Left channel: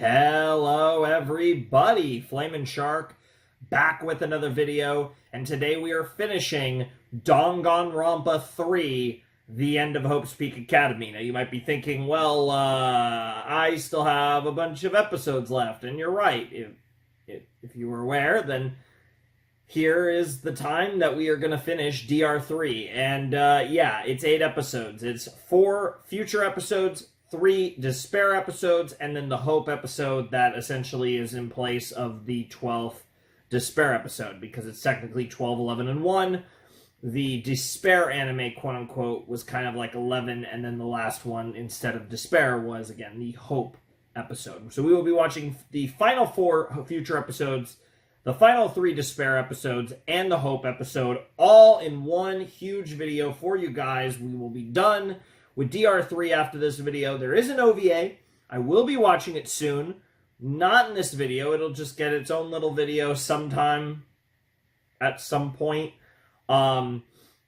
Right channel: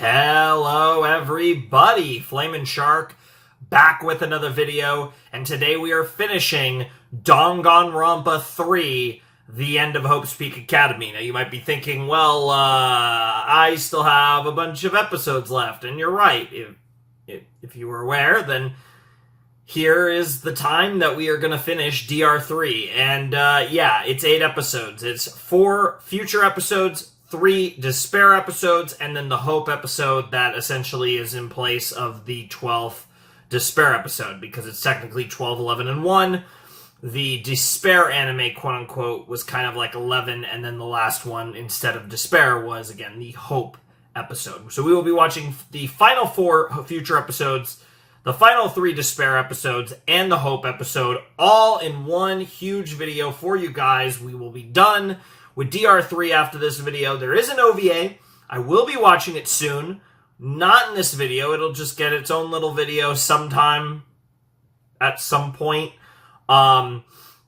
Hello everybody, Flamin' Shark back with another video, and today we are finishing Danganronpa 3, The End of Hope's Peak Academy. Now you might be thinking, well, I still have a bunch of episodes left, and you're right. If you were aware, then here is the time that we are going to finish DR3, and yeah, it's 8 episodes. It's 4 future episodes, 3 despair episodes, and then the hope episode that essentially is in place of the 12th despair episode, because it's technically 12, 11, and 1. The despair anime, quote-unquote, was kind of like 11, and then the last one, instead of despair, was, again, the hope episode. So we will be watching the final 4 future episodes, the final 3 despair episodes, and the hope episode, all in one huge video for you guys. We will be done with DR3 after this video. There is an OVA. I will be watching it soon. Not in this video. It'll just get its own little video sometime at some point. You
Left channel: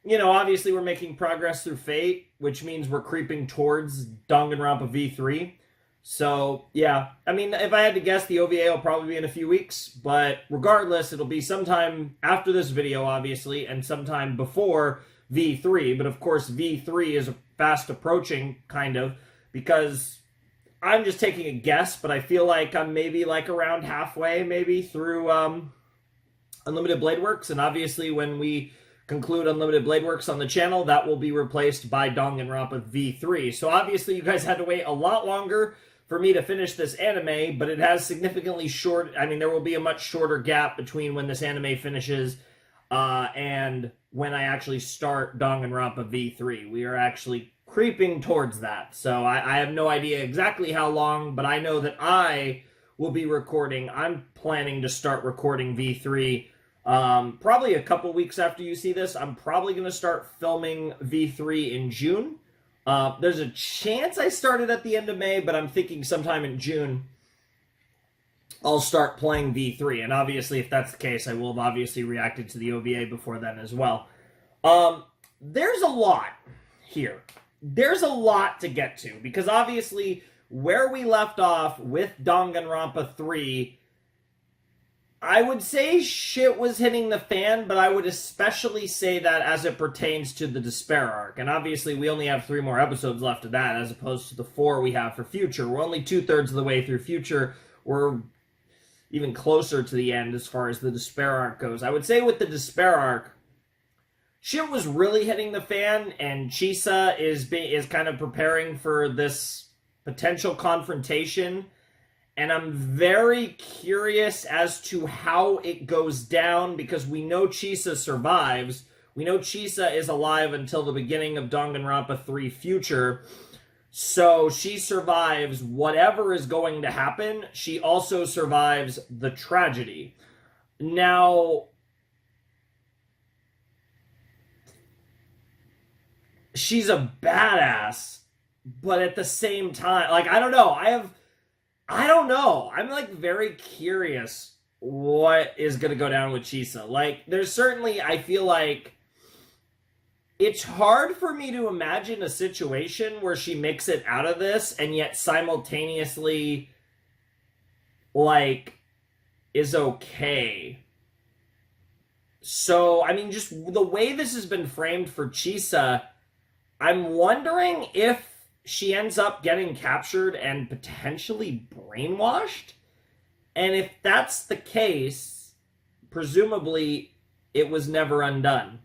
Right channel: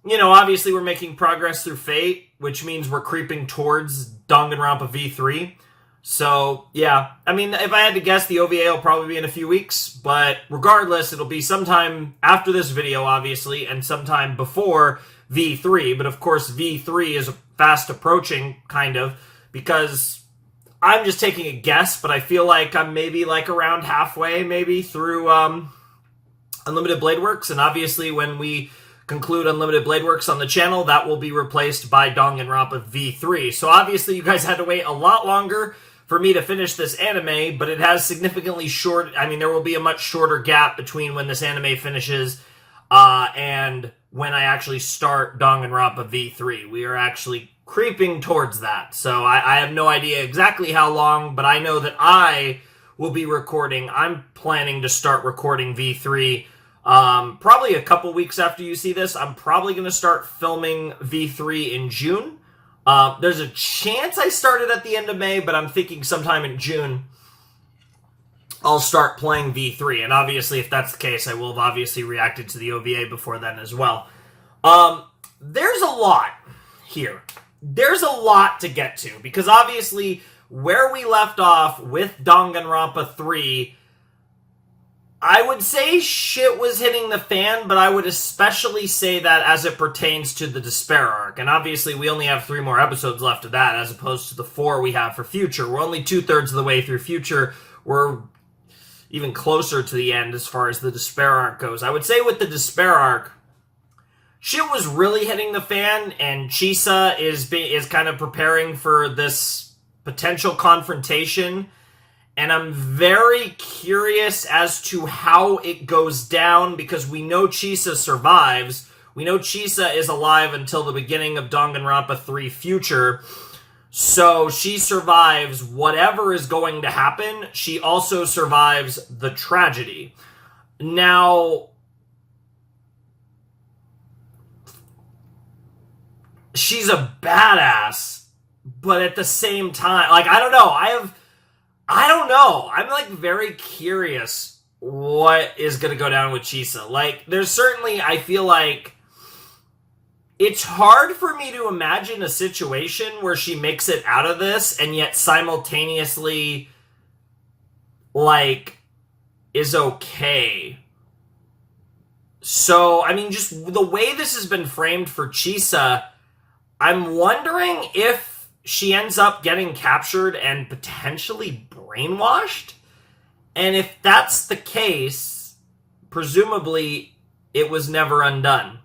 know, obviously we're making progress through Fate, which means we're creeping towards Danganronpa V3. So, yeah. I mean, if I had to guess, the OVA will probably be in a few weeks. But regardless, it'll be sometime after this video, obviously, and sometime before V3. But of course, V3 is fast approaching, kind of, because I'm just taking a guess, but I feel like I'm maybe like around halfway, maybe, through Unlimited Blade Works. And obviously, when we conclude Unlimited Blade Works on the channel, that will be replaced by Danganronpa V3. So obviously, you guys had to wait a lot longer for me to finish this anime, but it has significantly short. I mean, there will be a much shorter gap between when this anime finishes and when I actually start Danganronpa V3. We are actually creeping towards that. So I have no idea exactly how long, but I know that I will be recording. I'm planning to start recording V3 probably a couple weeks after you see this. I'm probably going to start filming V3 in June. There's a chance I started at the end of May, but I'm thinking sometime in June I'll start playing V3. And obviously, if that's the case, I will have obviously reacted to the OVA before then as well. There's a lot here. There's a lot to get to, because obviously where we left off with Danganronpa 3, I would say shit was hitting the fan, but I would especially say that as it pertains to the despair arc. And obviously we only have 3 more episodes left of that, as opposed to the 4 we have for future. We're only 2/3 of the way through future. We're even closer to the end as far as the despair arc goes. I would say with the despair arc, shit was really hitting the fan, and Chisa is kind of preparing for this potential confrontation. And I'm very curious as to how it goes down, because we know Chisa survives. We know Chisa is alive until the beginning of Danganronpa 3 Future. So she survives whatever is going to happen. She also survives the tragedy. Now, she's a badass, but at the same time, like, I don't know. I don't know. I'm, like, very curious what is going to go down with Chisa. Like, there's certainly, I feel like, it's hard for me to imagine a situation where she makes it out of this and yet simultaneously, like, is okay. So, I mean, just the way this has been framed for Chisa, I'm wondering if she ends up getting captured and potentially brainwashed. And if that's the case, presumably it was never undone.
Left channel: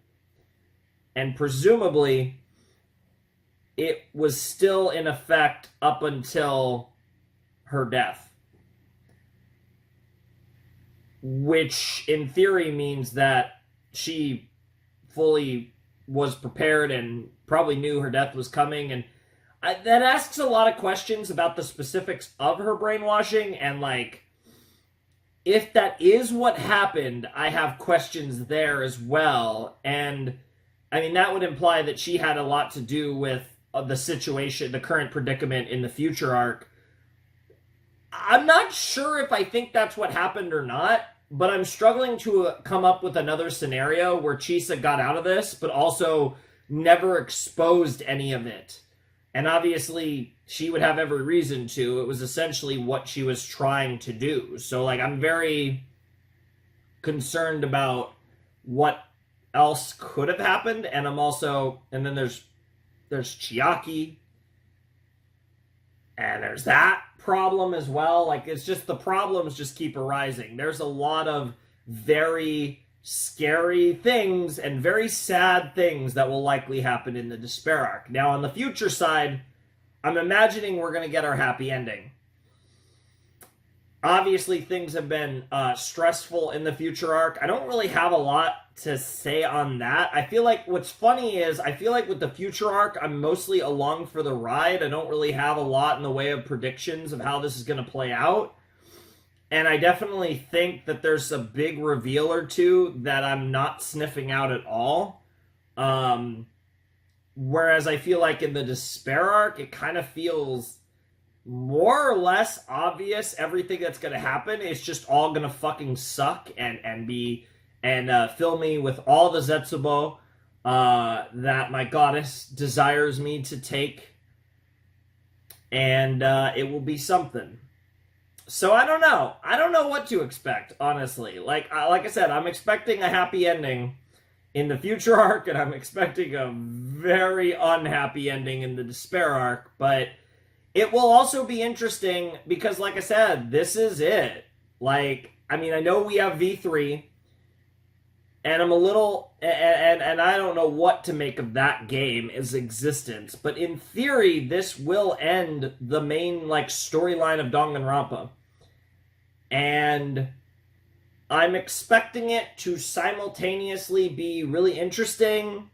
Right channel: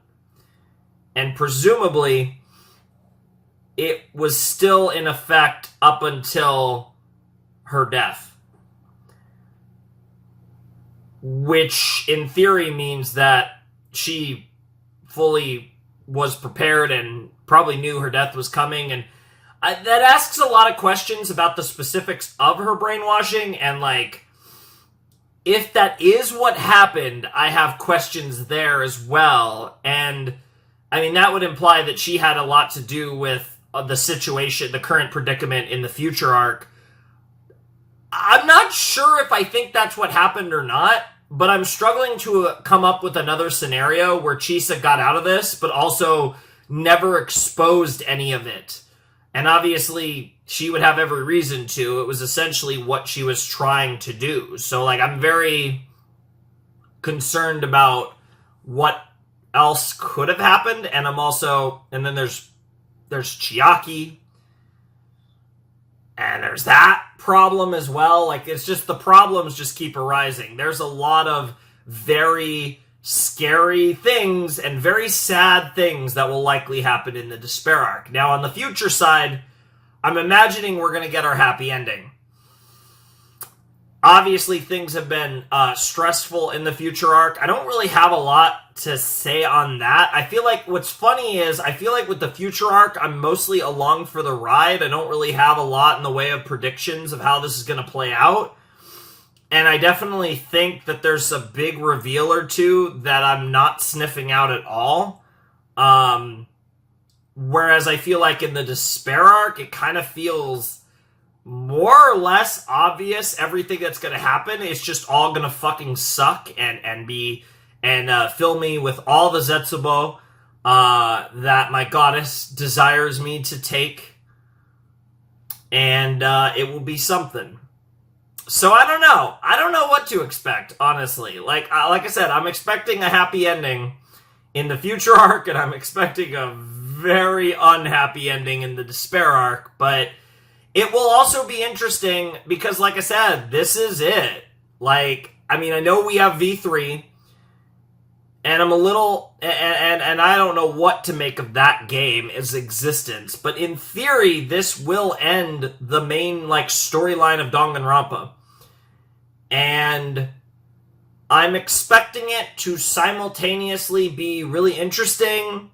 And presumably it was still in effect up until her death. Which in theory means that she fully was prepared and probably knew her death was coming, and that asks a lot of questions about the specifics of her brainwashing, and, like, if that is what happened, I have questions there as well. And I mean, that would imply that she had a lot to do with the situation, the current predicament in the future arc. I'm not sure if I think that's what happened or not, but I'm struggling to come up with another scenario where Chisa got out of this, but also never exposed any of it. And obviously, she would have every reason to. It was essentially what she was trying to do. So, like, I'm very concerned about what else could have happened, and I'm also, and then there's Chiaki, and there's that problem as well. Like, it's just, the problems just keep arising. There's a lot of very scary things and very sad things that will likely happen in the Despair arc. Now, on the future side, I'm imagining we're going to get our happy ending. Obviously, things have been stressful in the future arc. I don't really have a lot to say on that. I feel like what's funny is, I feel like with the future arc, I'm mostly along for the ride. I don't really have a lot in the way of predictions of how this is going to play out. And I definitely think that there's a big reveal or two that I'm not sniffing out at all. Whereas I feel like in the Despair arc, it kind of feels more or less obvious everything that's going to happen. It's just all going to fucking suck and fill me with all the Zetsubo that my goddess desires me to take. And it will be something. So I don't know. I don't know what to expect, honestly. Like I said, I'm expecting a happy ending in the future arc, and I'm expecting a very unhappy ending in the Despair arc, but it will also be interesting because, like I said, this is it. Like, I mean, I know we have V3, and I'm a little, and I don't know what to make of that game, its existence, but in theory, this will end the main, like, storyline of Danganronpa. And I'm expecting it to simultaneously be really interesting,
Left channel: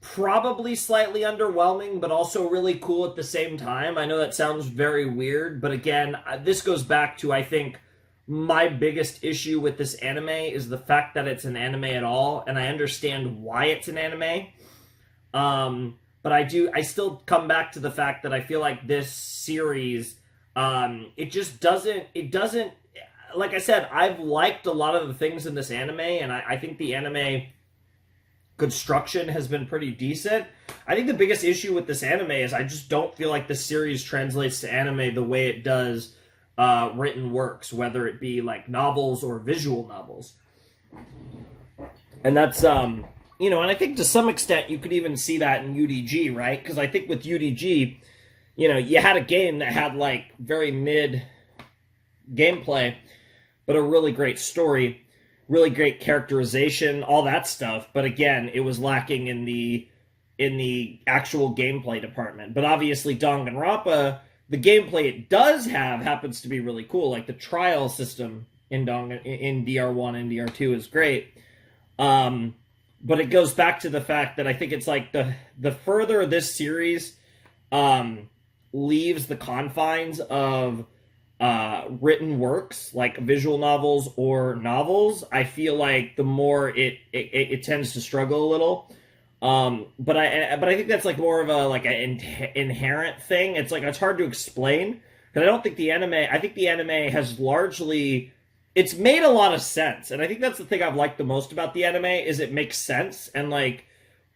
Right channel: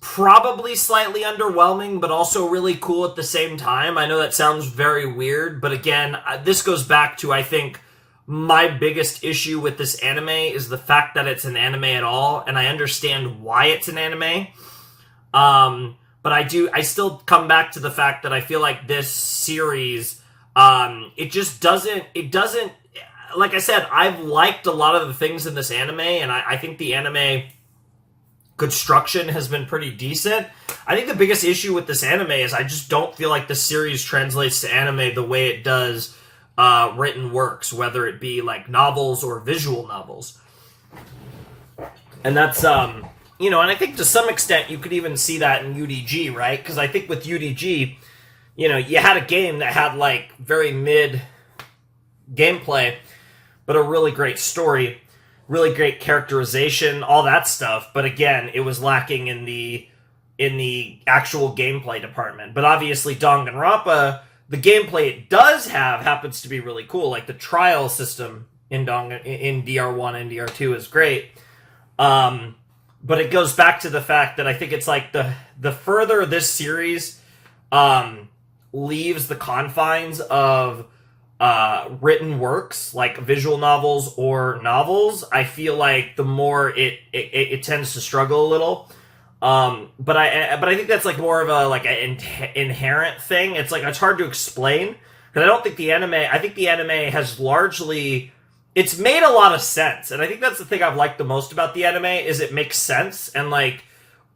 probably slightly underwhelming, but also really cool at the same time. I know that sounds very weird, but again, this goes back to, I think, my biggest issue with this anime is the fact that it's an anime at all, and I understand why it's an anime. But I still come back to the fact that I feel like this series, it doesn't, like I said, I've liked a lot of the things in this anime, and I think the anime construction has been pretty decent. I think the biggest issue with this anime is I just don't feel like the series translates to anime the way it does written works, whether it be like novels or visual novels. And that's, and I think to some extent you could even see that in UDG, right? Because I think with UDG, you had a game that had like very mid gameplay, but a really great story, really great characterization, all that stuff. But again, it was lacking in the actual gameplay department. But obviously, Danganronpa, the gameplay it does have happens to be really cool. Like the trial system in DR1 and DR2 is great. But it goes back to the fact that I think it's like the further this series leaves the confines of written works like visual novels or novels, I feel like the more it tends to struggle a little. But I think that's like more of an inherent thing. It's like it's hard to explain because I don't think the anime. I think the anime has largely, it's made a lot of sense, and I think that's the thing I've liked the most about the anime is it makes sense, and like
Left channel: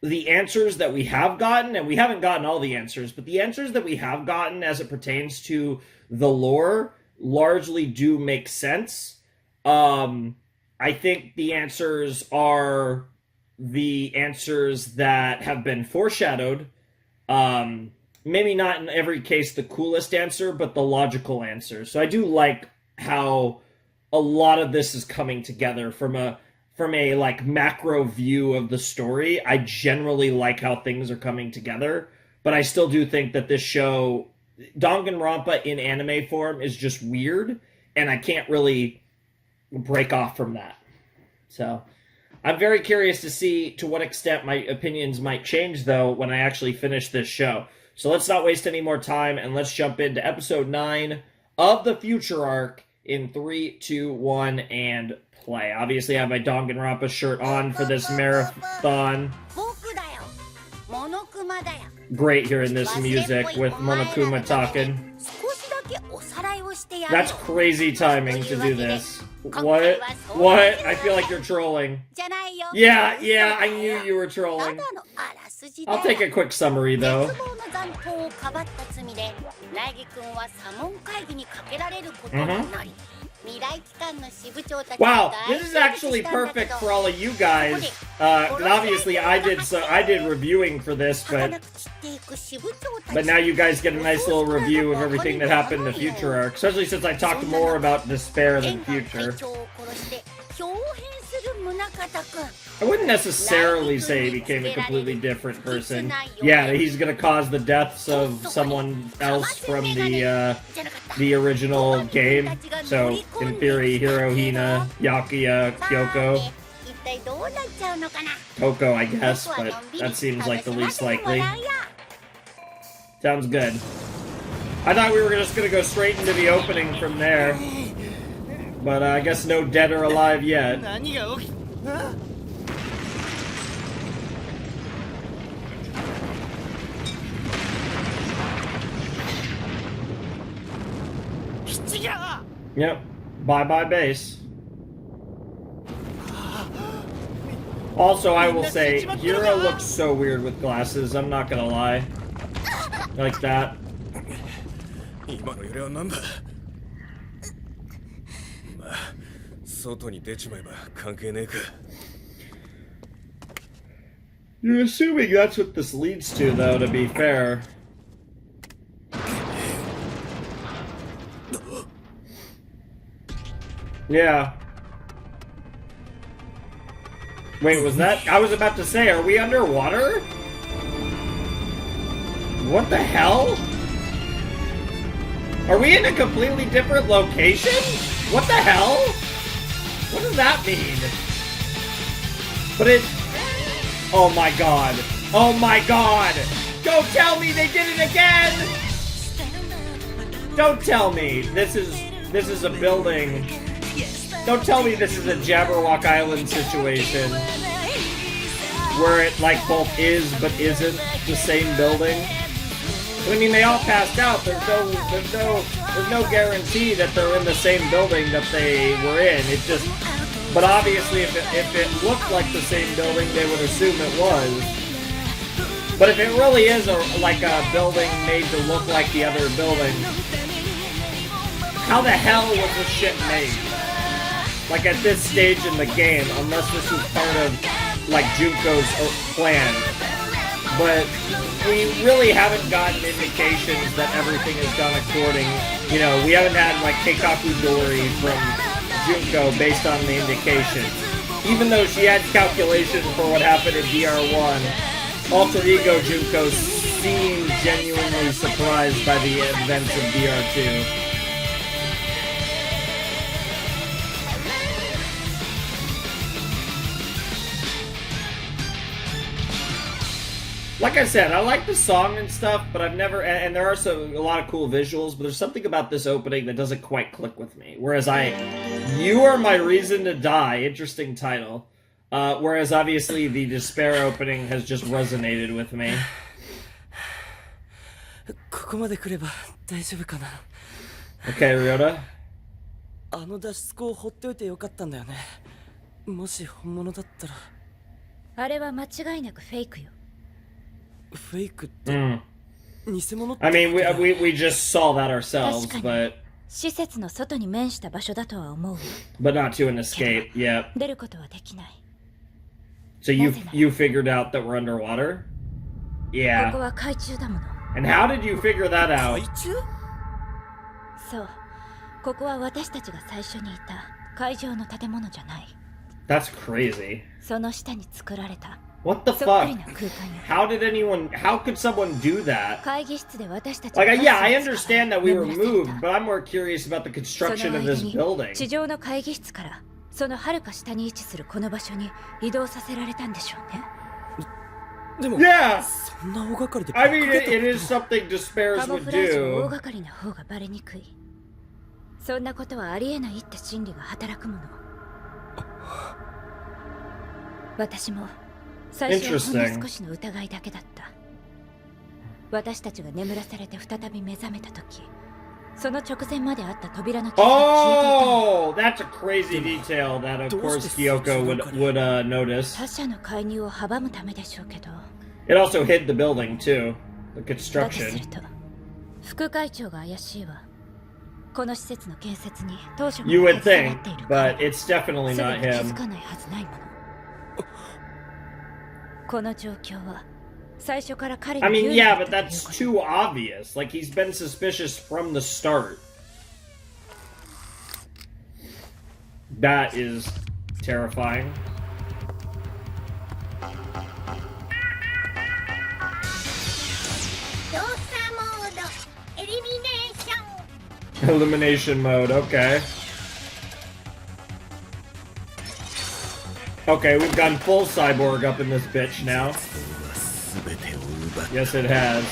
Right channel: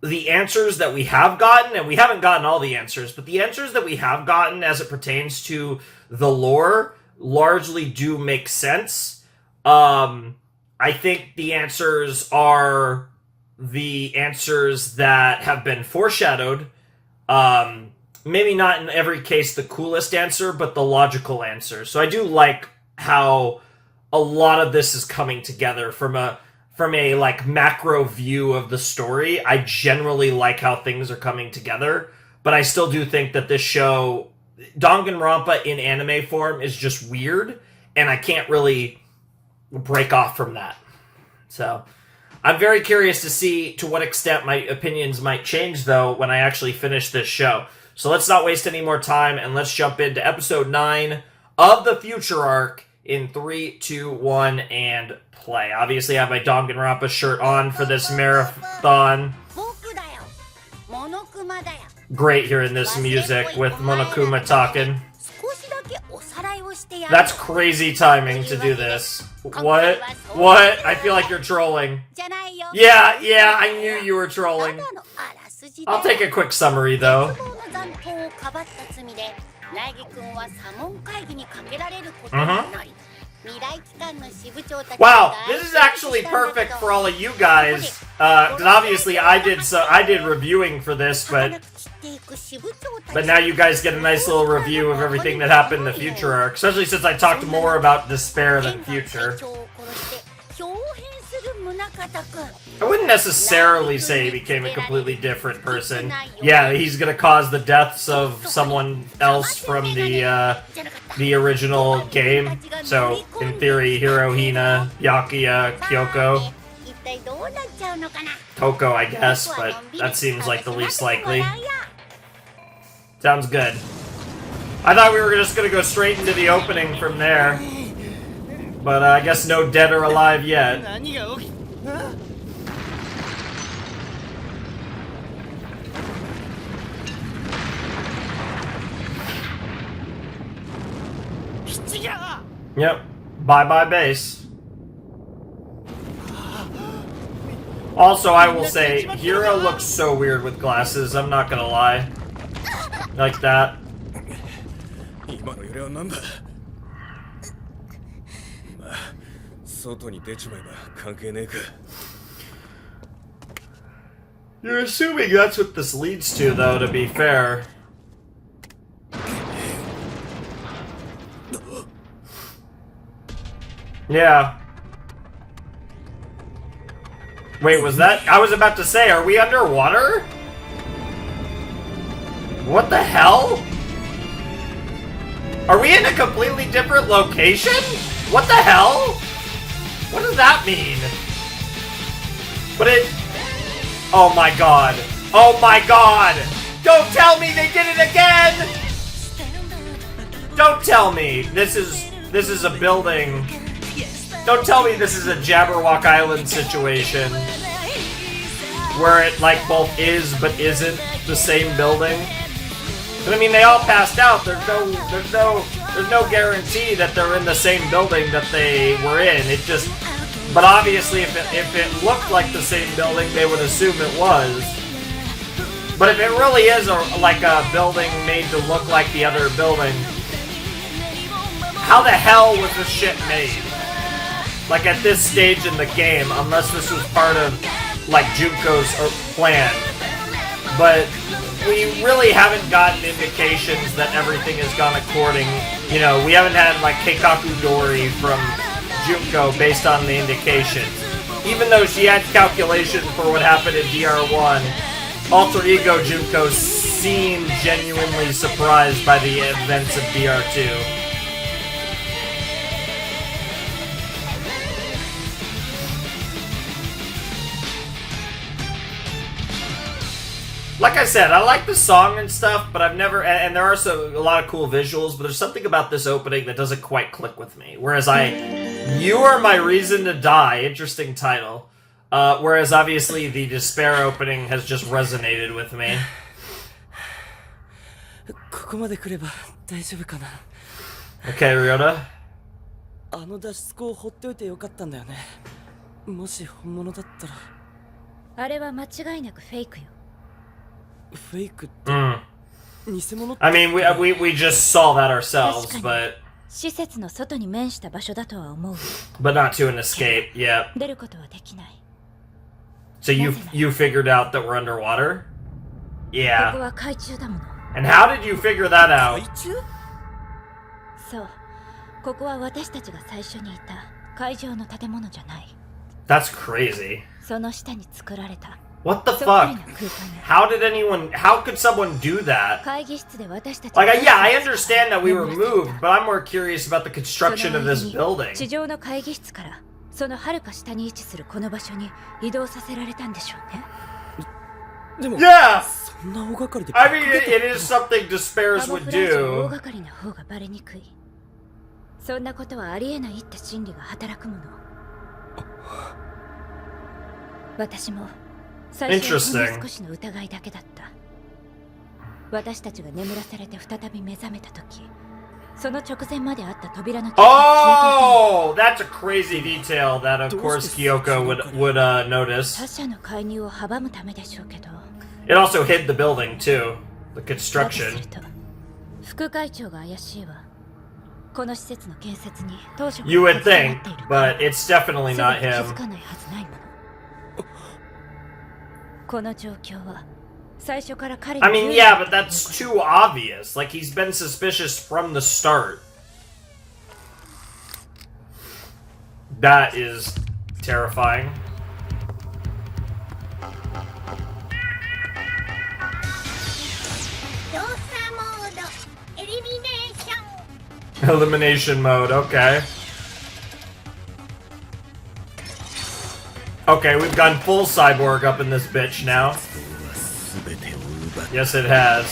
the answers that we have gotten, and we haven't gotten all the answers, but the answers that we have gotten as it pertains to the lore largely do make sense. I think the answers are the answers that have been foreshadowed. Maybe not in every case the coolest answer, but the logical answer. So I do like how a lot of this is coming together from a like macro view of the story. I generally like how things are coming together, but I still do think that this show, Danganronpa in anime form, is just weird, and I can't really break off from that. So I'm very curious to see to what extent my opinions might change, though, when I actually finish this show. So let's not waste any more time, and let's jump into episode 9 of the Future Arc in 3, 2, 1, and play. Obviously, I have my Danganronpa shirt on for this marathon. Great hearing this music with Monokuma talking. That's crazy timing to do this. What? What? I feel like you're trolling. Yeah, I knew you were trolling. I'll take a quick summary though. Wow, this is actually perfect for all of you guys. And obviously I did reviewing for this, but now you guys get a nice little review of everything that happened in the future arc, especially since I talked more about despair than future. I wouldn't necessarily say he became a completely different person. Yeah, he's gonna cause the deaths of someone else from the original game. So, in theory, Hirohina, Yakuya, Kyoko. Toko, I guess, but that seems like the least likely. Sounds good. I thought we were just gonna go straight into the opening from there. But I guess no dead or alive yet. Yep. Bye-bye base. Also, I will say, Hiro looks so weird with glasses, I'm not gonna lie. Like that. You're assuming that's what this leads to, though, to be fair. Yeah. Wait, was that? I was about to say, are we underwater? What the hell? Are we in a completely different location? What the hell? What does that mean? But it... Oh my god. Oh my god! Don't tell me they did it again! Don't tell me this is a building. Don't tell me this is a Jabberwock Island situation where it like both is but isn't the same building. But I mean, they all passed out. There's no guarantee that they're in the same building that they were in. It just, but obviously, if it looked like the same building, they would assume it was. But if it really is like a building made to look like the other building, how the hell was this shit made? Like at this stage in the game, unless this was part of like Junko's plan. But we really haven't gotten indications that everything has gone according. You know, we haven't had like Keikaku Dori from Junko based on the indications. Even though she had calculation for what happened in DR1, Alter Ego Junko seemed genuinely surprised by the events of DR2. Like I said, I like the song and stuff, but I've never... And there are a lot of cool visuals, but there's something about this opening that doesn't quite click with me. Whereas You Are My Reason to Die, interesting title. Whereas obviously the Despair opening has just resonated with me. Okay, Ryota. あの脱出口を放っておいてよかったんだよね。もし本物だったら。あれは間違いなくフェイクよ。フェイクって、偽物って。I mean, we just saw that ourselves, but 施設の外に面した場所だとは思う。But not to an escape, yeah. 出ることはできない。So you figured out that we're underwater? Yeah. ここは海中だもの。And how did you figure that out? 海中？そう。ここは私たちが最初にいた海上の建物じゃない。That's crazy. その下に作られた。What the fuck? How could someone do that? 会議室で私たち Like, yeah, I understand that we were moved, but I'm more curious about the construction of this building. 地上の会議室からその遥か下に位置するこの場所に移動させられたんでしょうね。でも、Yeah! そんな大掛かりで。I mean, it is something Despairs カモ would フラージュ do. 大掛かりな方がバレにくい。そんなことはありえないって心理が働くもの。私も最初はほんの少しの疑いだけだった。私たちが眠らされて再び目覚めた時、その直前まであった扉の傷が消えていた。Oh, that's a crazy detail that of course Kyoko would notice. 他者の介入を阻むためでしょうけど。It also hid the building too, the だと construction. すると副会長が怪しいわ。この施設の建設に当初か You ら would 携わ think, っている but 彼 it's definitely すぐ not に気づ him. かないはずないもの。この状況は最初から彼 I に mean, 有利 yeah, だ but ったという that's こと。 too obvious. Like, he's been suspicious from the start. That is terrifying. Elimination mode, okay. Okay, we've gone full cyborg up in this bitch now. Yes, it has.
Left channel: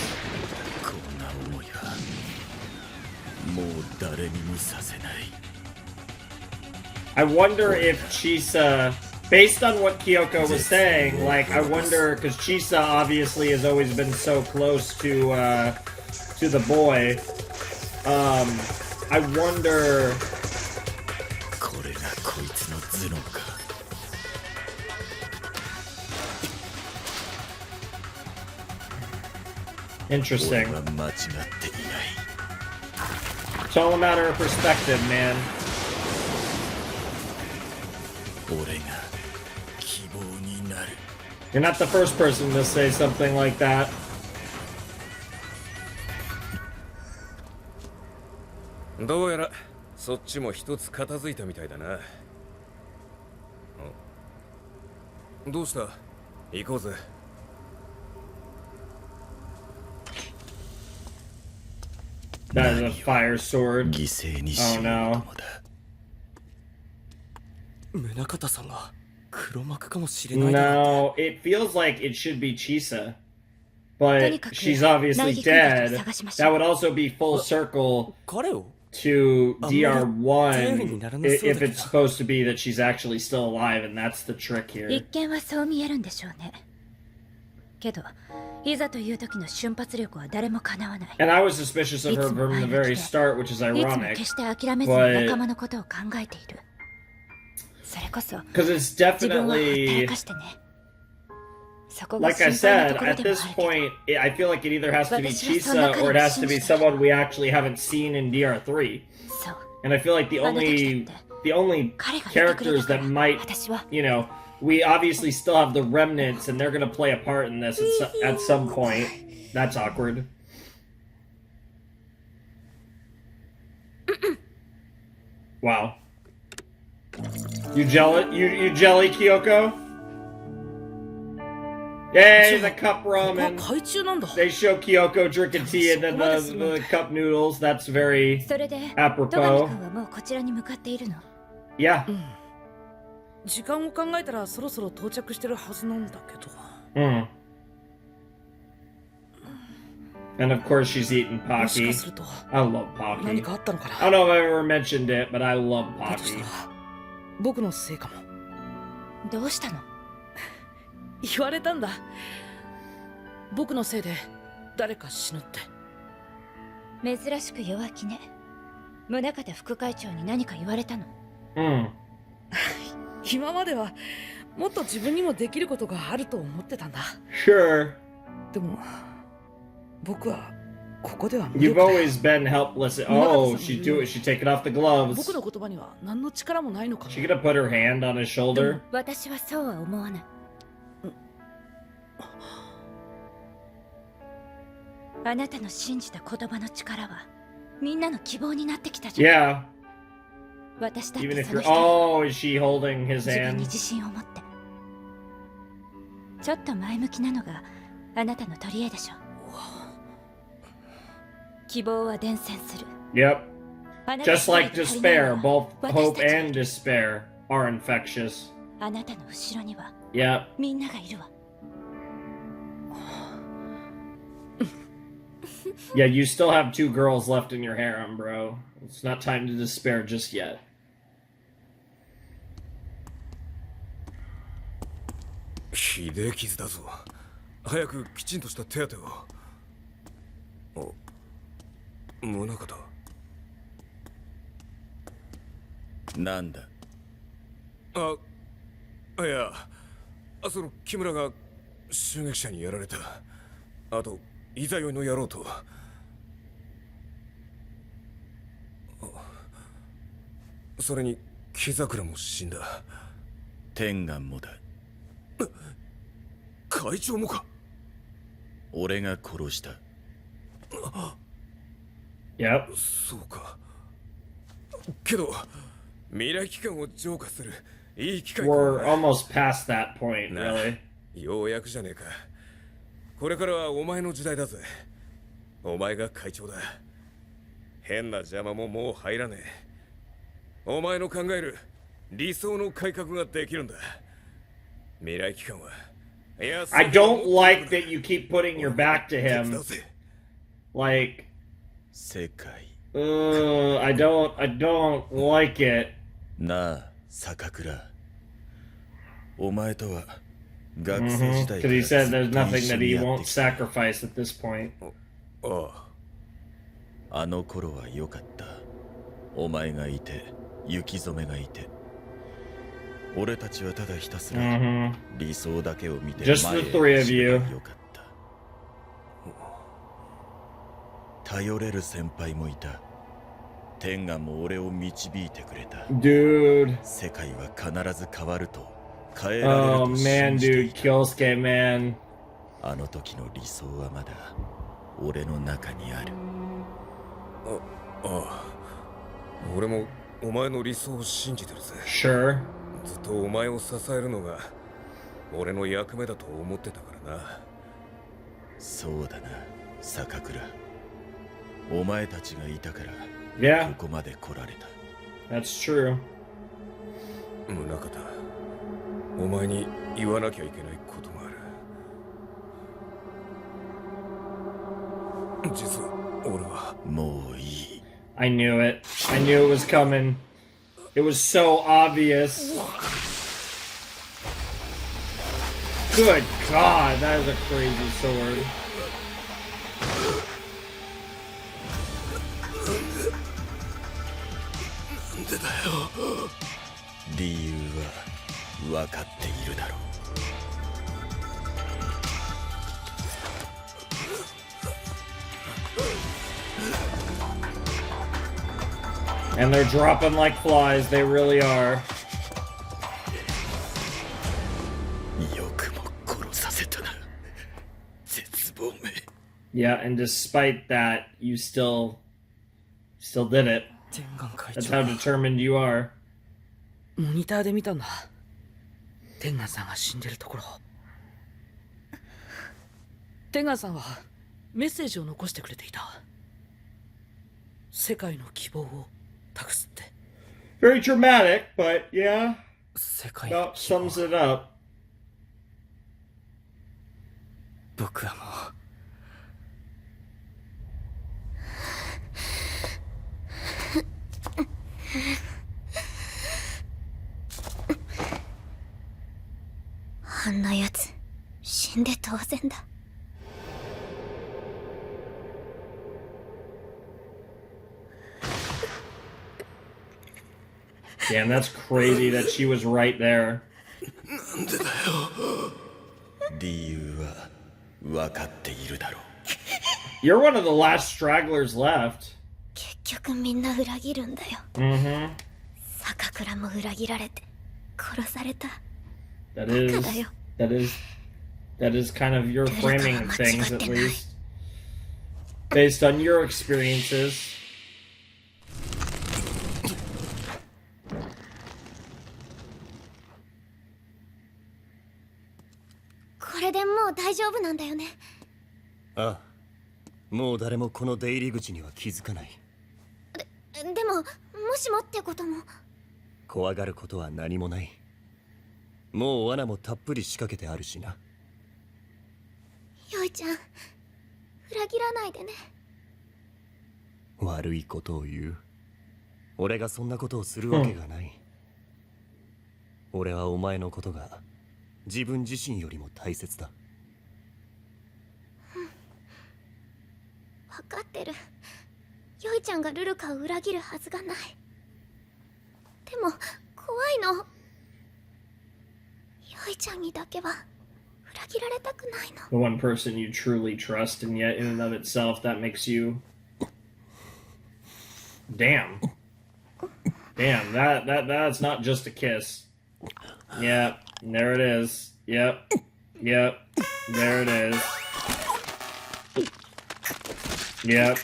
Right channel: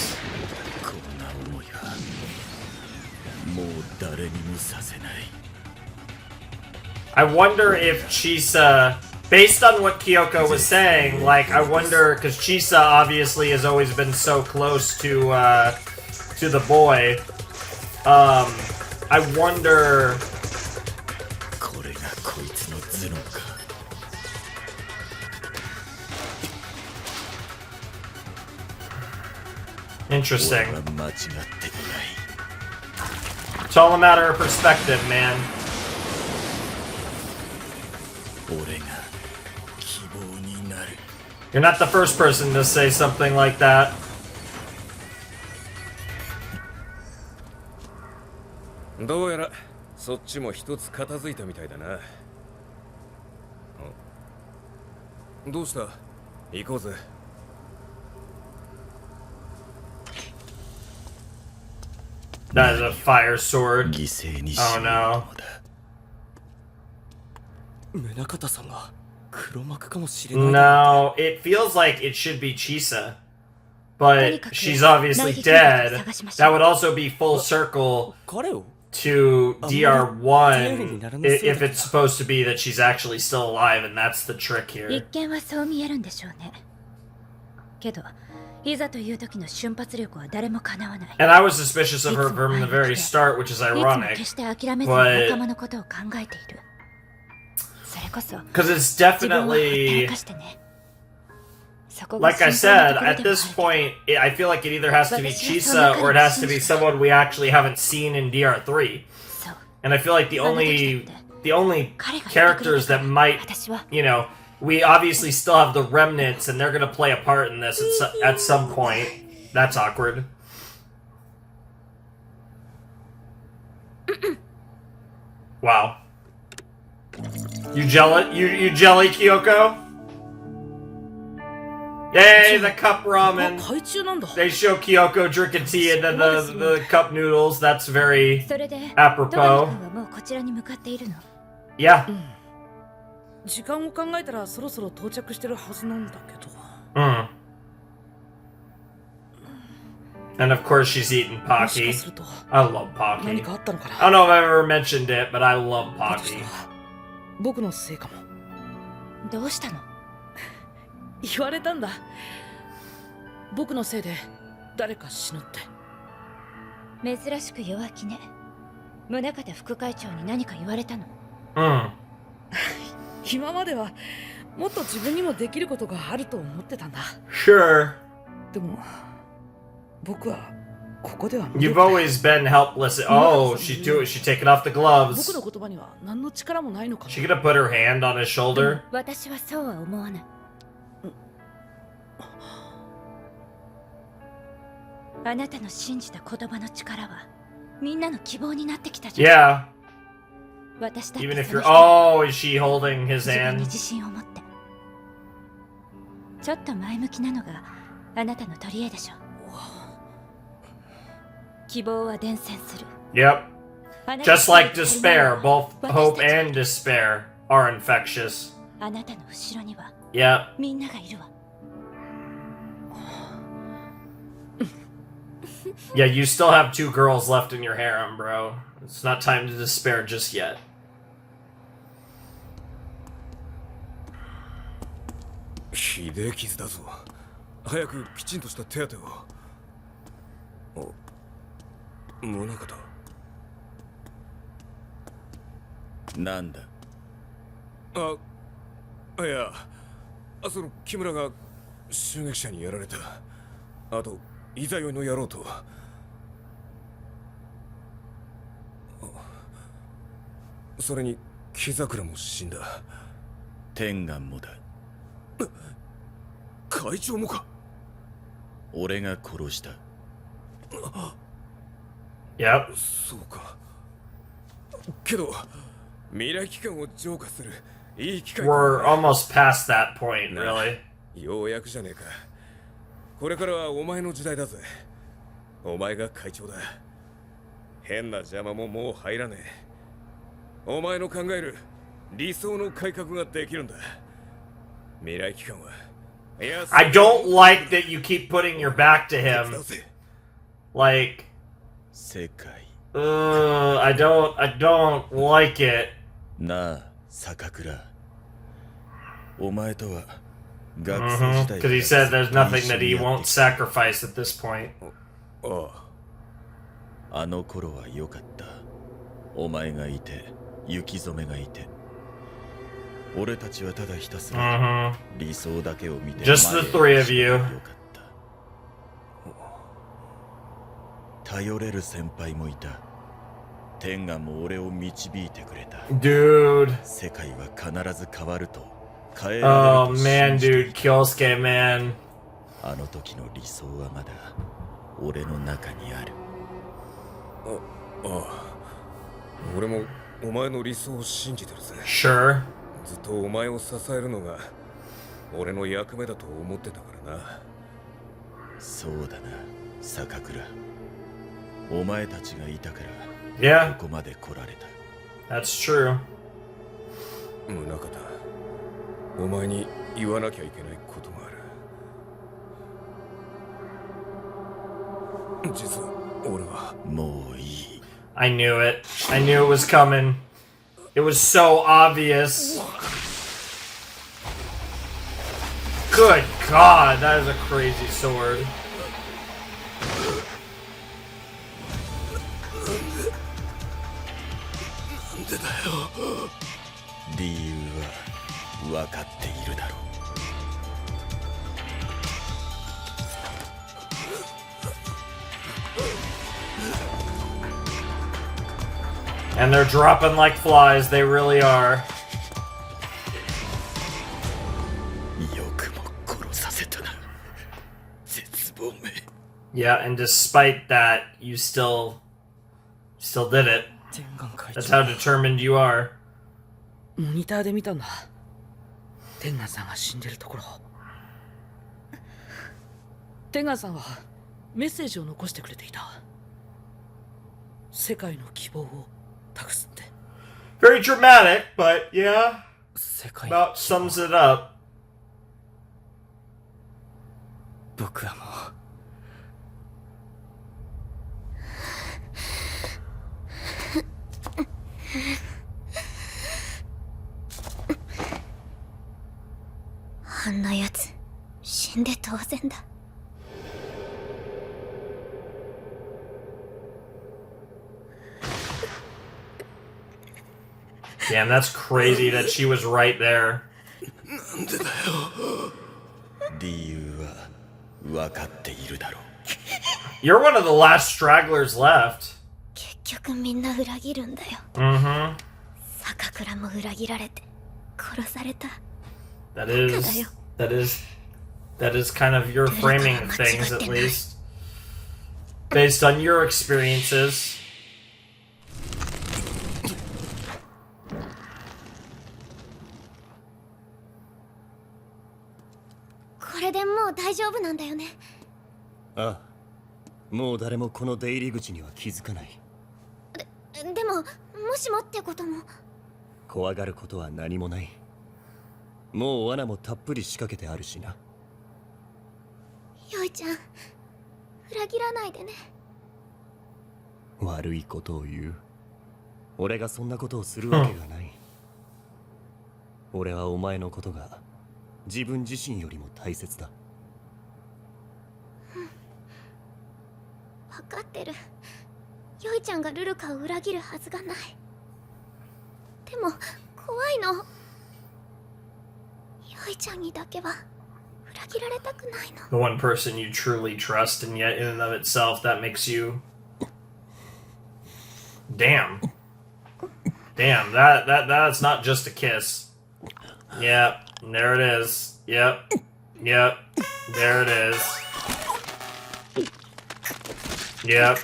I wonder if Chisa, based on what Kyoko was saying, like, I wonder, because Chisa obviously has always been so close to the boy. I wonder. Interesting. It's all a matter of perspective, man. You're not the first person to say something like that. どうやらそっちも一つ片付いたみたいだな。どうした？行こうぜ。That is a fire sword. Oh no. 宗像さんが黒幕かもしれない。 No, it feels like it should be Chisa. But she's obviously dead. That would also be full circle 彼を to DR1 if it's supposed to be that she's actually still alive, and that's the trick 一 here. 見はそう見えるんでしょうね。けどいざという時の瞬発力は誰もかなわない。 And I was suspicious of her from the very start, which is いつも ironic. 決して諦めずに仲間のことを考えている。それこそ Because it's 自分はほったら definitely, かしてね。そこが like I 心配な said, ところ at でもあ this るけど。 point, I feel like it either has to be Chisa or it has to be someone we actually haven't seen in DR3. そう。 And I feel like the only characters that might, 私は you know, we obviously still have the remnants, and they're gonna play a part in this at some point. That's awkward. Wow. You jelly, Kyoko? Yay, the cup ramen. 海中なんだ。 They show Kyoko drinking tea and then the cup noodles. That's very それで apropos. 戸上君はもうこちらに向かっているの。 Yeah. 時間を考えたらそろそろ到着してるはずなんだけど。Mm. And of course she's eating もし Pocky. かすると I love 何 Pocky. かあったのか I don't な。 know if I've ever mentioned it, but I love だとした Pocky. ら僕のせいかも。どうしたの？言われたんだ。僕のせいで誰か死ぬって。珍しく弱気ね。宗像副会長に何か言われたの？ Mm. 今まではもっと自分にもできることがあると思ってたんだ。 Sure. でも僕はここでは無力 You've だ。 always been helpless. Oh, she taking off the gloves. 僕の言葉には何の力もないのかも。 She gonna put her hand on his shoulder? 私はそうは思わない。あなたの信じた言葉の力はみんなの希望になってきたじゃん。 Yeah. 私だっ Even て if その you're. 一人。 Oh, is she holding his 自分に hand? 自信を持って。ちょっと前向きなのがあなたの取り柄でしょ。希望は伝染する。 Yep. あなた Just like 一人足りない despair, わ both 私 hope たち and despair are infectious. あなたの後ろには Yep. みんながいるわ。 Yeah, you still have 2 girls left in your harem, bro. It's not time to despair just yet. ひでえ傷だぞ。早くきちんとした手当てを。お、宗像。なんだ。いや、その木村が襲撃者にやられた。あといざ酔いの野郎と。それに木桜も死んだ。天眼もだ。会長もか。俺が殺した。Yep. そうか。けど未来機関を浄化するいい機会か。 We're almost past that point, な really. ようやくじゃねえか。これからはお前の時代だぜ。お前が会長だ。変な邪魔ももう入らねえ。お前の考える理想の改革ができるんだ。未来機関は。I don't like that you keep putting your back to him. Like, 世界 I don't like it. なあ坂倉、お前とは学生時代 Because he said there's ずっと nothing 一緒 that に he やって won't きた。 sacrifice at this point. ああ、あの頃は良かった。お前がいて雪染がいて、俺たちはただひたすら理想だけを見て Just 前へ the three of you. よかった。頼れる先輩もいた。天眼も俺を導いてくれた。 Dude. 世界は必ず変わると変えられる Oh と信 man, じて dude. いた。 Kyosuke, man. あの時の理想はまだ俺の中にある。ああ、俺もお前の理想を信じてるぜ。 Sure. ずっとお前を支えるのが俺の役目だと思ってたからな。そうだな、坂倉。お前たちがいたから Yeah, ここまで来られた。 that's true. 宗像、お前に言わなきゃいけないことがある。実は俺はもういい。 I knew it. I knew it was coming. It was so obvious. Good God, that is a crazy sword. 理由は分かっているだろう。 And they're dropping like flies, they really are. よくも殺させたな、絶望め。 Yeah, and despite that, you still did it. 天眼会 That's 長 how determined you are. モニターで見たんだ。天眼さんが死んでるところ。天眼さんはメッセージを残してくれていた。世界の希望を託すって。 Very dramatic, but yeah, 世界の about 希望 sums it up. 僕はもうあんなやつ死んで当然だ。 Damn, that's crazy that she was right there. 理由は分かっているだろう。 You're one of the last stragglers left. 結局みんな裏切るんだよ。 Mm-hmm. 坂倉も裏切られて殺された。 That is kind of your framing of things, at least. Based on your experiences. これでもう大丈夫なんだよね。ああ、もう誰もこの出入り口には気づかない。でも、もしもってことも。怖がることは何もない。もう罠もたっぷり仕掛けてあるしな。よいちゃん、裏切らないでね。悪いことを言う。俺がそんなことをするわけがない。俺はお前のことが自分自身よりも大切だ。分かってる。よいちゃんがルルカを裏切るはずがない。でも怖いの。よいちゃんにだけは The one person you truly trust, and yet in and of itself that makes you... Damn. Damn, that's not just a kiss. Yep, there it is. Yep. Yep. There it is. Yep.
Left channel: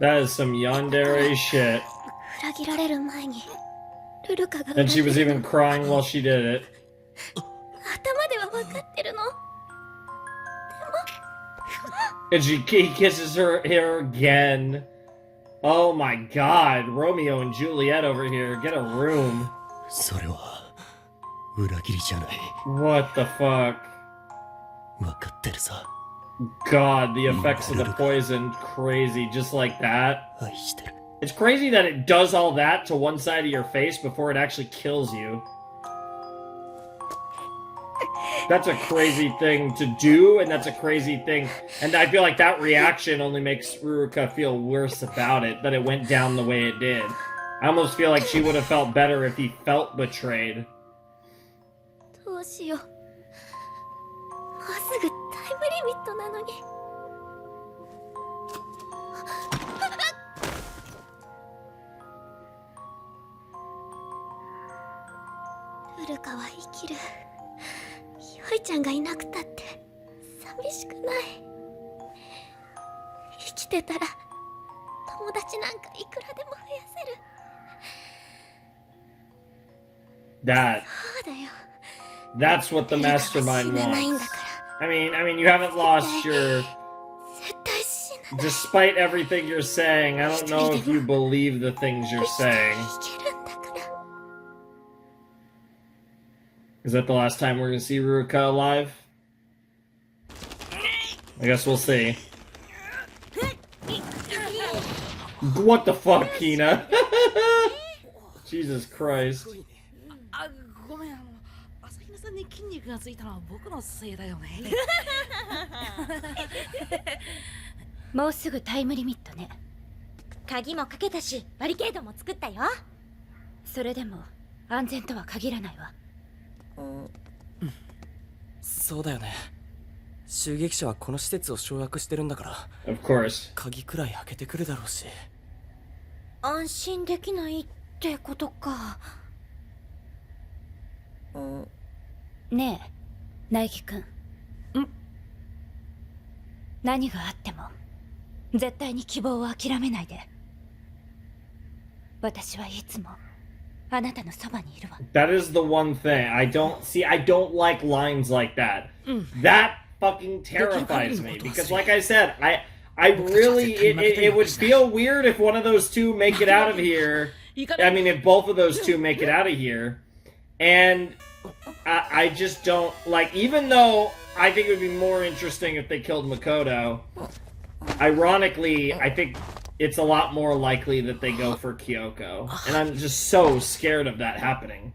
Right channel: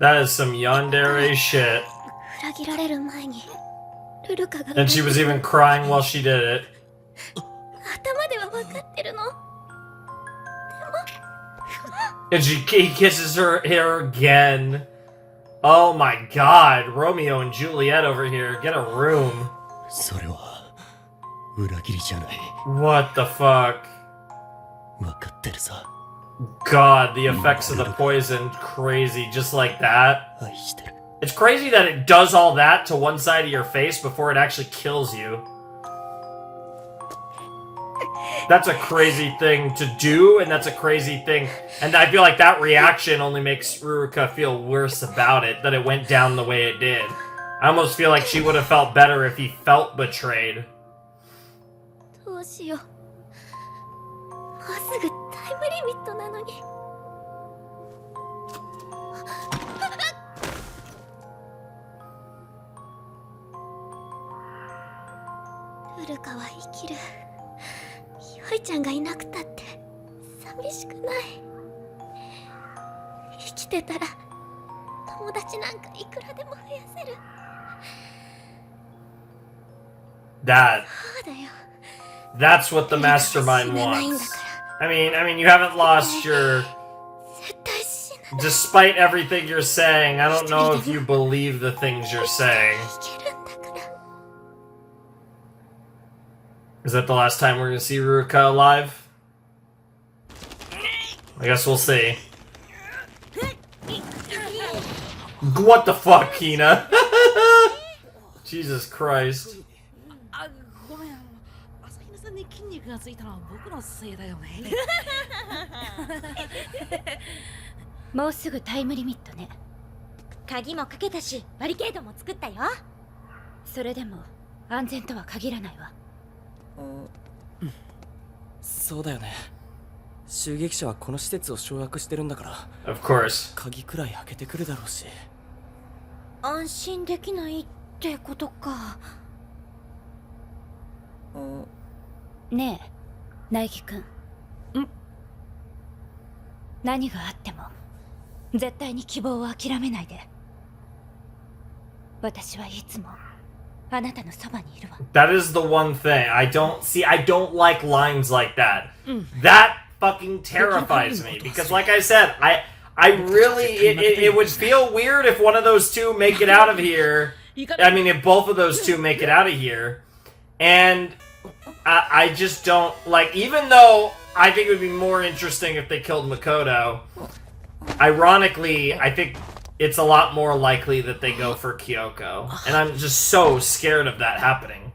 That is some yandere shit. And she was even crying while she did it. And he kisses her hair again. Oh my god, Romeo and Juliet over here. Get a room. What the fuck? God, the effects of the poison, crazy, just like that. It's crazy that it does all that to one side of your face before it actually kills you. That's a crazy thing to do, and that's a crazy thing. And I feel like that reaction only makes Ruruka feel worse about it, that it went down the way it did. I almost feel like she would have felt better if he felt betrayed. That's what the mastermind wants. I mean, you haven't lost your... Despite everything you're saying, I don't know if you believe the things you're saying. Is that the last time we're gonna see Ruruka alive? I guess we'll see. What the fuck, Hina? Jesus Christ. ごめん、朝比奈さんに筋肉がついたのは僕のせいだよね。もうすぐタイムリミットね。鍵もかけたし、バリケードも作ったよ。それでも安全とは限らないわ。そうだよね。襲撃者はこの施設を掌握してるんだから。Of course. 鍵くらい開けてくるだろうし。安心できないってことか。ねえ、苗木くん。何があっても絶対に希望を諦めないで。私はいつもあなたのそばにいるわ。That is the one thing I don't like lines like that. That fucking terrifies me because, like I said, I really it would feel weird if one of those two make it out of here. I mean, if both of those two make it out of here, and I just don't like. Even though I think it would be more interesting if they killed Makoto. Ironically, I think it's a lot more likely that they go for Kyoko. And I'm just so scared of that happening.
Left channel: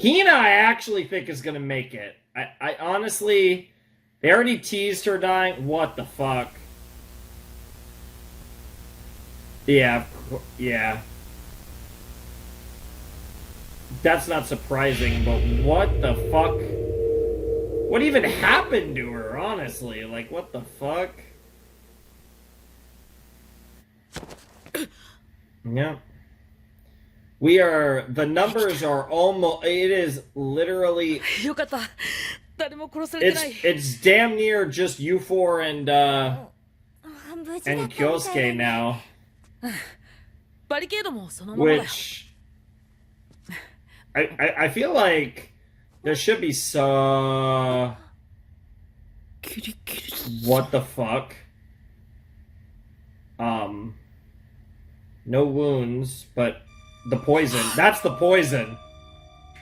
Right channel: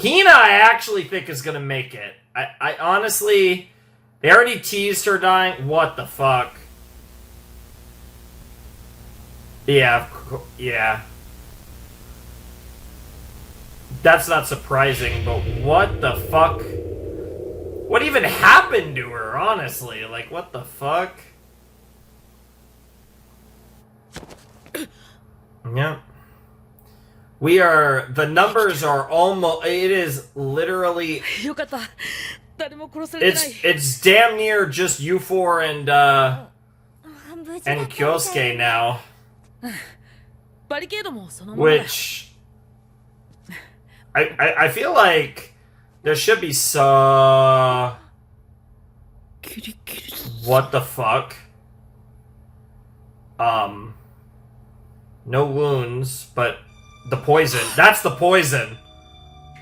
Hina, I actually think is gonna make it. I honestly... They already teased her dying. What the fuck? Yeah. That's not surprising, but what the fuck? What even happened to her, honestly? Like, what the fuck? Yeah. We are... The numbers are almost... It is literally... It's damn near just you four and Kyosuke now. Which... I feel like there should be so... What the fuck? No wounds, but the poison. That's the poison.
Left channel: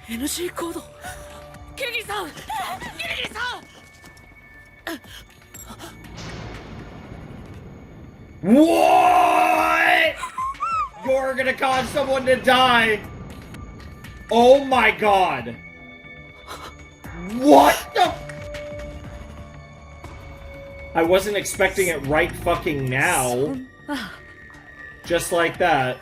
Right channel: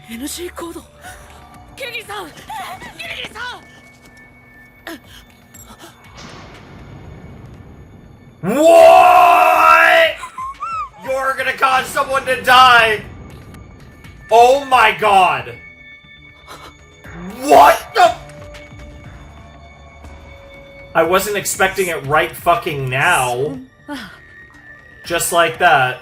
NG コード。キリギリさん。What? You're gonna cause someone to die. Oh my god. What the? I wasn't expecting it right fucking now. Just like that.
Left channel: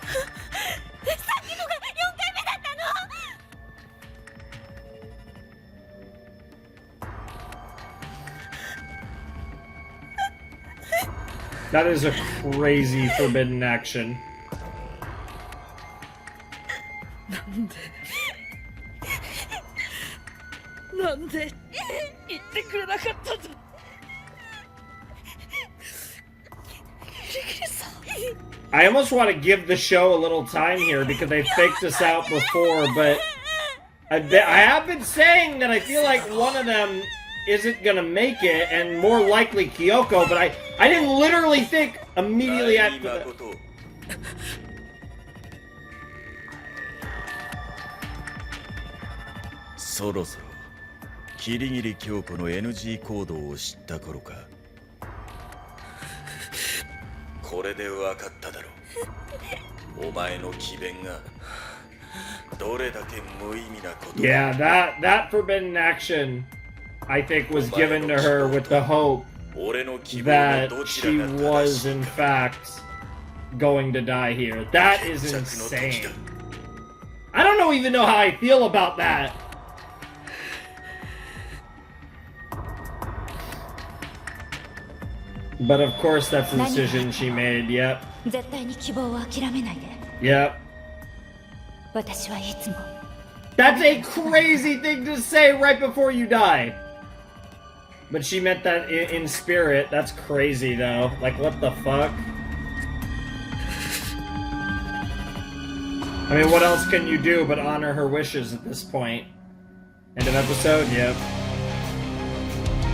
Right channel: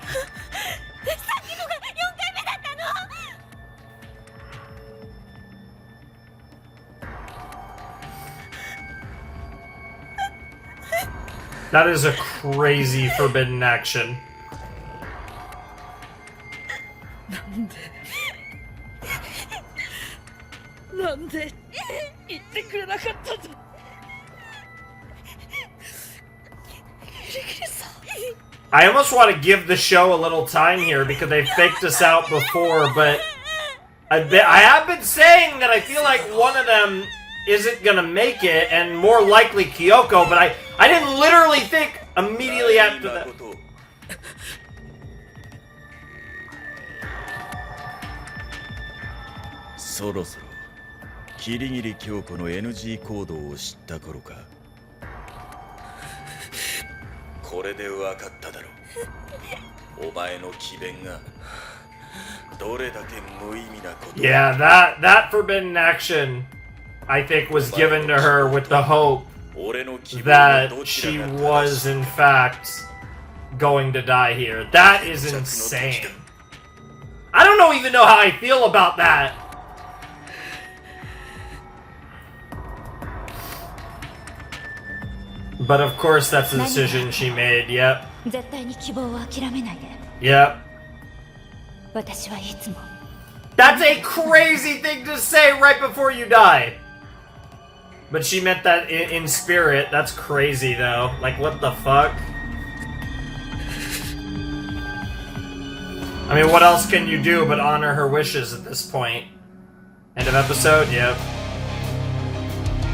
That is a crazy forbidden action. I almost want to give the show a little time here because they faked us out before, but I have been saying that I feel like one of them isn't gonna make it, and more likely Kyoko, but I didn't literally think immediately after that. そろそろキリギリ京子の NG 行動を知った頃か。これで分かっただろう。お前の詭弁がどれだけ無意味なこと。 Yeah, that forbidden action I think was given to her with the hope that she was in fact going to die here. That is insane. I don't even know how I feel about that. But of course that's the decision she made. Yep. 絶対に希望を諦めないで。 Yep. 私はいつも That's a crazy thing to say right before you die. But she meant that in spirit. That's crazy though. Like, what the fuck? I mean, what else can you do but honor her wishes at this point? End of episode? Yep.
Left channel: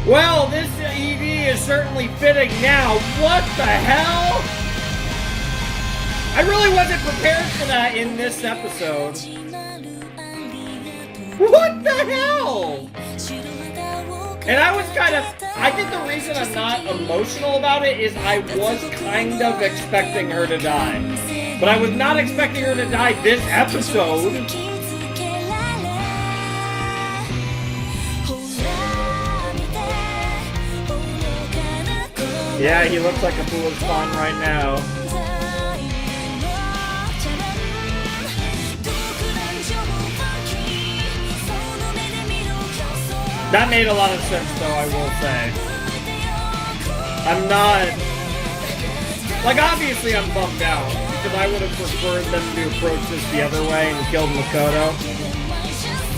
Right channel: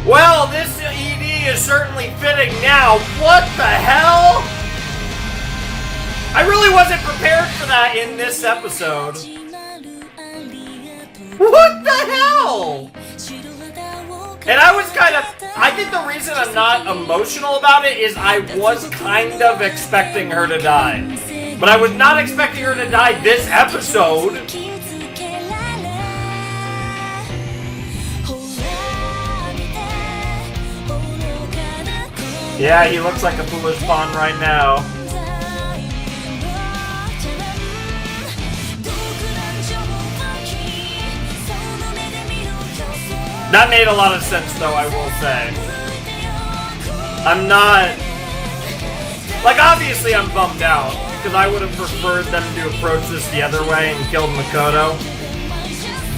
Well, this ED is certainly fitting now. What the hell? I really wasn't prepared for that in this episode. What the hell? And I was I think the reason I'm not emotional about it is I was kind of expecting her to die. But I was not expecting her to die this episode. Yeah, he looks like a foolish pawn right now. That made a lot of sense, though, I will say. I'm not... Like, obviously I'm bummed out, because I would have preferred them to approach this the other way and kill Makoto.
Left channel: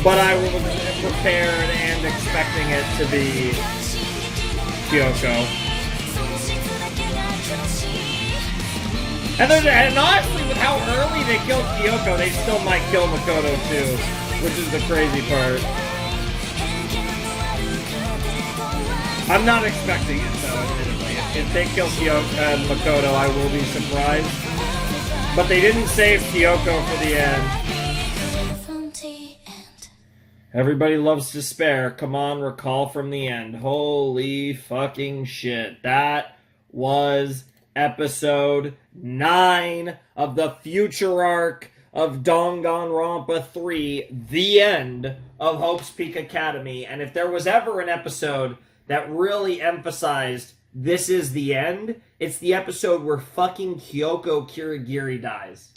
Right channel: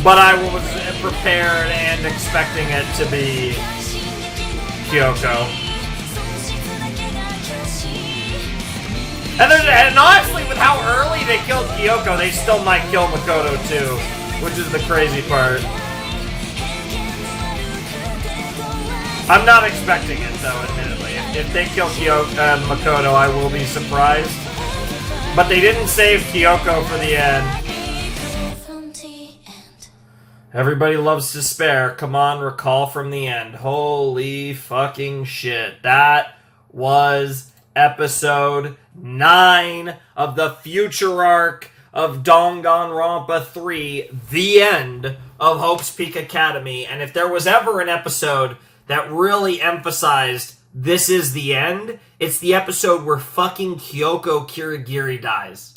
But I was prepared and expecting it to be Kyoko. And honestly, with how early they killed Kyoko, they still might kill Makoto too, which is the crazy part. I'm not expecting it though, admittedly. If they kill Makoto, I will be surprised. But they didn't save Kyoko for the end. Everybody loves despair. Come on, recall from the end. Holy fucking shit. That was episode 9 of the future arc of Danganronpa 3, the end of Hope's Peak Academy. And if there was ever an episode that really emphasized this is the end, it's the episode where fucking Kyoko Kirigiri dies.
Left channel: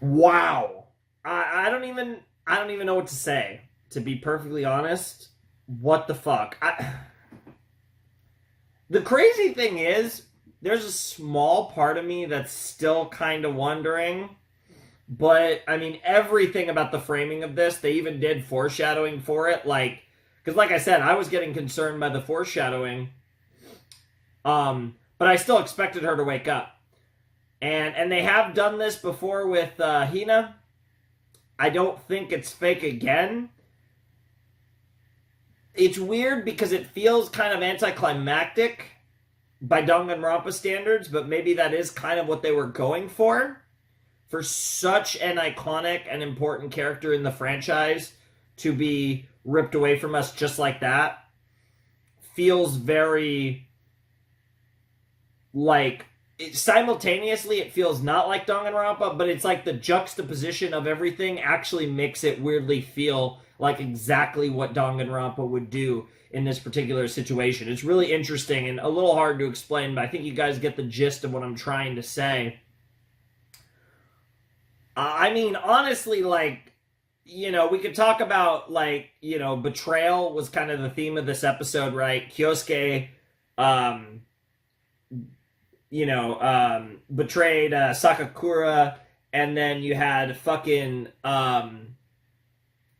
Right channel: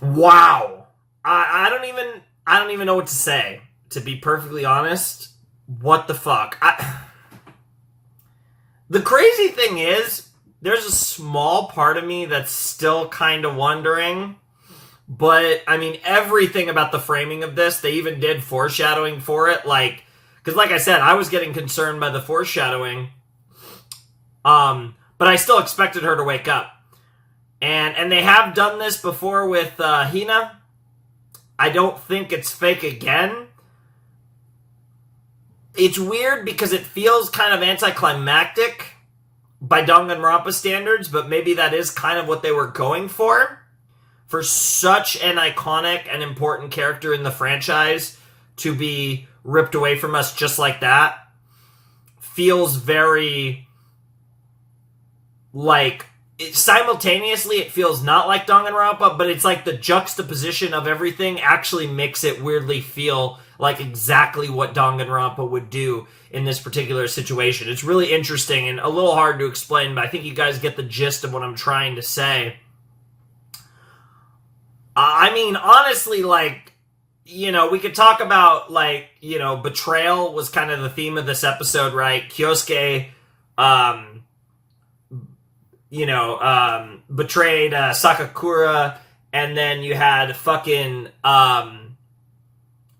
Wow. I don't even know what to say, to be perfectly honest. What the fuck? The crazy thing is, there's a small part of me that's still kind of wondering, but, I mean, everything about the framing of this, they even did foreshadowing for it, like, because like I said, I was getting concerned by the foreshadowing, but I still expected her to wake up. And they have done this before with Hina. I don't think it's fake again. It's weird because it feels kind of anticlimactic by Danganronpa standards, but maybe that is kind of what they were going for such an iconic and important character in the franchise to be ripped away from us just like that. Feels very, like, simultaneously it feels not like Danganronpa, but it's like the juxtaposition of everything actually makes it weirdly feel like exactly what Danganronpa would do in this particular situation. It's really interesting and a little hard to explain, but I think you guys get the gist of what I'm trying to say. I mean, honestly, like, you know, we could talk about, like, you know, betrayal was kind of the theme of this episode, right? Kyosuke, betrayed Sakakura, and then you had fucking,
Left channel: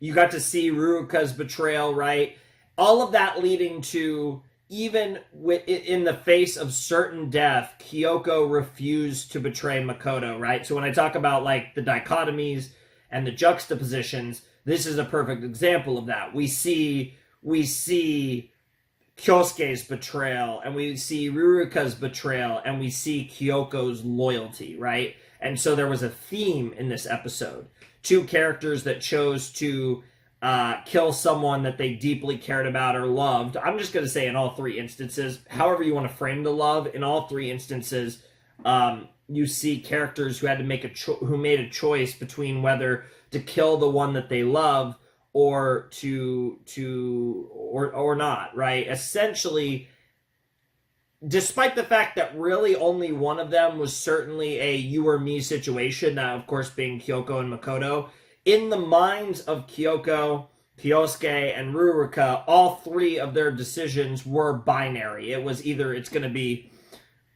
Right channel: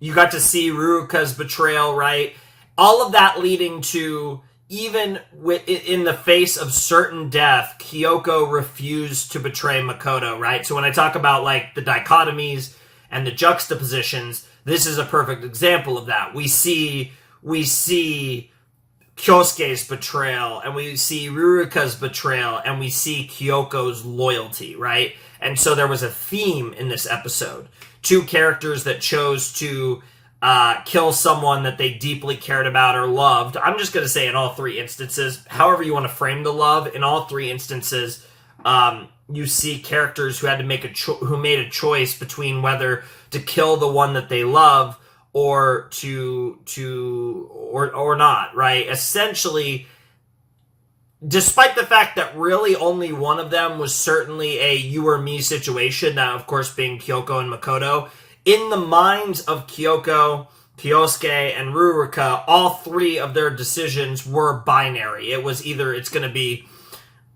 you got to see Ruruka's betrayal, right? All of that leading to, even in the face of certain death, Kyoko refused to betray Makoto, right? So when I talk about, like, the dichotomies and the juxtapositions, this is a perfect example of that. We see Kyosuke's betrayal, and we see Ruruka's betrayal, and we see Kyoko's loyalty, right? And so there was a theme in this episode. Two characters that chose to kill someone that they deeply cared about or loved. I'm just going to say in all three instances, however you want to frame the love, in all three instances, you see characters who had to make who made a choice between whether to kill the one that they love or or not, right? Essentially, despite the fact that really only one of them was certainly a you or me situation, that of course being Kyoko and Makoto, in the minds of Kyoko, Kyosuke, and Ruruka, all three of their decisions were binary. It was either it's going to be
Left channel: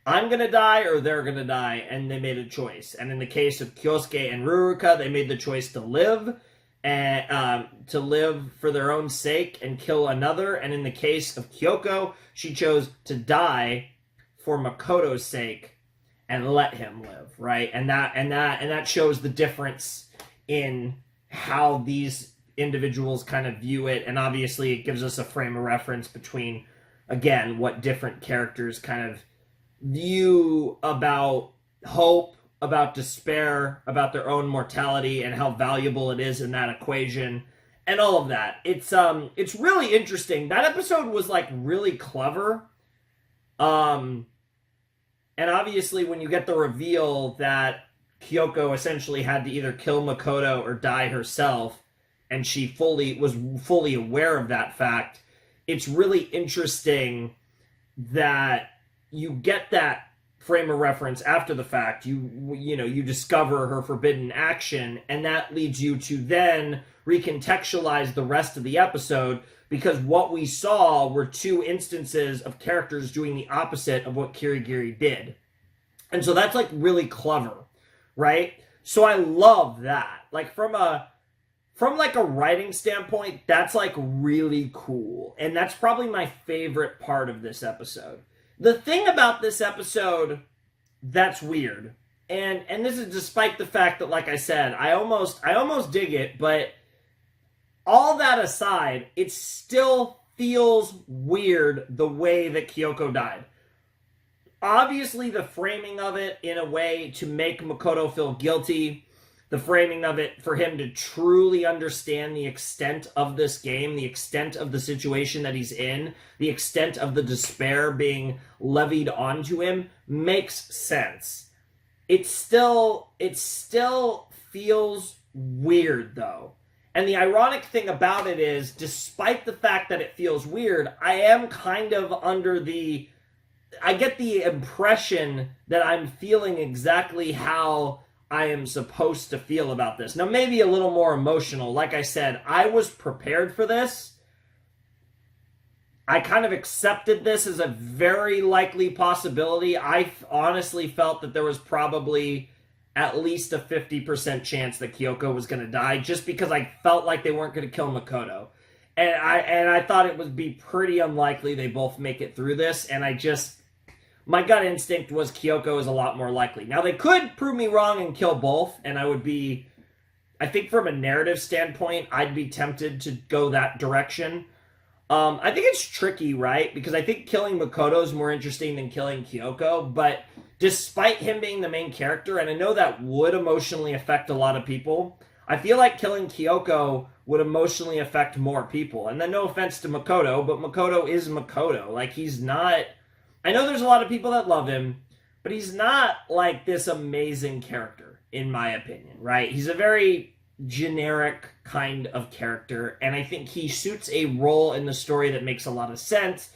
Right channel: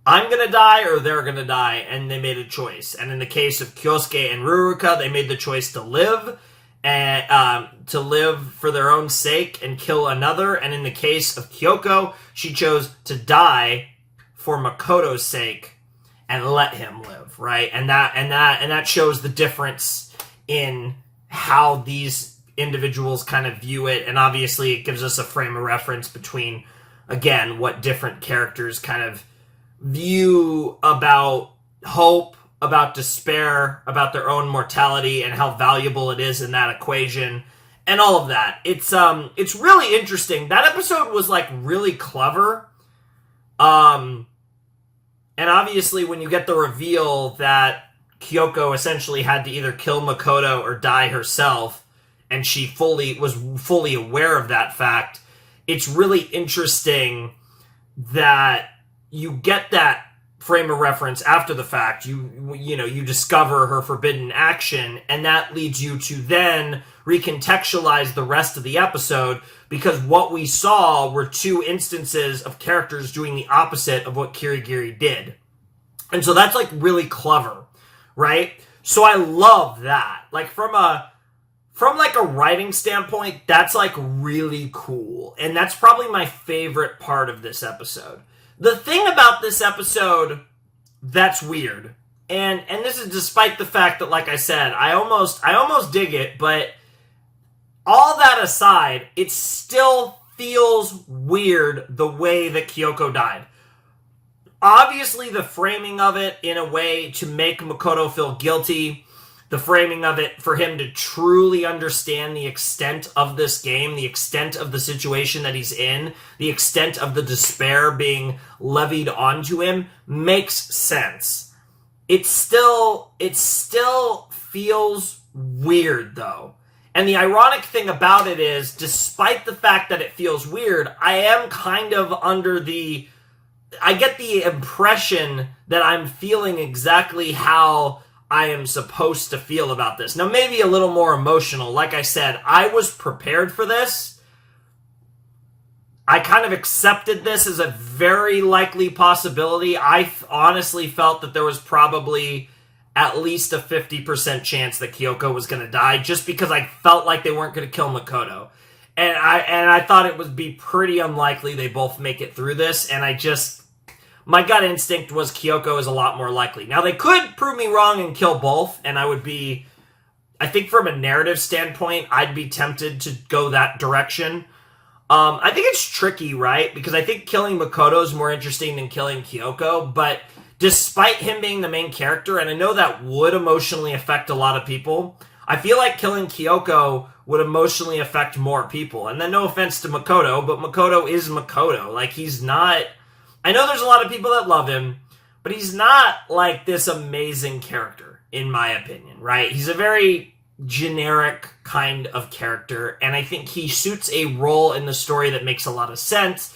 I'm going to die or they're going to die, and they made a choice. And in the case of Kyosuke and Ruruka, they made the choice to live, and to live for their own sake and kill another. And in the case of Kyoko, she chose to die for Makoto's sake and let him live, right? And that shows the difference in how these individuals kind of view it. And obviously it gives us a frame of reference between, again, what different characters kind of view about hope, about despair, about their own mortality, and how valuable it is in that equation, and all of that. It's really interesting. That episode was, like, really clever. And obviously when you get the reveal that Kyoko essentially had to either kill Makoto or die herself, and she was fully aware of that fact, it's really interesting that you get that frame of reference after the fact. You discover her forbidden action, and that leads you to then recontextualize the rest of the episode, because what we saw were two instances of characters doing the opposite of what Kirigiri did. And so that's, like, really clever, right? So I love that. Like, from a writing standpoint, that's, like, really cool. And that's probably my favorite part of this episode. The thing about this episode that's weird, and this is despite the fact that, like I said, I almost dig it, but all that aside, it still feels weird the way that Kyoko died. Obviously, the framing of it in a way to make Makoto feel guilty, the framing of it for him to truly understand the extent of this game, the extent of the situation that he's in, the extent of the despair being levied onto him, makes sense. It still feels weird, though. And the ironic thing about it is, despite the fact that it feels weird, I am kind of I get the impression that I'm feeling exactly how I am supposed to feel about this. Now, maybe a little more emotional. Like I said, I was prepared for this. I kind of accepted this as a very likely possibility. I honestly felt that there was probably at least a 50% chance that Kyoko was going to die, just because I felt like they weren't going to kill Makoto. And I thought it would be pretty unlikely they both make it through this, and my gut instinct was Kyoko is a lot more likely. Now, they could prove me wrong and kill both, and I think from a narrative standpoint, I'd be tempted to go that direction. I think it's tricky, right? Because I think killing Makoto is more interesting than killing Kyoko, but despite him being the main character, and I know that would emotionally affect a lot of people, I feel like killing Kyoko would emotionally affect more people. And then no offense to Makoto, but Makoto is Makoto. Like, he's not... I know there's a lot of people that love him, but he's not, like, this amazing character, in my opinion, right? He's a very generic kind of character, and I think he suits a role in the story that makes a lot of sense.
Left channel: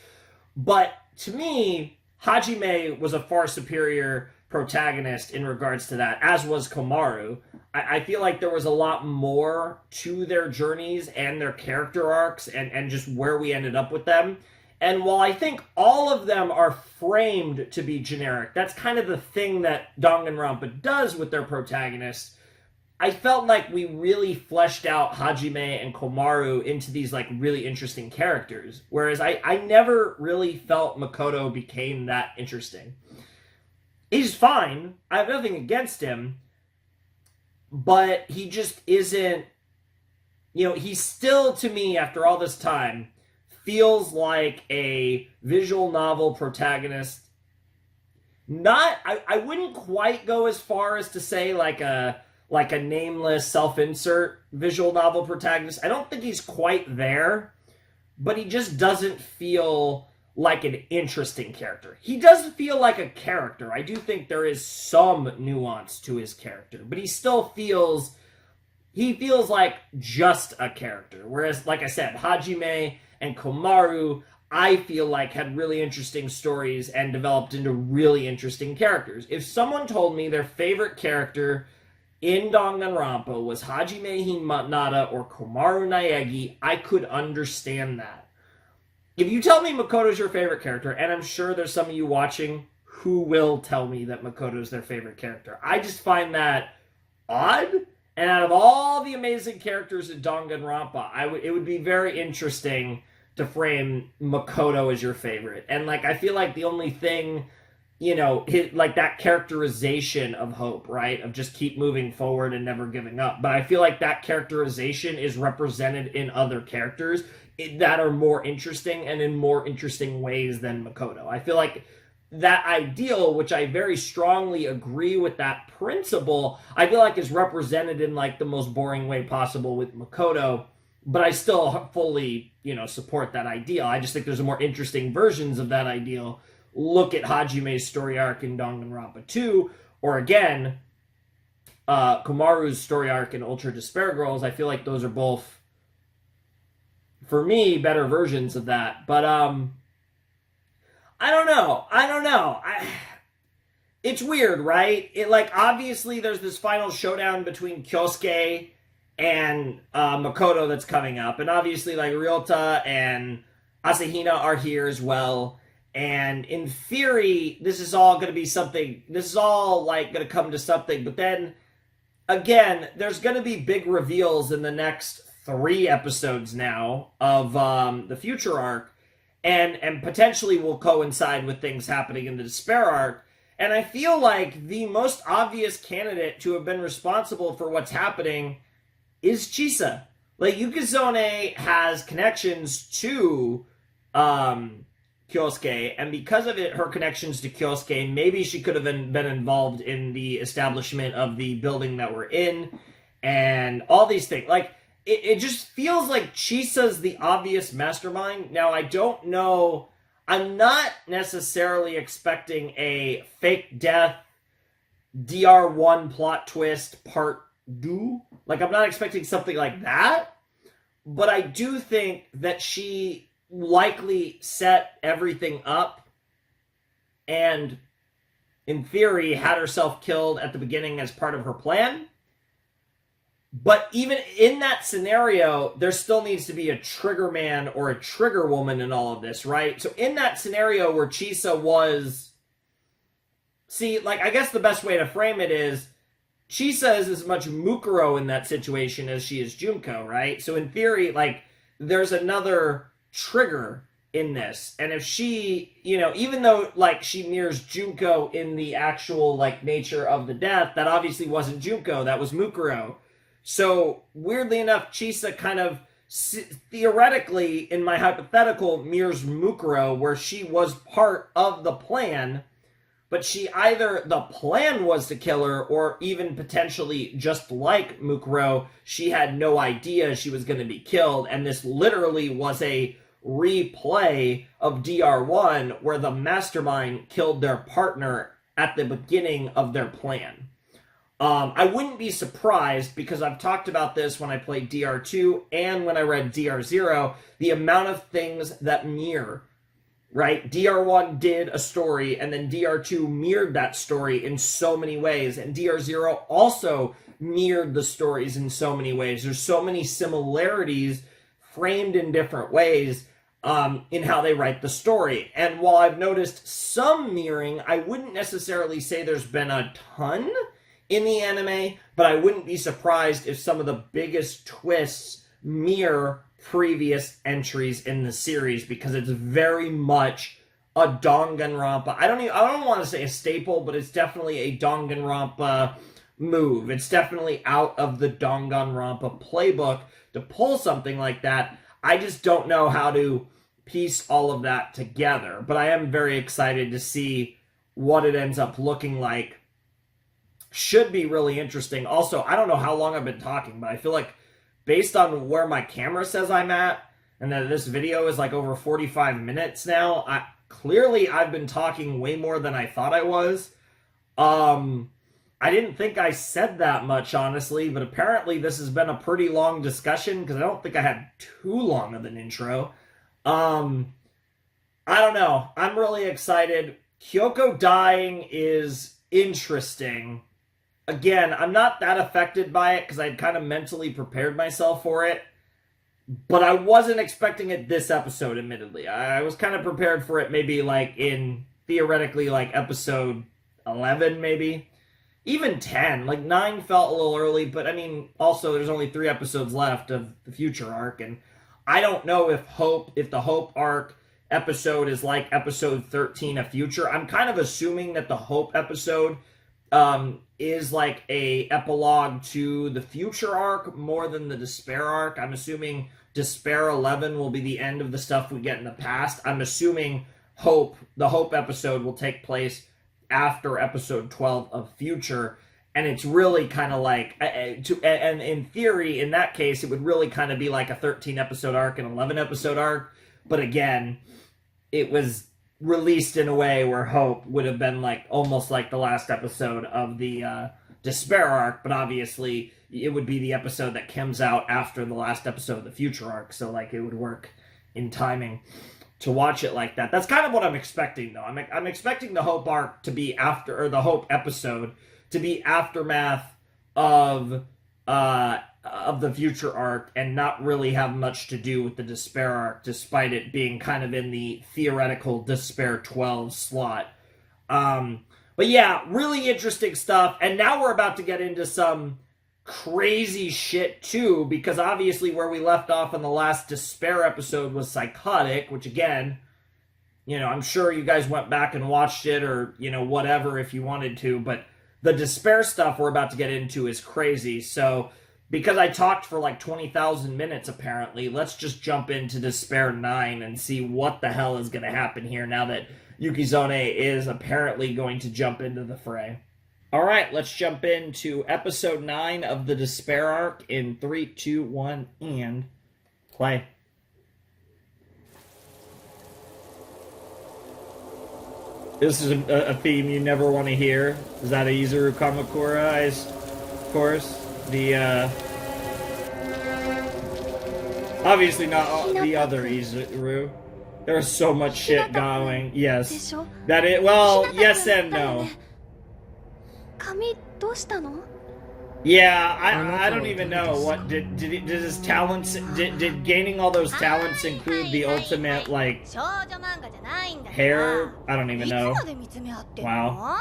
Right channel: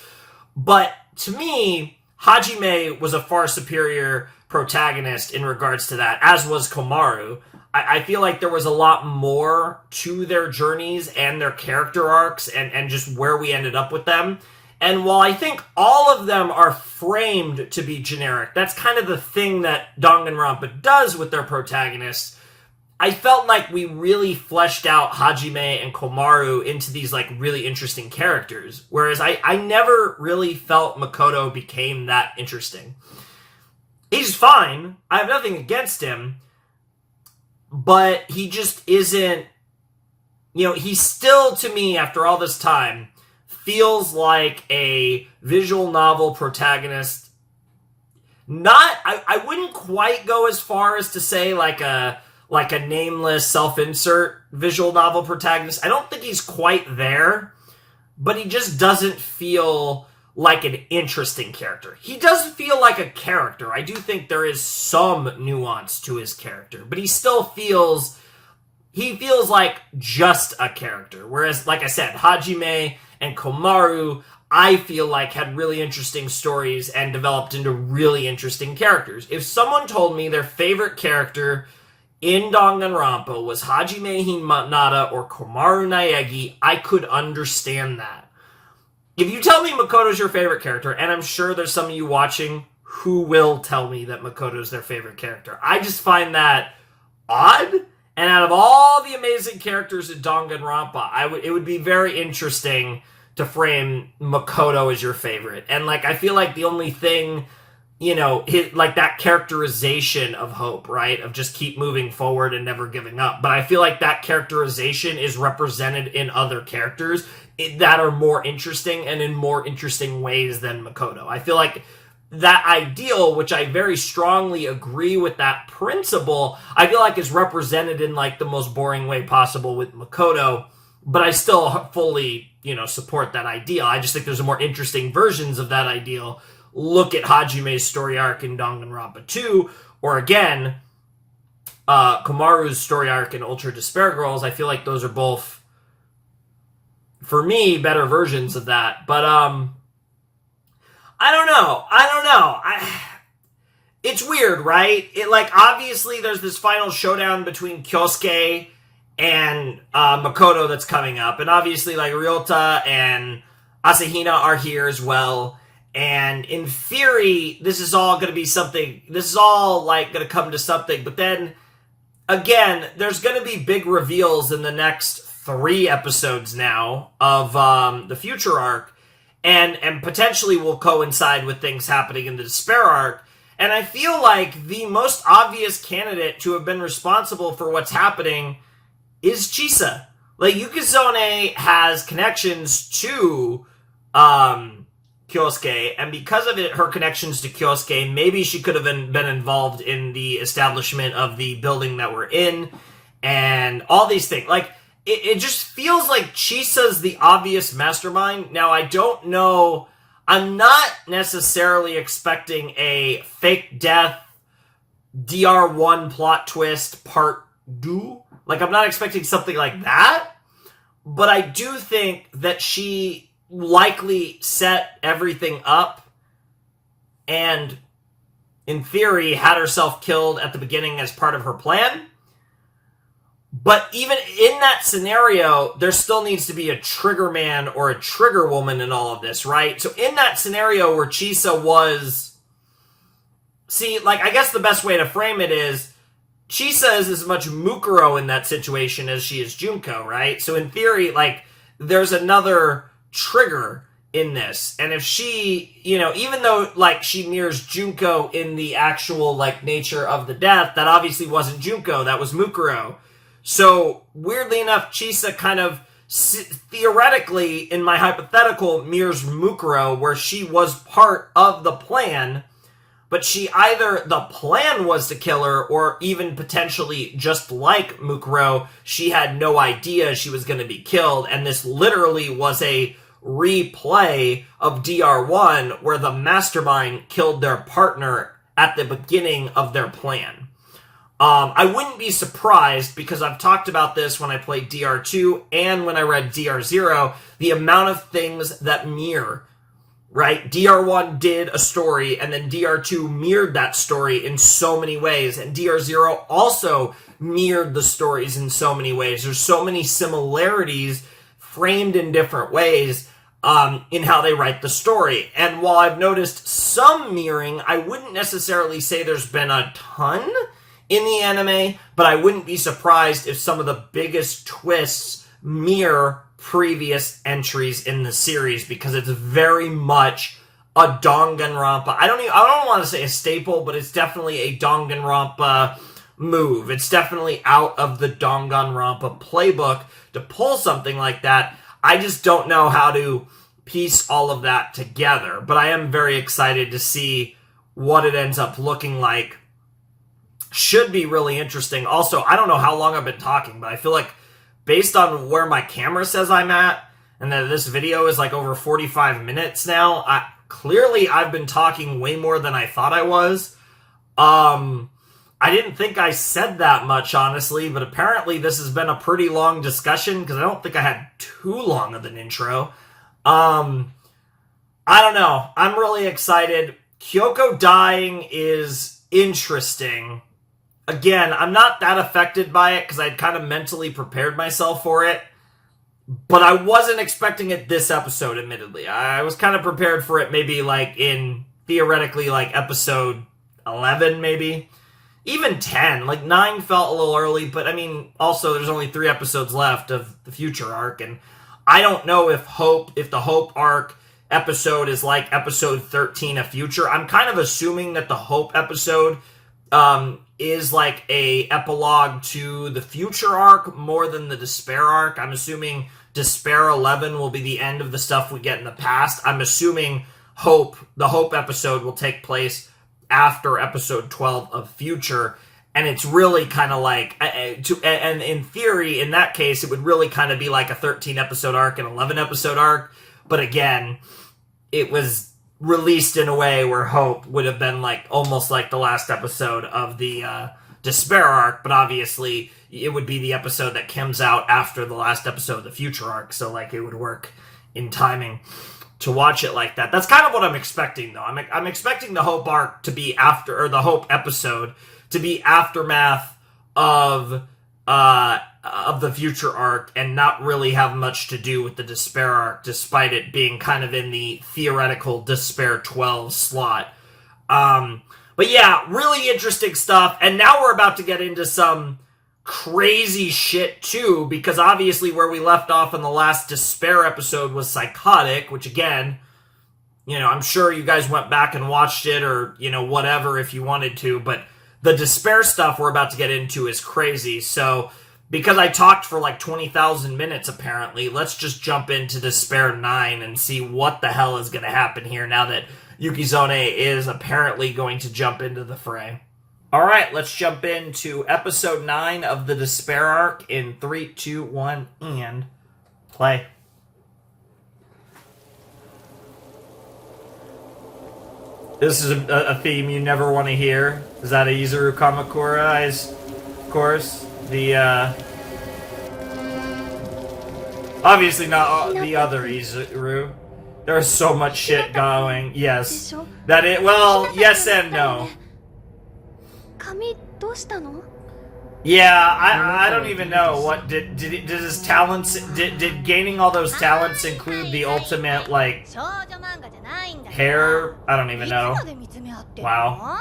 But to me, Hajime was a far superior protagonist in regards to that, as was Komaru. I feel like there was a lot more to their journeys and their character arcs and just where we ended up with them. And while I think all of them are framed to be generic, that's kind of the thing that Danganronpa does with their protagonists, I felt like we really fleshed out Hajime and Komaru into these like really interesting characters. Whereas I never really felt Makoto became that interesting. He's fine. I have nothing against him. But he just isn't, he still, to me, after all this time, feels like a visual novel protagonist. I wouldn't quite go as far as to say like a nameless self-insert visual novel protagonist. I don't think he's quite there, but he just doesn't feel like an interesting character. He does feel like a character. I do think there is some nuance to his character, but he still feels like just a character. Whereas, like I said, Hajime and Komaru, I feel like had really interesting stories and developed into really interesting characters. If someone told me their favorite character in Danganronpa was Hajime Hinata or Komaru Naegi, I could understand that. If you tell me Makoto's your favorite character, and I'm sure there's some of you watching who will tell me that Makoto's their favorite character, I just find that odd. And out of all the amazing characters in Danganronpa, it would be very interesting to frame Makoto as your favorite. And like I feel like the only thing, like that characterization of hope, right? Of just keep moving forward and never giving up. But I feel like that characterization is represented in other characters that are more interesting and in more interesting ways than Makoto. I feel like that ideal, which I very strongly agree with that principle, I feel like is represented in like the most boring way possible with Makoto, but I still fully, support that ideal. I just think there's more interesting versions of that ideal. Look at Hajime's story arc in Danganronpa 2, or again, Komaru's story arc in Ultra Despair Girls. I feel like those are both, for me, better versions of that. But, I don't know. It's weird, right? Obviously there's this final showdown between Kyosuke and Makoto that's coming up. And obviously, Ryota and Asahina are here as well. And in theory, this is all going to be something. This is all, going to come to something. But then, again, there's going to be big reveals in the next 3 episodes now of the future arc, and potentially will coincide with things happening in the Despair arc. And I feel like the most obvious candidate to have been responsible for what's happening is Chisa. Yukizome has connections to Kyosuke, and because of it, her connections to Kyosuke, maybe she could have been involved in the establishment of the building that we're in, and all these things. It just feels like Chisa's the obvious mastermind. Now, I don't know. I'm not necessarily expecting a fake death DR1 plot twist part 2. I'm not expecting something like that. But I do think that she likely set everything up and, in theory, had herself killed at the beginning as part of her plan. But even in that scenario, there still needs to be a trigger man or a trigger woman in all of this, right? So in that scenario where Chisa was... I guess the best way to frame it is Chisa is as much Mukuro in that situation as she is Junko, right? So in theory, there's another trigger in this. And if she, even though, she mirrors Junko in the actual, nature of the death, that obviously wasn't Junko, that was Mukuro. So, weirdly enough, Chisa kind of, theoretically, in my hypothetical, mirrors Mukuro, where she was part of the plan, but she either, the plan was to kill her, or even potentially, just like Mukuro, she had no idea she was going to be killed, and this literally was a replay of DR1, where the mastermind killed their partner at the beginning of their plan. I wouldn't be surprised, because I've talked about this when I played DR2 and when I read DR0, the amount of things that mirror, right? DR1 did a story, and then DR2 mirrored that story in so many ways, and DR0 also mirrored the stories in so many ways. There's so many similarities framed in different ways in how they write the story. And while I've noticed some mirroring, I wouldn't necessarily say there's been a ton in the anime, but I wouldn't be surprised if some of the biggest twists mirror previous entries in the series, because it's very much a Danganronpa. I don't want to say a staple, but it's definitely a Danganronpa move. It's definitely out of the Danganronpa playbook to pull something like that. I just don't know how to piece all of that together, but I am very excited to see what it ends up looking like. Should be really interesting. Also, I don't know how long I've been talking, but I feel like based on where my camera says I'm at, and that this video is like over 45 minutes now, I've been talking way more than I thought I was. I didn't think I said that much, honestly, but apparently this has been a pretty long discussion, because I don't think I had too long of an intro. I don't know. I'm really excited. Kyoko dying is interesting. Again, I'm not that affected by it, because I'd kind of mentally prepared myself for it. But I wasn't expecting it this episode, admittedly. I was kind of prepared for it maybe like in, theoretically, like episode 11, maybe. Even 10. Like 9 felt a little early, but I mean, also there's only 3 episodes left of the future arc, and I don't know if the Hope arc episode is like episode 13 of Future. I'm kind of assuming that the Hope episode is like a epilogue to the Future arc more than the Despair arc. I'm assuming Despair 11 will be the end of the stuff we get in the past. I'm assuming the Hope episode will take place after episode 12 of Future, and it's really kind of like, and in theory, in that case, it would really kind of be like a 13 episode arc and 11 episode arc, but again, it was released in a way where Hope would have been like almost like the last episode of the Despair arc, but obviously it would be the episode that comes out after the last episode of the Future arc, so like it would work in timing to watch it like that. That's kind of what I'm expecting, though. I'm expecting the Hope arc to be after, or the Hope episode to be aftermath of the Future arc, and not really have much to do with the Despair arc, despite it being kind of in the theoretical Despair 12 slot. But yeah, really interesting stuff. And now we're about to get into some crazy shit too, because obviously where we left off in the last Despair episode was Psychotic, which again, you know, I'm sure you guys went back and watched it, or, you know, whatever if you wanted to, but the Despair stuff we're about to get into is crazy. So because I talked for like 20,000 minutes apparently, let's just jump into Despair 9 and see what the hell is going to happen here now that Yukizome is apparently going to jump into the fray. Alright, let's jump into episode 9 of the Despair arc in 3, 2, 1, and play. This is a theme you never want to hear. Is that a Izuru Kamakura? Of course. The, obviously not the other Izuru. There's so much shit going. Yes. That it, well, yes and no. Yeah, I don't even know what did his talents, did gaining all those talents include the ultimate like hair? I don't even know. Wow.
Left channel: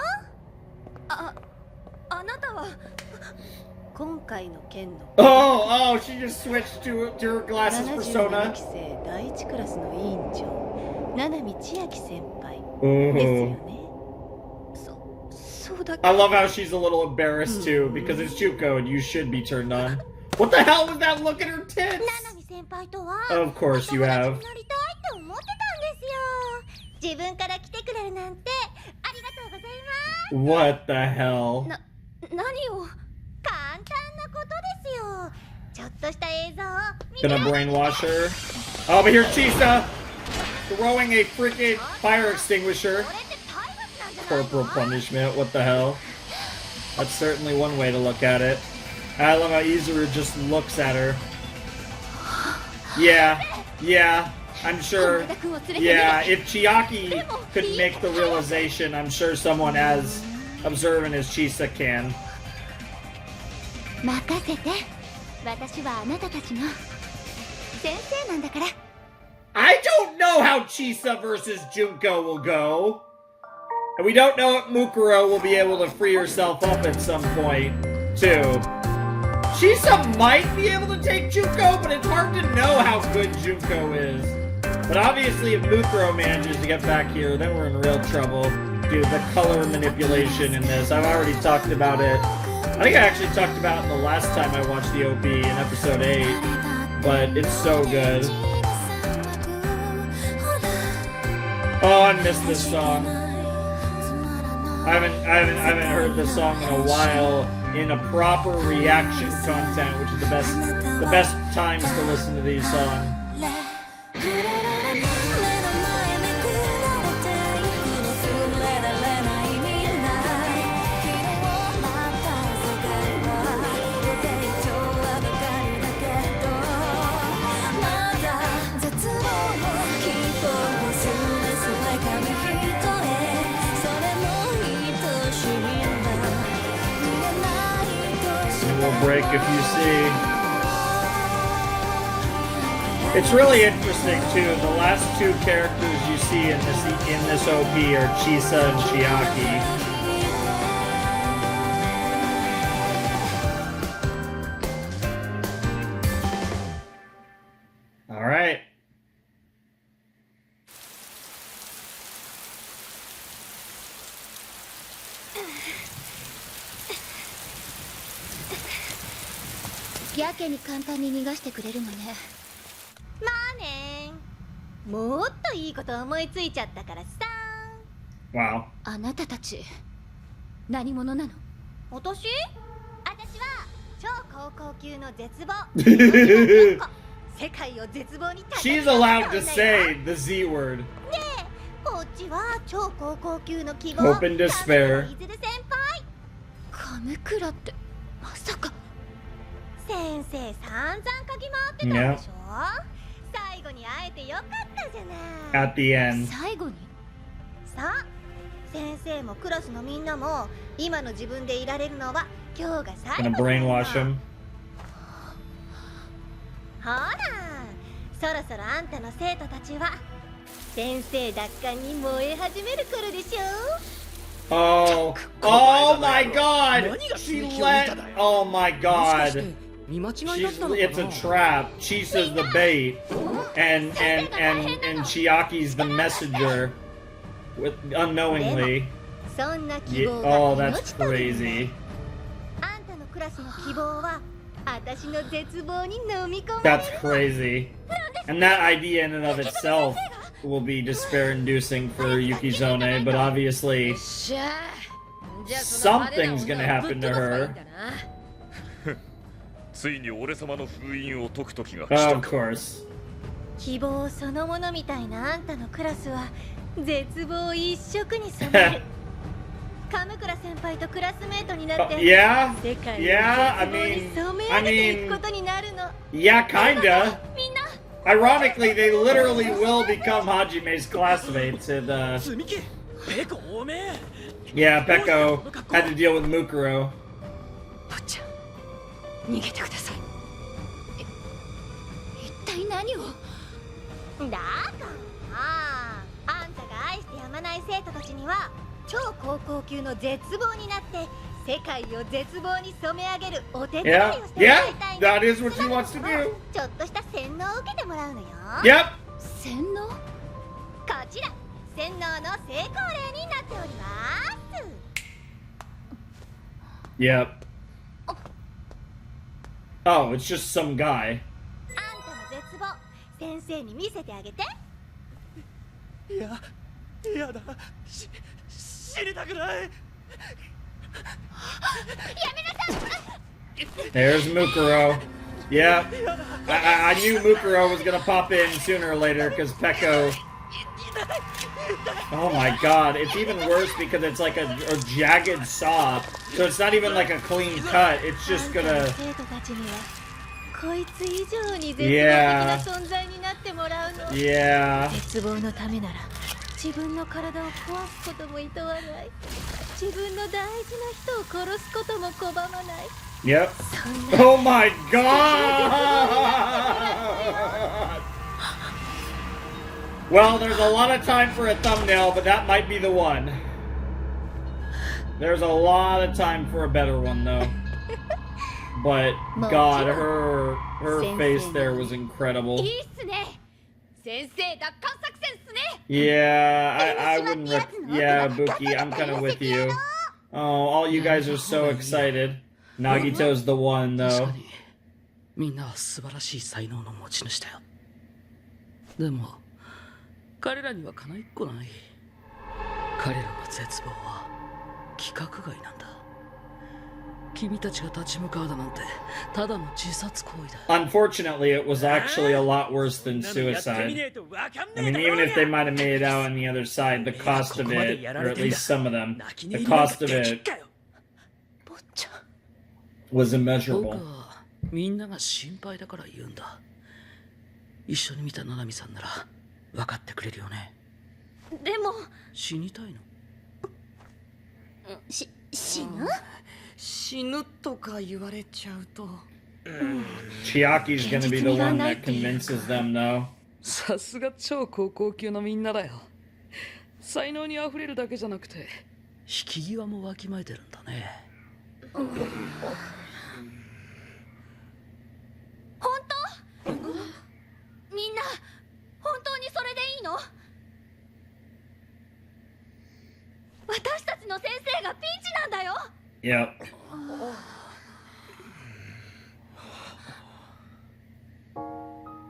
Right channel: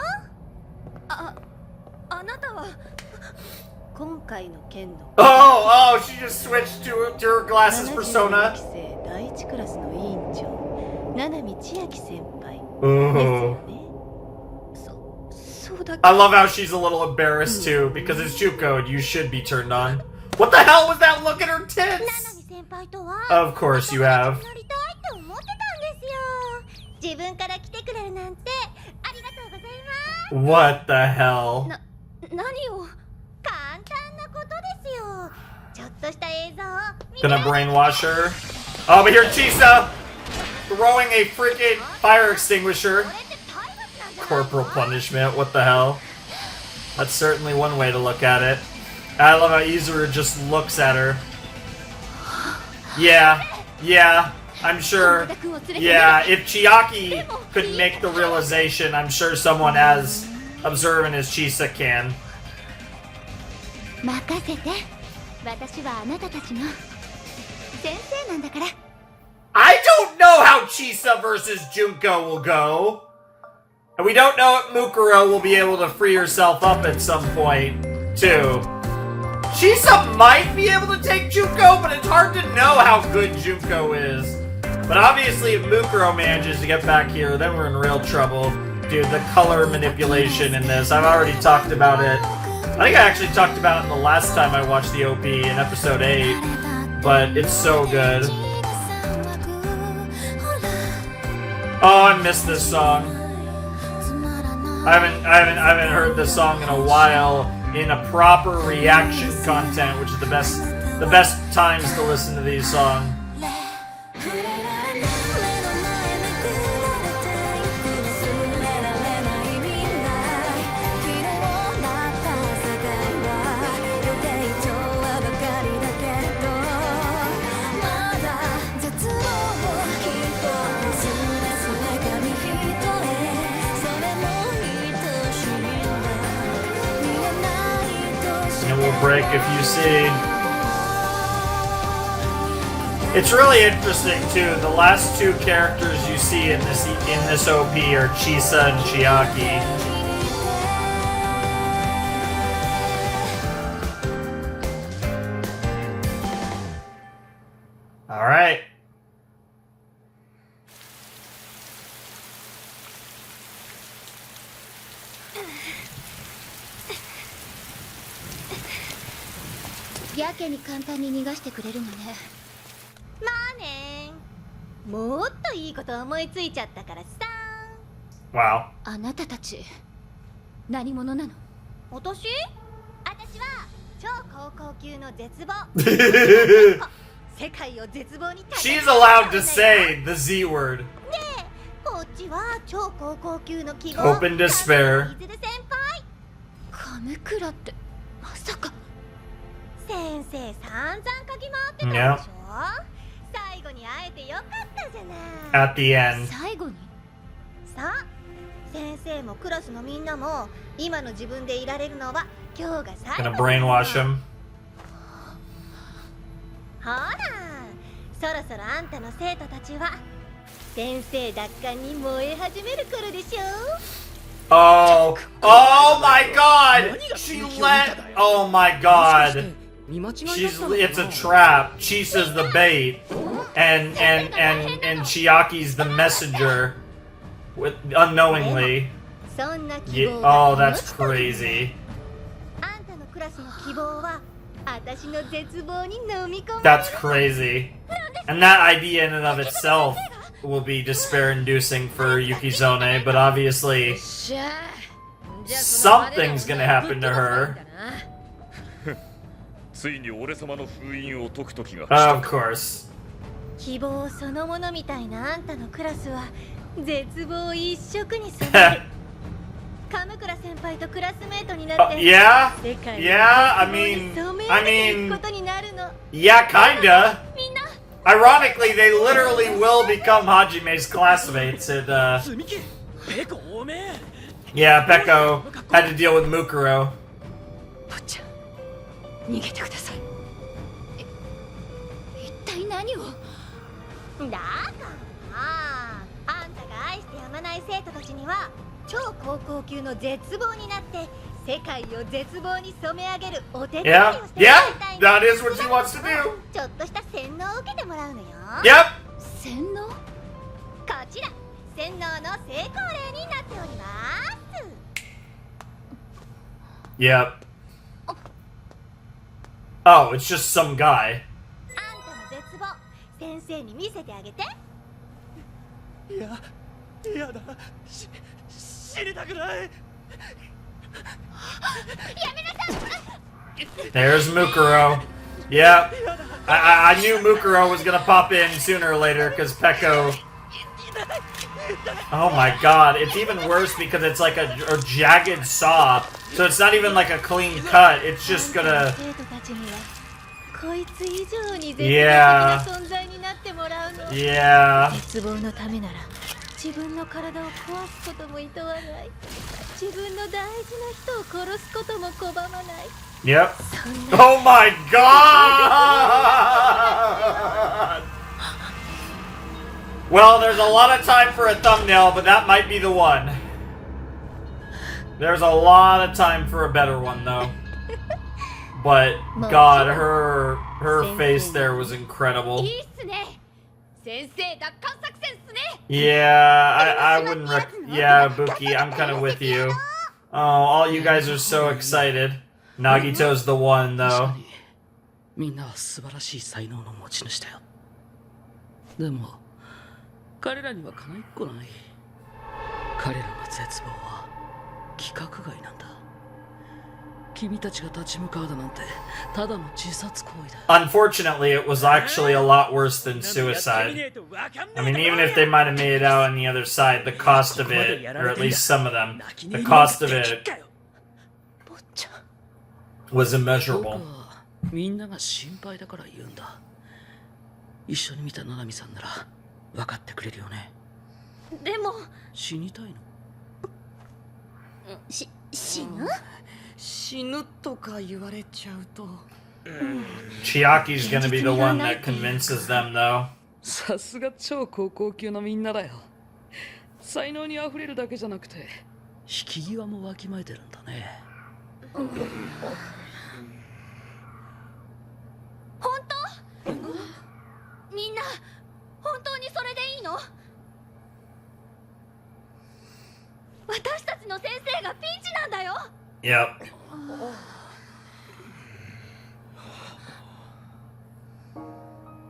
Oh, she just switched to her glasses persona. Ooh. I love how she's a little embarrassed too, because it's Juko and you should be turned on. What the hell was that look at her tits? Of course you have. What the hell? Gonna brainwash her? Oh, but here's Chisa throwing a freaking fire extinguisher. Corporal punishment, what the hell? That's certainly one way to look at it. I love how Izuru just looks at her. Yeah, I'm sure. Yeah, if Chiaki could make the realization, I'm sure someone as observant as Chisa can. 任せて。私はあなたたちの先生なんだから。I don't know how Chisa versus Junko will go. And we don't know if Mukuro will be able to free herself up at some point, too. Chisa might be able to take Junko, but it's hard to know how good Junko is. But obviously, if Mukuro manages to get back here, then we're in real trouble. Dude, the color manipulation in this, I've already talked about it. I think I actually talked about it the last time I watched the OP in episode 8, but it's so good. Oh, I missed this song. I haven't heard this song in a while in a proper reaction content, which is the best times to listen to these songs. Will break if you see. It's really interesting too. The last two characters you see in this OP are Chisa and Chiaki. All right.やけに簡単に逃がしてくれるのね。まあね。もっといいこと思いついちゃったからさ。Wow. あなたたち何者なの？私は超高校級の絶望。世界を絶望に立て She's allowed to say the Z word. ねえ、こっちは超高校級の希望。Hope and despair. 先輩。亀倉ってまさか。先生散々嗅ぎ回ってたでしょ。最後に会えてよかったじゃない。 At the end. 最後に？さあ、先生もクラスのみんなも今の自分でいられるのは今日が最後 Gonna brainwash him. ほら、そろそろあんたの生徒たちは先生奪還に燃え始める頃でしょ。Oh my God! She let. Oh my God! It's a trap. Chisa's the bait, and Chiaki's the messenger, unknowingly. Oh, that's crazy. That's crazy. And that idea in and of itself will be despair-inducing for Yukizome, but obviously something's gonna happen to her. Of course. 希望そのものみたいなあんたのクラスは絶望一色に染める。亀倉先輩とクラスメートになって世界の絶望に染め上げていくことになるの。Yeah, kinda. Ironically, they literally will become Hajime's classmates, and yeah, Peko had to deal with Mukuro. 逃げてください。一体何を？だからあんたが愛してやまない生徒たちには超高校級の絶望になって世界を絶望に染め上げるお手伝いをしてもらいたいの。That is what she wants to do. ちょっとした洗脳を受けてもらうのよ。Yep. 洗脳？こちら洗脳の成功例になっております。Yep. Oh, it's just some guy. あんたの絶望、先生に見せてあげて。やだ。知りたくない。やめなさい。 There's Mukuro. Yep. I knew Mukuro was gonna pop in sooner or later because Peko Oh my god, it's even worse because it's like a jagged saw, so it's not even like a clean cut, it's just gonna... 生徒たちにはこいつ以上に絶望的 Yeah. な存在になってもらうの。 Yeah. 絶望のためなら自分の体を壊すことも厭わない。自分の大事な人を殺すことも拒まない。 Yep. そんな Oh my god! Well, there's a lot of time for a thumbnail, but that might be the one. There's a lot of time for a better one, though. But God, her face there was incredible. いいっすね。先生奪還作戦っすね。 Yeah, I wouldn't. Yeah, Buki, I'm kind of with you. Oh, all you guys are so excited. Nagito's the one, 確 though. かにみんなは素晴らしい才能の持ち主だよ。でも彼らにはかないっこない。彼らの絶望は規格外なんだ。君たちが立ち向かうだなんてただの自殺行為だ。 Unfortunately, it was actually a lot worse than suicide. I mean, even if they might have made it out on the other side, the cost of it, or at least some of them, the cost of it 坊ちゃん。 was 僕 immeasurable. はみんなが心配だから言うんだ。一緒に見た七海さんなら分かってくれるよね。でも死にたいの？死ぬ？死ぬとか言われちゃうと Chiaki's gonna be the one that convinces them, though. さすが超高校級のみんなだよ。才能にあふれるだけじゃなくて引き際もわきまえてるんだね。本当？みんな本当にそれでいいの？私たちの先生がピンチなんだよ。 Yep.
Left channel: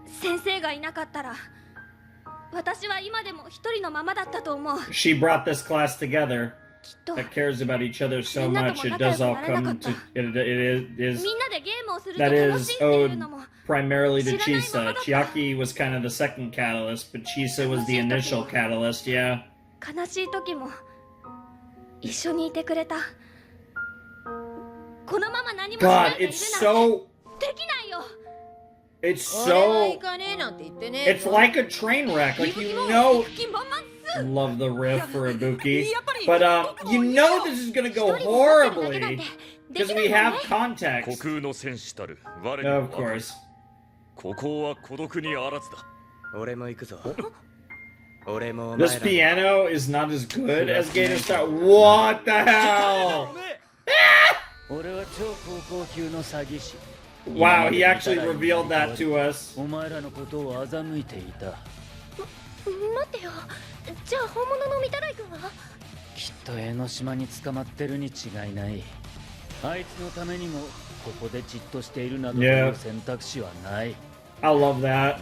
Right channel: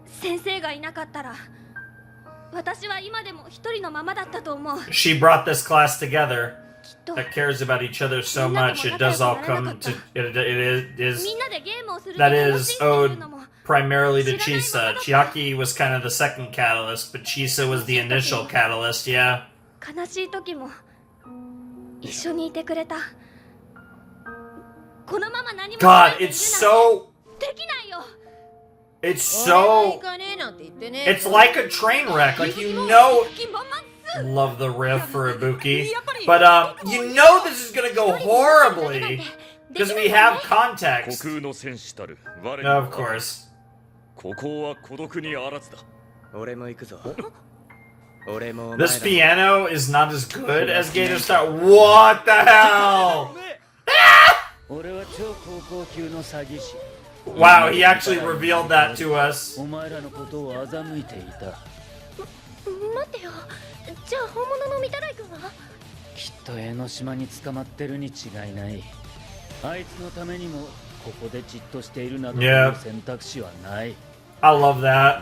先生がいなかったら私は今でも一人のままだったと思う。 She brought this class together きっと that cares about each other so much. It does all come to. It is みんなでゲームをすると that 楽 is しいっていう owed のも primarily to Chisa. Chiaki was kind of the second catalyst, but Chisa was the initial catalyst. Yeah. 悲しい時も一緒にいてくれた。このまま何もしない God, でいる it's なんて so. できないよ。 It's 俺は so. 行かねえなんて言ってね It's like a train wreck. Like you know. 気満々っす。 Love the riff for Ibuki. But you know this is gonna go horribly because we have 虚 context. 空の戦士たる我に Of は course. ここは孤独にあらずだ。俺も行くぞ俺もお前 This ら piano is not as good as Gator Star. What the hell? 俺は超高校級の詐欺師。 Wow, he actually revealed that to us. お前らのことを欺いていた。待ってよ。じゃあ本物の御手洗君は？きっと江ノ島に捕まってるに違いない。あいつのためにもここでじっとしているなどという選択肢はない。 I love that.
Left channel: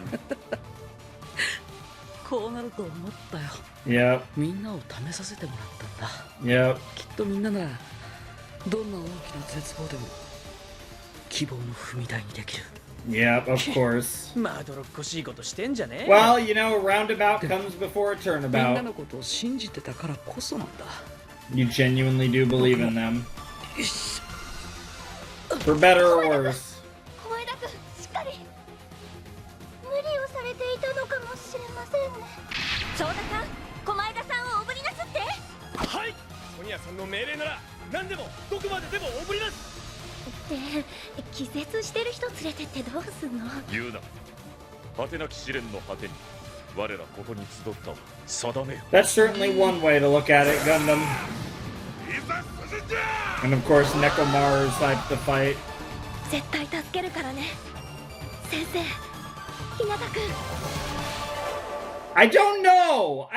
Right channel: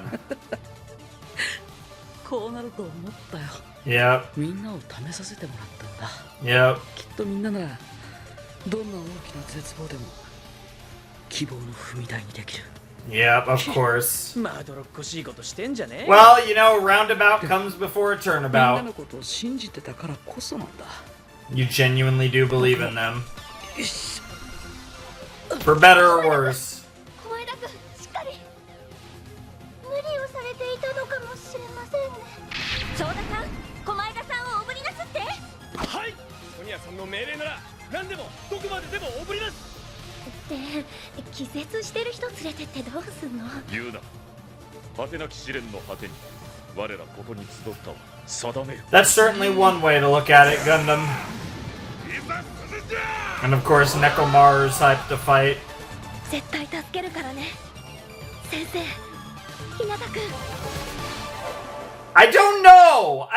こうなると思ったよ。 Yep. みんなを試させてもらったんだ。 Yep. きっとみんなならどんな大きな絶望でも希望の踏み台にできる。 Yep, of course. まどろっこしいことしてんじゃねえ Well, you know, roundabout comes before みんな turnabout. のことを信じてたからこそなんだ。 You genuinely do believe in them. よし。 For better or worse. 小前田君しっかり。無理をされていたのかもしれませんね。長田さん、小前田さんをおぶりなすって。はい。ソニアさんの命令なら何でもどこまででもおぶります。で、気絶してる人連れてってどうすんの？言うな。果てなき試練の果てに我らここに集ったわ。定めよ。 That's certainly one way to look at it, Gundam. いざ進んじゃ。 And of course, Nekomaru's hyped to fight. 絶対助けるからね。先生、日向君。 I don't know.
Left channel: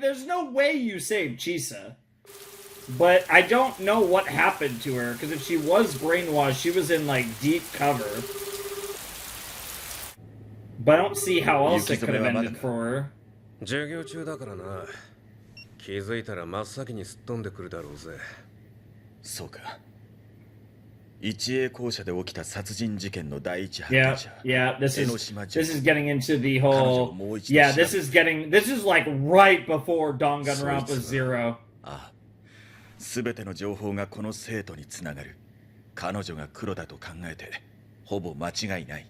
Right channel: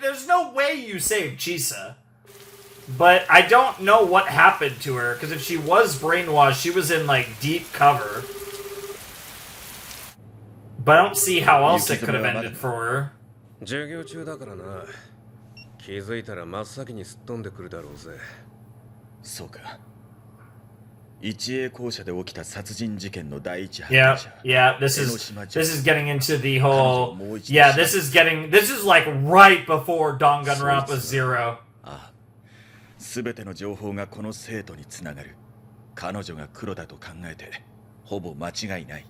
There's no way you saved Chisa. But I don't know what happened to her, because if she was brainwashed, she was in, like, deep cover. But I don't see how else it could have ended for her. 授業中だからな。気づいたら真っ先にすっ飛んでくるだろうぜ。そうか。一栄校舎で起きた殺人事件の第一発 Yeah, 見者 yeah. This is getting into the whole. Yeah, this is like right before Danganronpa 0. ああ、全ての情報がこの生徒につながる。彼女が黒だと考えてほぼ間違いない。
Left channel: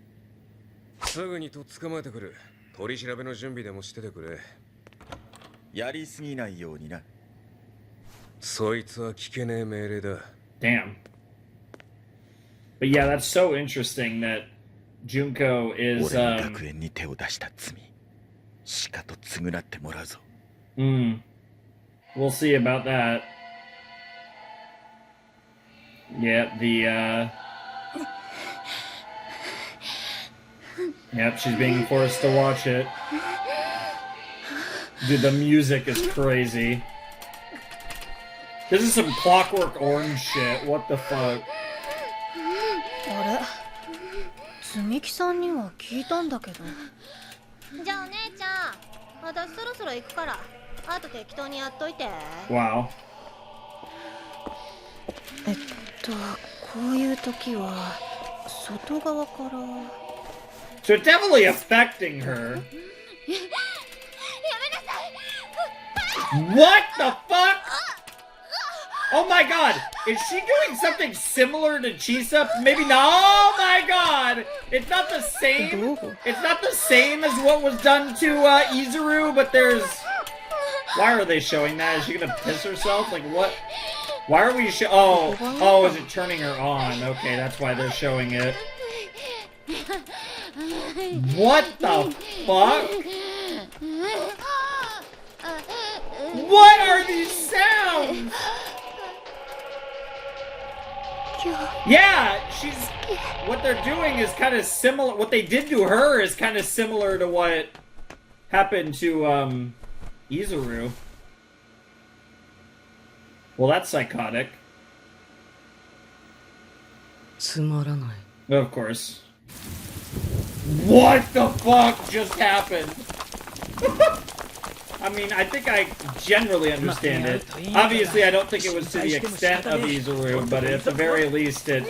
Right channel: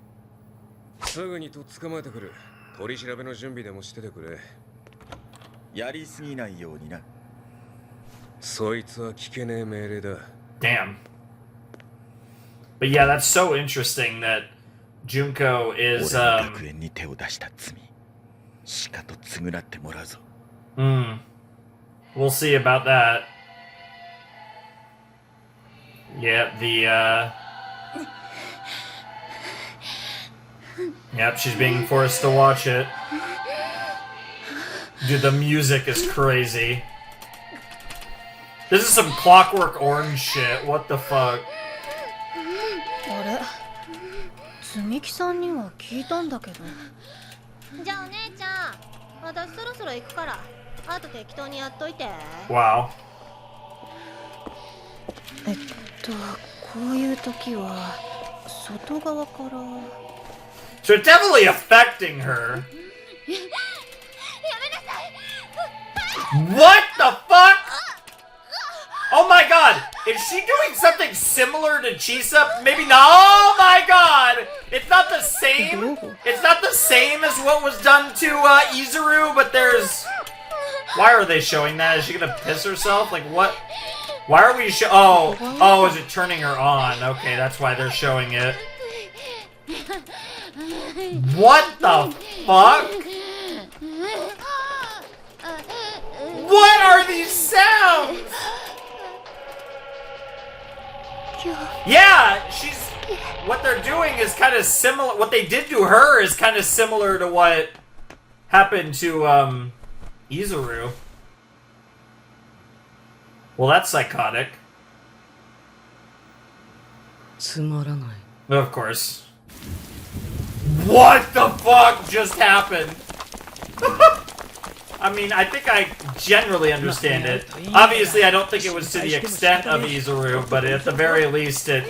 すぐにとっ捕まえてくる。取り調べの準備でもしててくれ。やりすぎないようにな。そいつは聞けねえ命令だ。Damn. But yeah, that's so interesting that Junko is. 俺の学園に手を出した罪、しかと償ってもらうぞ。We'll see about that. Yeah, Yep, she's being forced to watch it. Dude, the music is crazy. This is some Clockwork Orange shit. What the fuck? あれ、積み木さんには聞いたんだけど。じゃあお姉ちゃん、私そろそろ行くから、あと適当にやっといて。Wow. こういう時は外側から。So it's definitely affecting her. What the fuck? Oh my god! Is she doing something similar to Chisa? Maybe not. Oh my god! It's not the same. It's not the same as what was done to Izuru, but there's. Why are they showing that? Is she gonna piss herself? Like what? Why are we Oh, is it turning her on? Okay, that's why they're showing it. What the fuck? What are these sounds? Yeah, what they're doing is kind of similar. What they did to her is kind of similar to what happened to Izuru. Well, that's psychotic. つまらない。 Of course. What the fuck just happened? I mean, I think I generally understand it. Obviously, I don't think it was to the extent of Izuru, but at the very least it...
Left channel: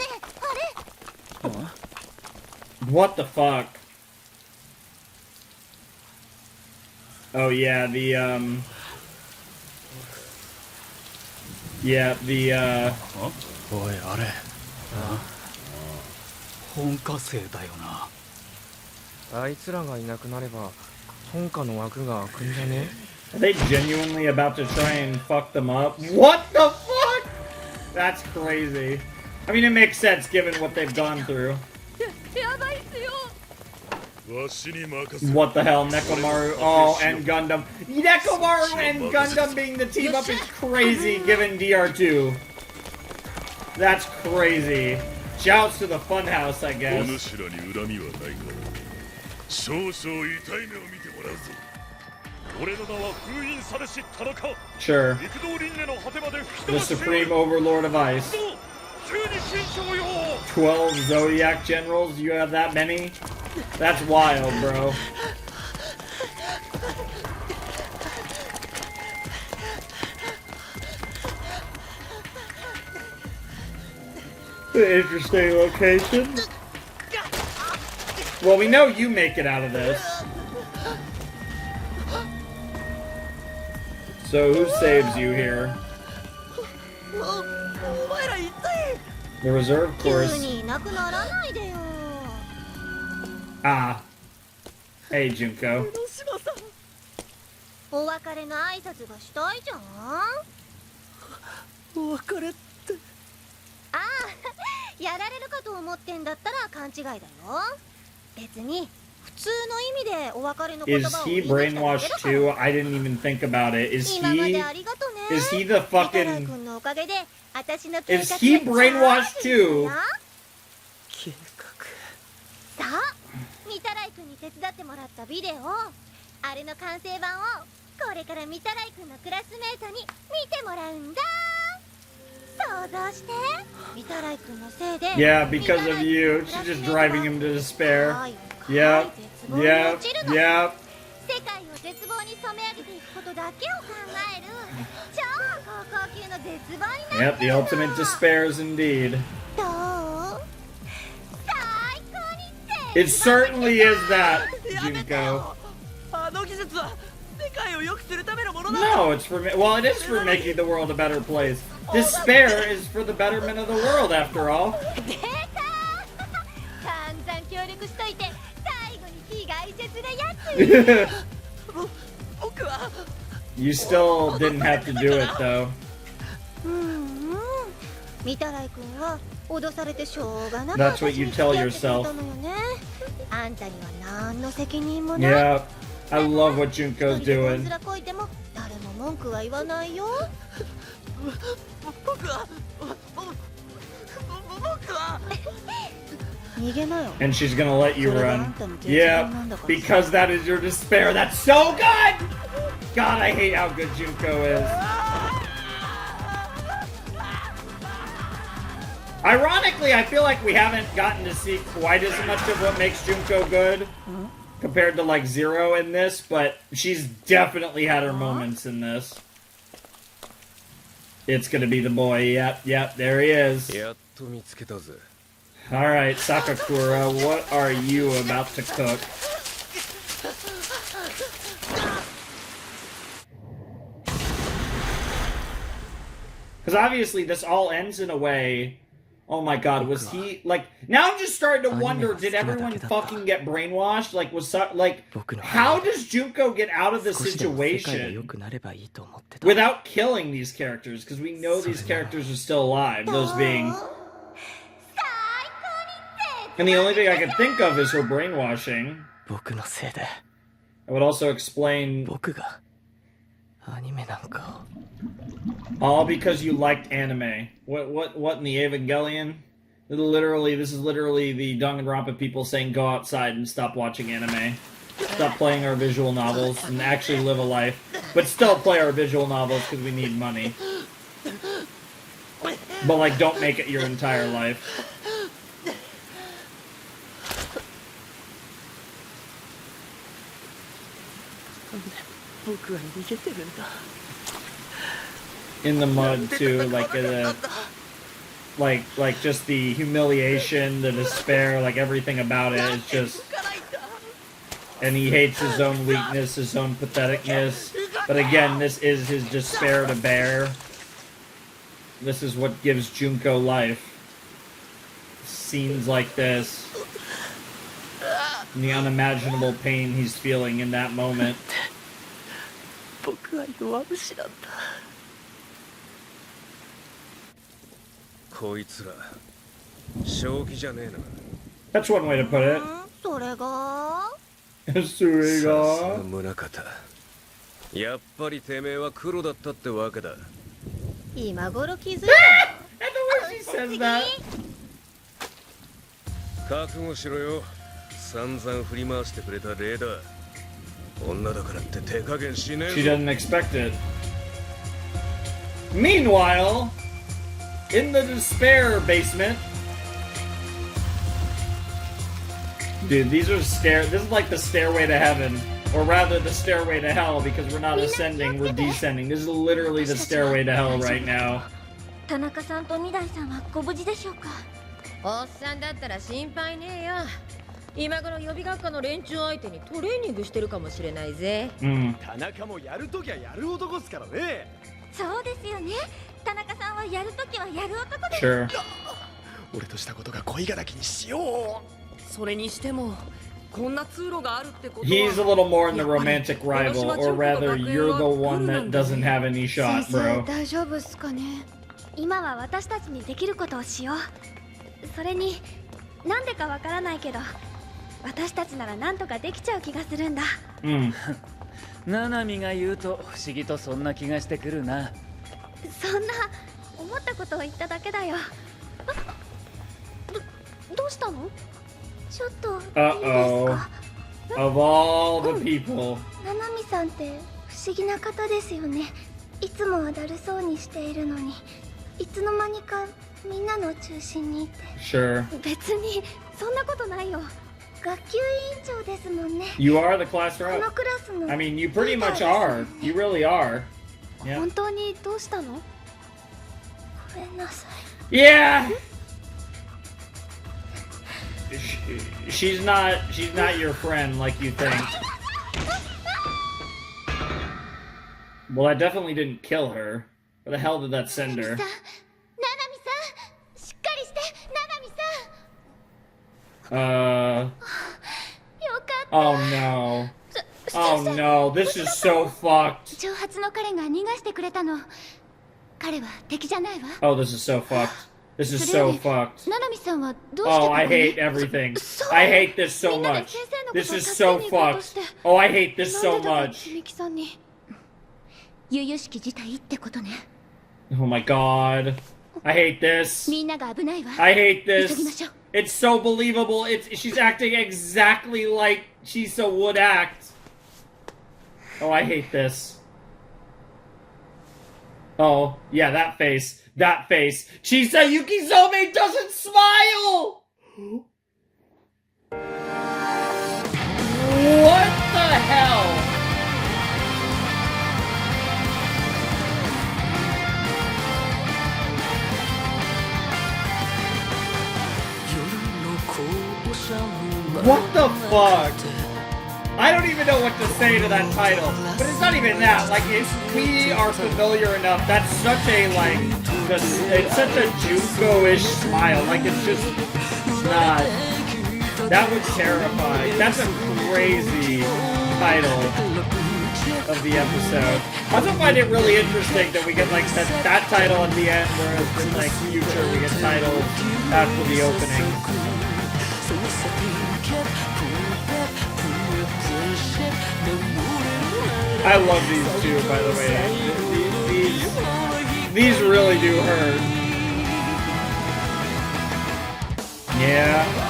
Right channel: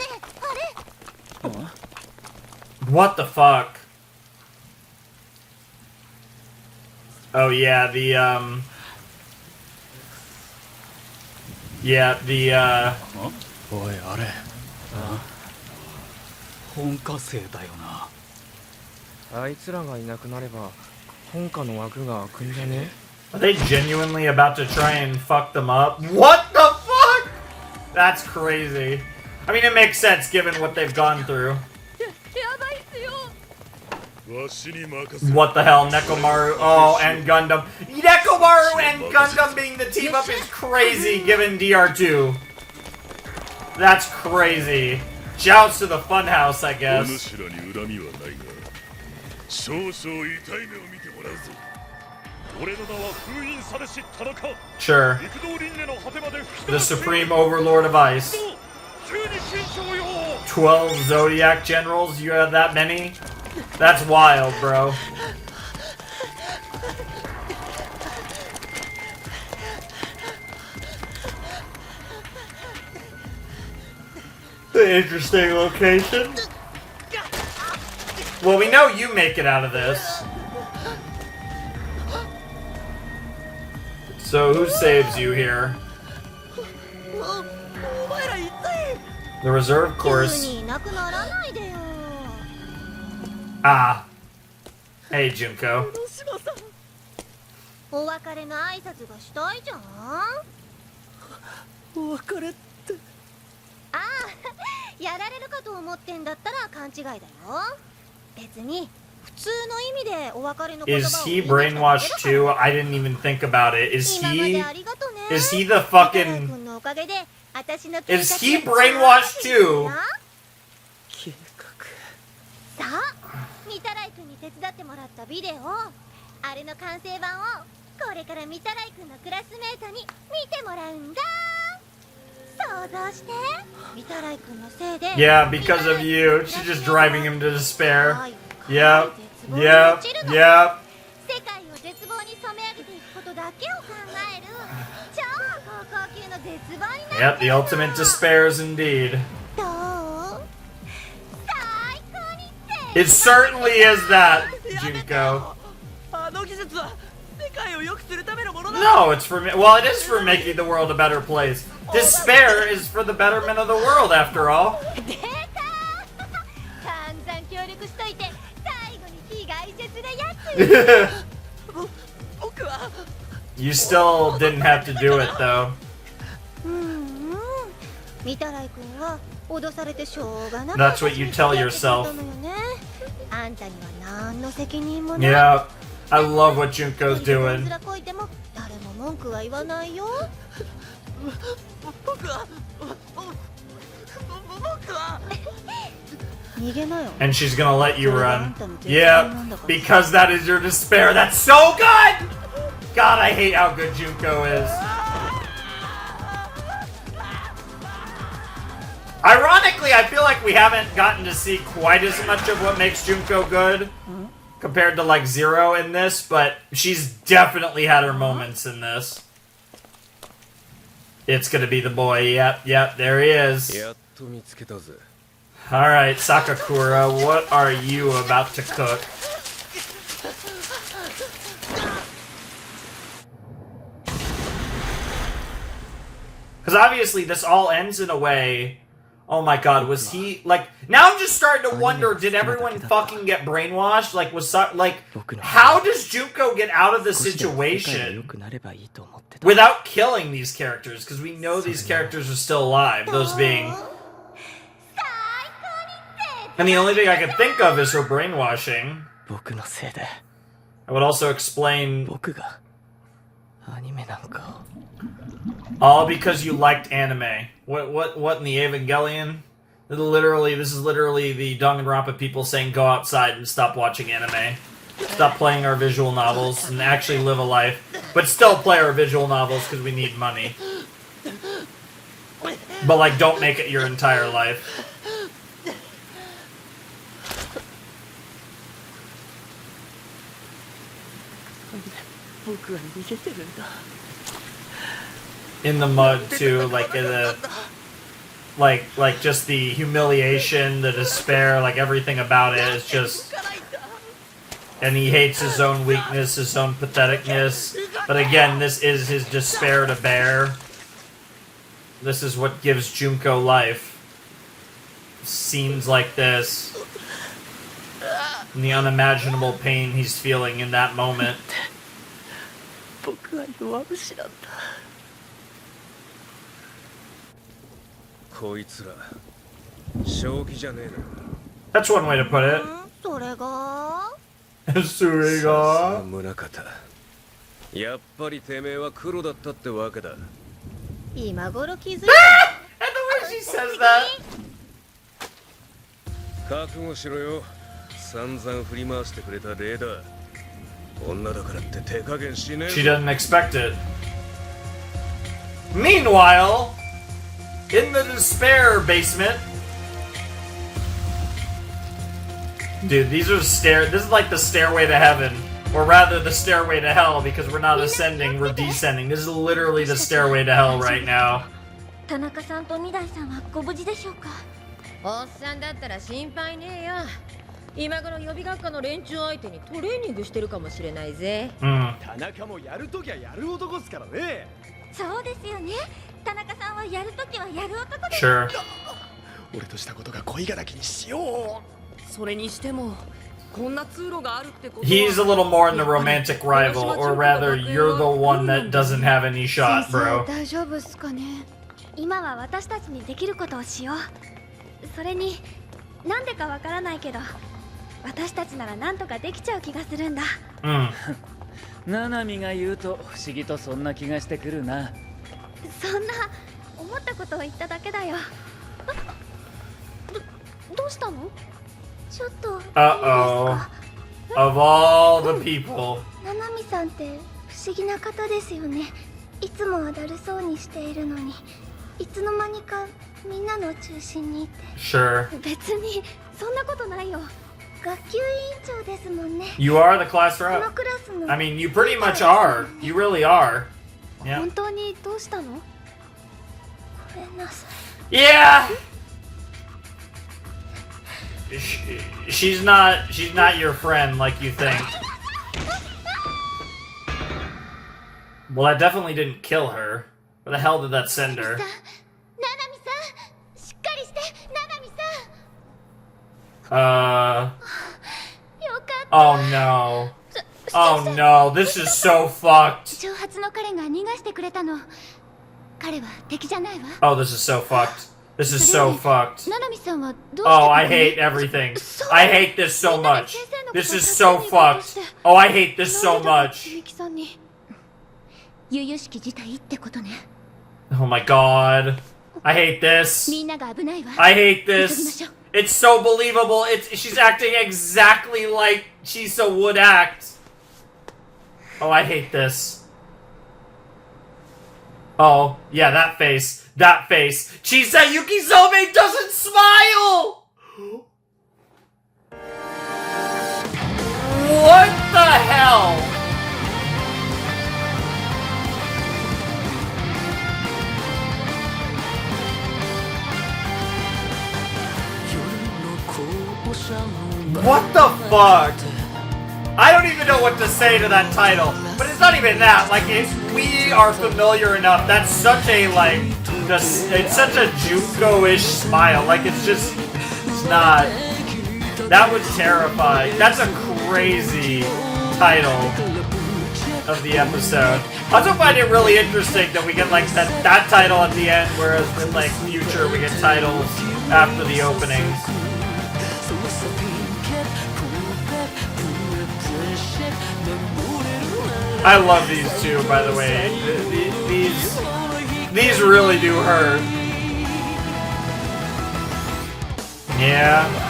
What the fuck? Oh yeah, Yeah, おい、あれ。本科生だよな。あいつらがいなくなれば本科の枠が開くんじゃね？ Are they genuinely about to try and fuck them up? What the fuck? That's crazy. I mean, it makes sense given what they've gone through. What the hell, Nekomaru? Oh, and Gundam. Nekomaru and Gundam being the team up is crazy given DR2. That's crazy. Shouts to the Funhouse, I guess. Sure. The Supreme Overlord of Ice. 12 Zodiac Generals? You have that many? That's wild, bro. Interesting location. Well, we know you make it out of this. So who saves you here? The reserve course. Ah. Hey, Junko. お別れの挨拶がしたいじゃん。お別れって。ああ、やられるかと思ってんだったら勘違いだよ。別に普通の意味でお別れの言葉を Is he brainwashed too? I didn't even think about it. Is he the fucking... Is he brainwashed too? さあ、御手洗君に手伝ってもらったビデオ、あれの完成版をこれから御手洗君のクラスメートに見てもらうんだ。想像して、御手洗君のせいで。Yeah, because of you. She's just driving him to despair. Yep, yep, yep. 世界を絶望に染め上げていくことだけを考える超高校級の絶望になってる。 Yep, the ultimate despairs indeed. どう？最高に It certainly is that, Junko. あの技術は世界を良くするためのものだ。 No, it's for well, it is for making the world a better place. Despair is for the betterment of the world, after all. 出た散々協力しといて最後に非外説なやつ。僕は You still didn't have to do it, though. 御手洗君は脅されてしょうがなく That's what you tell 私に付き合 yourself. ってくれたのよね。あんたには何の責任もない。 Yeah, I love what Junko's 一人でどん doing. ずらこいても誰も文句は言わないよ。僕は逃げなよ。 And she's gonna let you それがあ run. んたの絶望なんだ Yeah, から。 because that is your despair. That's so good! God, I hate how good Junko is. Ironically, I feel like we haven't gotten to see quite as much of what makes Junko good compared to like Zero in this, but she's definitely had her moments in this. It's gonna be the boy. Yep, there he is. やっと見つけたぜ。 Alright, Sakakura, what are you about to cook? Because obviously this all ends in a way... Oh my god, was he... Like, now I'm just starting to wonder, did everyone fucking get brainwashed? Like, how does Junko get out of the situation without killing these characters? Because we know these characters are still alive, those being... And the only thing I can think of is her brainwashing. 僕のせいで I would also explain... 僕がアニメなんかを All because you liked anime. What in the Evangelion? This is literally the Danganronpa people saying go outside and stop watching anime. Stop playing our visual novels and actually live a life. But still play our visual novels because we need money. But like, don't make it your entire life. 僕は逃げてるんだ In the mud too, like just the humiliation, the despair, like everything about it is just... And he hates his own weakness, his own patheticness. But again, this is his despair to bear. This is what gives Junko life. Scenes like this. And the unimaginable pain he's feeling in that moment. 僕は弱虫なんだこいつら正気じゃねえな。 That's one way to put it. それがさすが宗方。やっぱりてめえは黒だったってわけだ。今頃気づいた。 I know when she says that. 覚悟しろよ。散々振り回してくれたレーダー。女だからって手加減しねえぞ。 She doesn't expect it. Meanwhile, in the despair basement, dude, these are this is like the stairway to heaven, or rather the stairway to hell, because we're not ascending, we're descending. This is literally the stairway to hell right now. 田中さんと二代さんはご無事でしょうか。おっさんだったら心配ねえよ。今頃予備学科の連中相手にトレーニングしてるかもしれないぜ。田中もやるときはやる男っすからね。そうですよね。田中さんはやるときはやる男です。 Sure. 俺としたことが恋敵にしよう。それにしてもこんな通路があるってことは He's a little more in the romantic rival, or rather, you're the one that doesn't have any shot, bro. 大丈夫っすかね。今は私たちにできることをしよう。それになんでかわからないけど、私たちならなんとかできちゃう気がするんだ。ナナミが言うと不思議とそんな気がしてくるな。そんな思ったことを言っただけだよ。どうしたの？ちょっといいですか？ Of all the people. ナナミさんって不思議な方ですよね。いつもはだるそうにしているのに、いつの間にかみんなの中心にいて。Sure. 別にそんなことないよ。学級委員長ですもんね。You are the class こ rep. のクラスの。 I mean, you pretty much are. You really are. Yeah. 本当にどうしたの？ごめんなさい。Yeah. she's not your friend like you think. Well, that definitely didn't kill her. Where the hell did that send her? Oh no. Oh no, this is so fucked. Oh, this is so fucked. This is so fucked. Oh, I hate everything. I hate this so much. This is so fucked. Oh, I hate this so much. Oh my god. I hate this. I hate this. It's so believable. She's acting exactly like Chisa would act. Oh, I hate this. Oh, yeah, that face. That face. Chisa Yukizome doesn't smile! What the hell? What the fuck? I don't even know what to say to that title, but it's not even that. Like, if we are familiar enough, that's such a, like, it's such a Junko-ish smile. Like, it's just, it's not. That would terrify. That's a crazy title of the episode. I also find it really interesting that we get, like, that title at the end, whereas in, like, future we get titles after the opening. I love these two, by the way. These really do hurt. Yeah.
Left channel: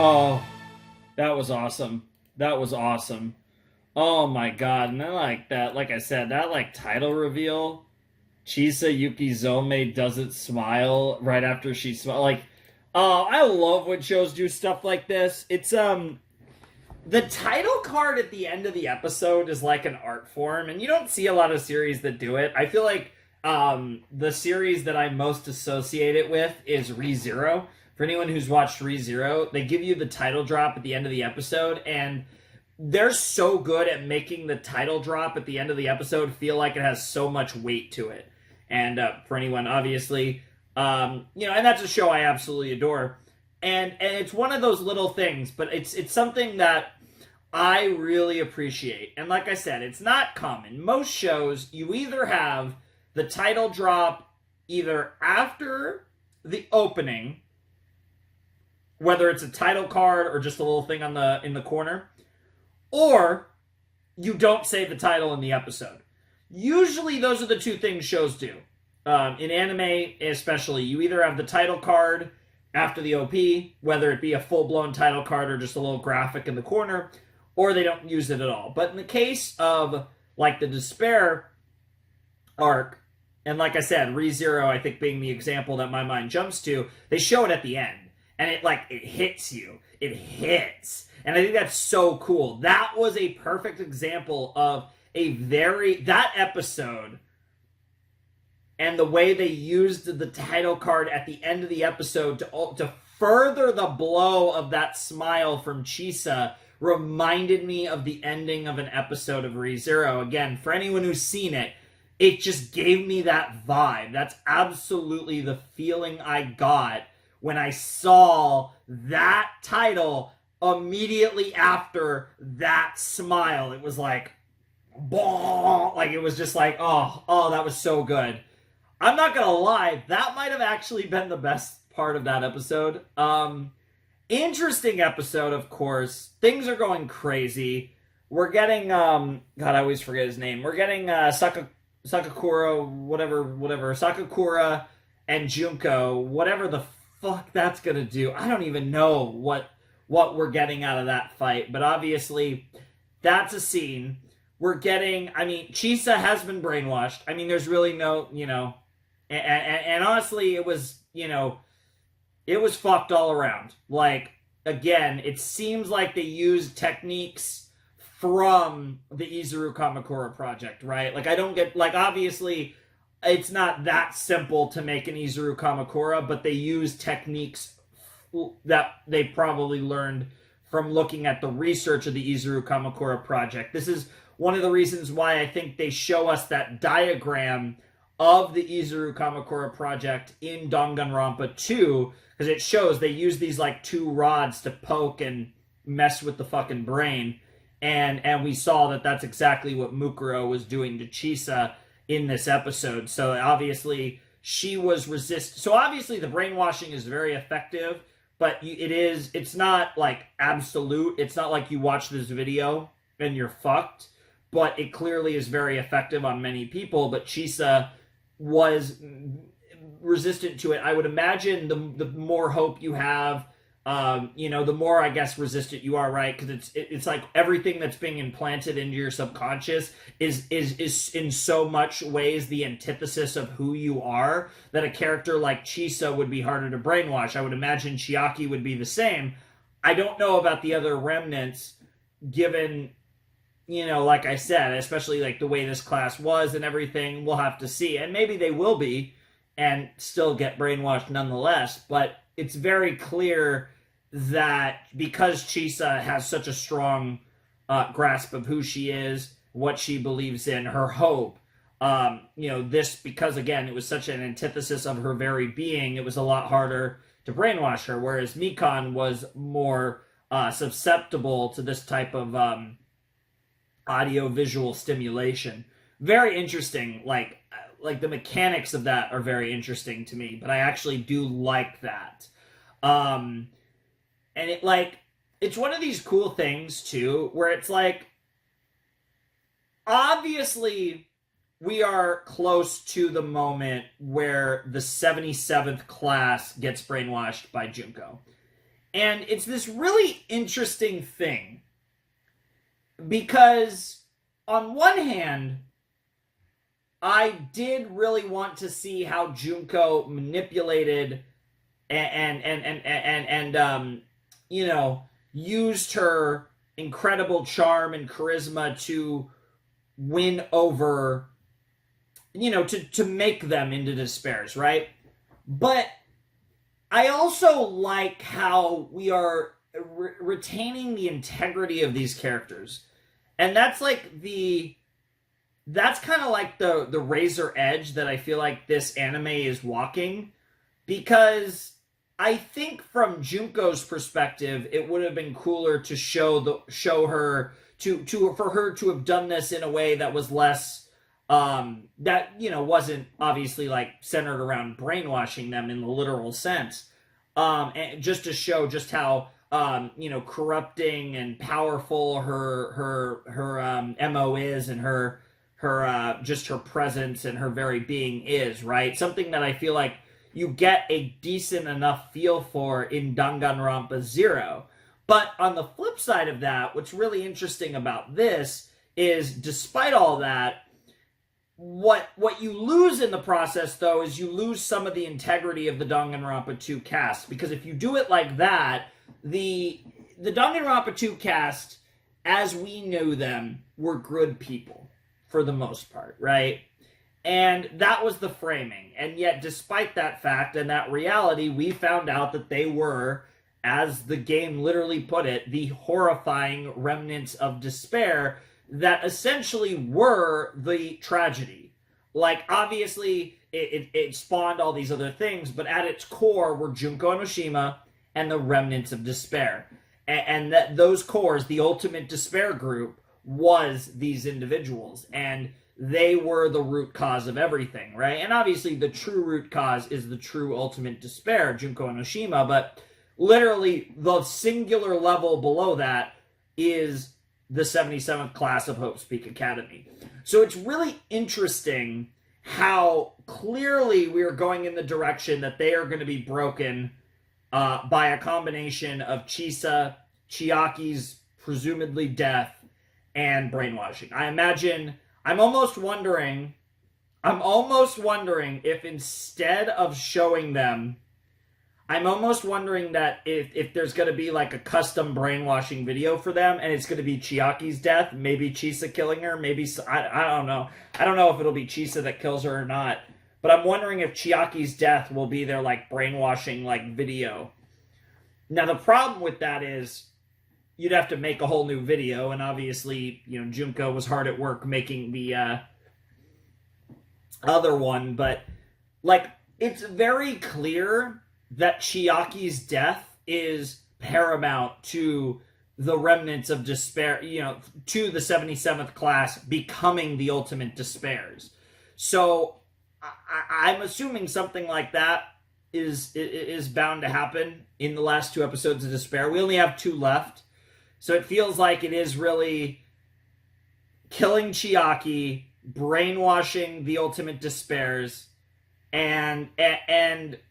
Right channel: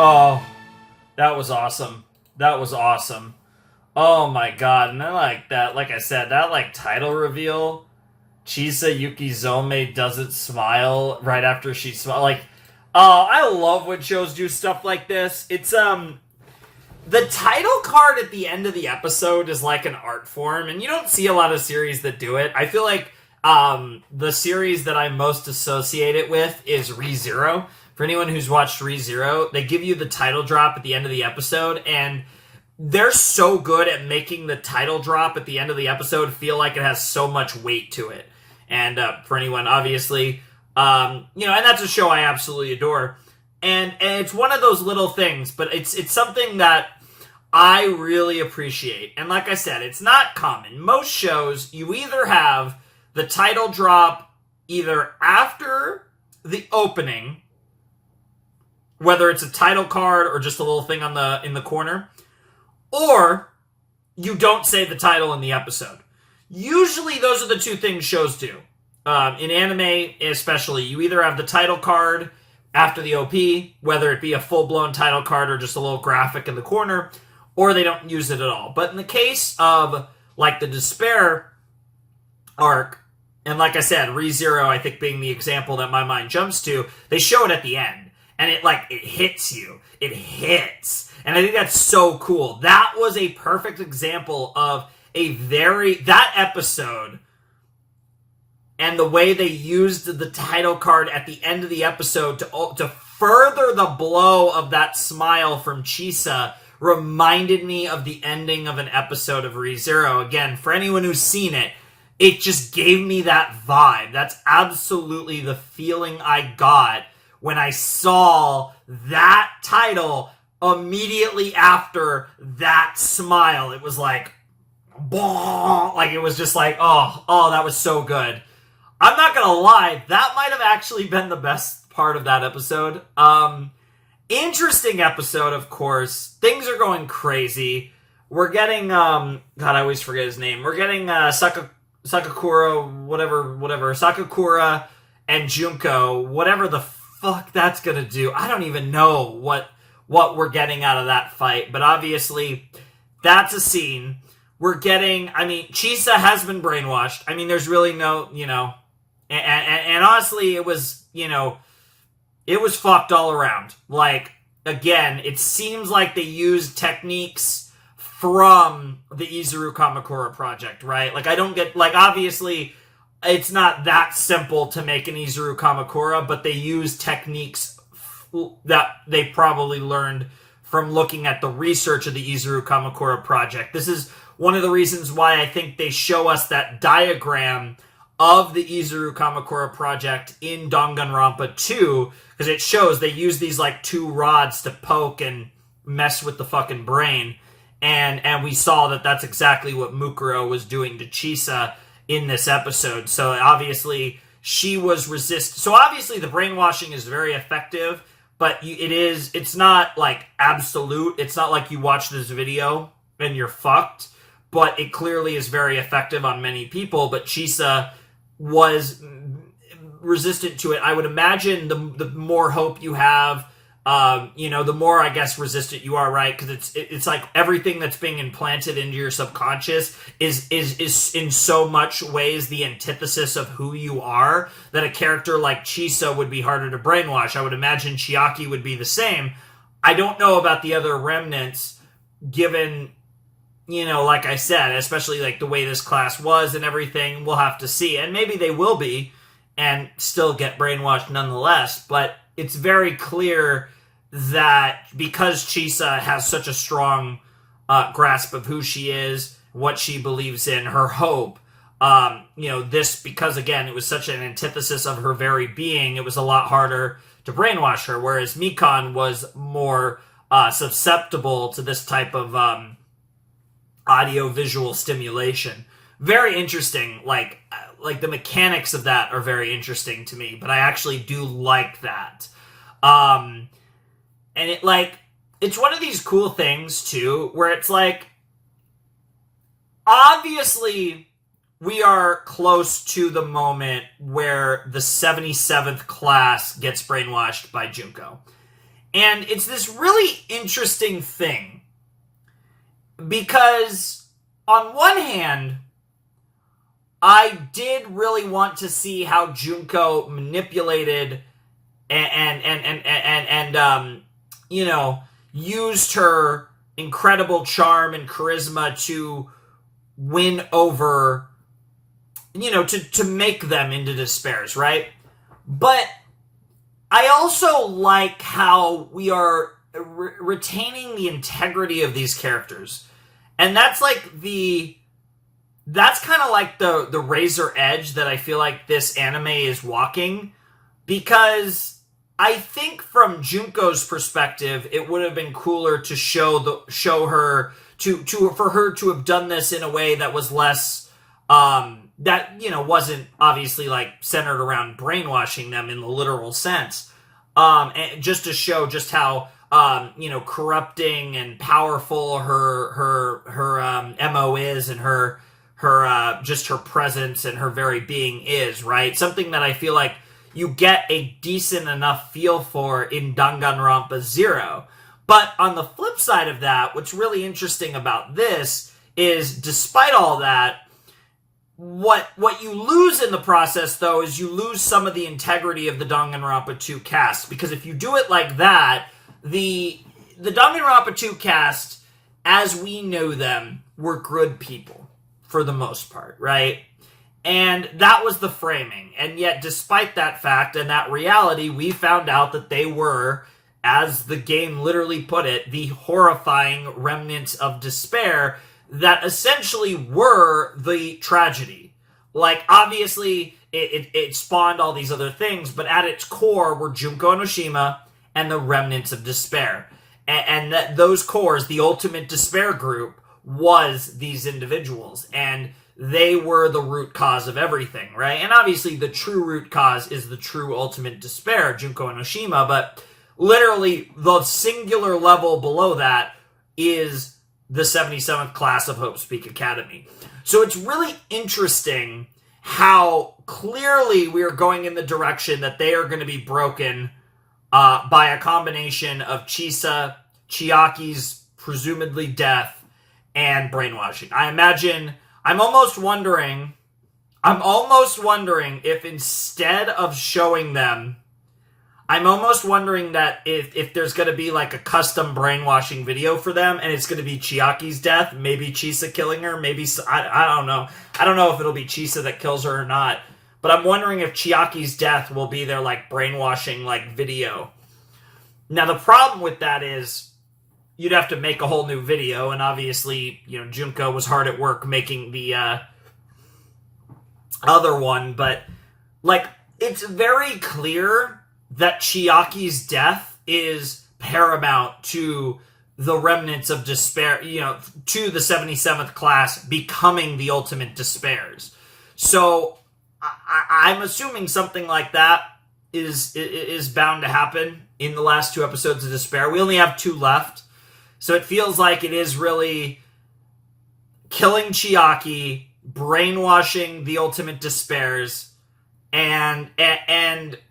Oh, that was awesome. That was awesome. Oh my god, and I like that, like I said, that like title reveal, Chisa Yukizome doesn't smile right after she smiles. Like, oh, I love when shows do stuff like this. It's, the title card at the end of the episode is like an art form, and you don't see a lot of series that do it. I feel like, the series that I most associate it with is Re:Zero. For anyone who's watched Re:Zero, they give you the title drop at the end of the episode, and they're so good at making the title drop at the end of the episode feel like it has so much weight to it. And for anyone, obviously, and that's a show I absolutely adore. And it's one of those little things, but it's something that I really appreciate. And like I said, it's not common. Most shows, you either have the title drop either after the opening, whether it's a title card or just a little thing in the corner, or you don't say the title in the episode. Usually those are the two things shows do. In anime especially, you either have the title card after the OP, whether it be a full-blown title card or just a little graphic in the corner, or they don't use it at all. But in the case of, like, the Despair arc, and like I said, Re:Zero, I think being the example that my mind jumps to, they show it at the end. And it hits you. It hits. And I think that's so cool. That was a perfect example of that episode and the way they used the title card at the end of the episode to further the blow of that smile from Chisa reminded me of the ending of an episode of Re:Zero. Again, for anyone who's seen it, it just gave me that vibe. That's absolutely the feeling I got when I saw that title immediately after that smile. It was like, bah! Like, it was just like, oh, that was so good. I'm not gonna lie, that might have actually been the best part of that episode. Interesting episode, of course. Things are going crazy. We're getting, God, I always forget his name. We're getting, Sakakura, whatever, Sakakura and Junko, whatever the fuck that's gonna do. I don't even know what we're getting out of that fight. But obviously, that's a scene. We're getting, I mean, Chisa has been brainwashed. I mean, there's really no, you know, and honestly, it was, you know, it was fucked all around. Like, again, it seems like they used techniques from the Izuru Kamakura project, right? Like, I don't get, like, obviously, it's not that simple to make an Izuru Kamakura, but they use techniques that they probably learned from looking at the research of the Izuru Kamakura project. This is one of the reasons why I think they show us that diagram of the Izuru Kamakura project in Danganronpa 2, because it shows they use these like two rods to poke and mess with the fucking brain, and we saw that that's exactly what Mukuro was doing to Chisa in this episode. So obviously she was so obviously the brainwashing is very effective, but it's not like absolute. It's not like you watch this video and you're fucked, but it clearly is very effective on many people. But Chisa was resistant to it. I would imagine the more hope you have, you know, the more, I guess, resistant you are, right? Because it's like everything that's being implanted into your subconscious is in so much ways the antithesis of who you are, that a character like Chisa would be harder to brainwash. I would imagine Chiaki would be the same. I don't know about the other remnants, given, you know, like I said, especially like the way this class was and everything. We'll have to see. And maybe they will be and still get brainwashed nonetheless. But it's very clear that because Chisa has such a strong grasp of who she is, what she believes in, her hope, you know, this, because again, it was such an antithesis of her very being, it was a lot harder to brainwash her, whereas Mikan was more susceptible to this type of audio-visual stimulation. Very interesting. Like the mechanics of that are very interesting to me, but I actually do like that. And it, like, it's one of these cool things too, where it's like, obviously we are close to the moment where the 77th class gets brainwashed by Junko. And it's this really interesting thing, because on one hand, I did really want to see how Junko manipulated and you know, used her incredible charm and charisma to win over, you know, to make them into despairs, right? But I also like how we are retaining the integrity of these characters. And that's like that's kind of like the razor edge that I feel like this anime is walking, because I think from Junko's perspective, it would have been cooler to show her for her to have done this in a way that was less that, you know, wasn't obviously like centered around brainwashing them in the literal sense, and just to show just how you know, corrupting and powerful her MO is, and her just her presence and her very being is, right? Something that I feel like you get a decent enough feel for in Danganronpa 0. But on the flip side of that, what's really interesting about this is, despite all that, what you lose in the process, though, is you lose some of the integrity of the Danganronpa 2 cast. Because if you do it like that, the Danganronpa 2 cast, as we know them, were good people, for the most part, right? And that was the framing. And yet, despite that fact and that reality, we found out that they were, as the game literally put it, the horrifying remnants of despair that essentially were the tragedy. Like, obviously, it spawned all these other things, but at its core were Junko and Oshima and the remnants of despair. And that those cores, the ultimate despair group, was these individuals. And they were the root cause of everything, right? And obviously the true root cause is the true ultimate despair, Junko and Oshima, but literally the singular level below that is the 77th class of Hope's Peak Academy. So it's really interesting how clearly we are going in the direction that they are going to be broken by a combination of Chisa, Chiaki's presumably death, and brainwashing. I'm almost wondering if instead of showing them, I'm almost wondering that if there's going to be like a custom brainwashing video for them, and it's going to be Chiaki's death, maybe Chisa killing her, maybe, I don't know. I don't know if it'll be Chisa that kills her or not, but I'm wondering if Chiaki's death will be their like brainwashing like video. Now the problem with that is you'd have to make a whole new video, and obviously, you know, Junko was hard at work making the other one, but like it's very clear that Chiaki's death is paramount to the remnants of despair, you know, to the 77th class becoming the ultimate despairs. So I'm assuming something like that is bound to happen in the last 2 episodes of Despair. We only have 2 left, so it feels like it is really killing Chiaki, brainwashing the ultimate despairs, and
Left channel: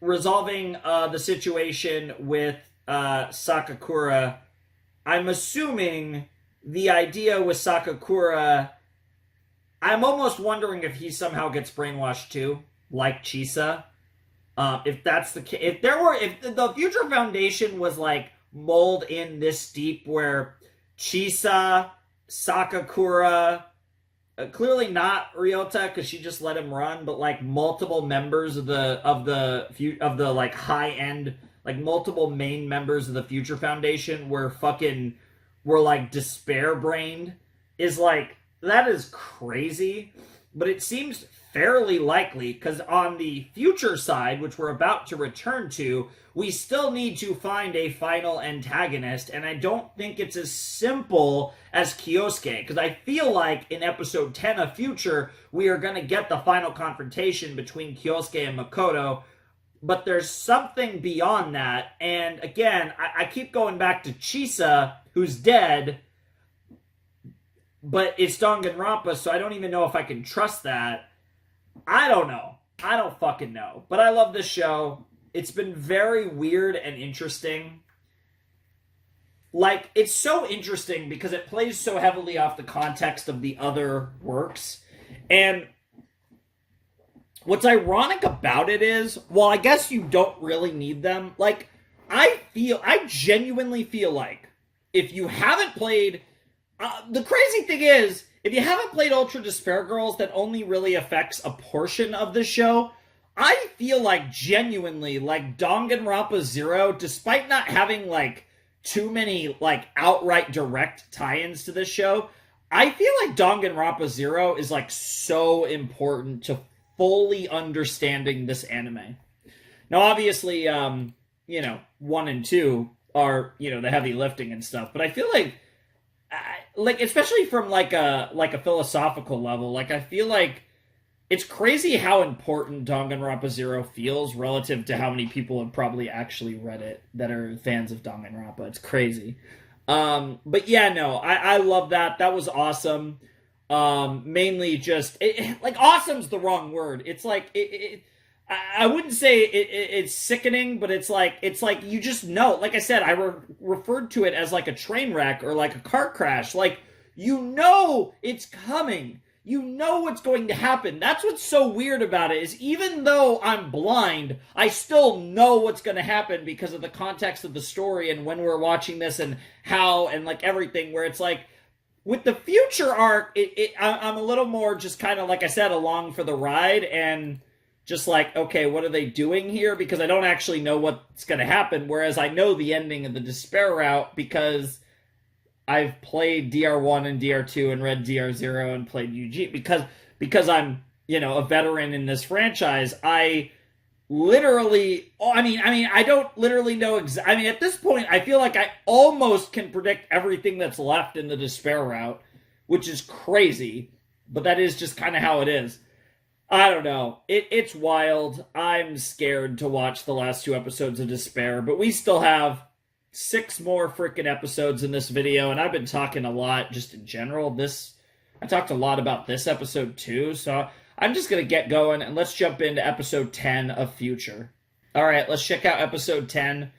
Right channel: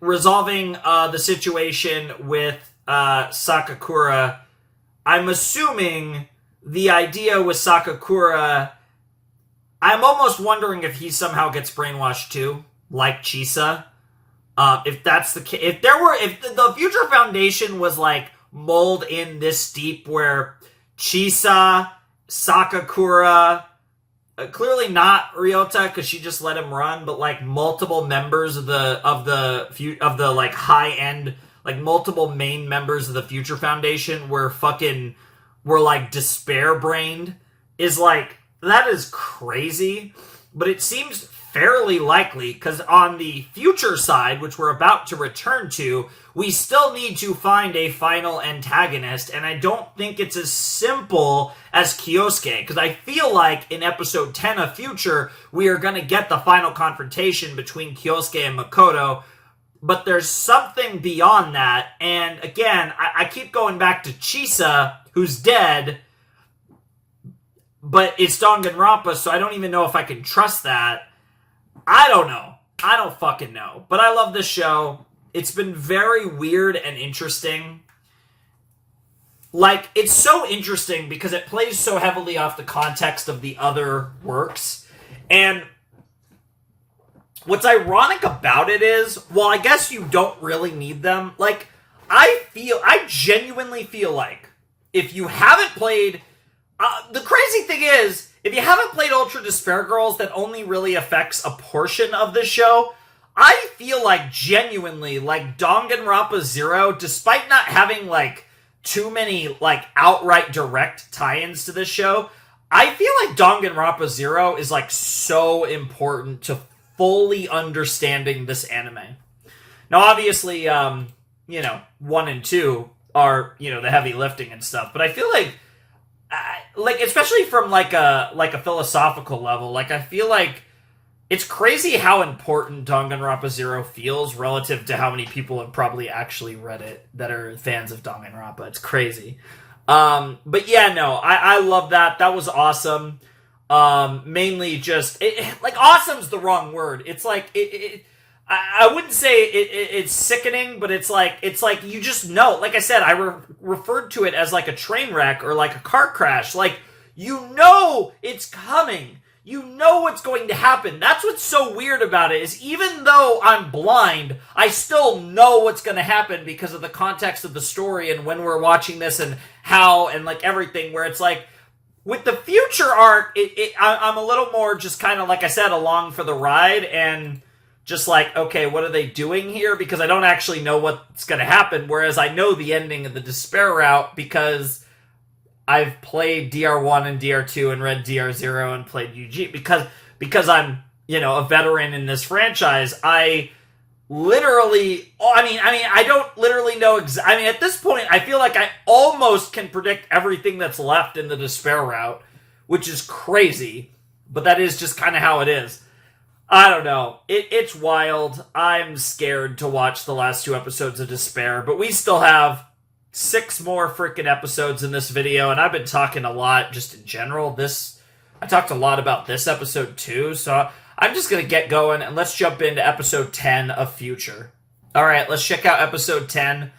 resolving the situation with Sakakura. I'm assuming the idea with Sakakura, I'm almost wondering if he somehow gets brainwashed too, like Chisa. If that's the case, if the Future Foundation was like mold in this deep, where Chisa, Sakakura, clearly not Ryota because she just let him run, but like multiple members of the like high end, like multiple main members of the Future Foundation were like despair brained, is like, that is crazy. But it seems fairly likely because on the future side, which we're about to return to, we still need to find a final antagonist, and I don't think it's as simple as Kyosuke, because I feel like in episode 10 of Future, we are going to get the final confrontation between Kyosuke and Makoto, but there's something beyond that, and again, I keep going back to Chisa, who's dead, but it's Danganronpa, so I don't even know if I can trust that. I don't know. I don't fucking know. But I love this show. It's been very weird and interesting. Like, it's so interesting because it plays so heavily off the context of the other works. And what's ironic about it is, well, I guess you don't really need them. Like, I genuinely feel like if you haven't played... the crazy thing is, if you haven't played Ultra Despair Girls, that only really affects a portion of the show. I feel like genuinely, like Danganronpa 0, despite not having like too many like outright direct tie-ins to this show, I feel like Danganronpa 0 is like so important to fully understanding this anime. Now, obviously, you know, 1 and 2 are, you know, the heavy lifting and stuff, but I feel like especially from like a philosophical level, like I feel like it's crazy how important Danganronpa 0 feels relative to how many people have probably actually read it that are fans of Danganronpa. It's crazy. But yeah, no, I love that. That was awesome. Mainly just like awesome's the wrong word. It's like I wouldn't say it's sickening, but it's like you just know. Like I said, I referred to it as like a train wreck or like a car crash. Like, you know it's coming. You know what's going to happen. That's what's so weird about it, is even though I'm blind, I still know what's going to happen because of the context of the story and when we're watching this and how and like everything, where it's like with the future arc, I'm a little more just kind of, like I said, along for the ride and just like, okay, what are they doing here? Because I don't actually know what's going to happen, whereas I know the ending of the Despair route because I've played DR1 and DR2 and read DR0 and played UG. Because I'm, you know, a veteran in this franchise, I literally, I don't literally know at this point, I feel like I almost can predict everything that's left in the Despair route, which is crazy, but that is just kind of how it is. I don't know. It's wild. I'm scared to watch the last 2 episodes of Despair, but we still have 6 more freaking episodes in this video, and I've been talking a lot just in general. I talked a lot about this episode too, so I'm just going to get going, and let's jump into episode 10 of Future. Alright, let's check out episode 10.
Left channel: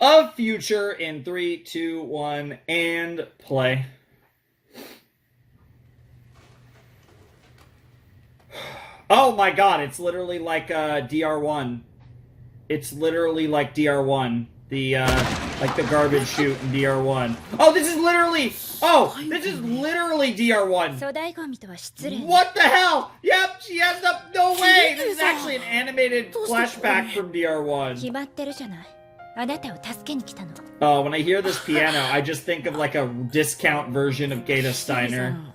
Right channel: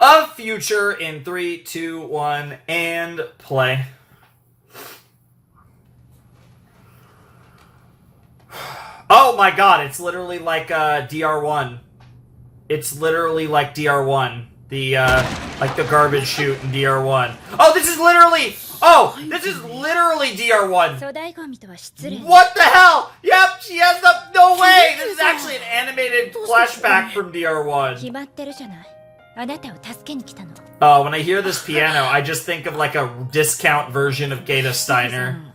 of Future in 3, 2, 1, and play. Oh my god, it's literally like DR1. It's literally like DR1. The like the garbage chute in DR1. Oh, this is literally DR1. What the hell? Yep, she has the no way. This is actually an animated flashback from DR1. Oh, when I hear this piano, I just think of like a discount version of Gata Steiner.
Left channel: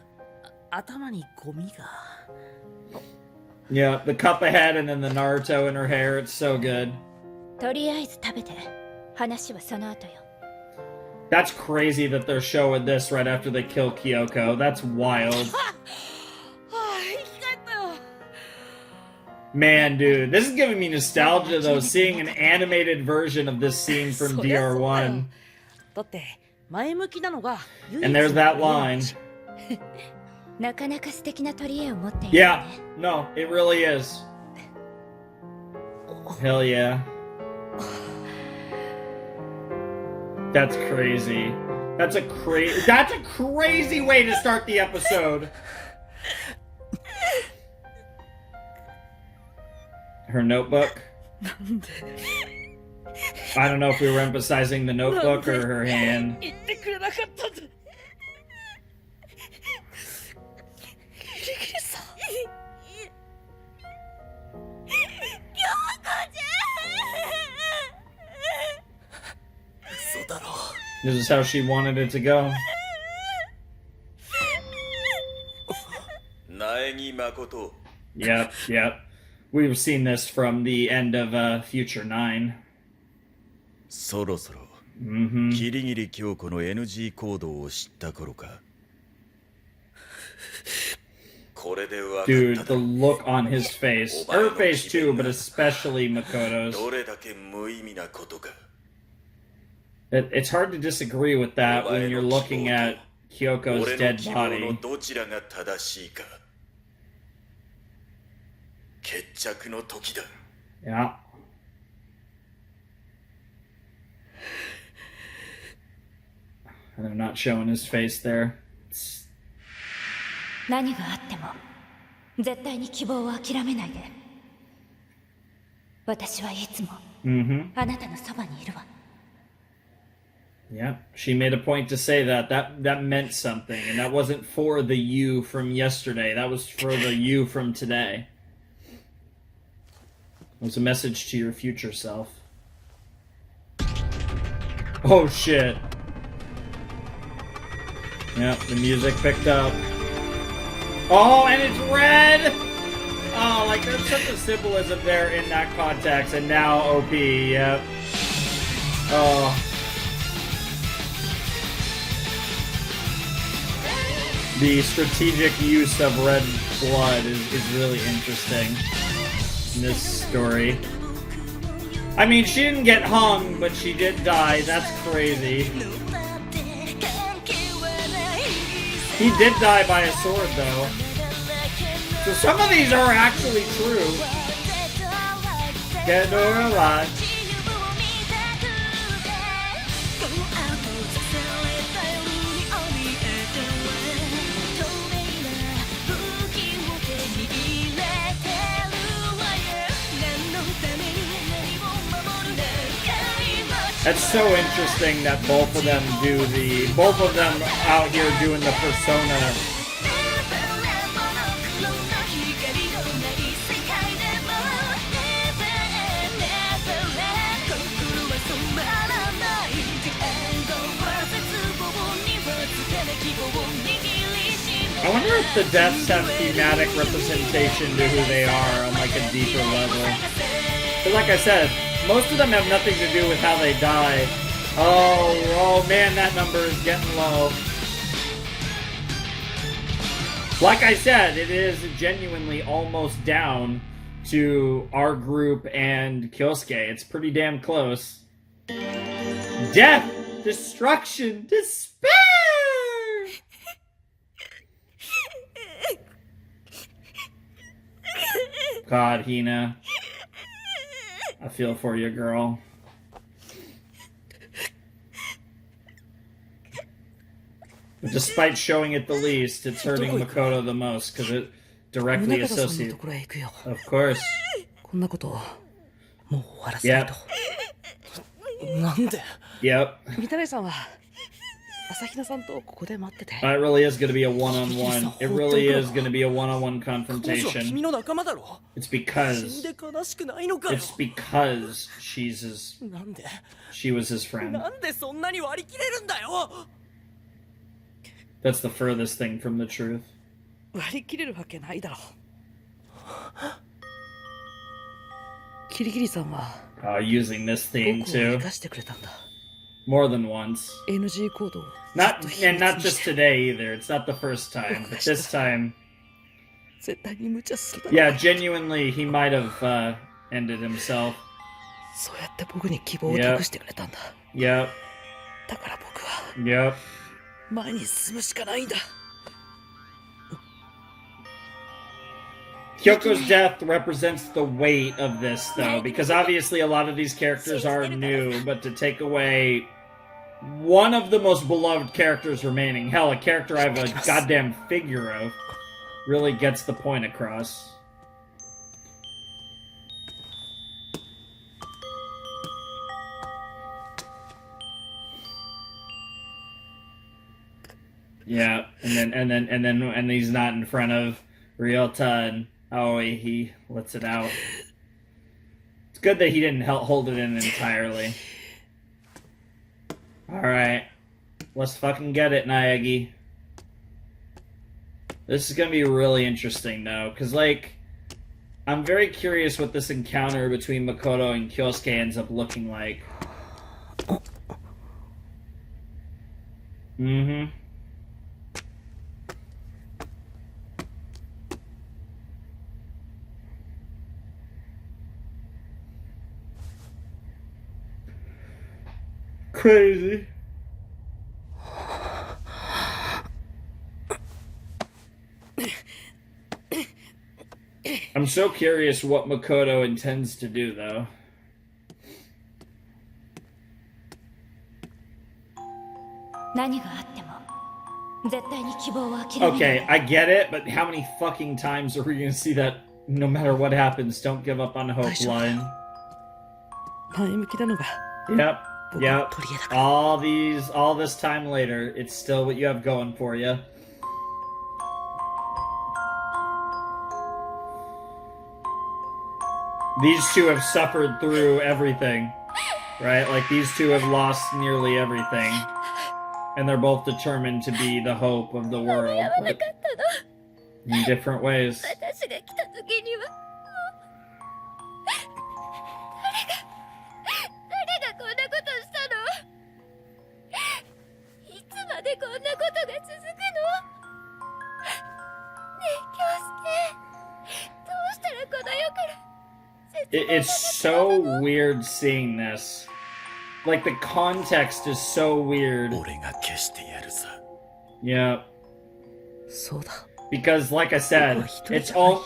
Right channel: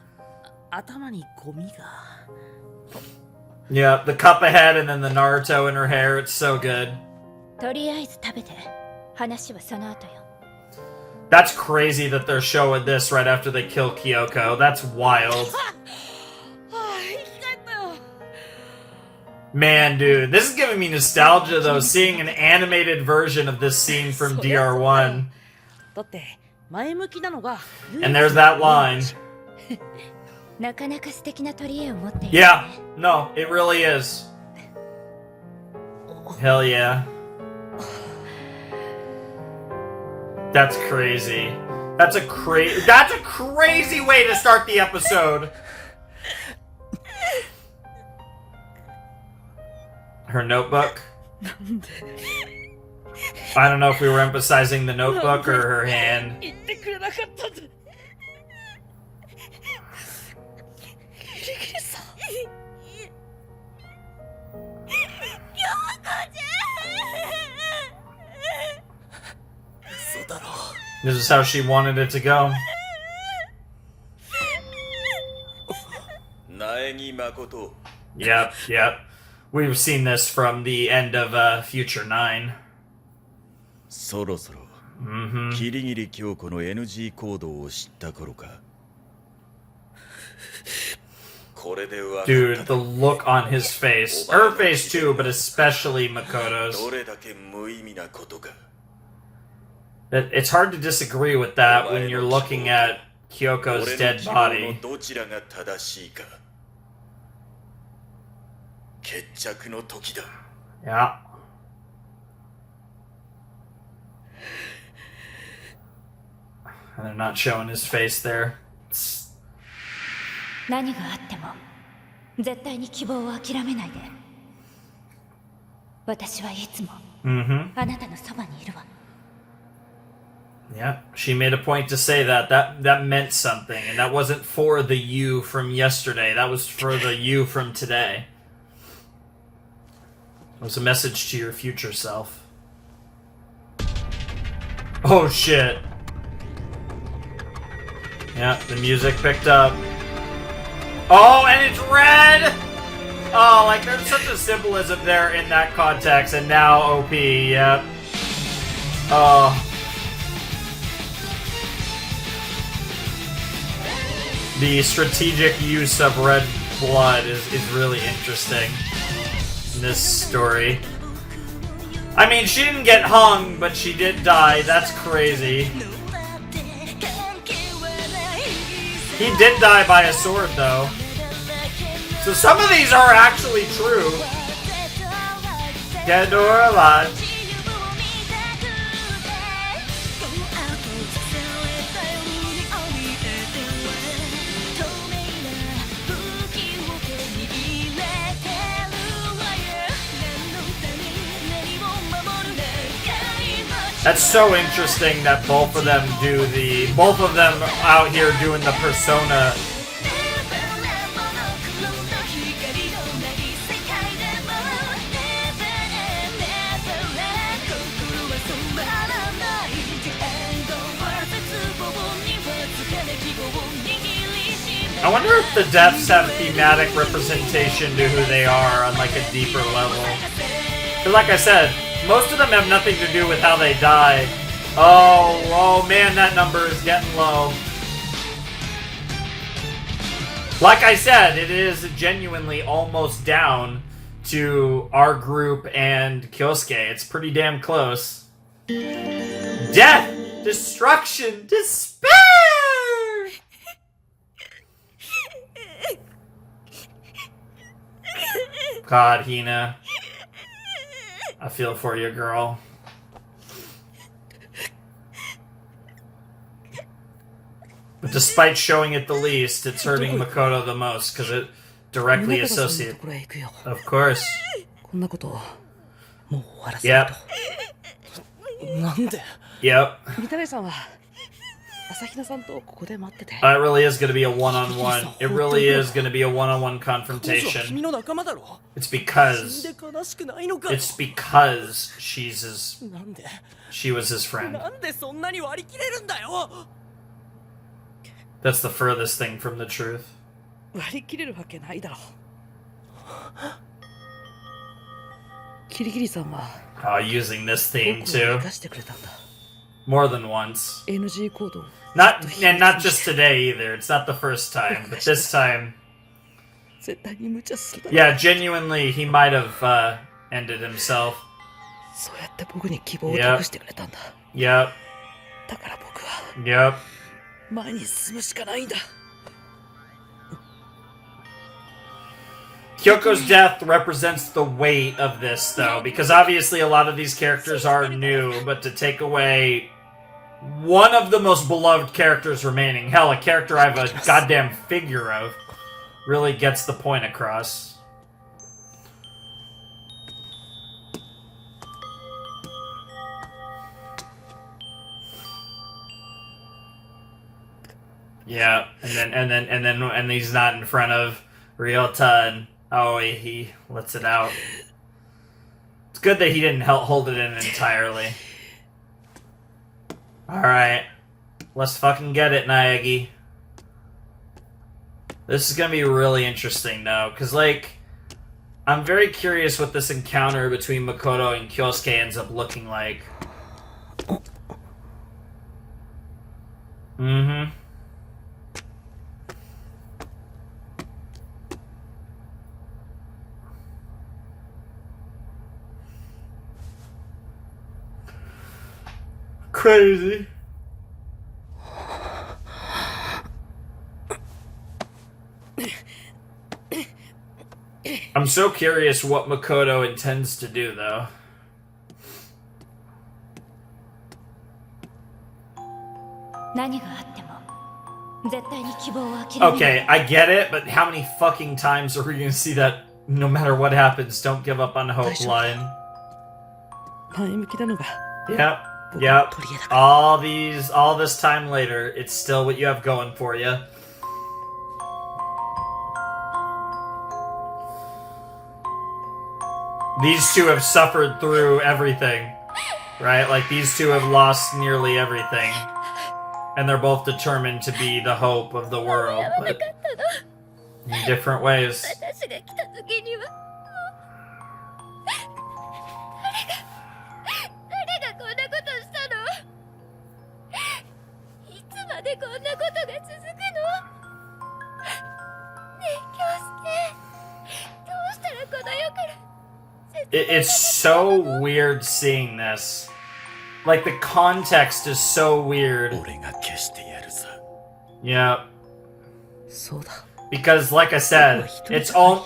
Yeah, the cup ahead and then the Naruto in her hair. It's so good. That's crazy that they're showing this right after they kill Kyoko. That's wild. Man, dude, this is giving me nostalgia though, seeing an animated version of this scene from DR1. And there's that line. Yeah, no, it really is. Hell yeah. That's crazy. That's a crazy way to start the episode. Her notebook. I don't know if we were emphasizing the notebook or her hand. This is how she wanted it to go. Yep, yep. We've seen this from the end of Future 9. そろそろ、キリギリ京子の NG 行動を知った頃か。Dude, the look on his face. Her face too, but especially Makoto's. It's hard to disagree with that when you're looking at Kyoko's dead body. Yeah. And they're not showing his face there. 何があっても絶対に希望を諦めないで。私はいつもあなたのそばにいるわ。Yeah, she made a point to say that. That meant something, and that wasn't for the you from yesterday. That was for the you from today. It was a message to your future self. Oh shit. Yeah, the music picked up. Oh, and it's red! Oh, like there's such a symbolism there in that context, and now OP, yep. Oh. The strategic use of red blood is really interesting in this story. I mean, she didn't get hung, but she did die. That's crazy. He did die by a sword, though. So some of these are actually true. Dead or alive. That's so interesting that both of them out here doing the persona. I wonder if the deaths have thematic representation to who they are on like a deeper level. But like I said, most of them have nothing to do with how they die. Oh man, that number is getting low. Like I said, it is genuinely almost down to our group and Kyosuke. It's pretty damn close. Death! Destruction! Despair! God, Hina. I feel for you, girl. Despite showing it the least, it's hurting Makoto the most because it directly associates. Of course. こんなことをもう終わらせないと。なんで Yep. 三谷さんは朝比奈さんとここで待ってて。It really is going to be a one-on-one. It really is going to be a one-on-one 彼女は confrontation. 君の仲間だろ It's 死ん because で悲しくないのかよ it's because she なんで was his friend. なんでそんなに割り切れるんだよ That's the furthest thing from the truth. 割り切れるわけないだろう。キリギリさんは Using this theme 僕を too. 生かしてくれたんだ。 More than once. NG 行動を Not ずっと秘密 and not に just して today either. It's not the first time, but this time, 絶対に無茶するだろう。 yeah, genuinely, he might have ended himself. そうやって僕に希望を託してくれたんだ。 Yep, だから僕は yep. 前に進むしかないんだ。 Kyoko's death represents the weight of this, though, because obviously a lot of these characters are new, but to take away one of the most beloved characters remaining, hell, a character I have a goddamn figure of, really gets the point across. Yeah, and he's not in front of Ryota, and he lets it out. It's good that he didn't hold it in entirely. Alright. Let's fucking get it, Naegi. This is gonna be really interesting, though, because, like, I'm very curious what this encounter between Makoto and Kyosuke ends up looking like. Mm-hmm. Crazy. I'm so curious what Makoto intends to do, though. Okay, I get it, but how many fucking times are we gonna see that no matter what happens, don't give up on hope line? 前向きなのが Yep. Yep. All this time later, it's still what you have going for you. These two have suffered through everything, right? Like, these two have lost nearly everything. And they're both determined to be the hope of the world, but in different ways. It's so weird seeing this. Like, the context is so weird. Yeah. Because, like I said, it's all,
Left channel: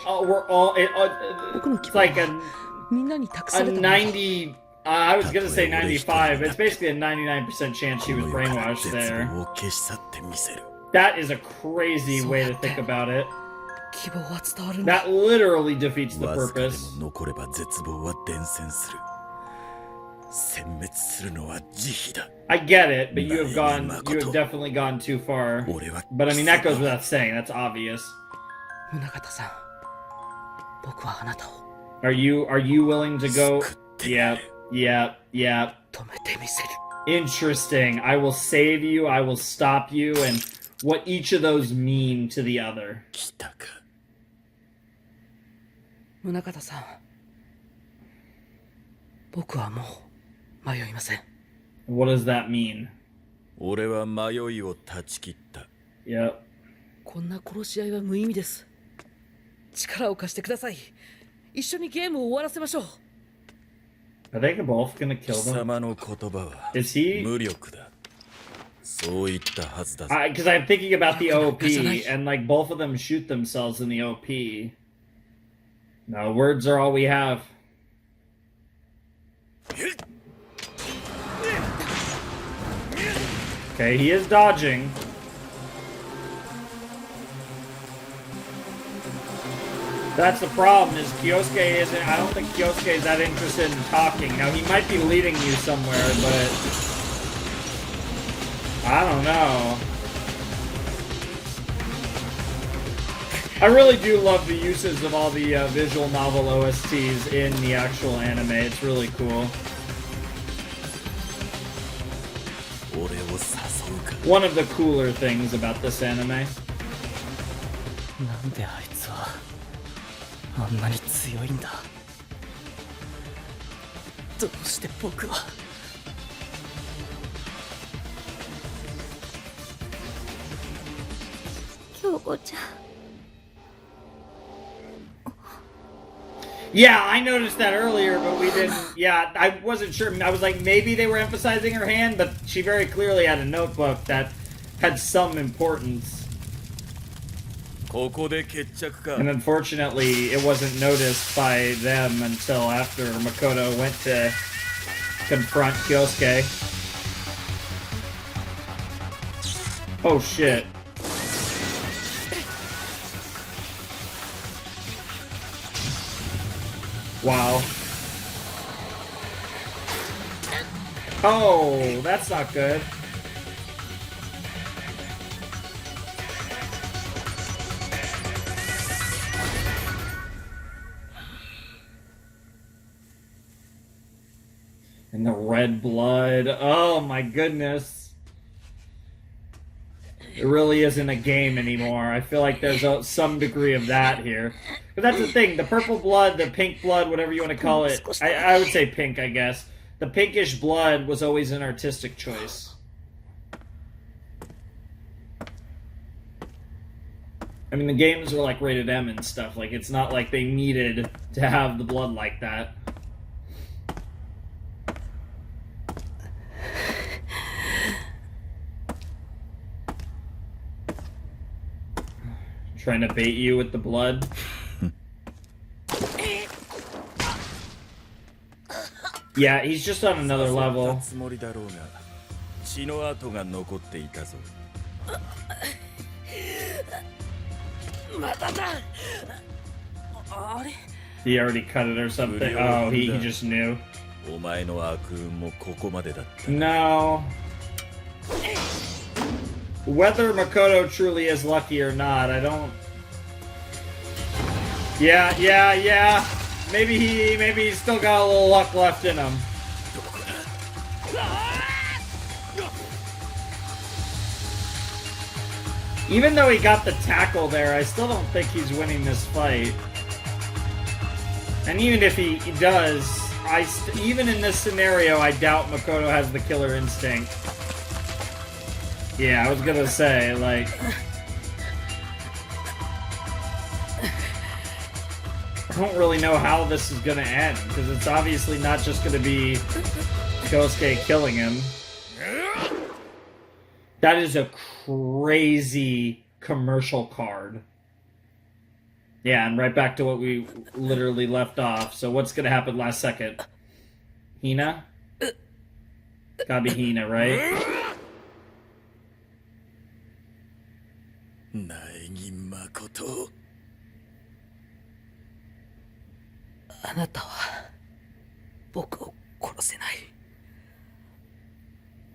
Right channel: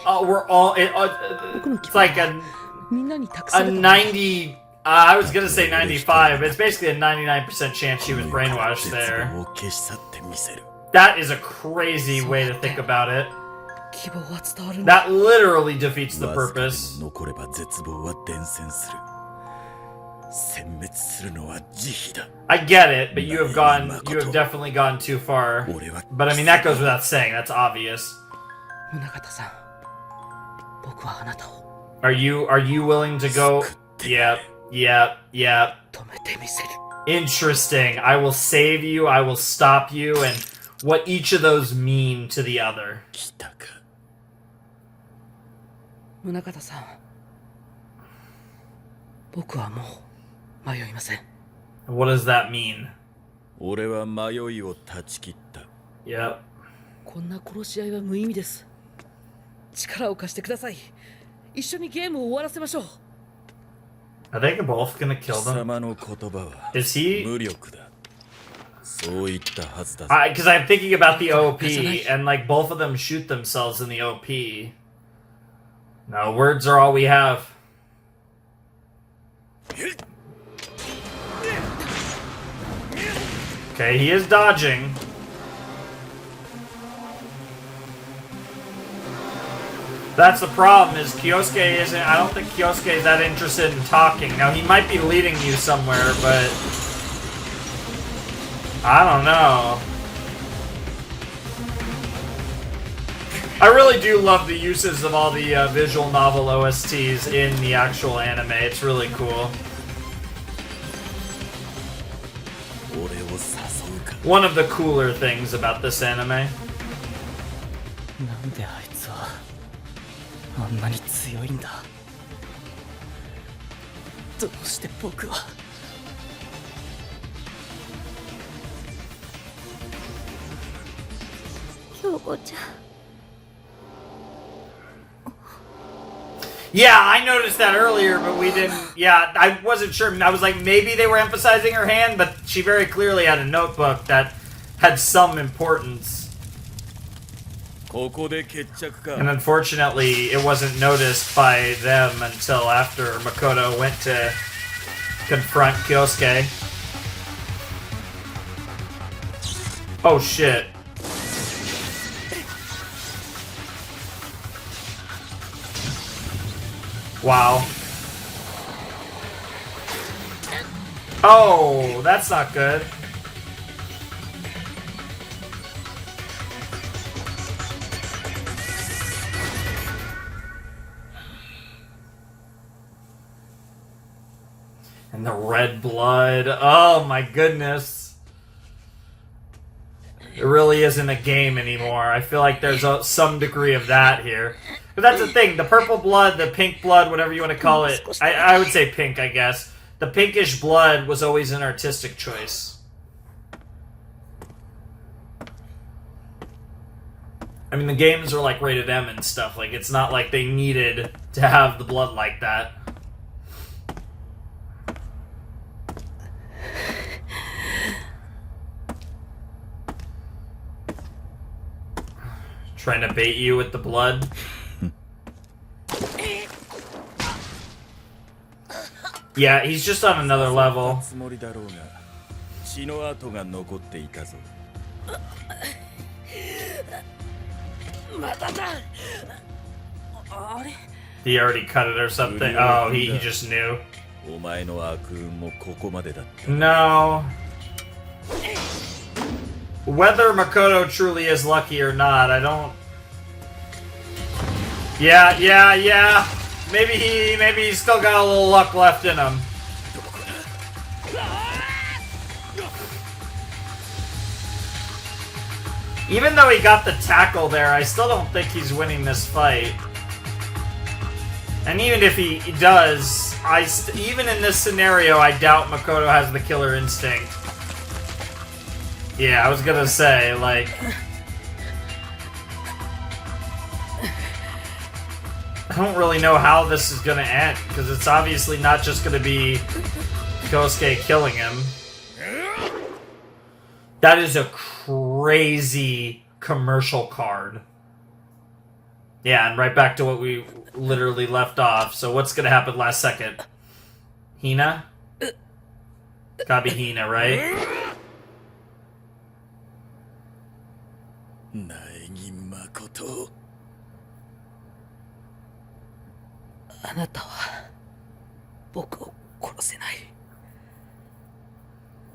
it's like a 90, I was gonna say 95, but it's basically a 99% chance she was brainwashed there. That is a crazy way to think about it. That literally defeats the purpose. I get it, but you have definitely gone too far. But I mean, that goes without saying, that's obvious. Are you willing to go? Yep. Interesting. I will save you, I will stop you, and what each of those mean to the other. 宗像さん、僕はもう迷いません。 What does that mean? 俺は迷いを断ち切った。Yep. こんな殺し合いは無意味です。力を貸してください。一緒にゲームを終わらせましょう。Are they both gonna kill 貴 them? 様の言葉は Is he? 無力だ。そう言ったはずだぞ。 Because I'm thinking about the OP, and like both of them shoot themselves in the OP. No, words are all we have. Okay, he is dodging. That's the problem, is Kyosuke isn't... I don't think Kyosuke is that interested in talking. Now, he might be leading you somewhere, but... I don't know. I really do love the uses of all the visual novel OSTs in the actual anime. It's really cool. One of the cooler things about this anime. なんであいつはあんなに強いんだ。どうして僕は。京子ちゃん。Yeah, I noticed that earlier, but we didn't... Yeah, I wasn't sure. I was like, maybe they were emphasizing her hand, but she very clearly had a notebook that had some importance. And unfortunately, it wasn't noticed by them until after Makoto went to confront Kyosuke. Oh, shit. Wow. Oh, that's not good. And the red blood. Oh my goodness. It really isn't a game anymore. I feel like there's some degree of that here. But that's the thing. The purple blood, the pink blood, whatever you want to call it. I would say pink, I guess. The pinkish blood was always an artistic choice. I mean, the games are like rated M and stuff. Like, it's not like they needed to have the blood like that. Trying to bait you with the blood. Yeah, he's just on another level. He already cut it or something. Oh, he just knew. No. Whether Makoto truly is lucky or not, I don't... Yeah. Maybe he's still got a little luck left in him. Even though he got the tackle there, I still don't think he's winning this fight. And even if he does, even in this scenario, I doubt Makoto has the killer instinct. Yeah, I was gonna say, like... I don't really know how this is gonna end, because it's obviously not just gonna be Kyosuke killing him. That is a crazy commercial card. Yeah, and right back to what we literally left off. So what's gonna happen last second? Hina? Gotta be Hina, right? あなたは僕を殺せない。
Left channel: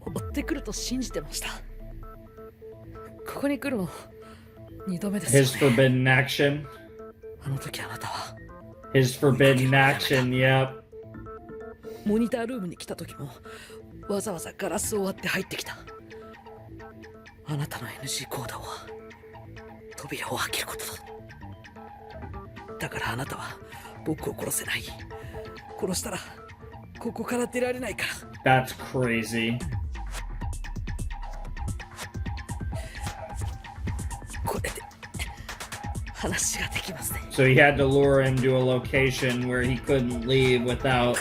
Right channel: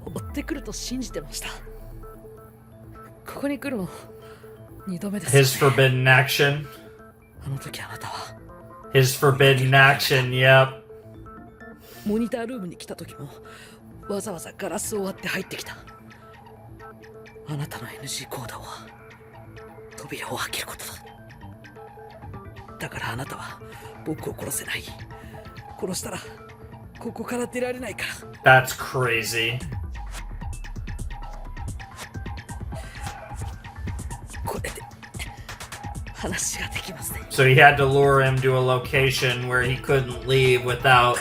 追ってくると信じてました。ここに来るの2度目ですよね。 His forbidden action. あの時あなたは His forbidden action, yep. モニタールームに来た時もわざわざガラスを割って入ってきた。あなたの NG 行動は扉を開けることだ。だからあなたは僕を殺せない。殺したらここから出られないから。 That's crazy. これで話ができますね。 So he had to lure him to a location where he couldn't leave without...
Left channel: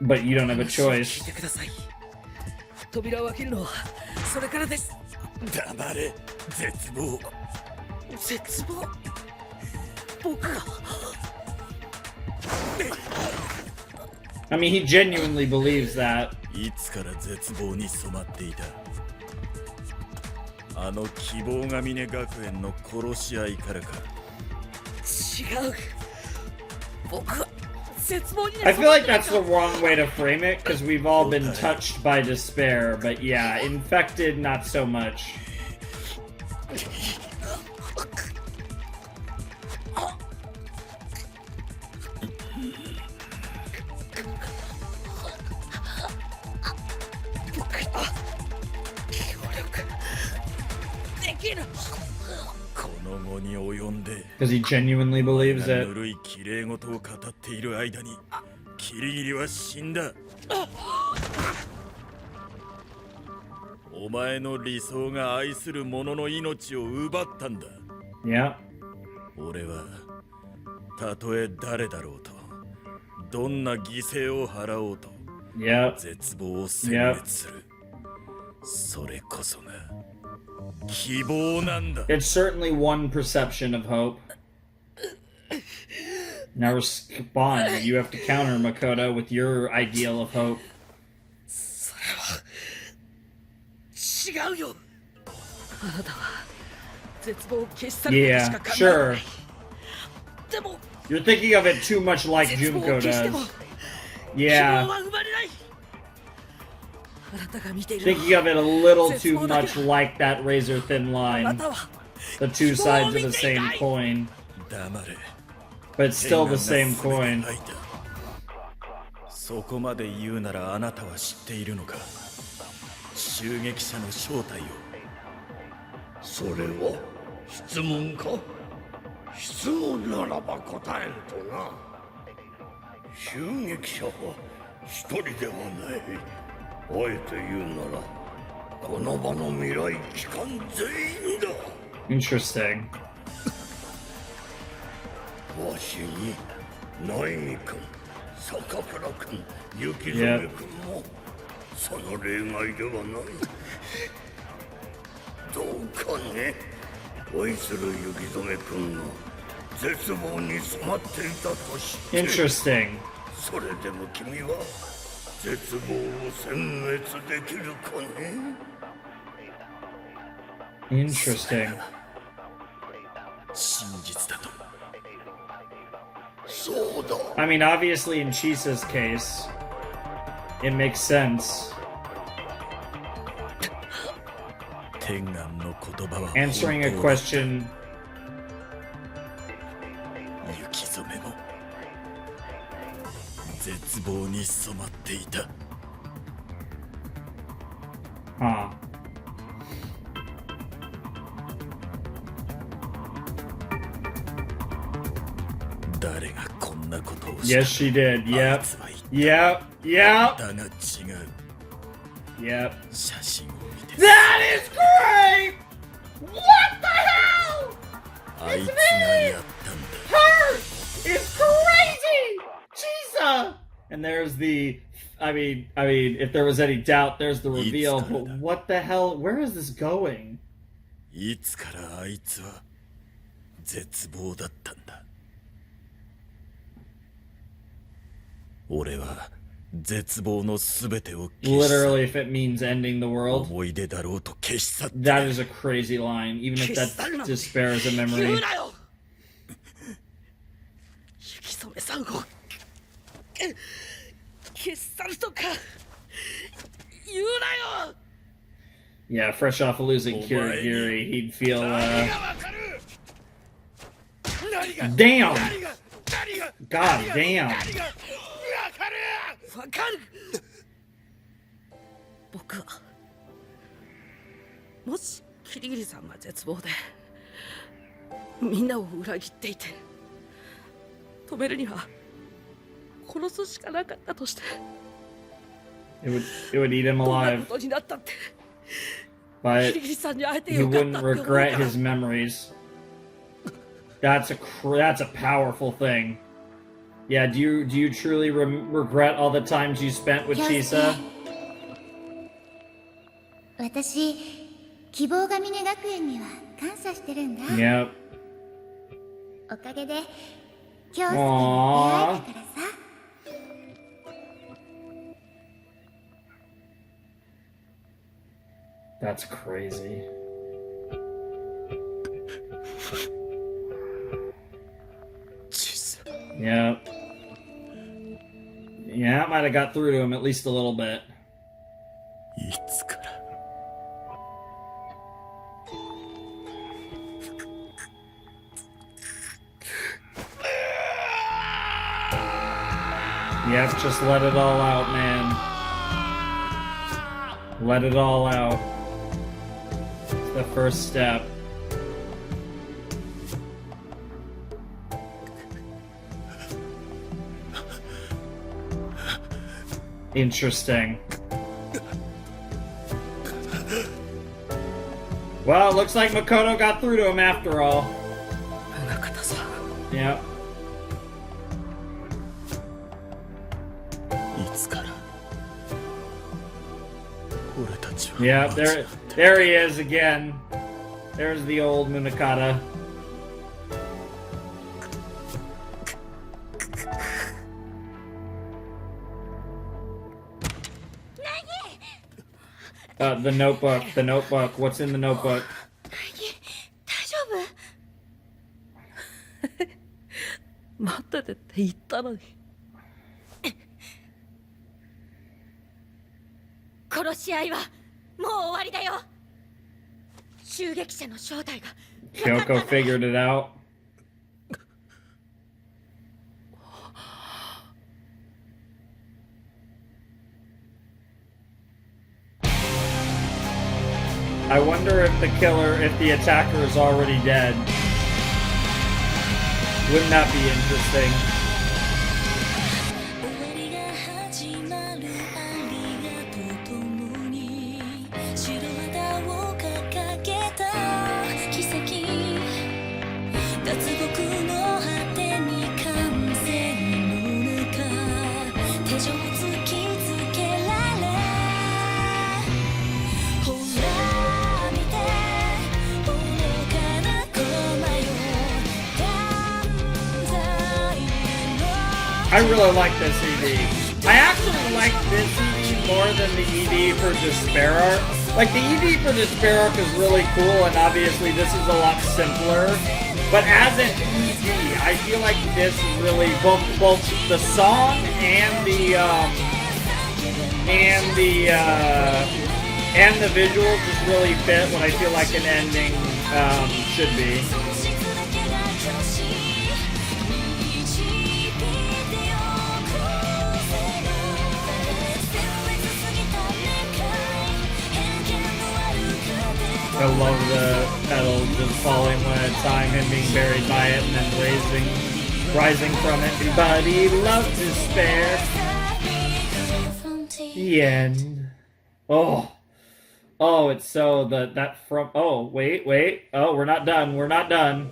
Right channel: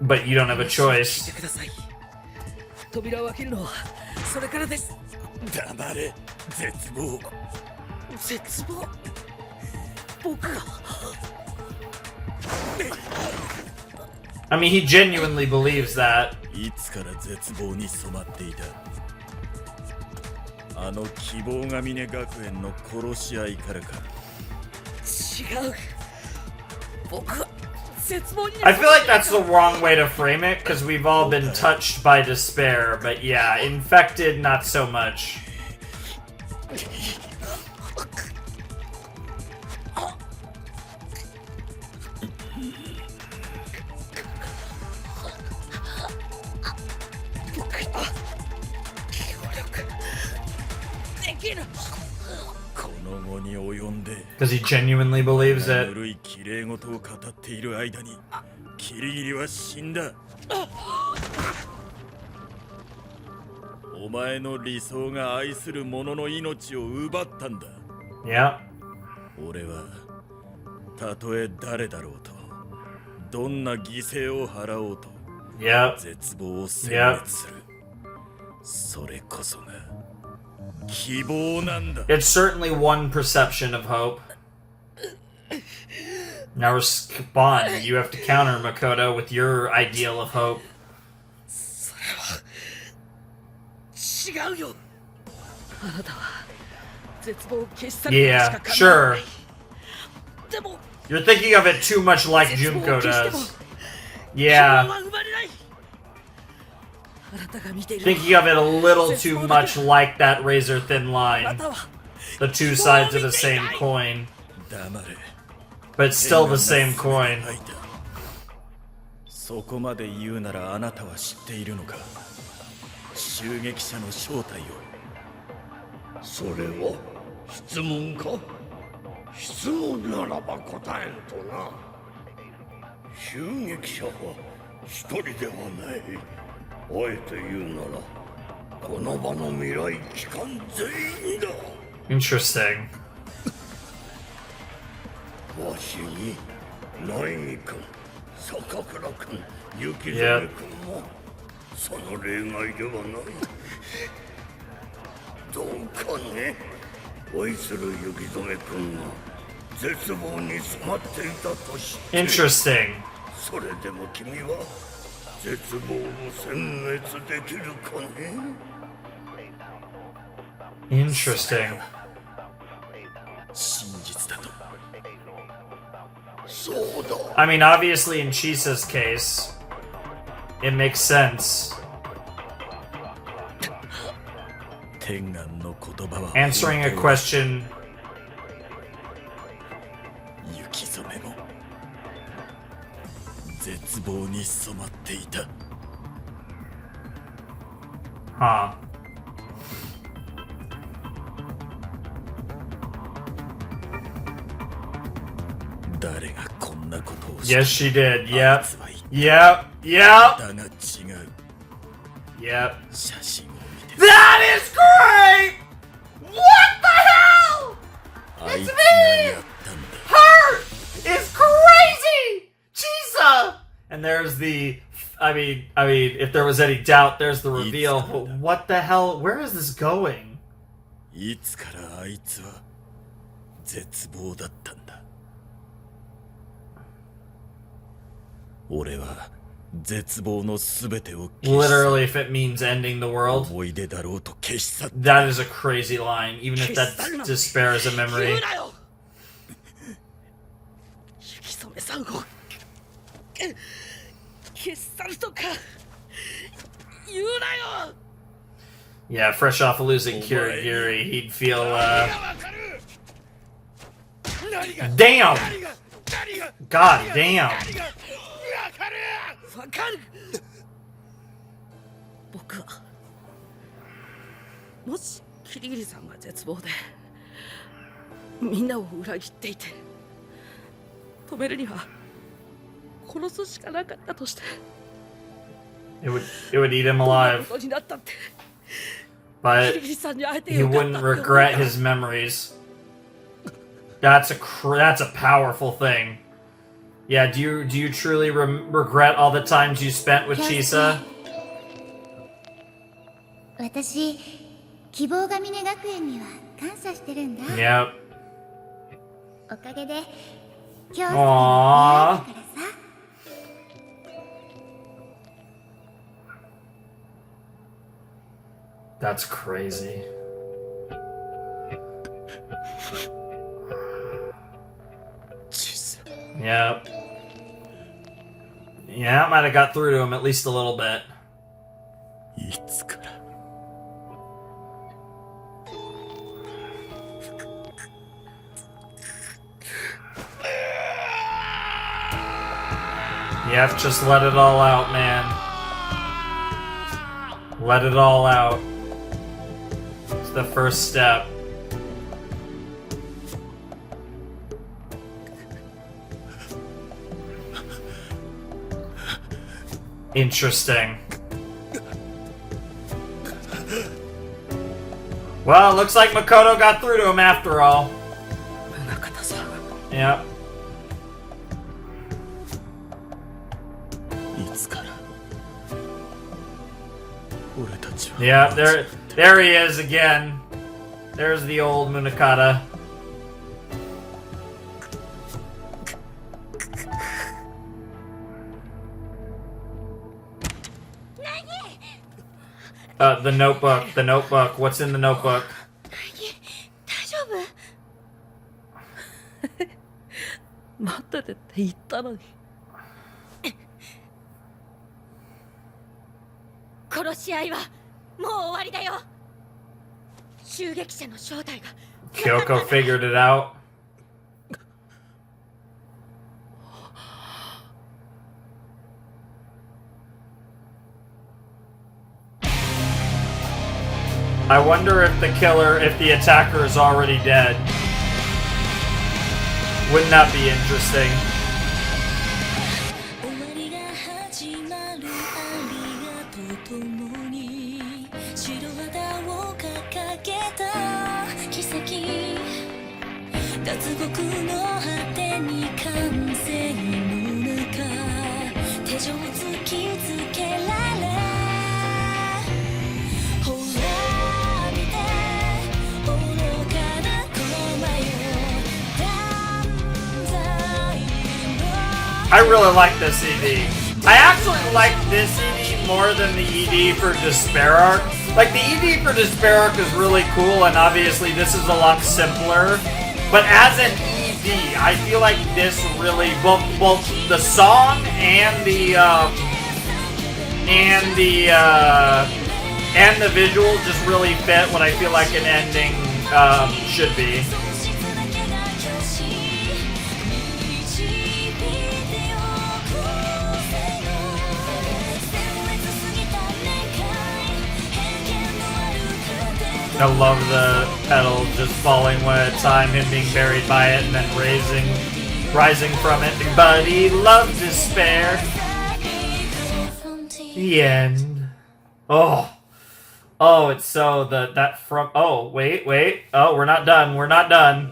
But you don't have a choice. 聞いてください。扉を開けるのはそれからです。黙れ、絶望。絶望。僕が。I mean, he genuinely believes that. いつから絶望に染まっていた。あの希望ヶ峰学園の殺し合いからか。違う。僕は絶望に I feel like that's the wrong way to frame it, because we've all been touched by despair, but yeah, infected, not so much. Because he genuinely believes it. ぬるい綺麗事を語っている間にキリギリは死んだ。お前の理想が愛する者の命を奪ったんだ。Yeah. 俺はたとえ誰だろうと、どんな犠牲を払おうと、Yeah. 絶望を殲滅する。それこそが希望なんだ。 It's certainly one perception of hope. Now respond. You have to counter Makoto with your ideal of hope. それは違うよ。あなたは絶望を消し去ることし Yeah, か考え sure. ない。でも You're thinking of it too much like 絶望 Junko を消しても does. 希 Yeah. 望は生まれない。あなたが見ている Thinking of it a little too much like that razor thin line. The two sides of the same coin. 黙れ。 But it's still the same coin. そこまで言うならあなたは知っているのか。襲撃者の正体を。それは質問か。質問ならば答えんとな。襲撃者は一人ではない。あえて言うならこの場の未来機関全員だ。 Interesting. わしに苗木君、坂倉君、雪染君もその例外ではない。どうかね、愛する雪染君が絶望に染まっていたとして、 Interesting. それでも君は絶望を殲滅できるかね。 Interesting. 真実だと。 そうだ。 I mean, obviously, in Chisa's case, it makes sense. 天眼の言葉は Answering a question. 雪染めも絶望に染まっていた。 Huh. Yes, she did. Yep. Yep. Yep. だが違う。 Yep. 写真を見て。 That is great! What the hell? あいつがやったんだ。 Her is crazy! Chisa! And there's the... I mean, if there was any doubt, there's the reveal. But what the hell? Where is this going? いつからあいつは絶望だったんだ。俺は絶望のすべてを消し去 Literally, if it means ending the world. 思い出だろうと消し去った。 That is a crazy line, even if that despair is a memory. 言うなよ。雪染さんを消し去るとか言うなよ。 Yeah, fresh off of losing Kirigiri, he'd feel, Damn! God damn! わかる。僕はもしキリギリさんが絶望でみんなを裏切っていて止めるには殺すしかなかったとして It would eat him どんな alive. ことになったって But キリギリさんに会えて he よかった wouldn't って思う regret から his memories. That's a powerful thing. Yeah, do you truly regret all the times you spent with Chisa? 私、希望ヶ峰学園には感謝してるんだ。 Yep. おかげで京介に出会えたからさ。 That's crazy. Yeah. Yeah, that might have got through to him at least a little bit. Yep, just let it all out, man. Let it all out. It's the first step. Interesting. Well, looks like Makoto got through to him after all. Yep. Yeah, there he is again. There's the old Munakata. The notebook, the notebook. What's in the notebook? 待っててって言ったのに。殺し合いはもう終わりだよ。襲撃者の正体が。Kyoko figured it out. I wonder if the killer, if the attacker is already dead. Wouldn't that be interesting? I really like this ED. I actually like this ED more than the ED for Despair Arc. Like, the ED for Despair Arc is really cool, and obviously this is a lot simpler. But as an ED, I feel like this really, both the song and the visual just really fit what I feel like an ending should be. I love the pedal just falling one at a time, him being buried by it, and then rising from it. But he loves despair. The end. Oh, it's so oh, wait. Oh, we're not done.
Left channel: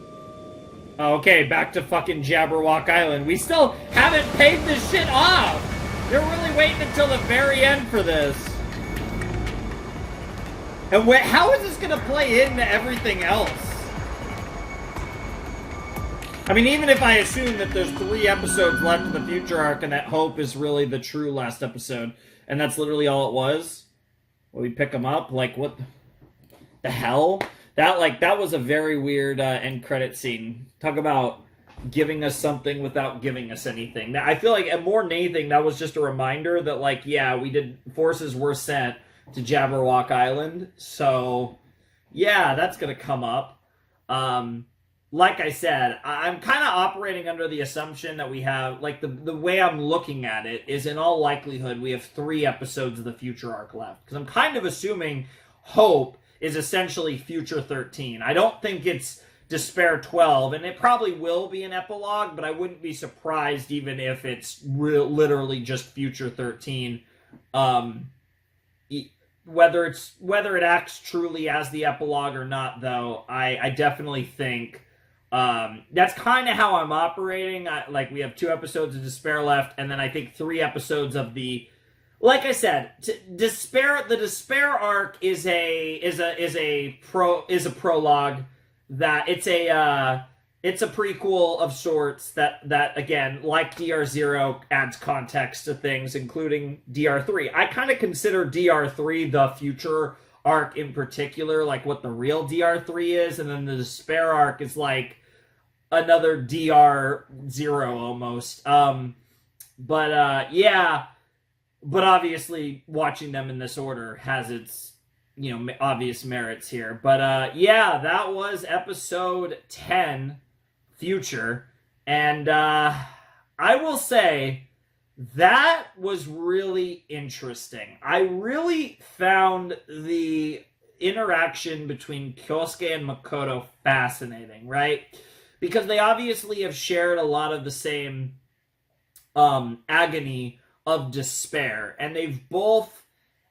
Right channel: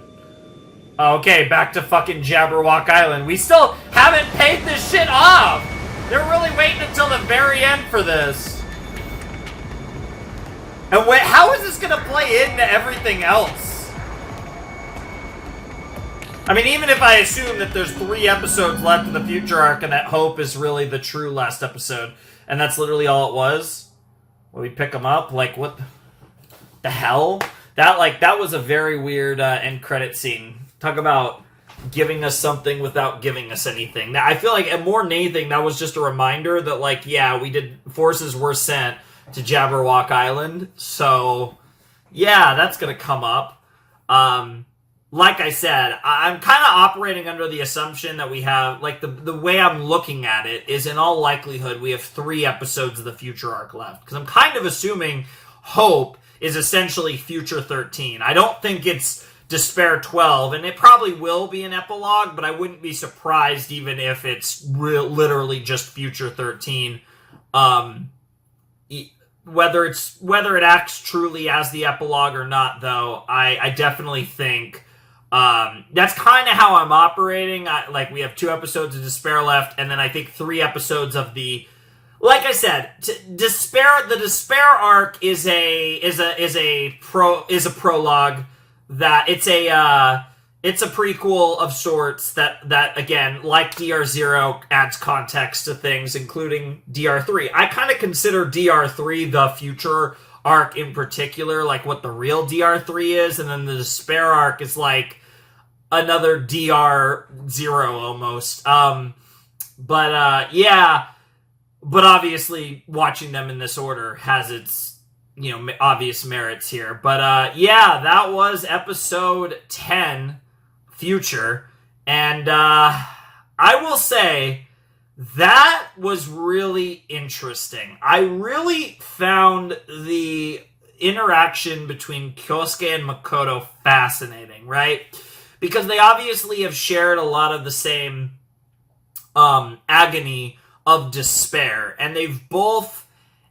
Okay, back to fucking Jabberwock Island. We still haven't paid this shit off. They're really waiting until the very end for this. And wait, how is this gonna play into everything else? I mean, even if I assume that there's 3 episodes left of the future arc and that Hope is really the true last episode, and that's literally all it was, will we pick them up? Like, what the hell? That was a very weird end credit scene. Talk about giving us something without giving us anything. Now, I feel like more than anything, that was just a reminder that, like, yeah, forces were sent to Jabberwock Island, so yeah, that's gonna come up. Like I said, I'm kind of operating under the assumption that we have, like, the way I'm looking at it is in all likelihood we have 3 episodes of the future arc left, because I'm kind of assuming Hope is essentially Future 13. I don't think it's Despair 12, and it probably will be an epilogue, but I wouldn't be surprised even if it's literally just Future 13. Whether it acts truly as the epilogue or not, though, I definitely think that's kind of how I'm operating. Like, we have 2 episodes of Despair left, and then I think 3 episodes of the. Like I said, Despair. The Despair arc is a prologue. That it's a prequel of sorts that again, like DR0, adds context to things, including DR3. I kind of consider DR3 the future arc in particular, like what the real DR3 is, and then the Despair arc is like another DR0 almost. Yeah, but obviously watching them in this order has its, obvious merits here. But yeah, that was episode 10, Future, and I will say that was really interesting. I really found the interaction between Kyosuke and Makoto fascinating, right? Because they obviously have shared a lot of the same agony of despair, and they've both,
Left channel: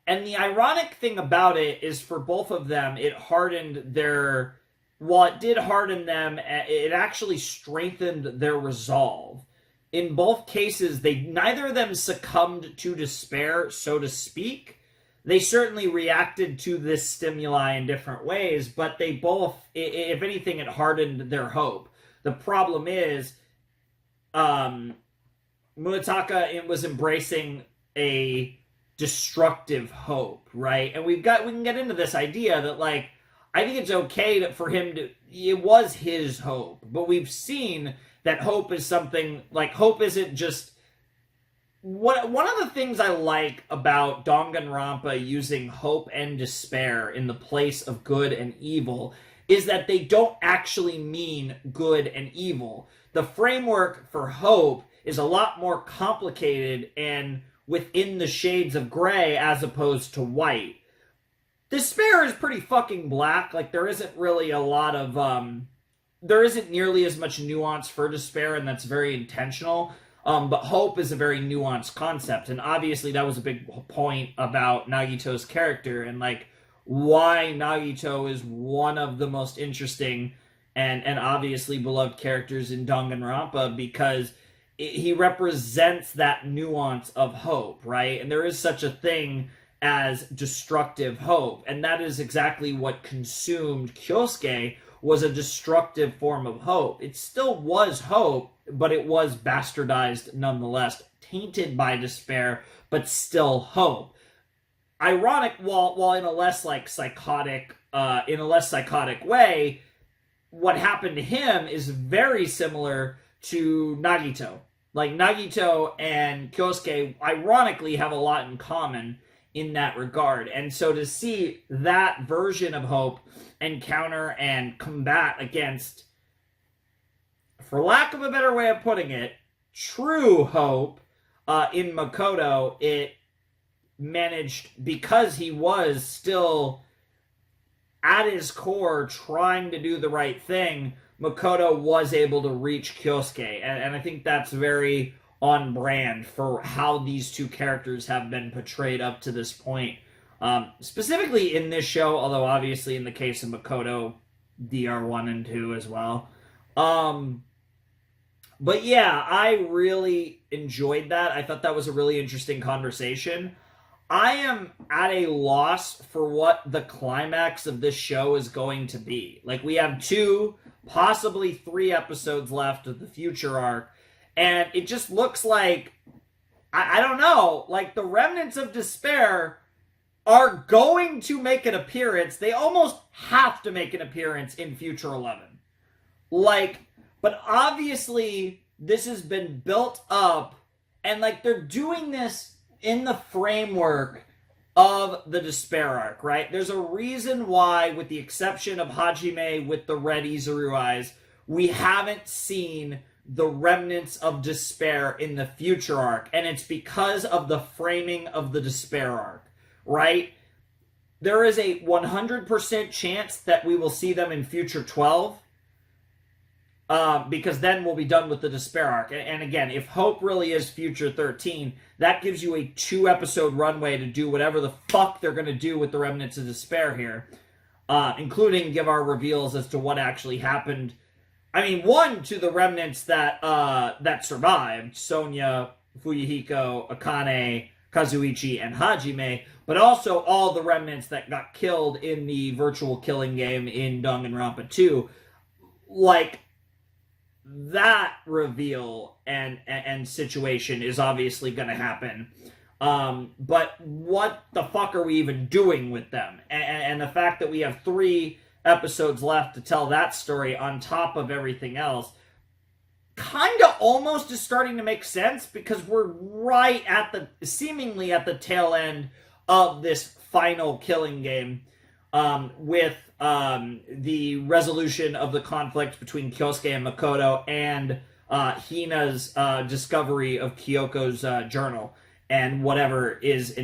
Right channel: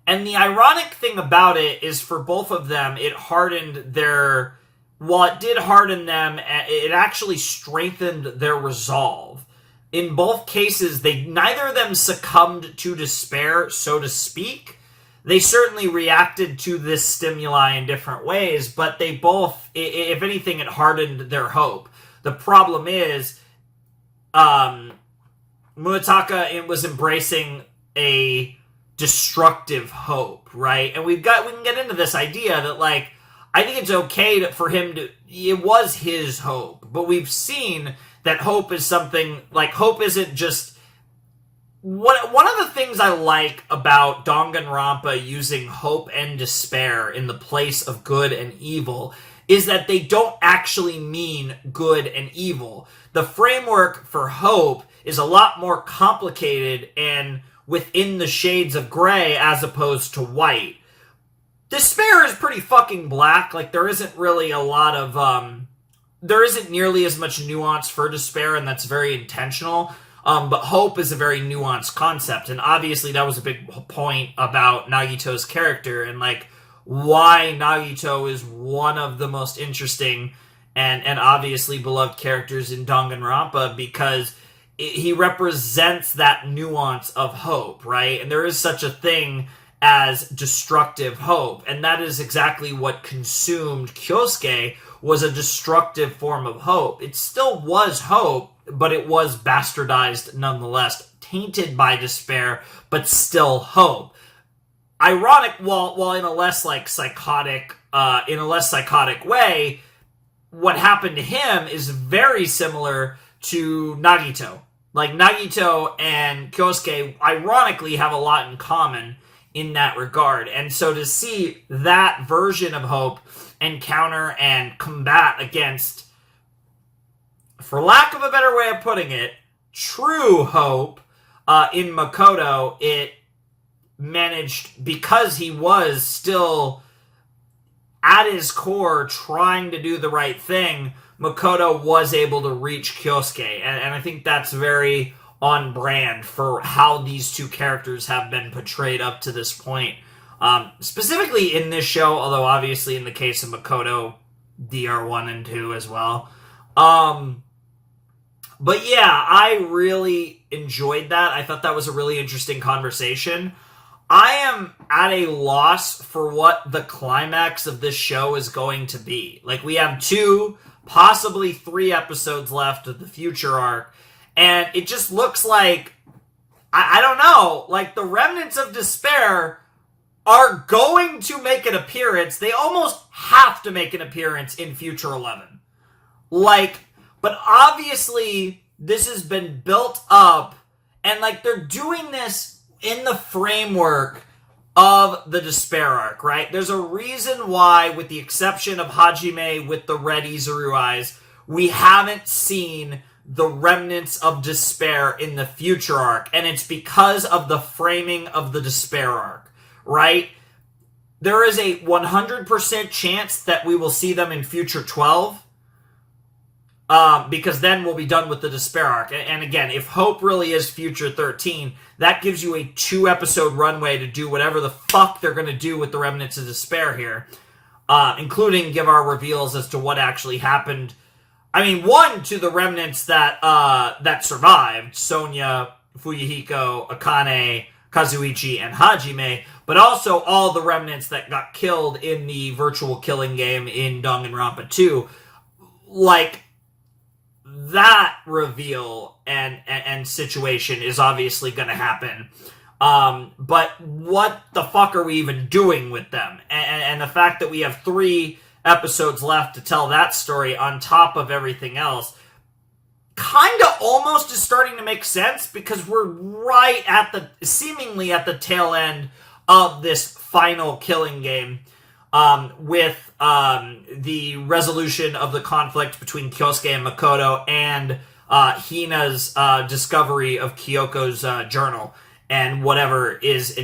and the ironic thing about it is for both of them, it hardened their, while it did harden them, it actually strengthened their resolve. In both cases, neither of them succumbed to despair, so to speak. They certainly reacted to this stimuli in different ways, but they both, if anything, it hardened their hope. The problem is, Munetaka was embracing a destructive hope, right? And we can get into this idea that, like, I think it's okay for him to, it was his hope, but we've seen that hope is something, like, hope isn't just, one of the things I like about Danganronpa using hope and despair in the place of good and evil is that they don't actually mean good and evil. The framework for hope is a lot more complicated and within the shades of gray as opposed to white. Despair is pretty fucking black. Like, there isn't really a lot of, there isn't nearly as much nuance for despair, and that's very intentional. But hope is a very nuanced concept, and obviously that was a big point about Nagito's character, and, like, why Nagito is one of the most interesting and obviously beloved characters in Danganronpa, because he represents that nuance of hope, right? And there is such a thing as destructive hope, and that is exactly what consumed Kyosuke, was a destructive form of hope. It still was hope, but it was bastardized nonetheless, tainted by despair, but still hope. Ironic, while in a less psychotic way, what happened to him is very similar to Nagito. Like, Nagito and Kyosuke, ironically, have a lot in common in that regard. And so to see that version of hope encounter and combat against, for lack of a better way of putting it, true hope in Makoto, it managed, because he was still at his core trying to do the right thing, Makoto was able to reach Kyosuke, and I think that's very on brand for how these two characters have been portrayed up to this point. Specifically in this show, although obviously in the case of Makoto, DR1 and 2 as well. But yeah, I really enjoyed that. I thought that was a really interesting conversation. I am at a loss for what the climax of this show is going to be. Like, we have 2, possibly 3 episodes left of the Future arc, and it just looks like, I don't know, like, the remnants of despair are going to make an appearance. They almost have to make an appearance in Future 11. Like, but obviously, this has been built up, and, like, they're doing this in the framework of the despair arc, right? There's a reason why, with the exception of Hajime with the red Izuru eyes, we haven't seen the remnants of despair in the Future arc, and it's because of the framing of the despair arc, right? There is a 100% chance that we will see them in Future 12, because then we'll be done with the despair arc. And again, if Hope really is Future 13, that gives you a 2-episode runway to do whatever the fuck they're going to do with the remnants of despair here, including give our reveals as to what actually happened. I mean, one, to the remnants that survived, Sonya, Fuyuhiko, Akane, Kazuichi, and Hajime, but also all the remnants that got killed in the virtual killing game in Danganronpa 2. Like, that reveal and situation is obviously going to happen. But what the fuck are we even doing with them? And the fact that we have 3 episodes left to tell that story on top of everything else kind of almost is starting to make sense, because we're right at seemingly at the tail end of this final killing game, with the resolution of the conflict between Kyosuke and Makoto, and Hina's discovery of Kyoko's journal and whatever is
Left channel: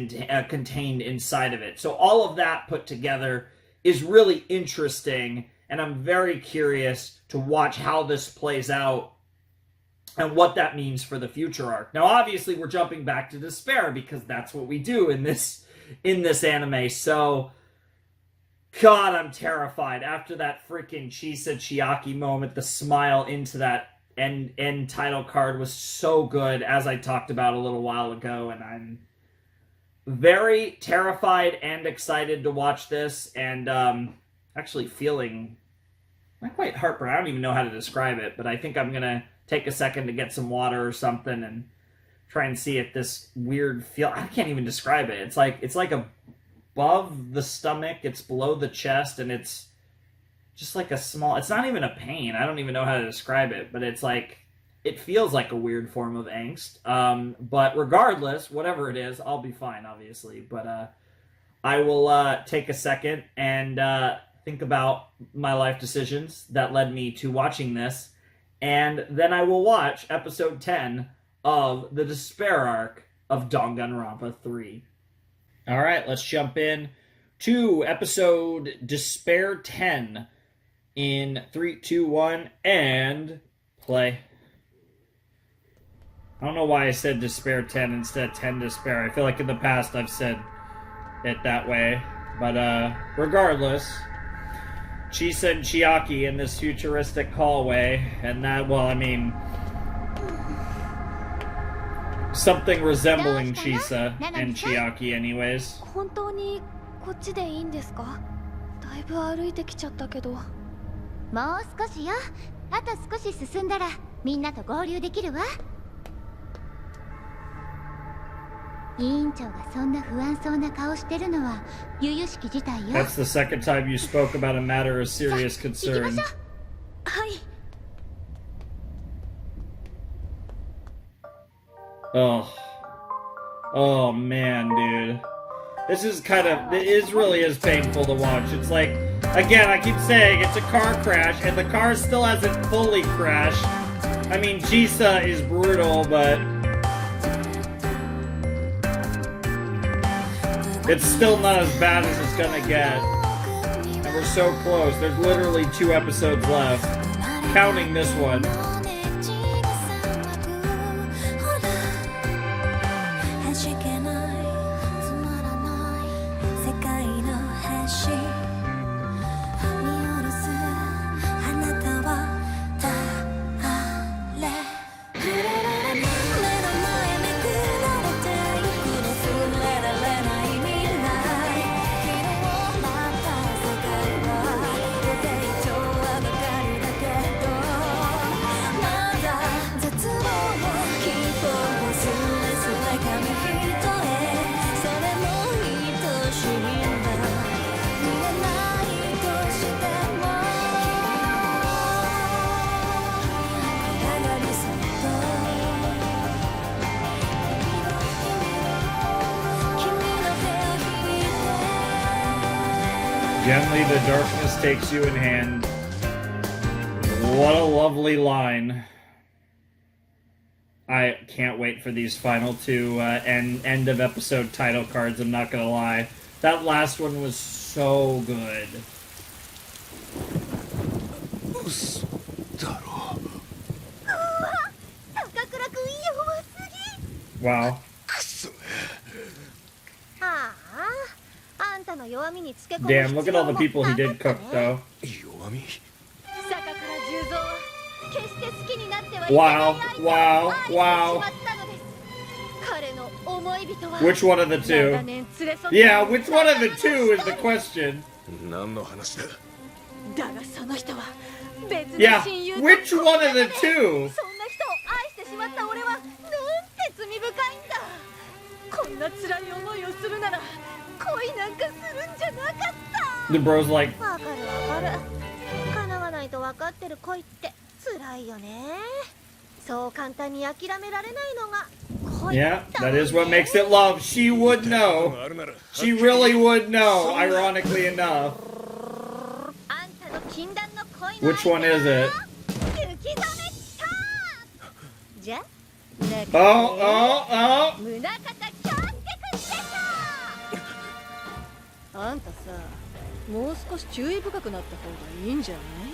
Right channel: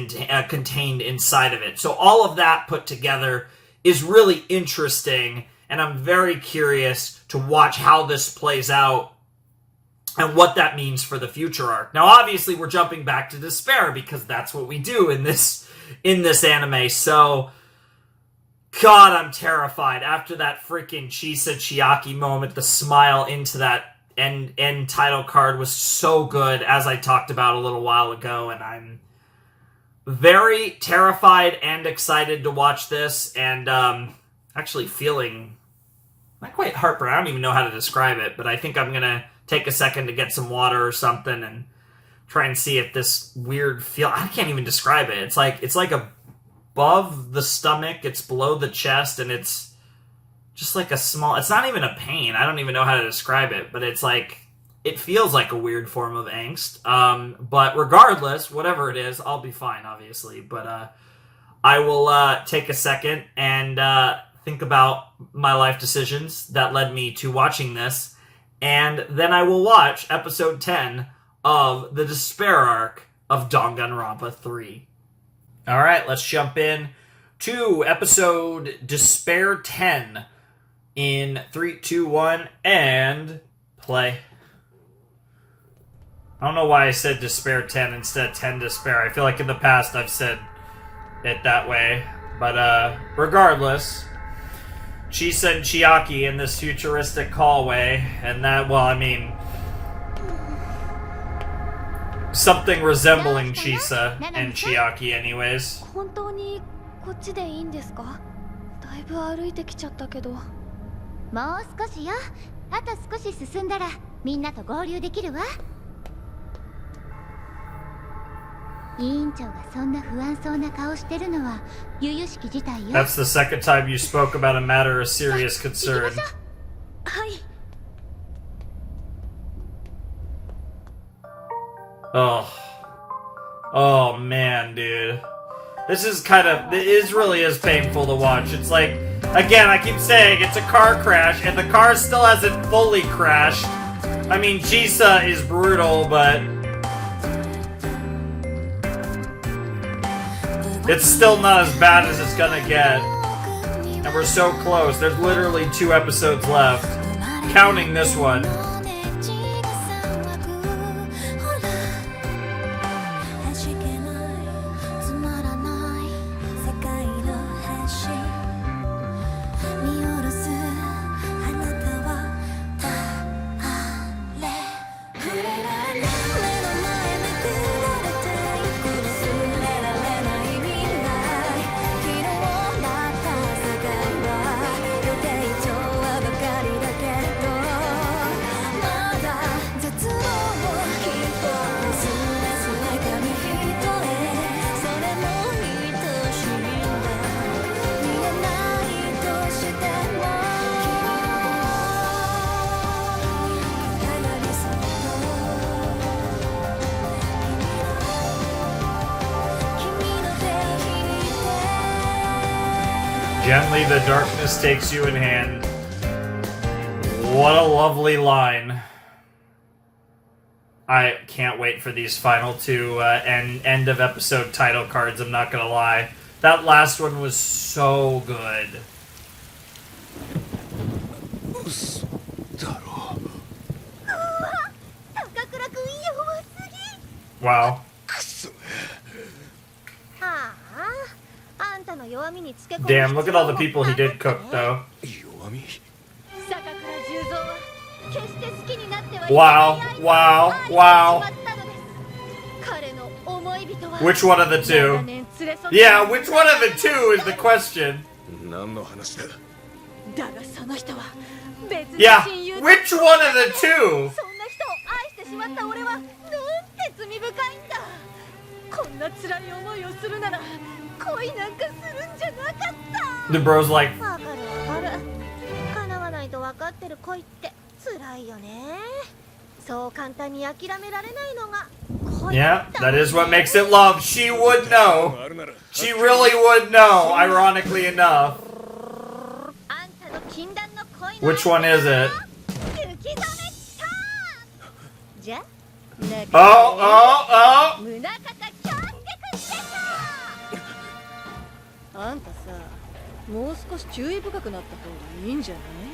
contained inside of it. So all of that put together is really interesting, and I'm very curious to watch how this plays out and what that means for the future arc. Now, obviously, we're jumping back to despair, because that's what we do in this anime. So, God, I'm terrified. After that freaking Chisa Chiaki moment, the smile into that end title card was so good, as I talked about a little while ago, and I'm very terrified and excited to watch this, and actually feeling not quite heartburn. I don't even know how to describe it, but I think I'm gonna take a second to get some water or something and try and see if this weird feel, I can't even describe it. It's like above the stomach, it's below the chest, and it's just like a small, it's not even a pain. I don't even know how to describe it, but it's like, it feels like a weird form of angst. But regardless, whatever it is, I'll be fine, obviously. But I will take a second and think about my life decisions that led me to watching this. And then I will watch episode 10 of the Despair arc of Danganronpa 3. Alright, let's jump in to episode Despair 10 in 3, 2, 1, and play. I don't know why I said Despair 10 instead of 10 Despair. I feel like in the past I've said it that way. But regardless, Chisa and Chiaki in this futuristic hallway, and that, well, I mean, something resembling Chisa and Chiaki anyways. 本当にこっちでいいんですか？だいぶ歩いてきちゃったけど。もう少しよ。あと少し進んだらみんなと合流できるわ。委員長がそんな不安そうな顔してるのは由々しき事態よ。 That's the second time you spoke about a matter of serious concern. はい。 Oh man, dude. This is it really is painful to watch. It's like, again, I keep saying it's a car crash, and the car still hasn't fully crashed. I mean, Chisa is brutal, but it's still not as bad as it's gonna get. And we're so close. There's literally 2 episodes left, counting this one. Gently the darkness takes you in hand. What a lovely line. I can't wait for these final 2 end of episode title cards, I'm not gonna lie. That last one was so good. Wow. Damn, look at all the people he did cook, though. Wow, wow, wow. Which one of the 2? Yeah, which one of the 2 is the question? Yeah, which one of the 2? んな辛い思いをするなら恋なんかするんじゃなかった。 The bro's like, わかるわかる。叶わないと分かってる恋って辛いよね。そう簡単に諦められないのが恋 yeah, that is what makes it love. She would know. She really would know, ironically enough. あんたの禁断の恋の Which one is it? 雪染めしたじゃ Oh, oh, oh! 宗像京介くんでしょ。あんたさ、もう少し注意深くなった方がいいんじゃない？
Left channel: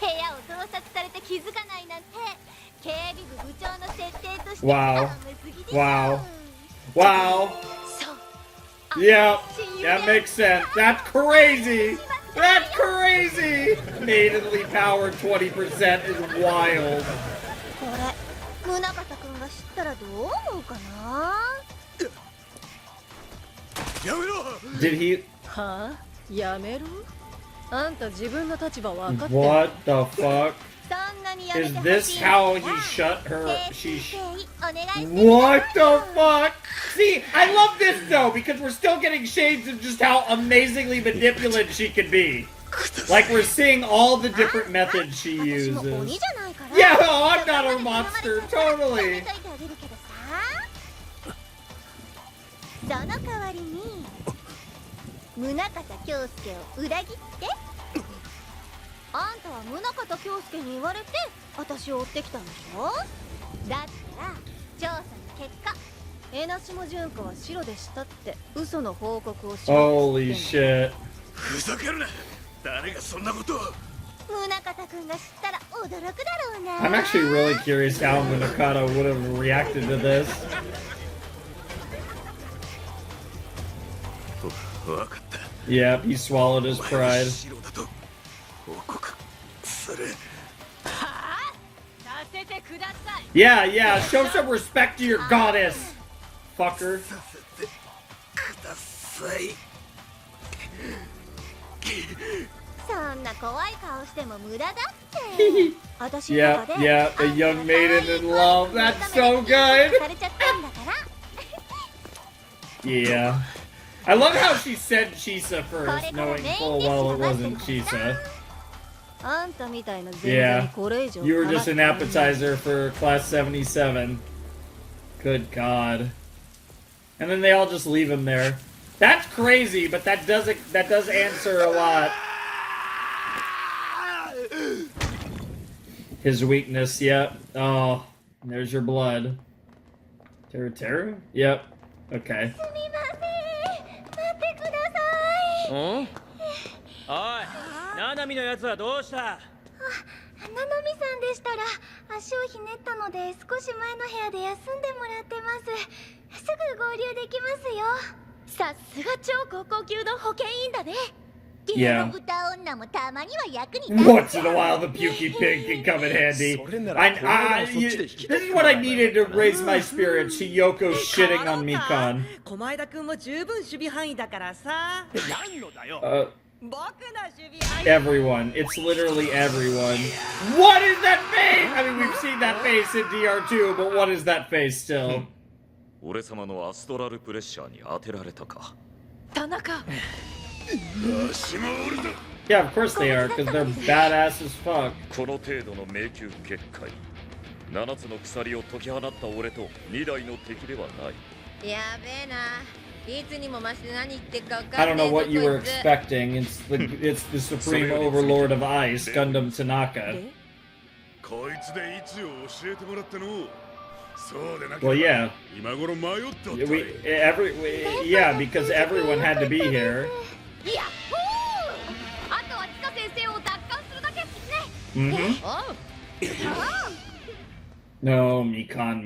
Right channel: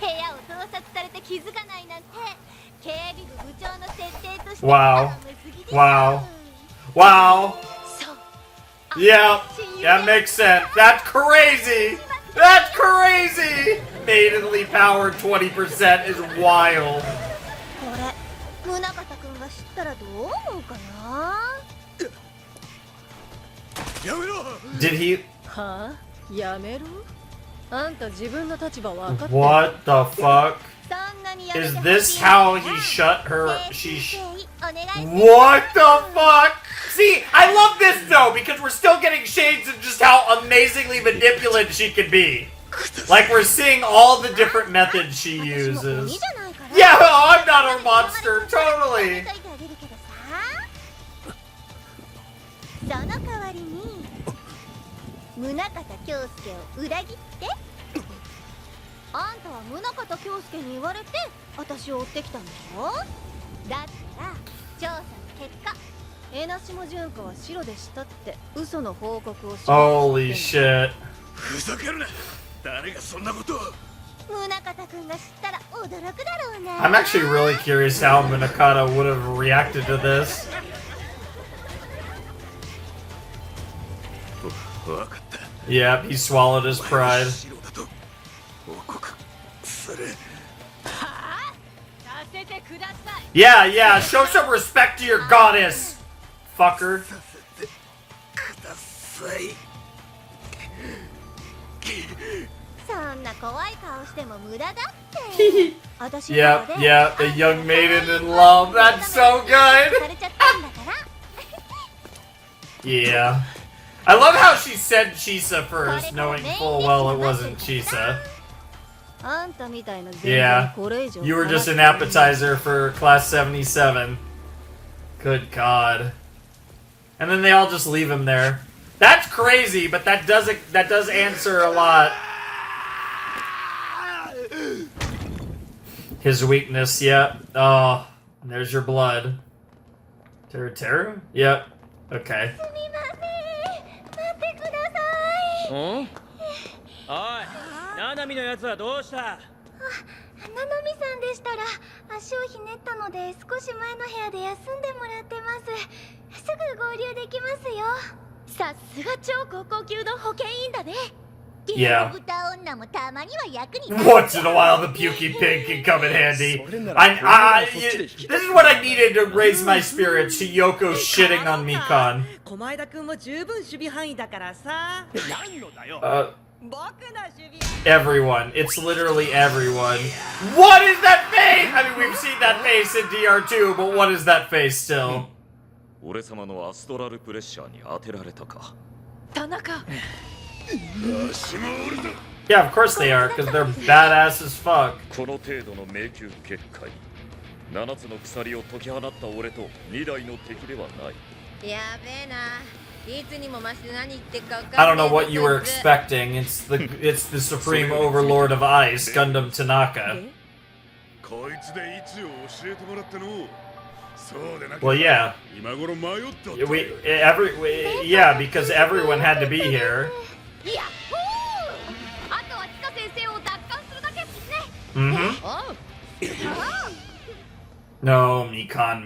部屋を盗撮されて気づかないなんて警備部部長の設定として Wow. 甘すぎでしょ。 Wow. Wow. そう Yeah, that makes sense. That's crazy. That's crazy. Maidenly power 20% is wild. これ宗像くんが知ったらどう思うかな。やめろ。 Did he? はあ？やめろ。あんた自分の立場分かってる。 What the fuck? そんなにやめ Is てほ this しい how な he shut her? 誠 She. 意お願いする What the fuck? See, I love this though because we're still getting shades of just how amazingly manipulative she can be. Like we're seeing all the different methods she 私も鬼 uses. じゃないから Yeah, I'm not a monster, totally. その代わりに宗像京介を裏切ってあんたは宗像京介に言われて私を追ってきたんでしょ。だったら調査の結果江無下純子は白でしたって嘘の報告をし Holy shit. ふざけるな。誰がそんなことを。宗像くんが知ったら驚くだろうな。 I'm actually really curious how Munakata would have reacted to this. わかった。 Yep, he swallowed his pride. 白だと報告する。させてください。 Yeah, yeah, show some respect to your goddess, fucker. させてください。そんな怖い顔しても無駄だって私の Yeah, 中で yeah, a young maiden in love. That's so good. されちゃったんだから Yeah. I love how she said Chisa first, knowing full well it wasn't Chisa. あんたみたいな全然 Yeah, これ以上 you were just an appetizer for Class 77. Good God. And then they all just leave him there. That's crazy, but that does answer a lot. His weakness, yep. Oh, there's your blood. Teru? Yep. Okay. すみません待ってください。おい、ナナミのやつはどうした？ななみさんでしたら足をひねったので少し前の部屋で休んでもらってます。すぐ合流できますよ。さすが超高校級の保健員だね。 Yeah. 豚女もたまには役に Once in a while, the pukey pig can come in handy. This is what I needed to raise my spirits. Hiyoko shitting on Mikan. 狛枝くんも十分守備範囲だからさ。 僕の守備範囲。 Everyone. It's literally everyone. What is that face? I mean, we've seen that face in DR2, but what is that face still? 俺様のアストラルプレッシャーに当てられたか。田中。 Yeah, of course they are, because they're badass as fuck. この程度の迷宮結界。7つの鎖を解き放った俺と2台の敵ではない。やべえな。いつにも増して何言ってっか分 I かん don't ねえ know what you were expecting. It's the supreme overlord of ice, Gundam Tanaka. こいつで位置を教えてもらったの。そうでなけ Well, れば yeah. 今頃迷っとった。Yeah, because everyone had to be here. いやほーあとはチカ先生を奪還するだけっすね。 Mm-hmm. おう No, Mikan.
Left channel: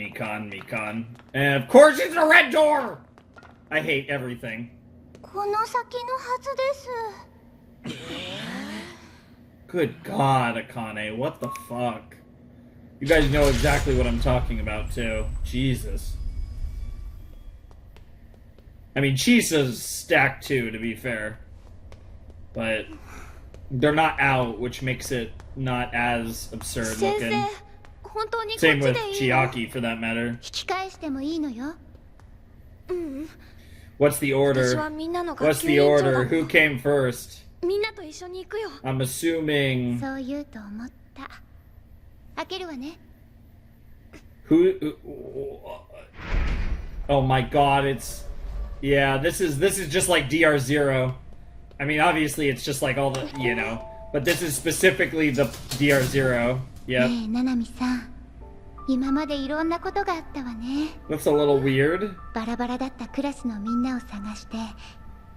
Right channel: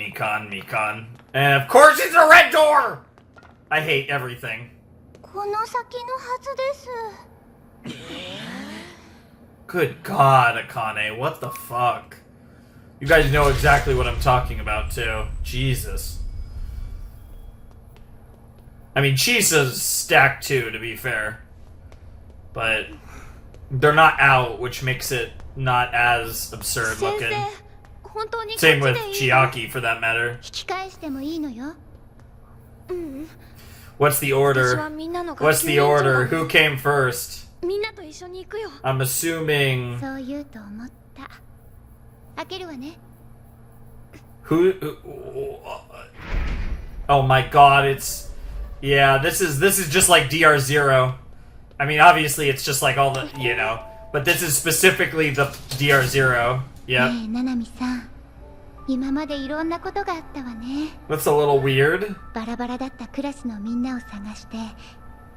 And of course it's a red door! I hate everything. この先のはずです。 Good God, Akane, what the fuck? You guys know exactly what I'm talking about, too. Jesus. I mean, Chisa's stacked, too, to be fair. But they're not out, which makes it not as absurd looking. 本当にこっち Same で with いいの？ Chiaki, for that matter. 引き返してもいいのよ。What's the order? What's the order? Who came first? みんなと一緒に行くよ。 I'm assuming. そう言うと思った。開けるわね。 Who? Oh my god! It's yeah. This is just like DR0. I mean, obviously it's just like all the but this is specifically the DR0. Yeah. ねえ、ななみさん。今までいろんなことがあったわね。 That's a little weird. バラバラだったクラスのみんなを探して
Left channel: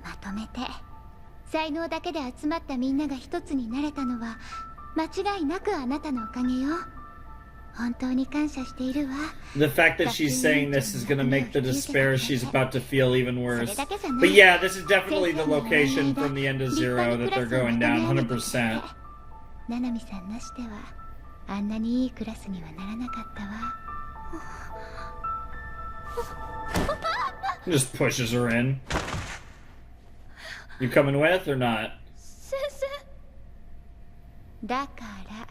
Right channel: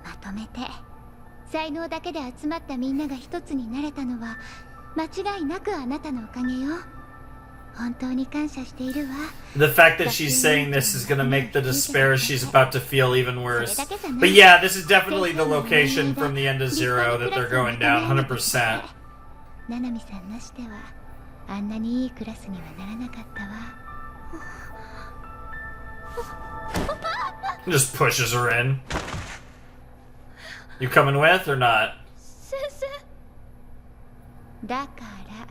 まとめて才能だけで集まったみんなが一つになれたのは間違いなくあなたのおかげよ。本当に感謝しているわ。 The fact that she's saying this is gonna make the despair she's about to feel even worse. But yeah, this is definitely the location from the end of Zero that they're going down 100%. ななみさんなしではあんなにいいクラスにはならなかったわ。 Just pushes her in. You coming with or not? 先生。だから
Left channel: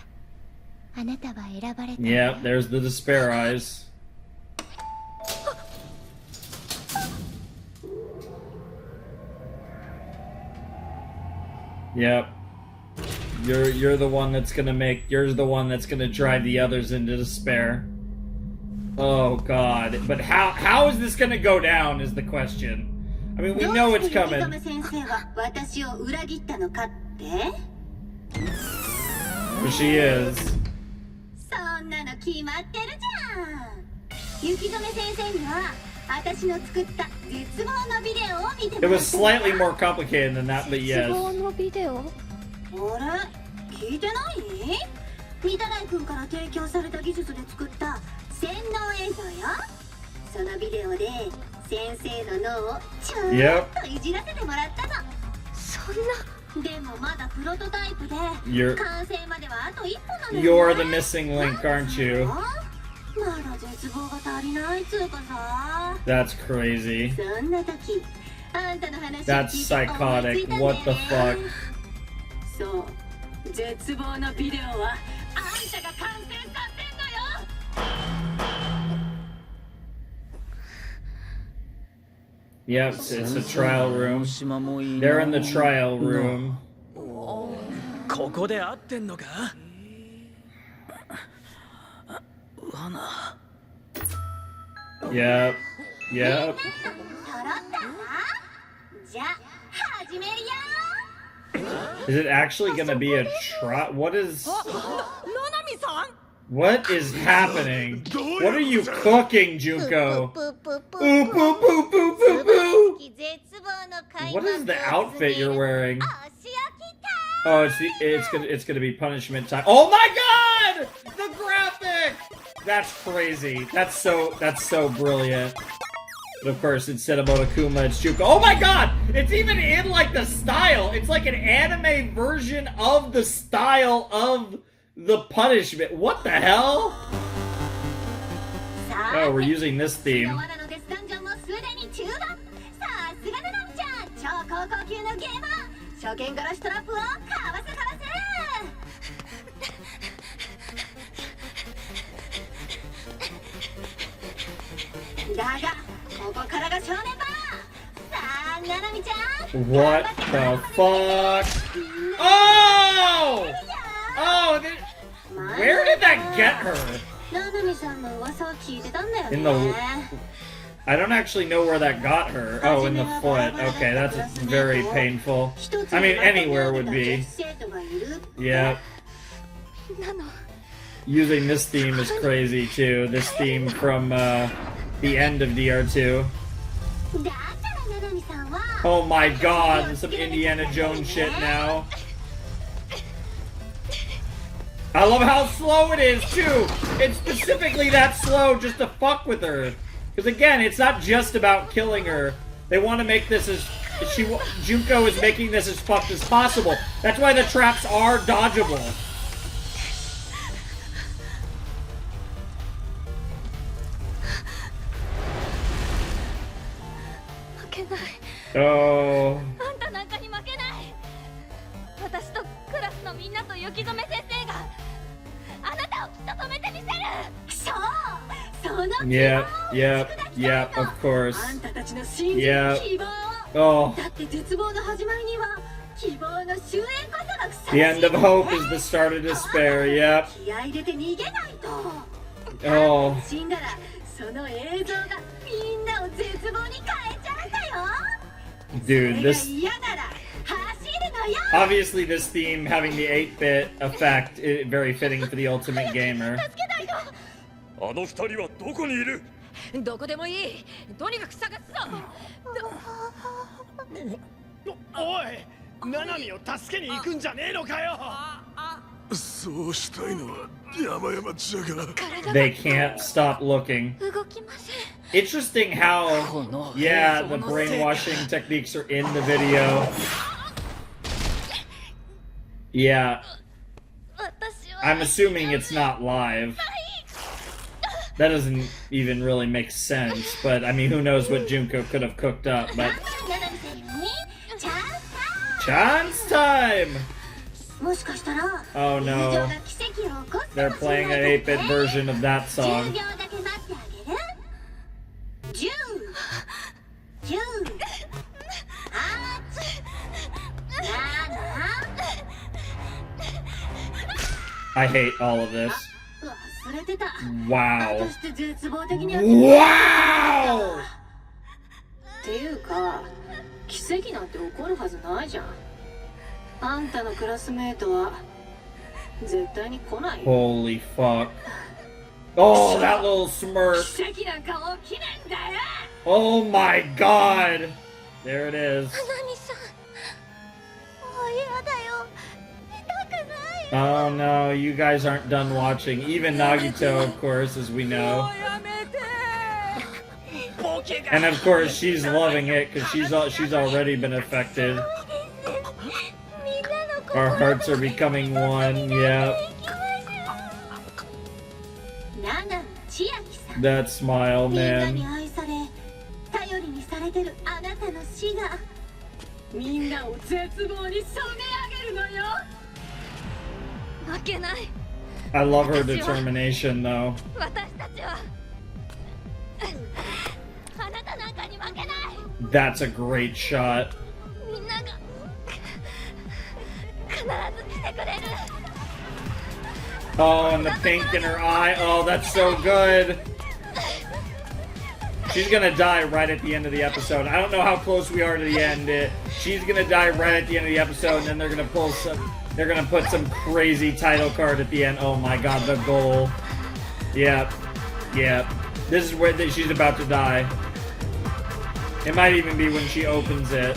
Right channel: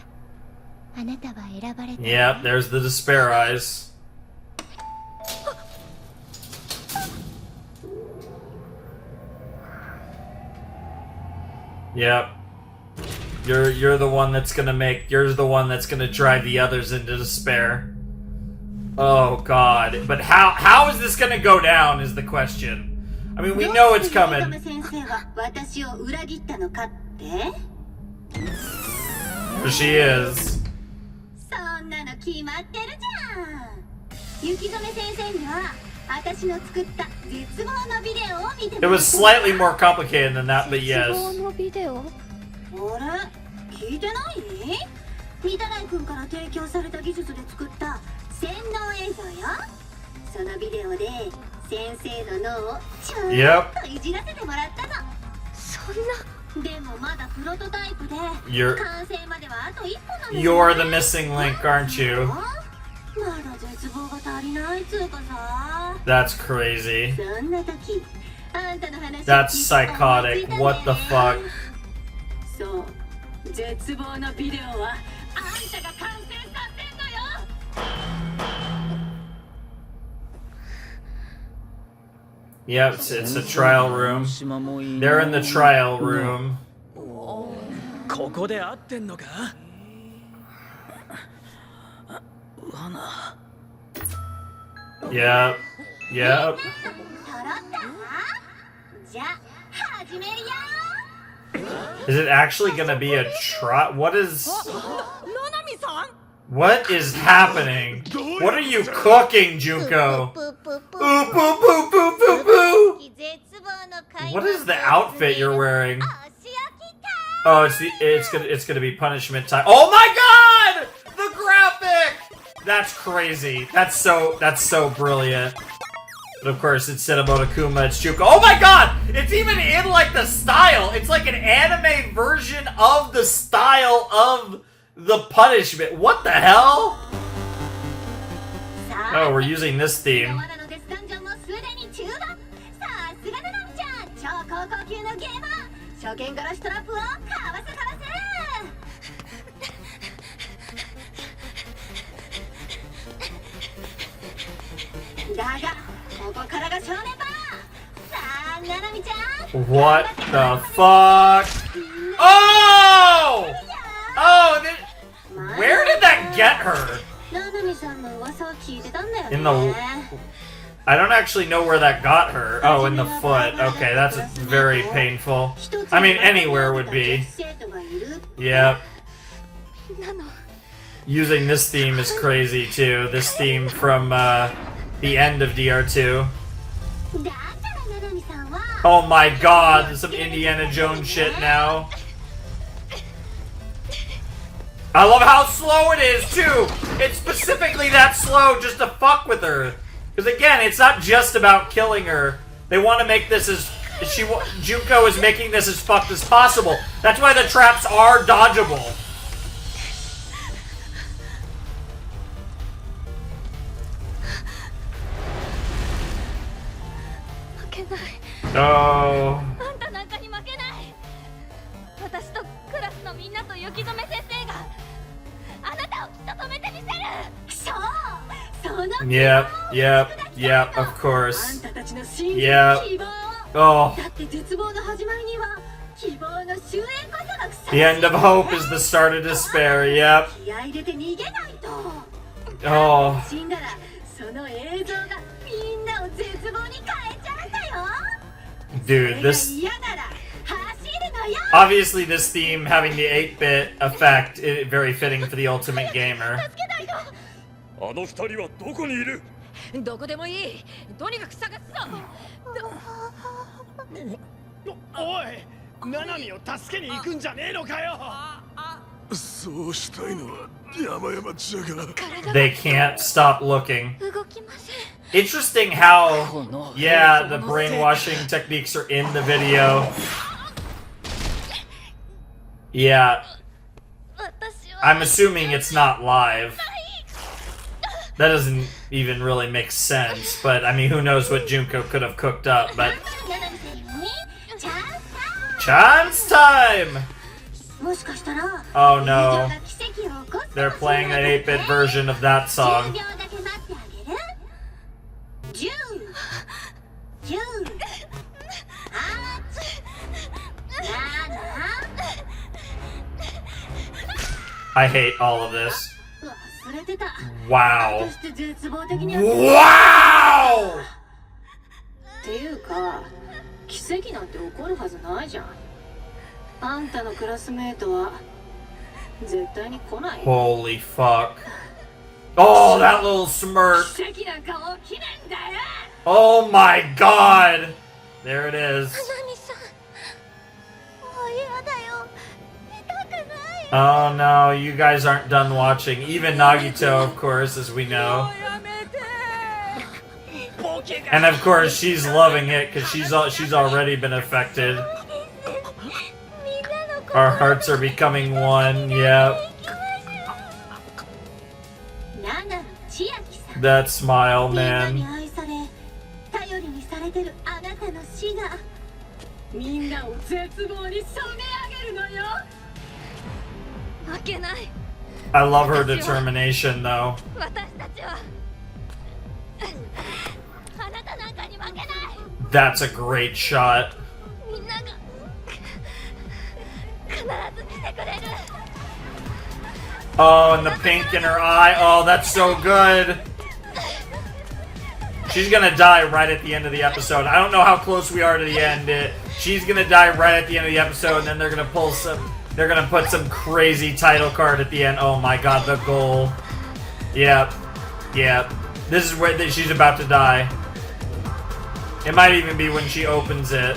あなたは選ばれた。 Yep, there's the despair eyes. Yep. You're the one that's gonna drive the others into despair. Oh god. But how is this gonna go down is the question. I mean, we know it's coming. There she is. そんなの決まってるじゃん。雪染先生には私の作った絶望のビデオを見てもらった。 It was slightly more complicated than that, but yes. 絶望のビデオ？あれ？聞いてない？御手洗君から提供された技術で作った洗脳映像よ。そのビデオで先生の脳をちょっといじらせてもらったの。そんな。でもまだプロトタイプで完成まではあと一歩なのよ。 You're the missing link, aren't you? まだ絶望が足りないつうかさ。 That's crazy. そんな時、あんたの話 That's psychotic. What the fuck? そう、絶望のビデオはあんたが完成させんのよ。 Yep, it's a trial room. They're in the trial room. ここで合ってんのか？罠。Yep. Yep. じゃあ始めるよ。 Is it actually gonna be a trial? What is happening? What are you cooking, Junko? What is the outfit you're wearing? Oh, it's gonna be punishment time. Oh my god! The graphic! That's crazy. That's so brilliant. But of course, instead of Monokuma, it's Junko. Oh my god! It's even in like the style. It's like an anime version of the style of the punishment. What the hell? Oh, we're using this theme. What the fuck? Oh! Oh! Where did that get her? In the... I don't actually know where that got her. Oh, in the foot. Okay, that's very painful. I mean, anywhere would be. Yep. Using this theme is crazy, too. This theme from the end of DR2. Oh my god, there's some Indiana Jones shit now. I love how slow it is, too! It's specifically that slow just to fuck with her. Because again, it's not just about killing her. They want to make this as... Junko is making this as fucked as possible. That's why the traps are dodgeable. Oh. 私とクラスのみんなと雪染先生があなたをきっと止めてみせる。そう、その Yep. Yep, of course. Yeah. Oh. The end of hope is the start of despair. Yep. Oh. Dude, this... Obviously this theme having the 8-bit effect is very fitting for the Ultimate Gamer. あの二人はどこにいる？どこでもいい。とにかく探すぞ。おい、ナナミを助けに行くんじゃねえのかよ。そうしたいのは山々じゃが。They can't stop looking. Interesting how, yeah, the brainwashing techniques are in the video. Yeah. I'm assuming it's not live. That doesn't even really make sense, but I mean, who knows what Junko could have cooked up, but... Chance time! Oh no. They're playing an 8-bit version of that song. I hate all of this. Wow. Wow! っていうか、奇跡なんて起こるはずないじゃん。あんたのクラスメートは絶対に来ない。Holy fuck. Oh, that little smirk. 奇跡なんか起きないんだよ。Oh my god. There it is. Oh no, you guys aren't done watching. Even Nagito, of course, as we know. And of course, she's loving it because she's already been affected. Our hearts are becoming one. Yep. That smile, man. みんなを絶望に染め上げるのよ。 I love her determination, though. That's a great shot. Oh, and the pink in her eye. Oh, that's so good. She's gonna die right at the end of the episode. I don't know how close we are to the end. She's gonna die right at the end of the episode, and then they're gonna pull some... They're gonna put some crazy title card at the end. Oh my god, the goal. Yep. Yep. This is where she's about to die. It might even be when she opens it.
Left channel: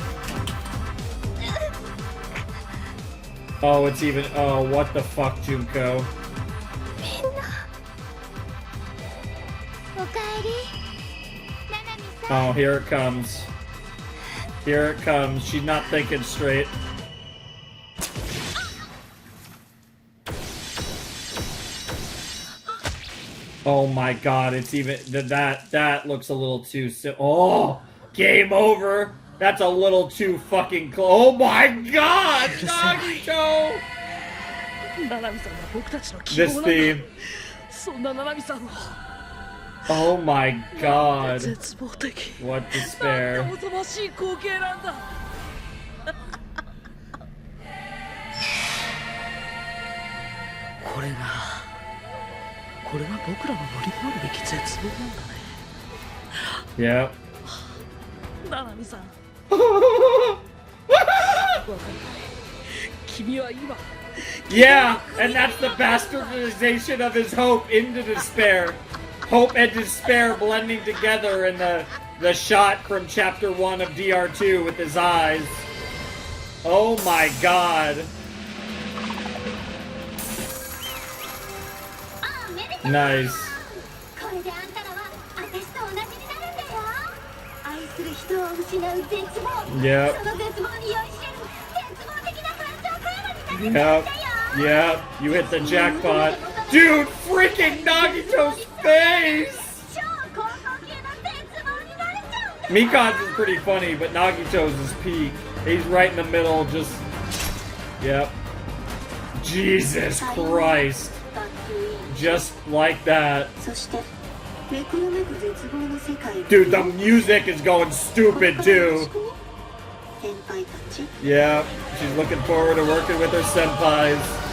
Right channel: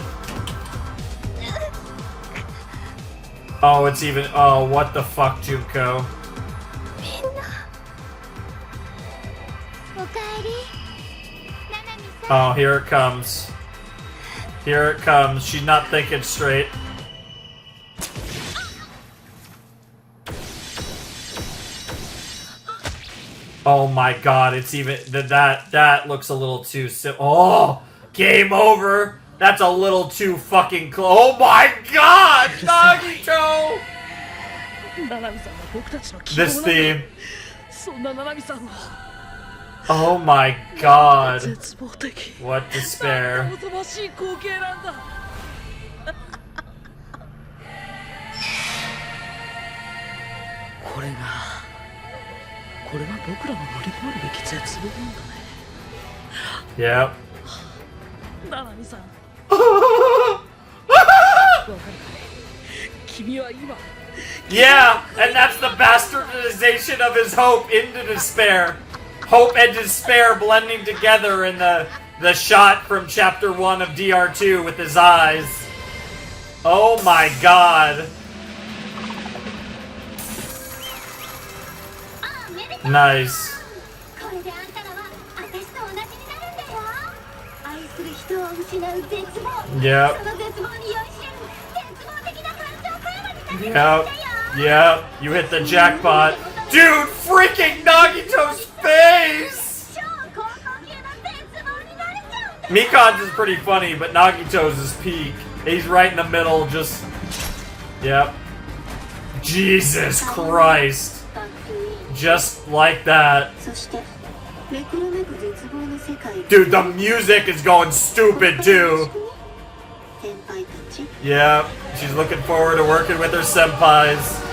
Oh, it's even... Oh, what the fuck, Junko? Oh, here it comes. Here it comes. She's not thinking straight. Oh my god, it's even... That looks a little too... Oh! Game over! That's a little too fucking close. Oh my god! Nagito! This theme. Oh my god. What despair. Yep. Yeah, and that's the bastardization of his hope into despair. Hope and despair blending together in the shot from chapter 1 of DR2 with his eyes. Oh my god. Nice. Yep. Yep. Yep. You hit the jackpot. Dude, freaking Nagito's face! Mikan's is pretty funny, but Nagito's is peak. He's right in the middle, just... Yep. Jesus Christ. Just like that. Dude, the music is going stupid too. Yeah, she's looking forward to working with her senpais.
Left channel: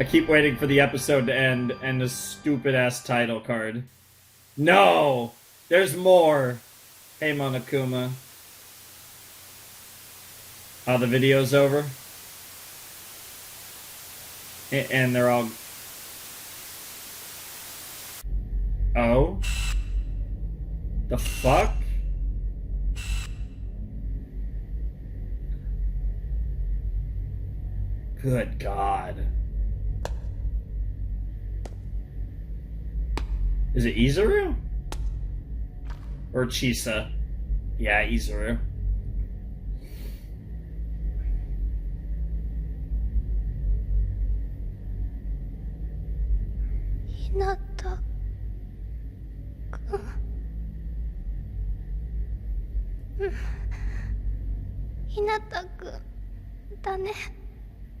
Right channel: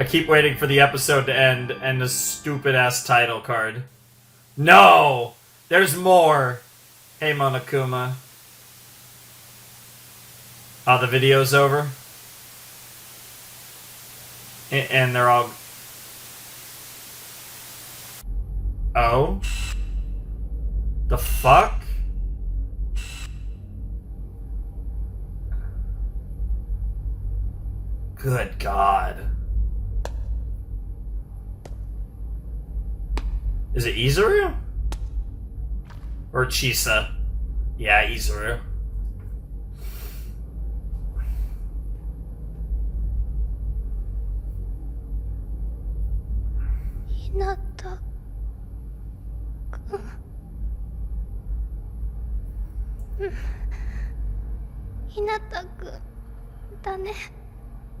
I keep waiting for the episode to end and the stupid ass title card. No! There's more! Hey Monokuma. Oh, the video's over? And they're all... Oh? The fuck? Good God. Is it Izuru? Or Chisa? Yeah, Izuru.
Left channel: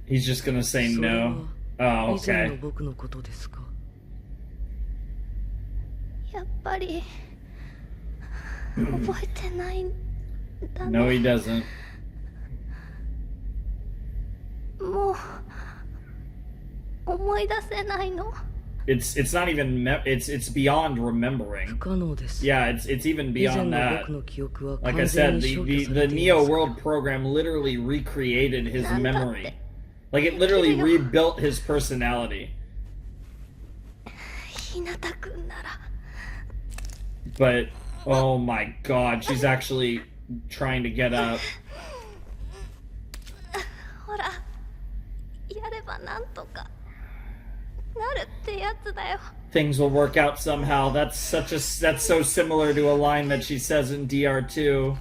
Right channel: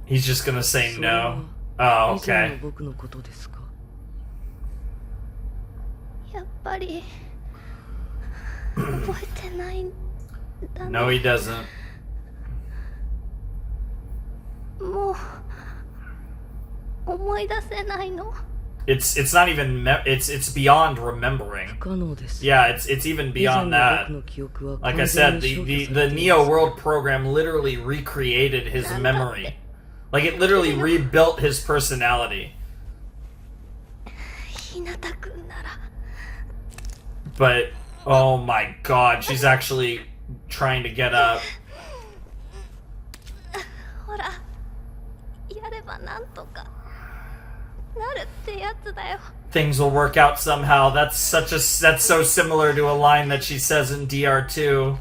He's just gonna say no. Oh, okay. No, he doesn't. It's not even it's beyond remembering. Yeah, it's even beyond that. Like I said, the Neo World program literally recreated his memory. Like it literally rebuilt his personality. But oh my God, she's actually trying to get up. Things will work out somehow. That's so similar to a line that she says in DR2.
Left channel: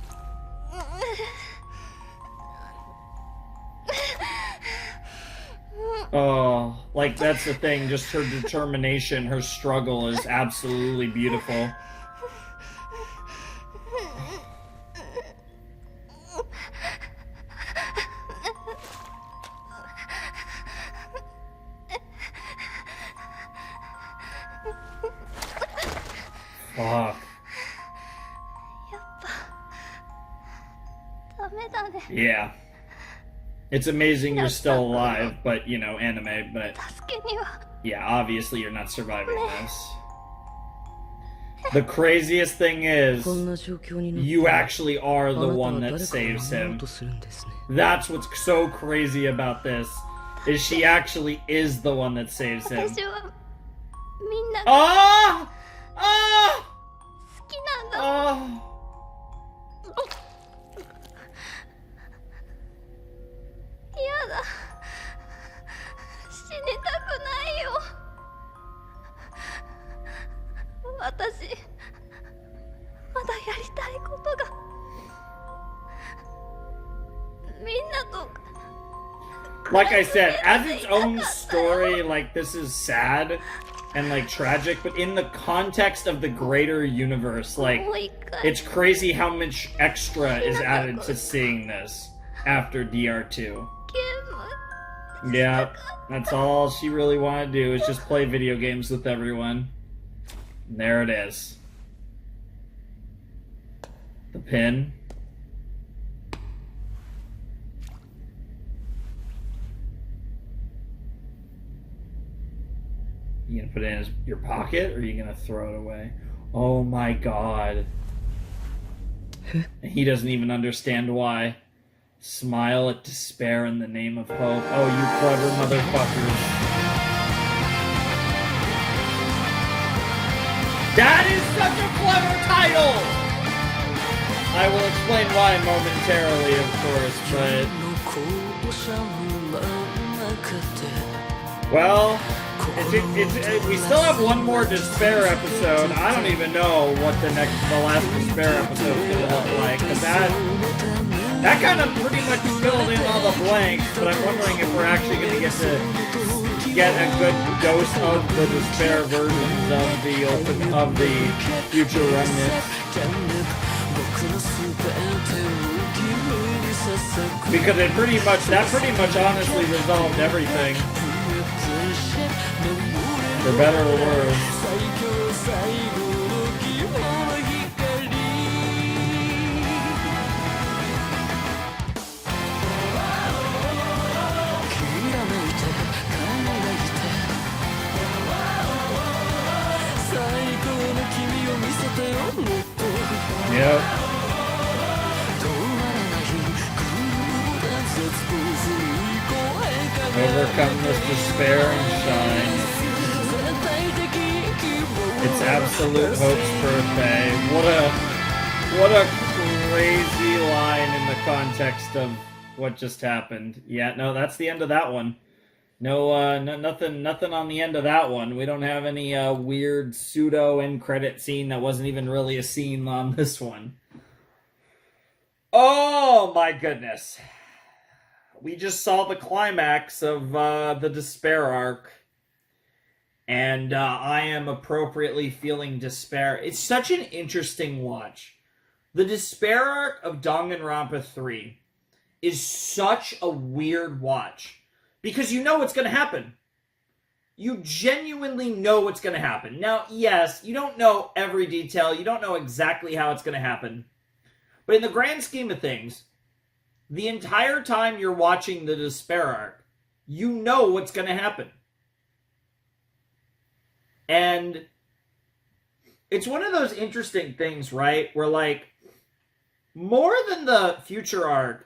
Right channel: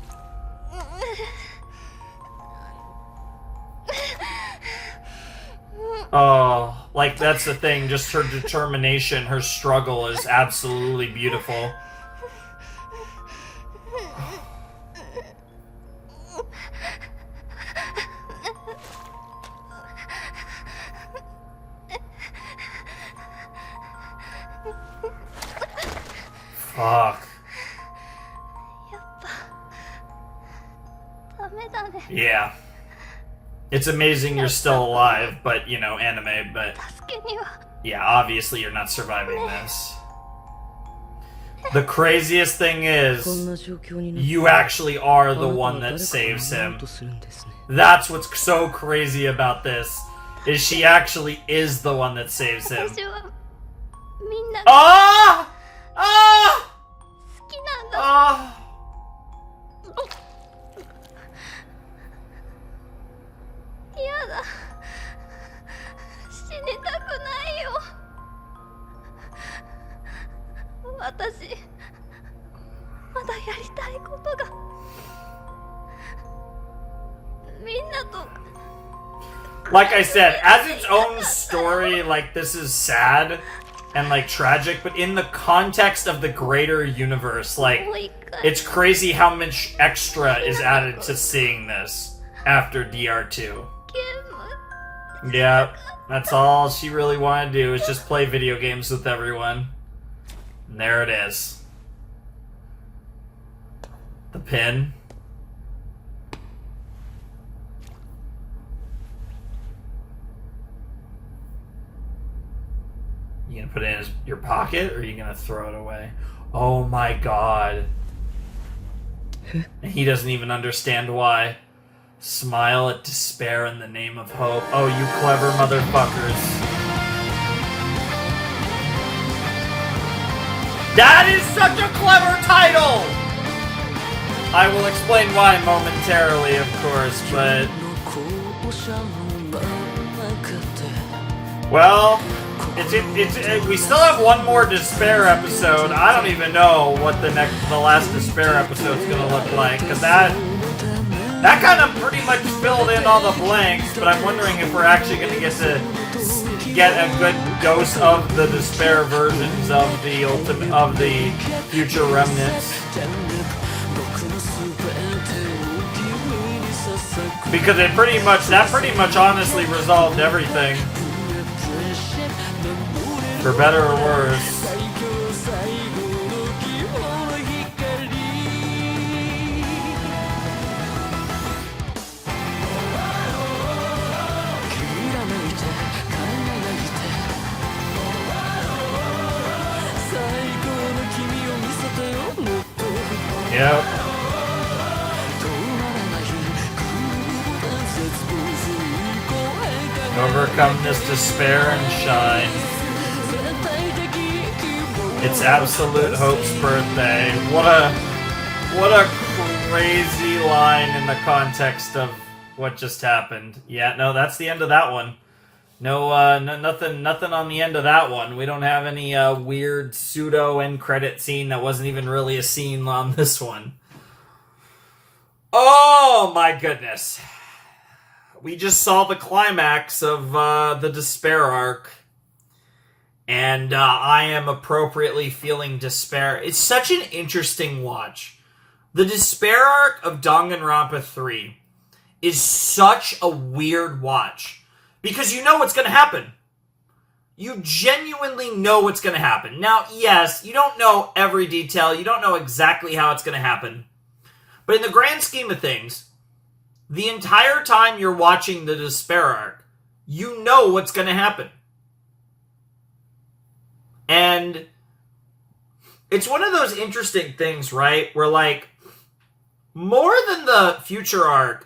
Oh, like that's the thing, just her determination, her struggle is absolutely beautiful. Fuck. Yeah. It's amazing you're still alive, but, you know, anime, but... Yeah, obviously you're not surviving this. The craziest thing is, you actually are the one that saves him. That's what's so crazy about this, is she actually is the one that saves him. Oh! Oh! Oh! Like I said, as its own story, like, this is sad and, like, tragic, but in the context of the greater universe, like, it's crazy how much extra is added to seeing this after DR2. Yeah, that's all she really wanted to do, is just play video games with everyone. And there it is. The pin. You gonna put it in your pocket, or are you gonna throw it away? Oh my God. He doesn't even understand why. Smile at despair in the name of hope. Oh, you clever motherfuckers. That is such a clever title! I will explain why momentarily, of course, but... Well, we still have one more Despair episode. I don't even know what the last Despair episode is going to look like, because that kind of pretty much filled in all the blanks, but I'm wondering if we're actually going to get a good dose of the Despair versions of the future remnants. Because that pretty much honestly resolved everything. For better or worse. Yep. Overcome this despair and shine. It's Absolute Hope's birthday. What a crazy line in the context of what just happened. Yeah, no, that's the end of that one. No, nothing on the end of that one. We don't have any weird pseudo end credit scene that wasn't even really a scene on this one. Oh my goodness. We just saw the climax of the despair arc. And I am appropriately feeling despair. It's such an interesting watch. The despair arc of Danganronpa 3 is such a weird watch. Because you know what's going to happen. You genuinely know what's going to happen. Now, yes, you don't know every detail. You don't know exactly how it's going to happen. But in the grand scheme of things, the entire time you're watching the despair arc, you know what's going to happen. And it's one of those interesting things, right? Where, like, more than the future arc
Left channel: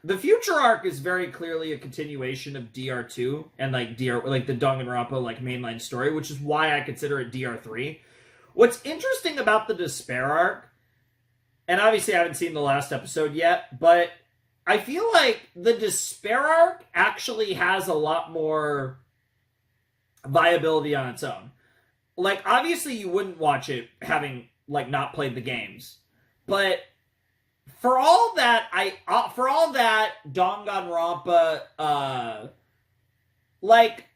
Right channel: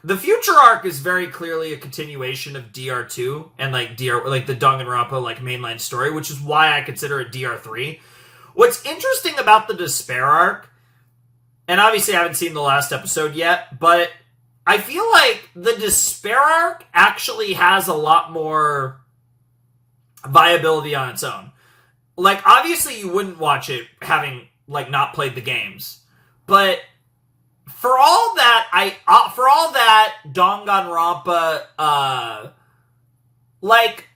is very clearly a continuation of DR2 and the Danganronpa like mainline story, which is why I consider it DR3. What's interesting about the despair arc, and obviously I haven't seen the last episode yet, but I feel like the despair arc actually has a lot more viability on its own. Like, obviously you wouldn't watch it having like not played the games, but For all that, Danganronpa,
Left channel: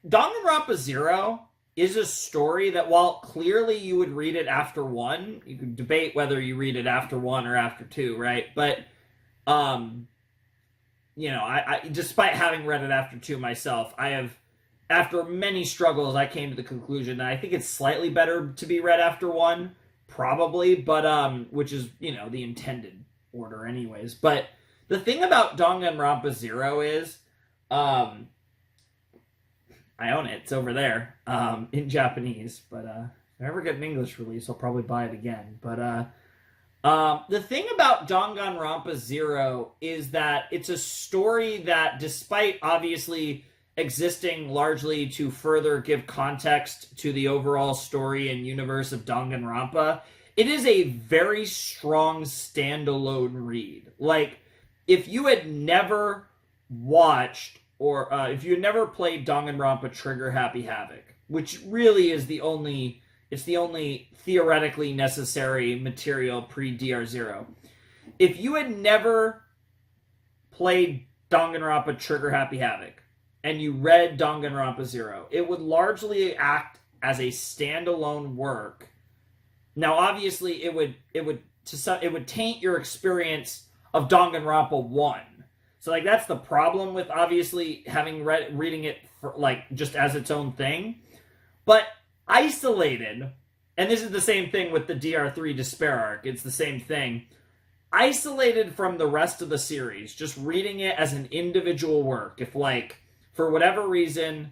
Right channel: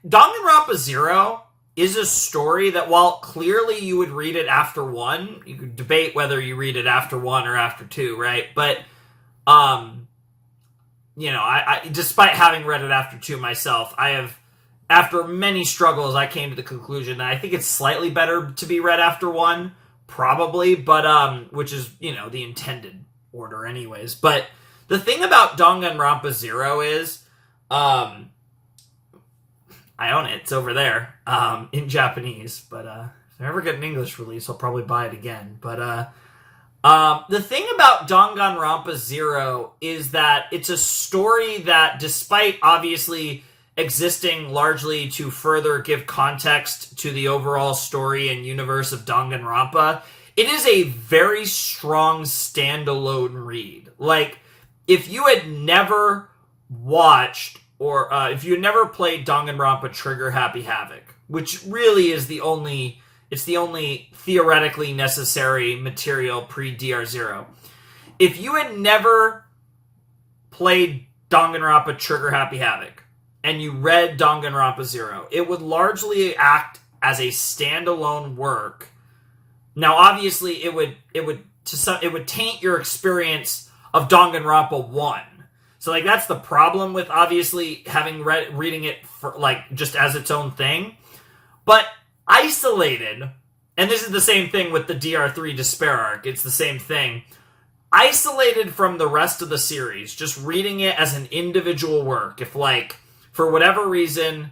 Danganronpa 0 is a story that, while clearly you would read it after 1, you could debate whether you read it after 1 or after 2, right? But, I despite having read it after 2 myself, after many struggles, I came to the conclusion that I think it's slightly better to be read after 1, probably, but, which is, the intended order anyways. But the thing about Danganronpa 0 is, I own it. It's over there, in Japanese, but, if I ever get an English release, I'll probably buy it again. But, the thing about Danganronpa 0 is that it's a story that, despite obviously existing largely to further give context to the overall story and universe of Danganronpa, it is a very strong standalone read. Like, if you had never watched or if you had never played Danganronpa Trigger Happy Havoc, which really is the only theoretically necessary material pre-DR0. If you had never played Danganronpa Trigger Happy Havoc and you read Danganronpa 0, it would largely act as a standalone work. Now, obviously, it would taint your experience of Danganronpa 1. So, that's the problem with obviously reading it for, just as its own thing. But isolated, and this is the same thing with the DR3 Despair arc, it's the same thing. Isolated from the rest of the series, just reading it as an individual work, if, for whatever reason,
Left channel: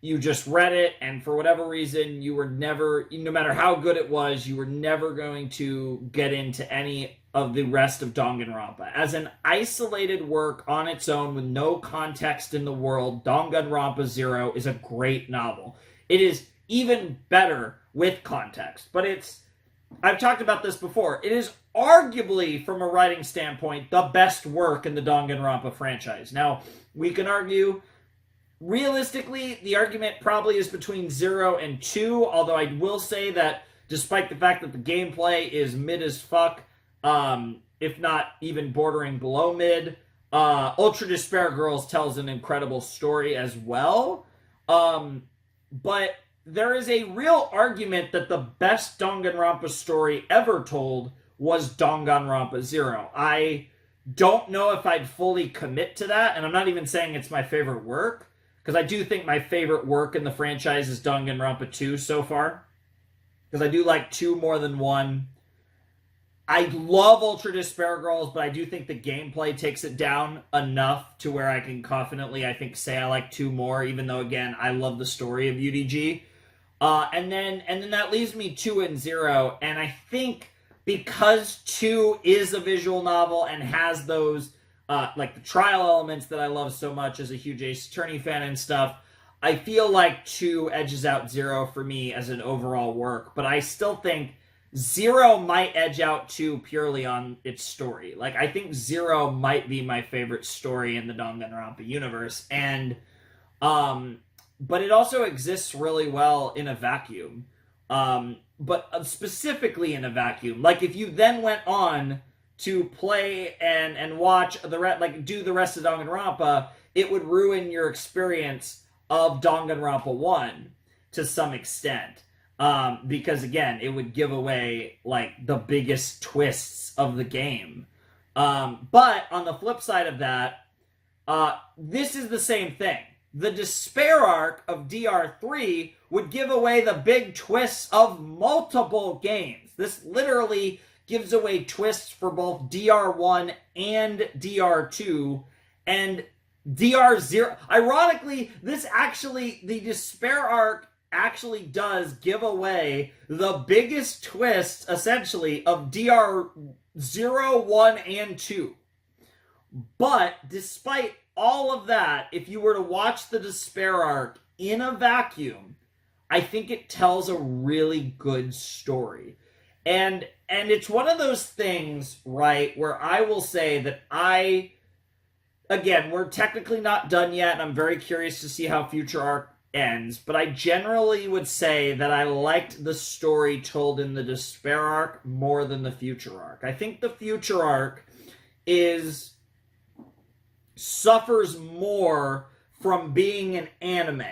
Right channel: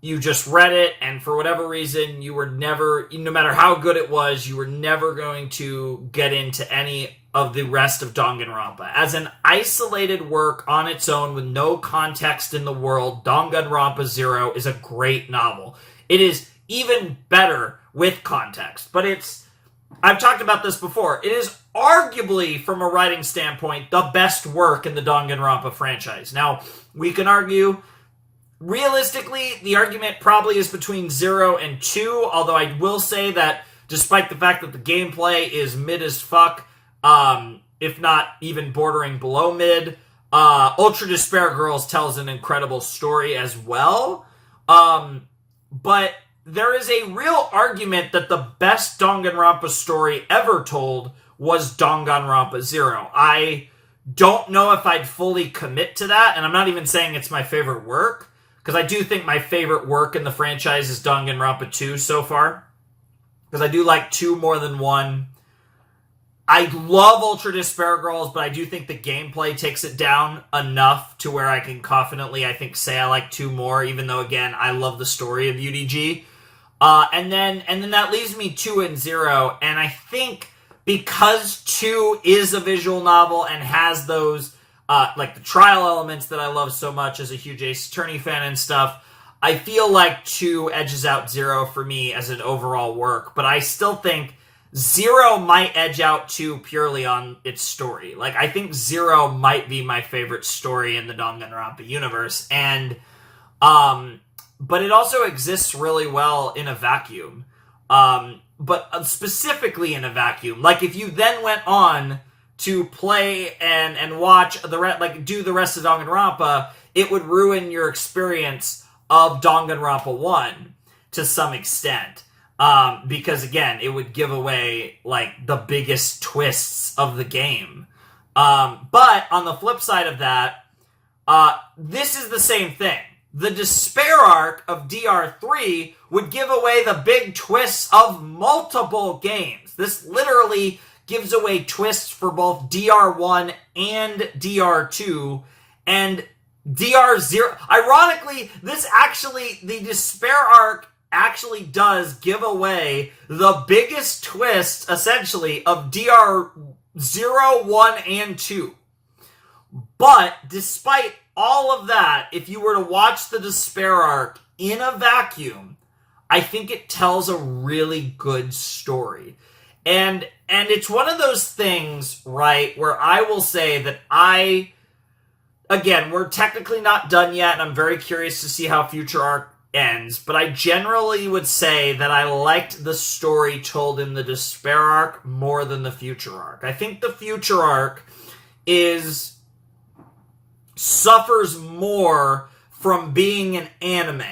you just read it, and for whatever reason, you were never, no matter how good it was, you were never going to get into any of the rest of Danganronpa. As an isolated work on its own with no context in the world, Danganronpa 0 is a great novel. It is even better with context, but I've talked about this before, it is arguably, from a writing standpoint, the best work in the Danganronpa franchise. Now, we can argue, realistically, the argument probably is between 0 and 2, although I will say that despite the fact that the gameplay is mid as fuck, if not even bordering below mid, Ultra Despair Girls tells an incredible story as well. But there is a real argument that the best Danganronpa story ever told was Danganronpa 0. I don't know if I'd fully commit to that, and I'm not even saying it's my favorite work, because I do think my favorite work in the franchise is Danganronpa 2 so far, because I do like 2 more than 1. I love Ultra Despair Girls, but I do think the gameplay takes it down enough to where I can confidently, I think, say I like 2 more, even though, again, I love the story of UDG. And then that leaves me 2 and 0, and I think because 2 is a visual novel and has those, like the trial elements that I love so much as a huge Ace Attorney fan and stuff, I feel like 2 edges out 0 for me as an overall work, but I still think 0 might edge out 2 purely on its story. Like, I think 0 might be my favorite story in the Danganronpa universe, and, but it also exists really well in a vacuum. But specifically in a vacuum. Like, if you then went on to play and watch do the rest of Danganronpa, it would ruin your experience of Danganronpa 1 to some extent. Because again, it would give away like the biggest twists of the game. But on the flip side of that, this is the same thing. The despair arc of DR3 would give away the big twists of multiple games. This literally gives away twists for both DR1 and DR2, and DR0. Ironically, the despair arc actually does give away the biggest twist, essentially, of DR0, 1, and 2. But, despite all of that, if you were to watch the despair arc in a vacuum, I think it tells a really good story. And it's one of those things, right, where I will say that again, we're technically not done yet, and I'm very curious to see how Future Arc ends, but I generally would say that I liked the story told in the despair arc more than the Future Arc. I think the Future Arc suffers more from being an anime.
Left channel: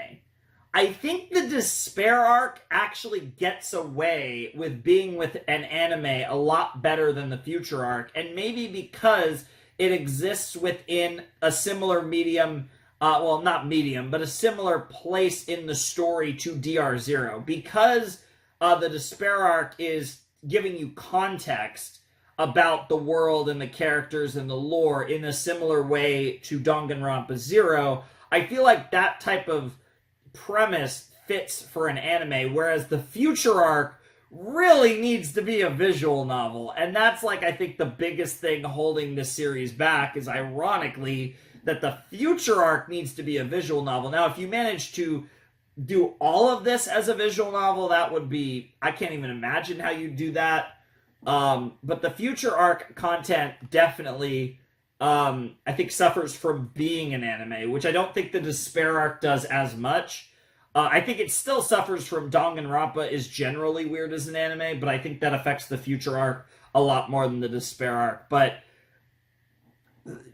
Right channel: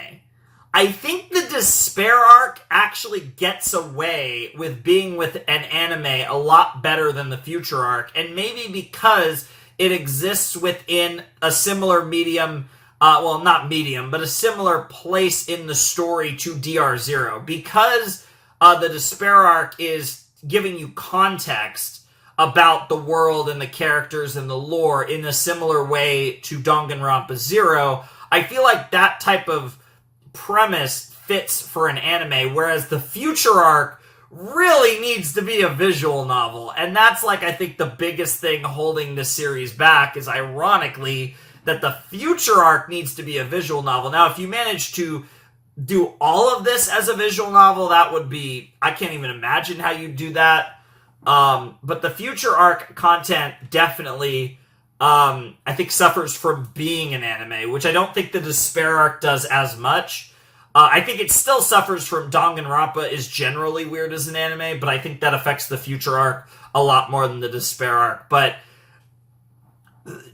I think the despair arc actually gets away with being with an anime a lot better than the Future Arc, and maybe because it exists within a similar medium, not medium, but a similar place in the story to DR0. Because the despair arc is giving you context about the world and the characters and the lore in a similar way to Danganronpa 0, I feel like that type of premise fits for an anime, whereas the Future Arc really needs to be a visual novel. And that's, like, I think the biggest thing holding this series back is, ironically, that the Future Arc needs to be a visual novel. Now, if you manage to do all of this as a visual novel, that would be... I can't even imagine how you do that. But the Future Arc content definitely, I think, suffers from being an anime, which I don't think the Despair Arc does as much. I think it still suffers from Danganronpa is generally weird as an anime, but I think that affects the Future Arc a lot more than the Despair Arc. But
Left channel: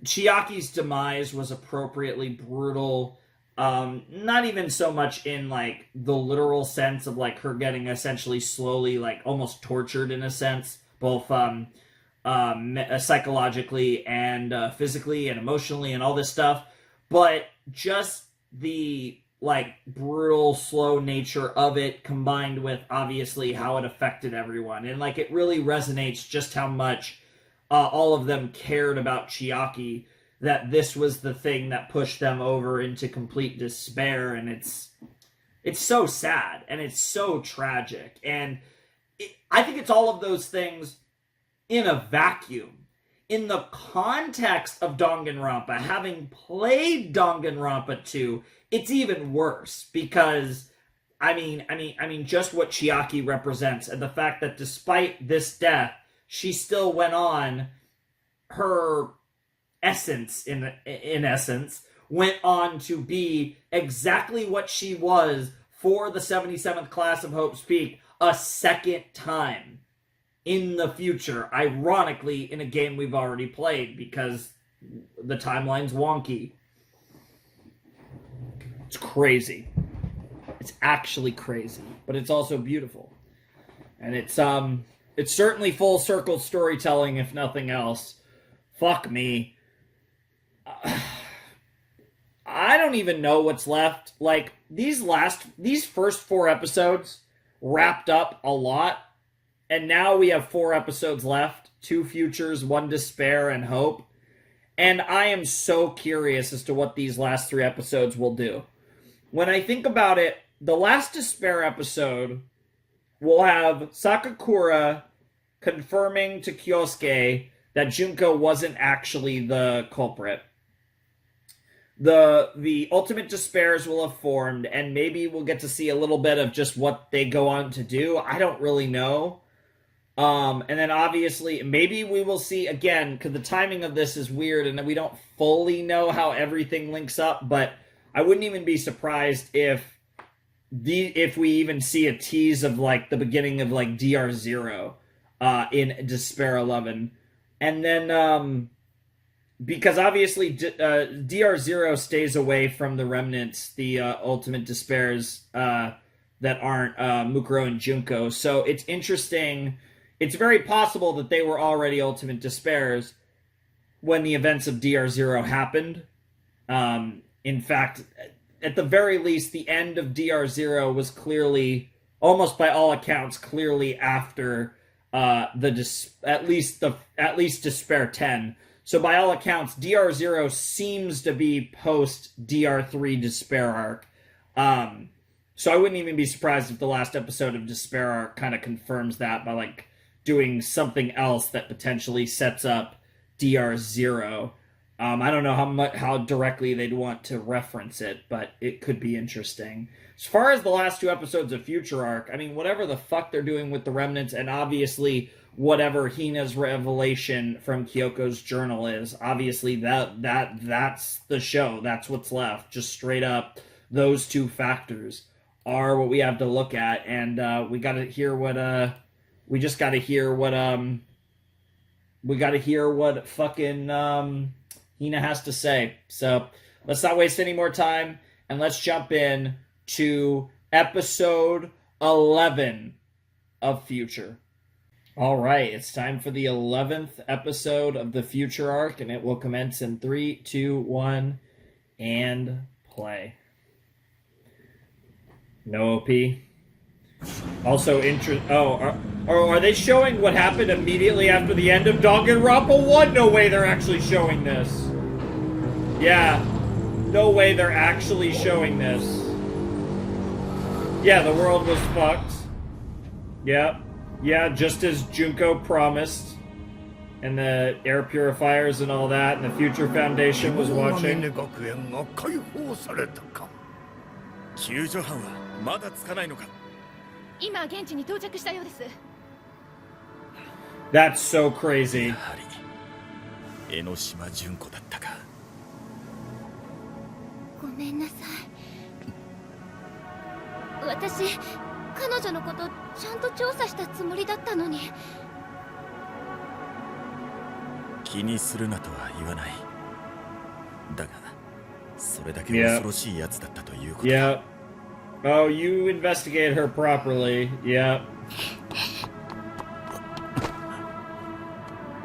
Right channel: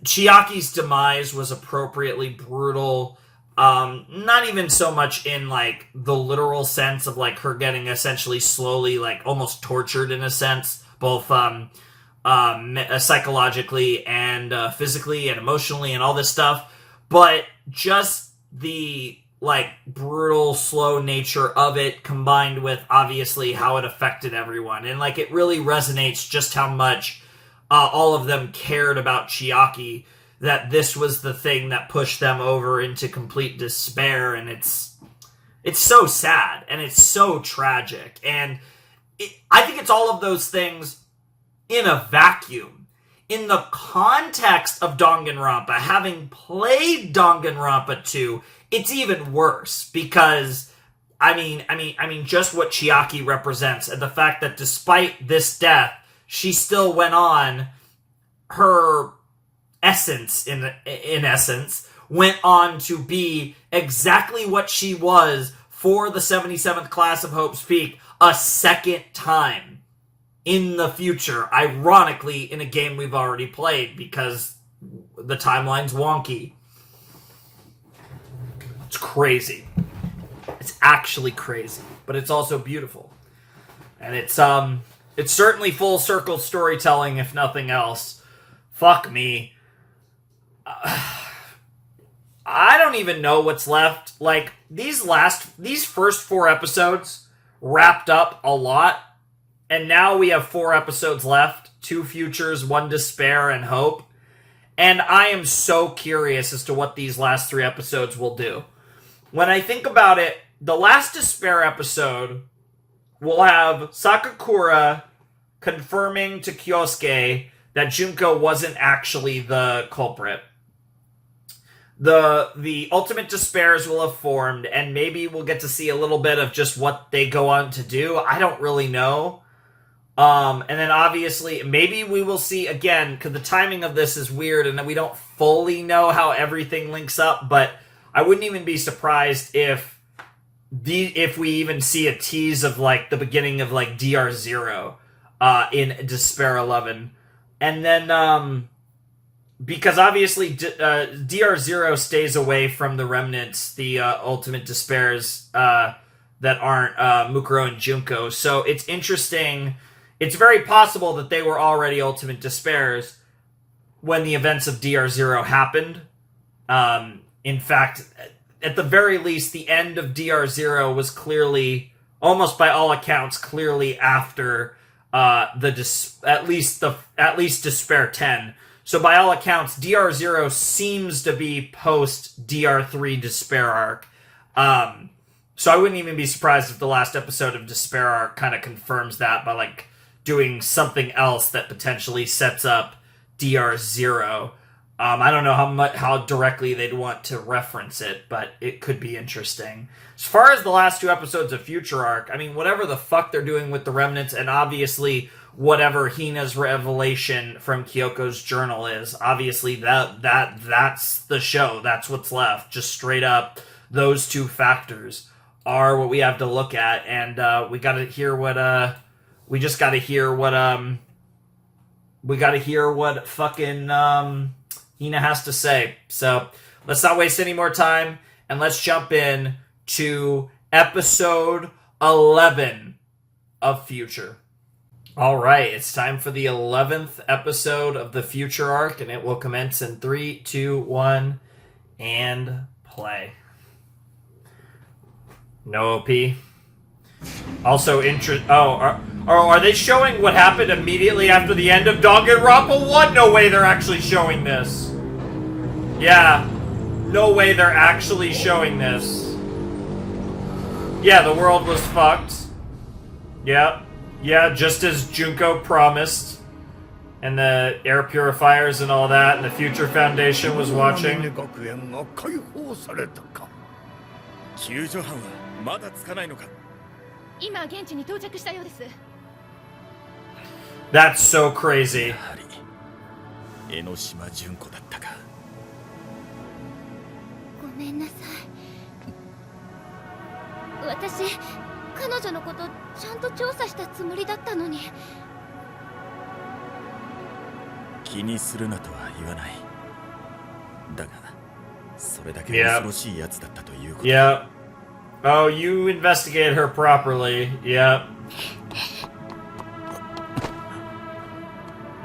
Chiaki's demise was appropriately brutal. Not even so much in, like, the literal sense of, like, her getting essentially slowly, like, almost tortured in a sense, both psychologically and physically and emotionally and all this stuff, but just the, like, brutal, slow nature of it, combined with, obviously, how it affected everyone. And, like, it really resonates just how much all of them cared about Chiaki, that this was the thing that pushed them over into complete despair. And it's so sad, and it's so tragic. And I think it's all of those things in a vacuum. In the context of Danganronpa, having played Danganronpa 2, it's even worse, because I mean, just what Chiaki represents, and the fact that despite this death, she still went on. Her essence, in essence, went on to be exactly what she was for the 77th class of Hope's Peak a second time in the future, ironically in a game we've already played, because the timeline's wonky. It's crazy. It's actually crazy, but it's also beautiful. And it's certainly full circle storytelling, if nothing else. Fuck me. I don't even know what's left. Like, these first 4 episodes wrapped up a lot, and now we have 4 episodes left. 2 futures, 1 despair, and hope. And I am so curious as to what these last 3 episodes will do. When I think about it, the last despair episode will have Sakakura confirming to Kyosuke that Junko wasn't actually the culprit. The ultimate despairs will have formed, and maybe we'll get to see a little bit of just what they go on to do. I don't really know. And then obviously, maybe we will see again, because the timing of this is weird, and we don't fully know how everything links up, but I wouldn't even be surprised if we even see a tease of like the beginning of like DR0 in Despair 11. And then because obviously DR0 stays away from the remnants, the ultimate despairs that aren't Mukuro and Junko. So it's interesting. It's very possible that they were already ultimate despairs when the events of DR0 happened. In fact, at the very least, the end of DR0 was clearly, almost by all accounts, clearly after at least Despair 10. So by all accounts, DR0 seems to be post DR3 Despair arc. So I wouldn't even be surprised if the last episode of Despair arc kind of confirms that by like doing something else that potentially sets up DR0. I don't know how directly they'd want to reference it, but it could be interesting. As far as the last 2 episodes of Future Arc, I mean, whatever the fuck they're doing with the remnants, and obviously whatever Hina's revelation from Kyoko's journal is, obviously that's the show. That's what's left. Just straight up, those 2 factors are what we have to look at, and we got to hear what fucking Hina has to say. So let's not waste any more time, and let's jump in to episode 11 of Future. All right, it's time for the 11th episode of the Future arc, and it will commence in 3, 2, 1, and play. No OP. Also, are they showing what happened immediately after the end of Danganronpa 1? No way they're actually showing this. Yeah, no way they're actually showing this. Yeah, the world was fucked. Yeah, just as Junko promised. And the air purifiers and all that, and the Future Foundation was watching. 救助班はまだつかないのか。今現地に到着したようです。That's so crazy. やはり江ノ島純子だったか。ごめんなさい。私、彼女のことちゃんと調査したつもりだったのに。気にするなとは言わない。だが、それだけ恐ろしいやつだったということ。Yeah. Oh, you investigate her properly. Yep.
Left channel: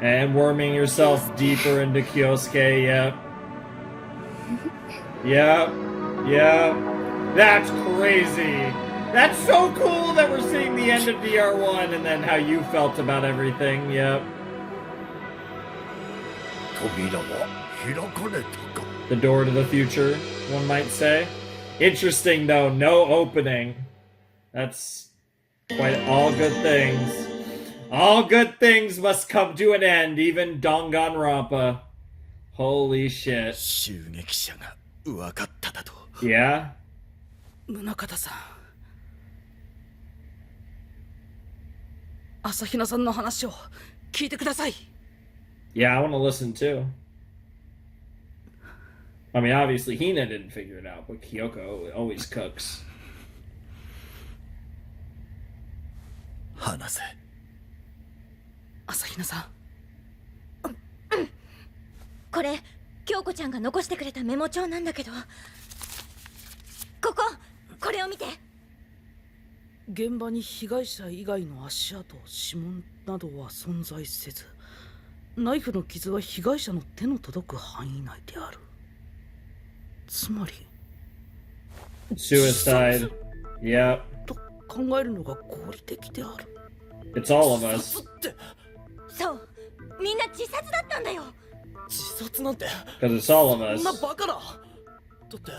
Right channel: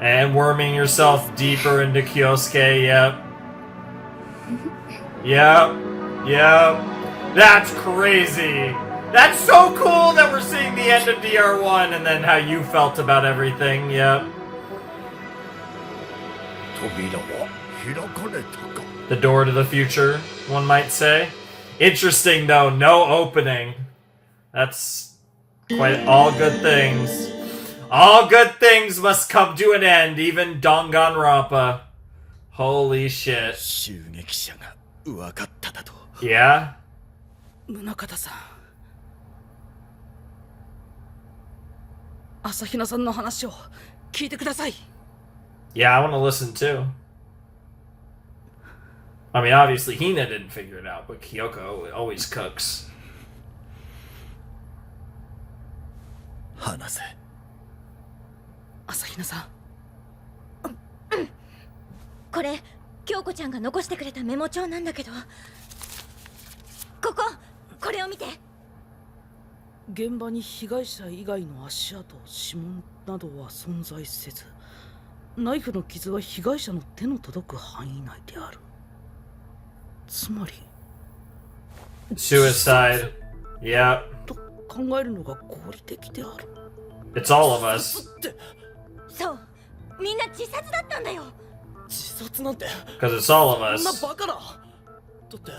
And worming yourself deeper into Kyosuke. Yep. Yep. That's crazy. That's so cool that we're seeing the end of DR1 and then how you felt about everything. Yep. The door to the future, one might say. Interesting, though. No opening. That's quite all good things. All good things must come to an end, even Danganronpa. Holy shit. Yeah? 宗像さん、朝比奈さんの話を聞いてください。Yeah, I want to listen too. I mean, obviously Hina didn't figure it out, but Kyoko always cooks. 話せ。朝比奈さん。これ、京子ちゃんが残してくれたメモ帳なんだけど。これを見て。現場に被害者以外の足跡、指紋などは存在せず、ナイフの傷は被害者の手の届く範囲内である。つまり Suicide. Yep. と考えるのが合理的である。 It's all of us. そうみんな自殺だったんだよ。自殺なんて Because it's all of そんな us. バカな。だって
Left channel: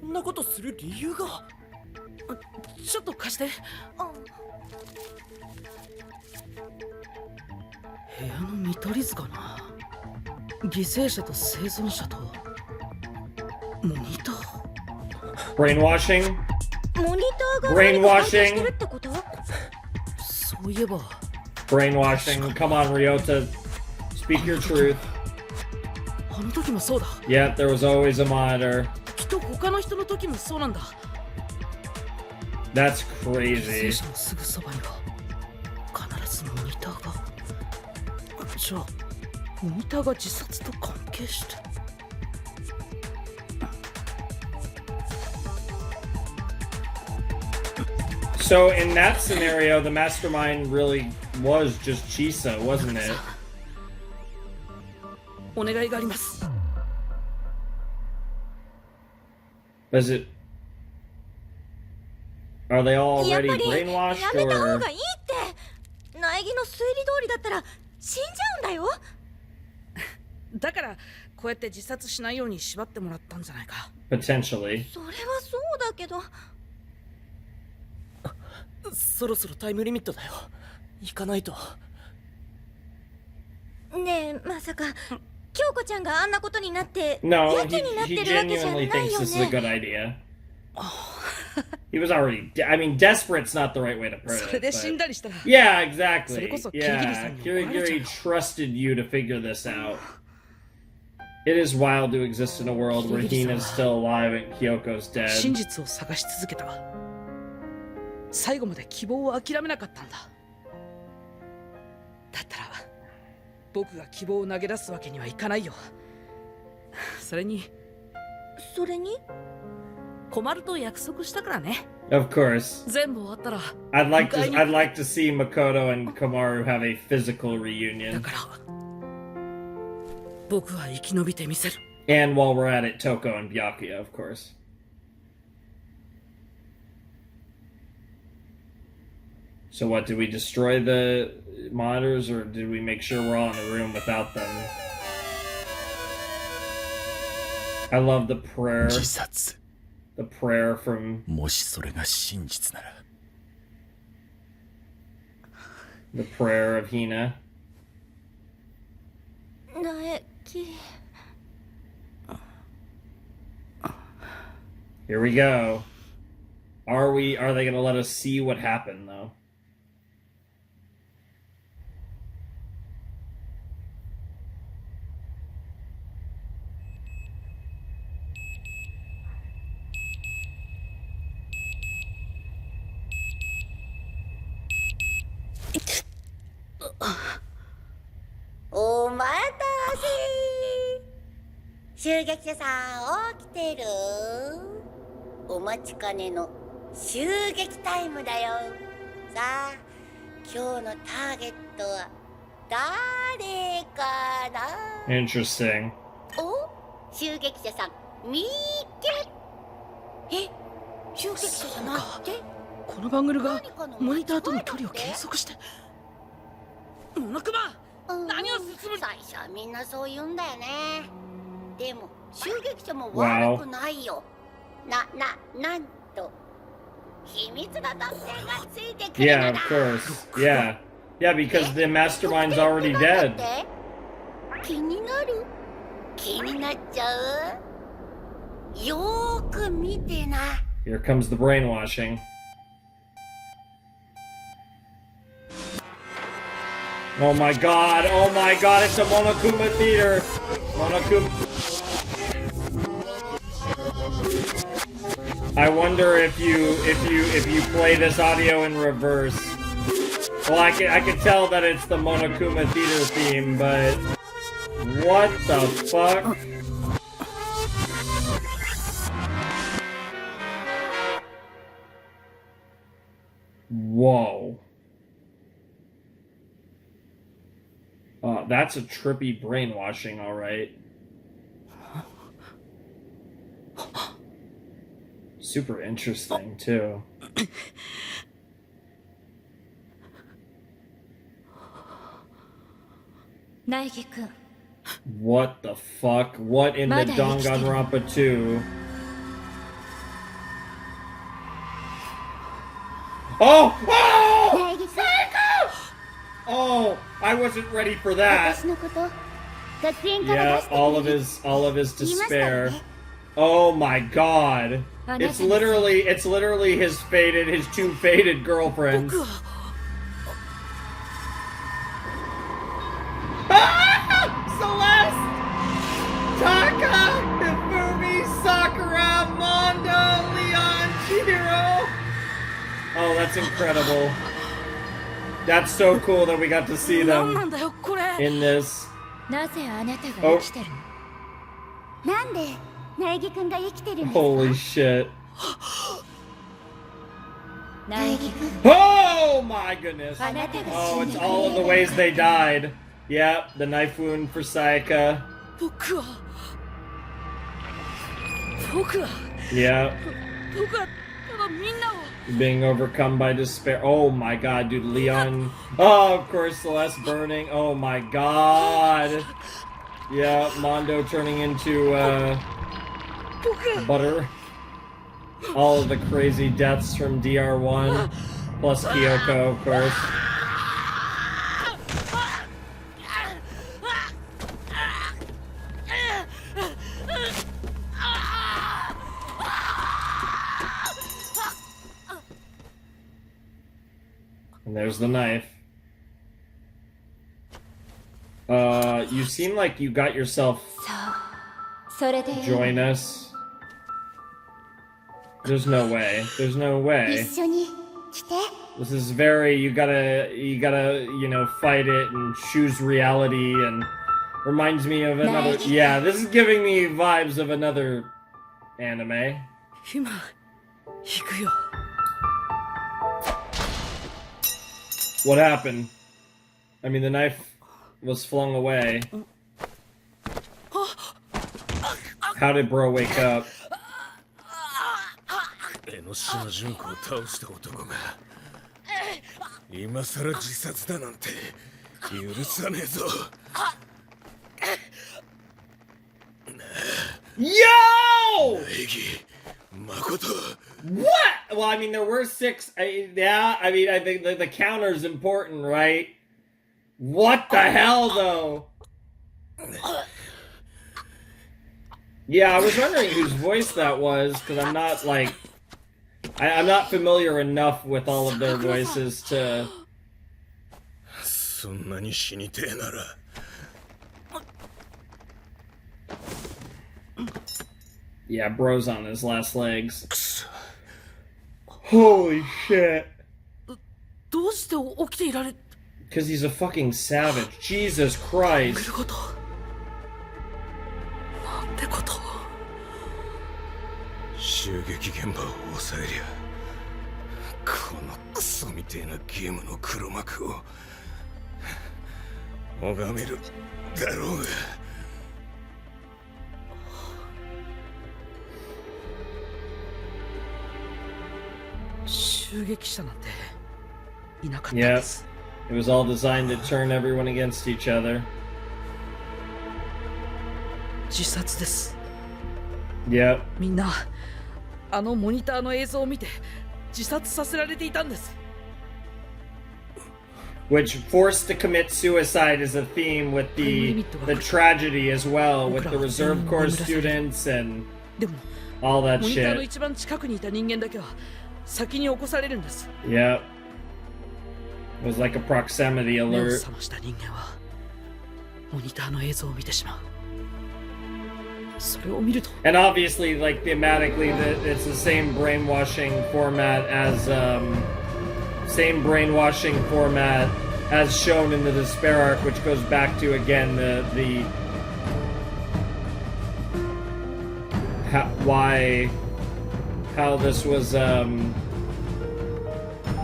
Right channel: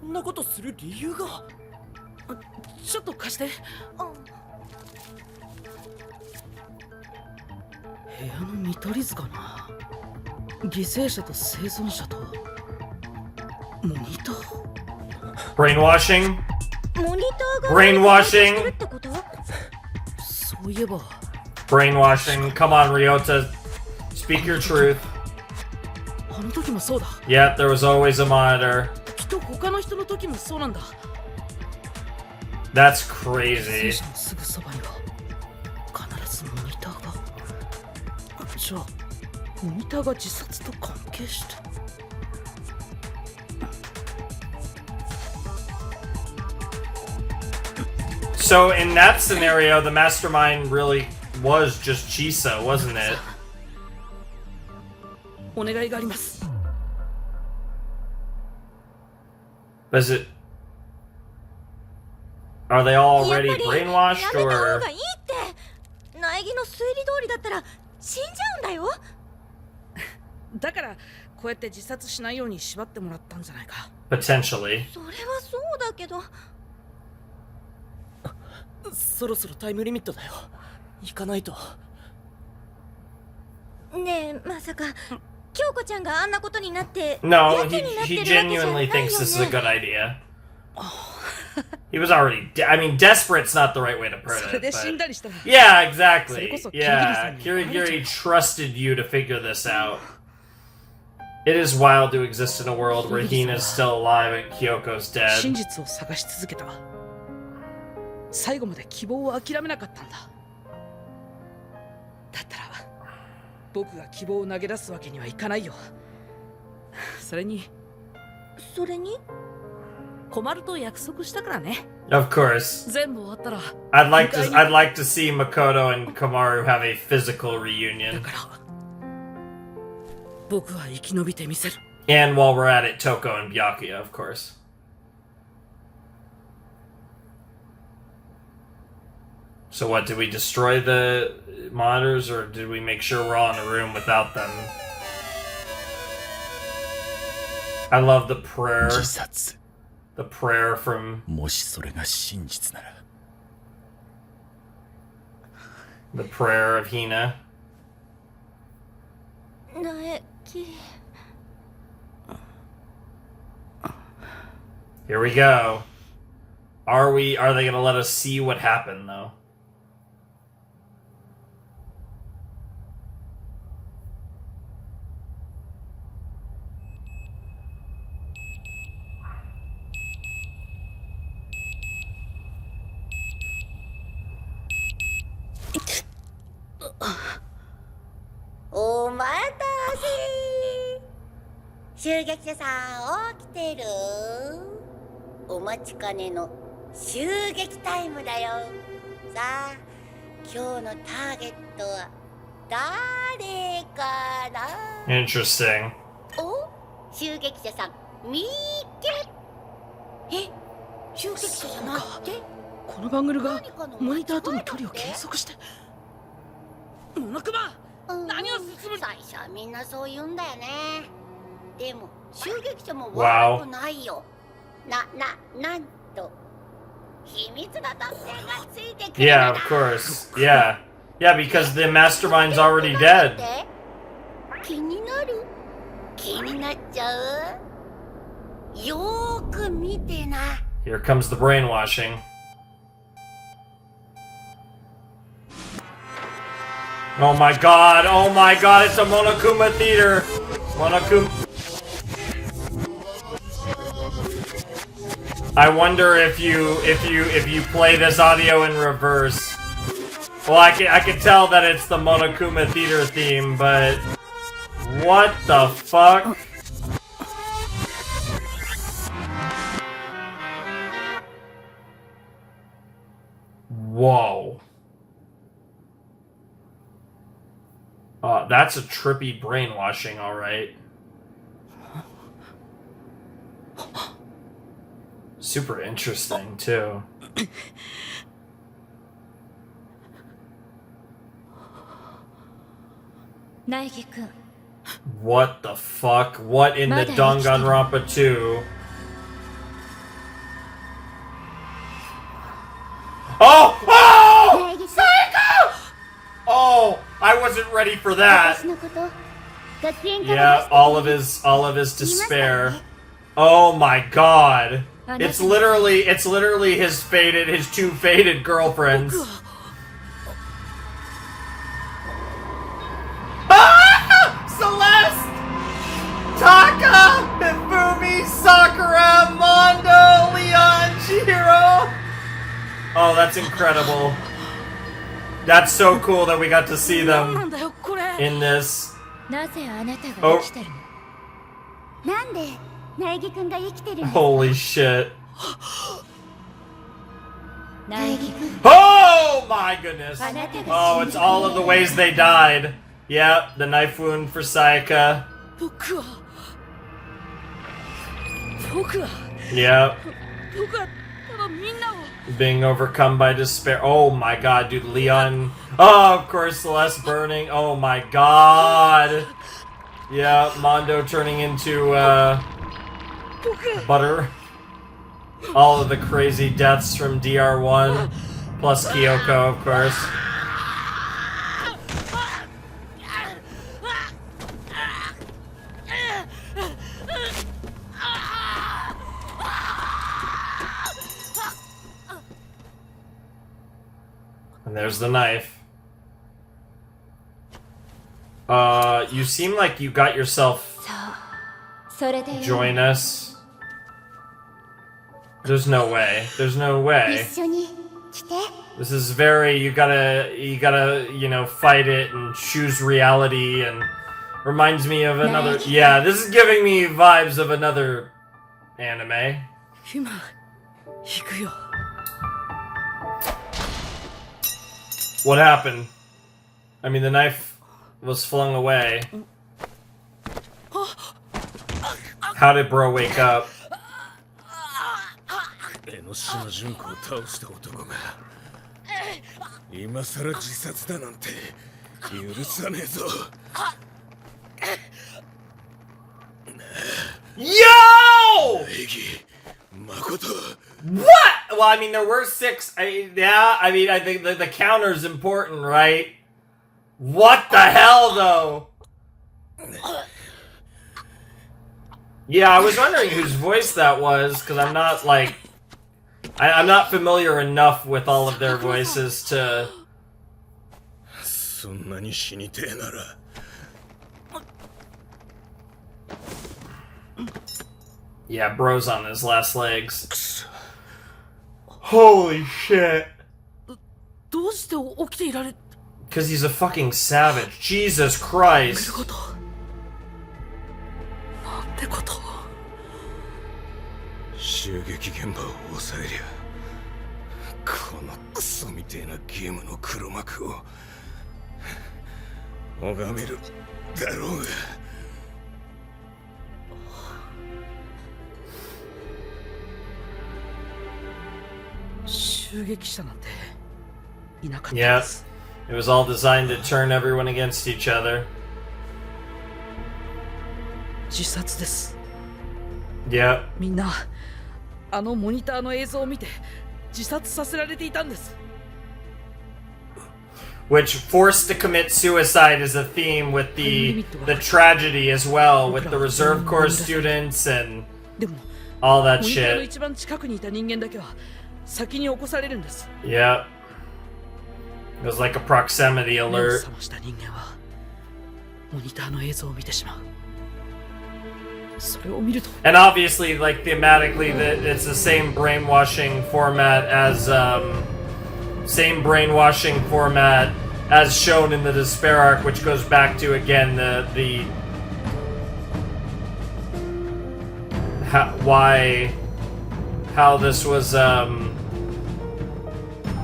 そんなことする理由が。ちょっと貸して。部屋の見取り図かな。犠牲者と生存者とモニター。 Brainwashing? モニターが Brainwashing? してるってこと？そういえば Brainwashing. Come on, Ryota. Speak your truth. あの時もそうだ。 Yeah, there was always a monitor. きっと他の人の時もそうなんだ。 That's 犠牲 crazy. 者のすぐそばには必ずモニターが。じゃあモニターが自殺と関係して。 So in that scenario, the mastermind really was just Chisa, wasn't it? お願いがあります。 Is it? Are they all やっ already ぱり brainwashed やめた方 or? がいいって苗木の推理通りだったら死んじゃうんだよ。だからこうやって自殺しないように縛ってもらったんじゃないか。 Potentially. それはそうだけど。そろそろタイムリミットだよ。行かないと。ねえまさか京子ちゃんがあんなことになって No, やけになって he るわけじゃない genuinely よ thinks this is a ね。 good idea. He was already. I mean, desperate's not the right way to put それ it. で死ん But... だりしたら。 Yeah, exactly. それこそキリギリさ Yeah, んに怒られちゃうよ。 Kirigiri trusted you to figure this out. It is wild to exist in a world where Hina's still alive and Kyoko's 真 dead. 実を探し続けた。最後まで希望を諦めなかったんだ。だったら僕が希望を投げ出すわけにはいかないよ。それに困ると約束したからね。 Of course. 全部終わったら I'd like to see Makoto and Kamaru have a physical だ reunion. から僕は生き延びてみせる。 And while we're at it, Toko and Byakuya, of course. So what, did we destroy the monitors or did we make sure we're all in a room without them? I love the prayer. 自殺。 The prayer from もしそれが真実なら。 the prayer of Hina. 苗木 Here we go. Are they gonna let us see what happened though?「お待たせ襲撃者さん起きてる？お待ちかねの襲撃タイムだよ。さあ今日のターゲットは誰かな？ Interesting. お襲撃者さん見っけ。え襲撃者じゃなくてこのバングルがモニターとの距離を計測して。モノクマ何を進む。最初はみんなそう言うんだよね。でも襲撃者も悪くないよ。なんと秘密の特典がついてくるの Yeah, だ。 of course. Yeah. Yeah, because the mastermind's already dead. 気になっちゃう。よーく見てな。 Here comes the brainwashing. Oh my god, it's a Monokuma theater. I wonder if you play this audio in reverse. Well, I can tell that it's the Monokuma theater theme, but what the fuck? Whoa. That's a trippy brainwashing, alright. Super interesting, too. What the fuck? What in the Danganronpa 2? Oh! Oh! Psycho! Oh, I wasn't ready for that. Yeah, all of his despair. Oh my god. It's literally his two faded girlfriends. Ah! Celeste! Taka! Hifumi! Sakura! Mondo! Leon! Chihiro! Oh, that's incredible. That's so cool that we got to see them in this. Oh. Holy shit. Oh my goodness. Oh, it's all of the ways they died. Yeah, the knife wound for Sayaka. Yeah. Being overcome by despair. Oh my god, dude. Leon. Oh, of course, Celeste burning. Oh my god. Yeah, Mondo turning into butter. All of the crazy deaths from DR1. Plus Kyoko, of course. And there's the knife. You seem like you got yourself... Join us. There's no way. There's no way. This is very... You gotta, you know, fight it and choose reality and... Reminds me of another... Yeah, this is giving me vibes of another anime. What happened? I mean, the knife was flung away. How did bro wake up? Yo! What? Well, I mean, there were 6. Yeah, I mean, I think the counter's important, right? What the hell, though? Yeah, I was wondering whose voice that was, because I'm not, like... I'm not familiar enough with all of their voices to... Yeah, bro's on his last legs. Holy shit. Because he's a fucking savage. Jesus Christ. Yeah, it was all designed to turn everyone against each other. Yeah. Which forced to commit suicide is a theme with the tragedy as well, with the Reserve Corps students and all that shit. Yeah. It was like a proximity alert. And obviously, like, thematically, it's the same brainwashing format as shown in the Despair arc, which goes back to, again, how this was,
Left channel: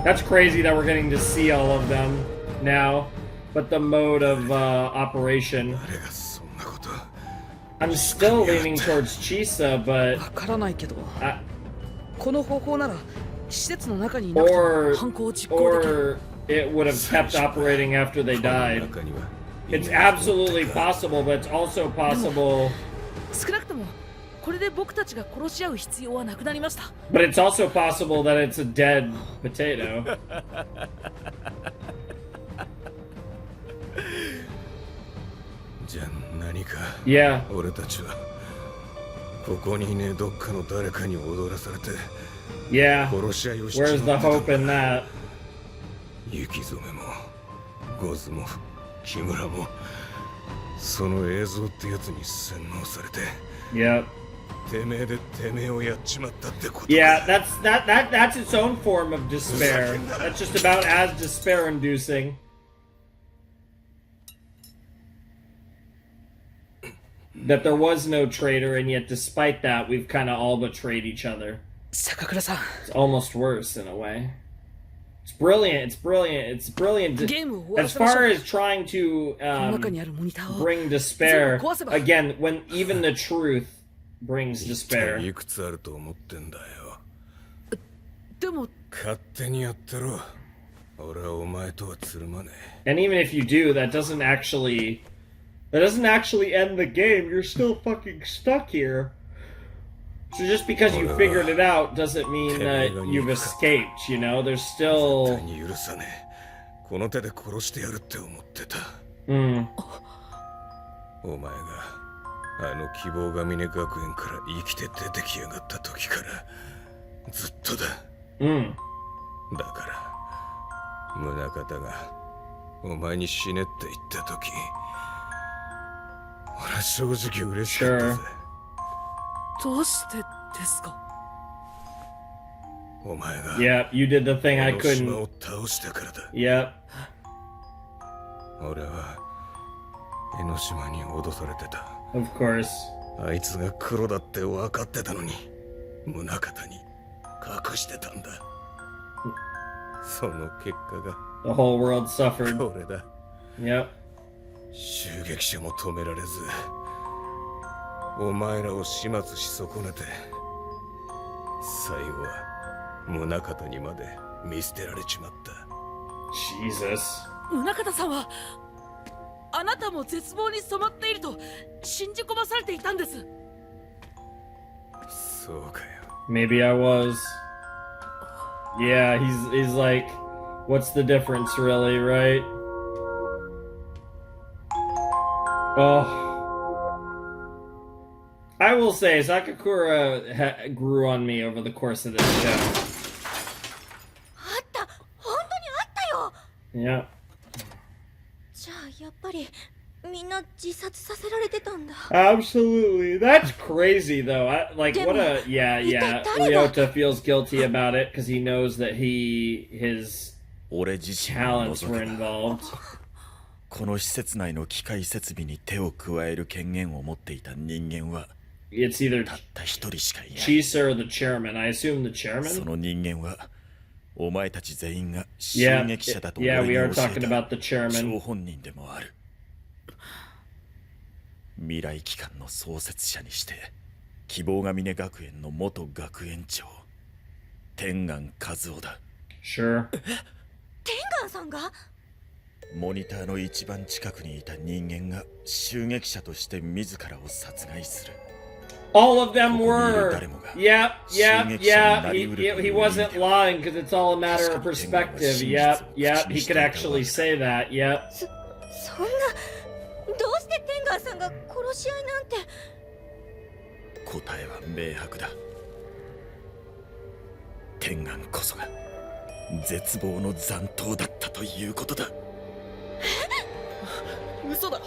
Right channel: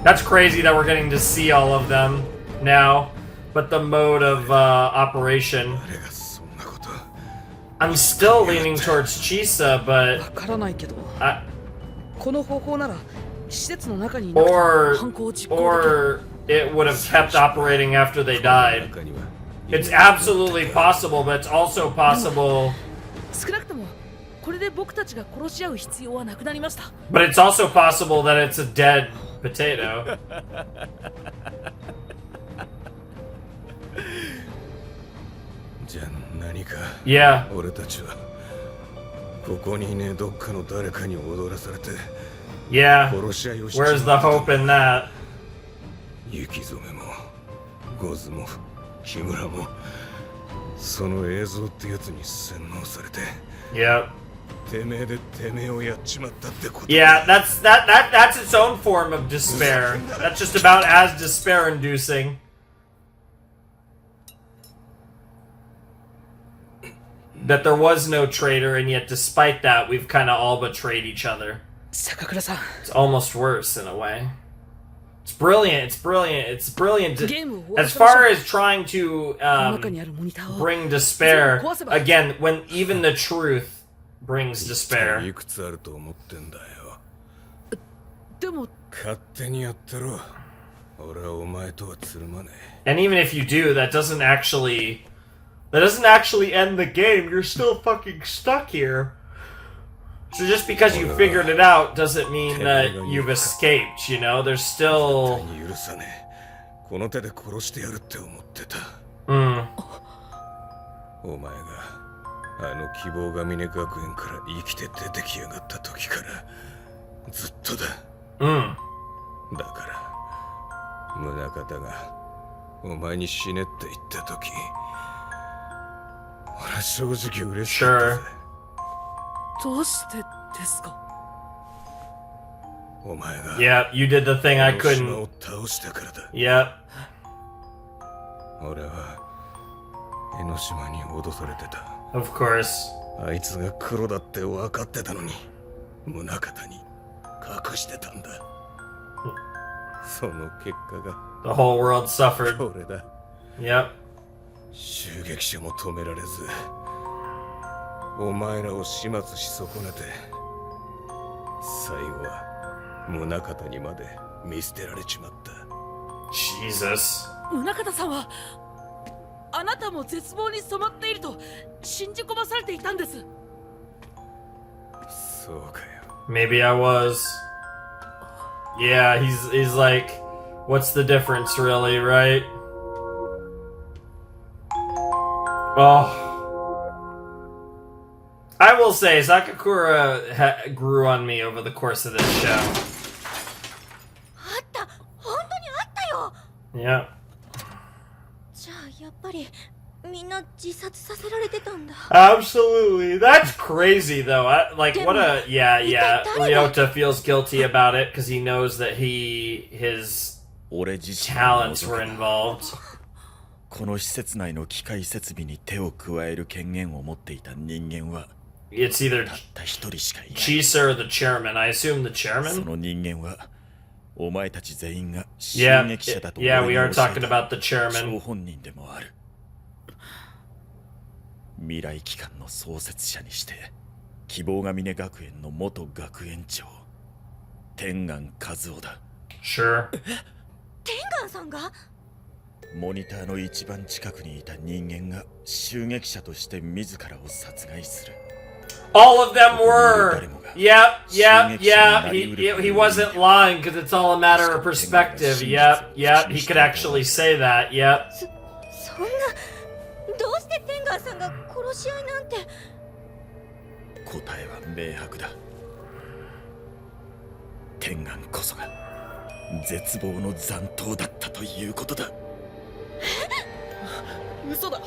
that's crazy that we're getting to see all of them now, but the mode of operation. I'm still leaning towards Chisa, but この方法なら施設の中にいなくても犯行を実行できる。 It would have kept operating after they died. It's absolutely possible, but it's also possible. 少なくともこれで僕たちが殺し合う必要はなくなりました。 But it's also possible that it's a dead potato. じゃあ何か Yeah. 俺たちはここにねどっかの誰かに踊らされて Yeah. 殺し合いをしちま Where's っ the てた hope in that? 雪染めもゴズも木村もその映像ってやつに洗脳されて Yep. てめえでてめえをやっちまったってこと Yeah, that's its own form of despair. That's just about as despair-inducing. That there was no traitor, and yet despite that, we've kind of all betrayed each other. 坂倉さん。 It's almost worse in a way. It's brilliant. It's brilliant. It's brilliant. As far as trying to bring despair, again, when even the truth brings despair. いくつあると思ってんだよ。でも勝手にやってろ。俺はお前とはつるまねえ。 And even if you do, that doesn't actually end the game. You're still fucking stuck here. So just because you figured it out doesn't mean that you've escaped, you know? There's still... 許さねえ。この手で殺してやるって思ってた。お前があの希望ヶ峰学園から生きて出てきやがった時からずっとだ。だから宗像がお前に死ねって言った時、俺は正直嬉しかったぜ。どうしてですか？お前が Yeah, you did the thing I 島 couldn't. を倒したからだ。 Yep. 俺は江ノ島に脅されてた。 Of course. あいつが黒だって分かってたのに宗像に隠してたんだ。その結果が The whole world suffered. これだ。 Yep. 襲撃者も止められず、お前らを始末し損ねて、最後は宗像にまで見捨てられちまった。 Jesus. 宗像さんはあなたも絶望に染まっていると信じ込まされていたんです。そうかよ。 Maybe I was. Yeah, he's like, what's the difference really, right? Oh. I will say, Sakakura grew on me over the course of this show. あった、本当にあったよ。 Yeah. じゃあやっぱりみんな自殺させられてたんだ。 Absolutely. That's crazy, though. Like, what a... Yeah. Ryota feels guilty about it because he knows that his talents were involved. この施設内の機械設備に手を加える権限を持っていた人間は It's either たった一人しかいない。 Chisa or the chairman. I assume the chairman? その人間はお前たち全員が襲撃者だと Yeah, 俺 we に are 教え talking た about the chairman. 張本人でもある。未来機関の創設者にして希望ヶ峰学園の元学園長天眼和夫だ。 Sure. 天眼さんが？モニターの一番近くにいた人間が襲撃者として自らを殺害する。 All of them were. Yep. He wasn't lying because it's all a matter of perspective. Yep. He could actually say that. Yep. そんな、どうして天眼さんが殺し合いなんて。答えは明白だ。天眼こそが絶望の残党だったということだ。嘘だ。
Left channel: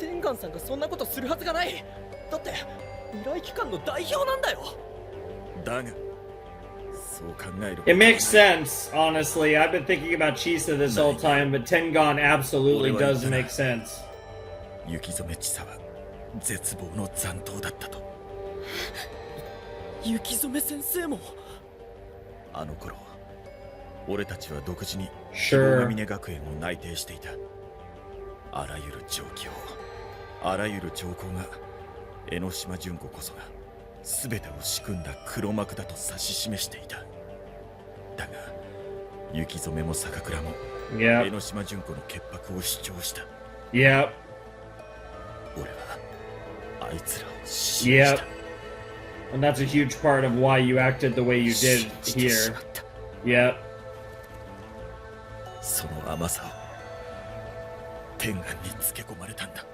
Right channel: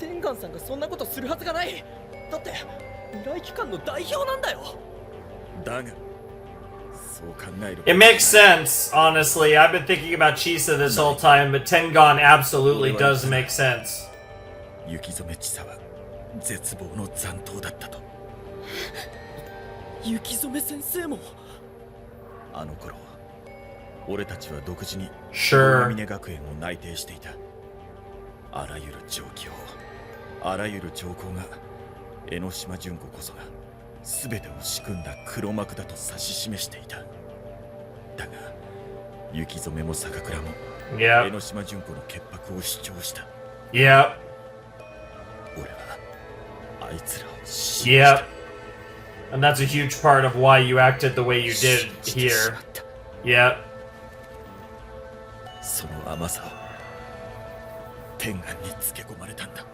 天眼さんがそんなことするはずがない。だって未来機関の代表なんだよ。だがそう考える。 It makes sense, honestly. I've been thinking about Chisa this whole time, but Tengan absolutely does make sense. 雪染千佐は絶望の残党だったと。雪染先生も。あの頃俺たちは独自に Sure. 峰学園を内定していた。あらゆる状況、あらゆる兆候が江ノ島純子こそが全てを仕組んだ黒幕だと指し示していた。だが雪染も坂倉も江ノ島純子の潔白を主張した。Yep. 俺はあいつらを信じた。 Yep. And that's a huge part of why you acted the way you did here. Yep. その甘さを天眼につけ込まれたんだ。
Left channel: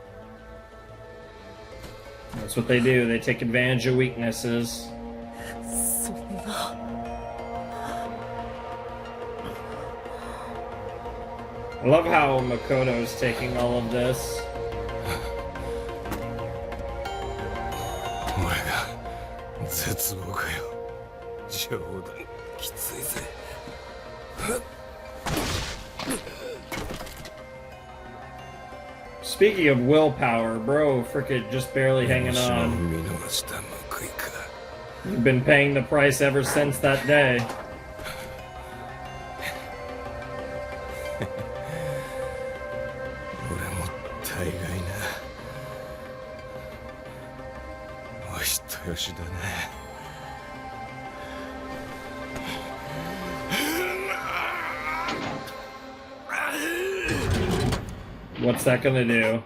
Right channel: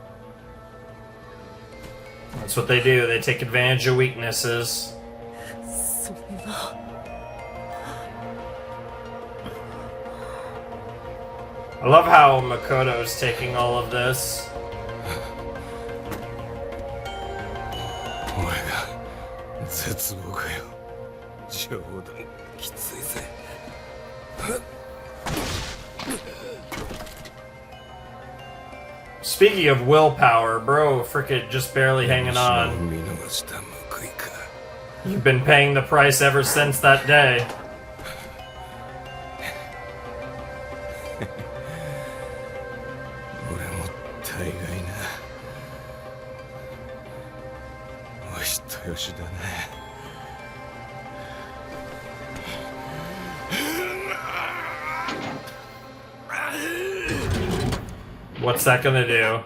That's what they do. They take advantage of weaknesses. そんな。I love how Makoto's taking all of this. 俺が絶望かよ。冗談きついぜ。Speaking of willpower, bro, frickin' just barely hanging on. You've been paying the price ever since that day. 俺も大概な。お人よしだね。 What's that gonna do?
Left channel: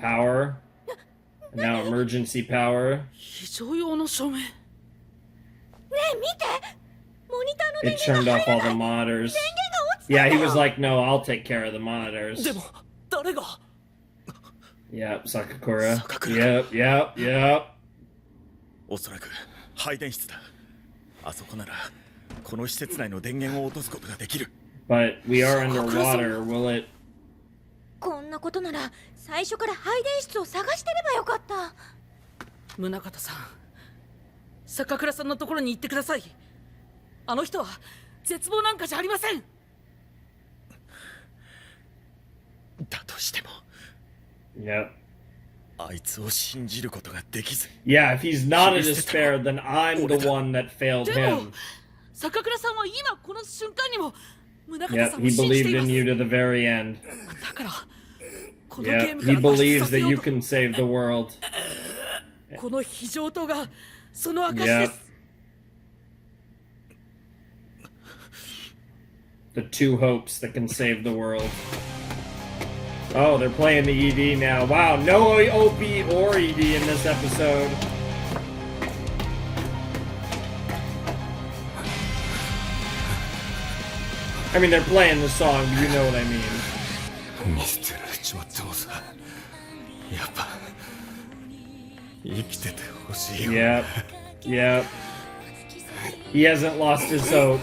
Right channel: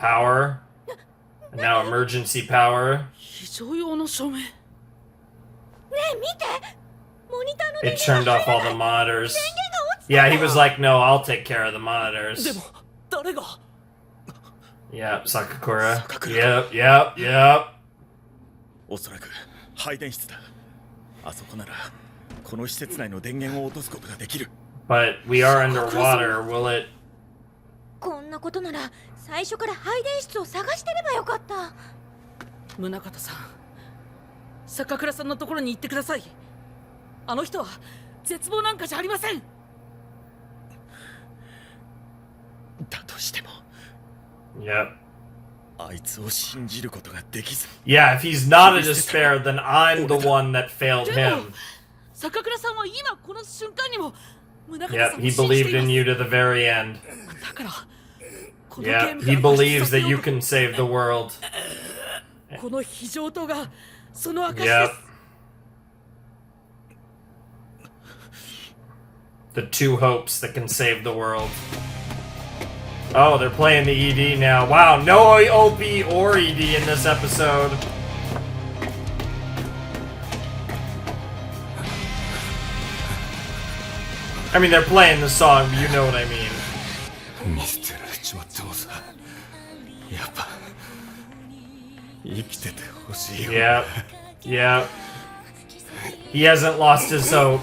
Power? And now emergency power? 非常用の照明。ねえ見て、モニターの It turned off all the monitors. Yeah, he was like, no, I'll take care of the monitors. でも誰が？ Yep, Sakakura. Yep, yep, yep. おそらく配電室だ。あそこならこの施設内の電源を落とすことができる。 But we are underwater. Will it? こんなことなら最初から配電室を探してればよかった。宗像さん、坂倉さんのところに行ってください。あの人は絶望なんかじゃありません。だとしても、 Yep. あいつを信じることができず。 Yeah, if he's not a despair, then I'm the one that failed でも him. 坂倉さんは今この瞬間にも宗像 Yep, さんを he 信じて believed いま in す。 you to the very end. だからこのゲー Yep, ムか he ら脱出 believes させ that よ you うと can save the world. この非常灯がその証で Yep. す。 The two hopes that can save the world. Oh, they're playing the ED now. Wow, no OP or ED in this episode. I mean, they're playing the song, but you know what I mean. 見捨てられちまってもさ、やっぱ生きててほしいよ。 Yeah, yeah. He hasn't lost his hope.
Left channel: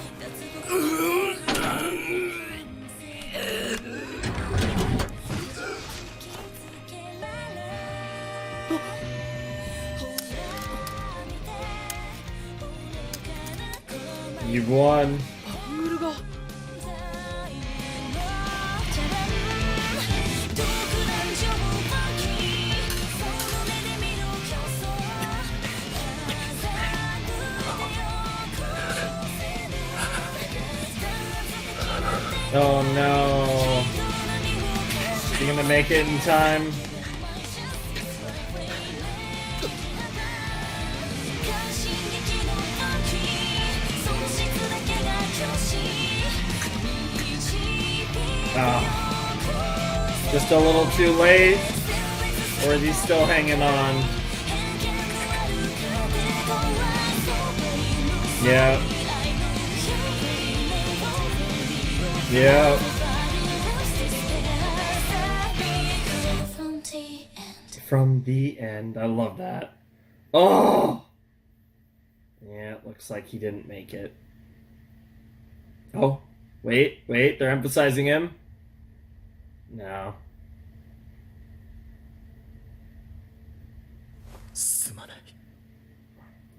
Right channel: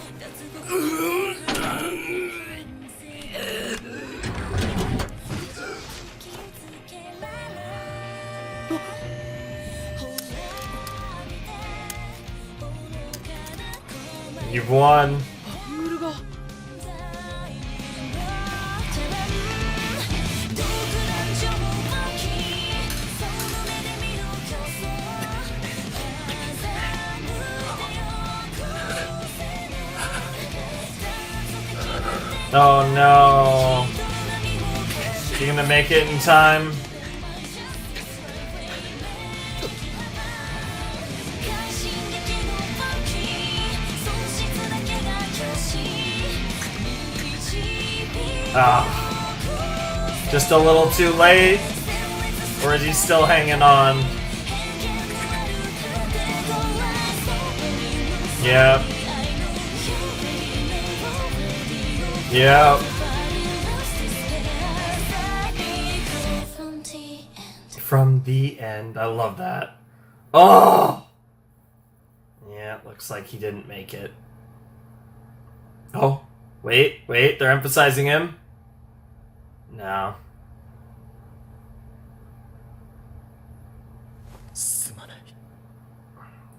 You've won. バングルが。Oh no. You gonna make it in time? Ah. Just a little too late? Or is he still hanging on? Yep. Yep. From the end. I love that. Oh! Yeah, it looks like he didn't make it. Oh, wait, they're emphasizing him? No.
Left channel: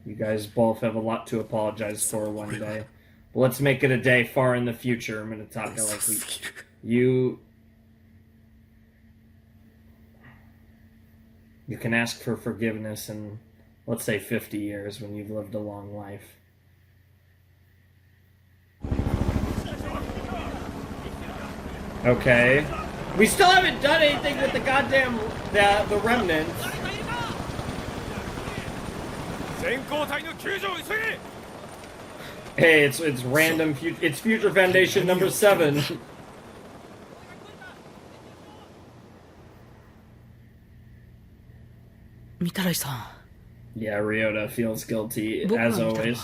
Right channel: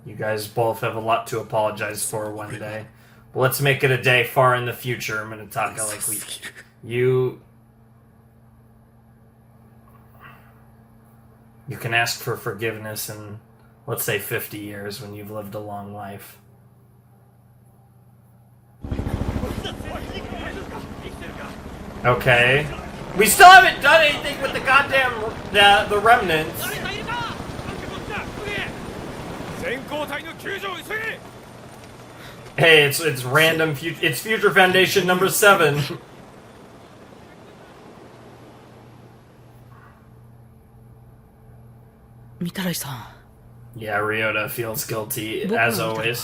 You guys both have a lot to apologize for one day. But let's make it a day far in the future. I'm gonna talk like you can ask for forgiveness in, let's say, 50 years when you've lived a long life. Okay. We still haven't done anything with the goddamn the remnants. 全 Hey, it's random. It's Future Foundation number 7. Yeah, Ryota feels guilty as always.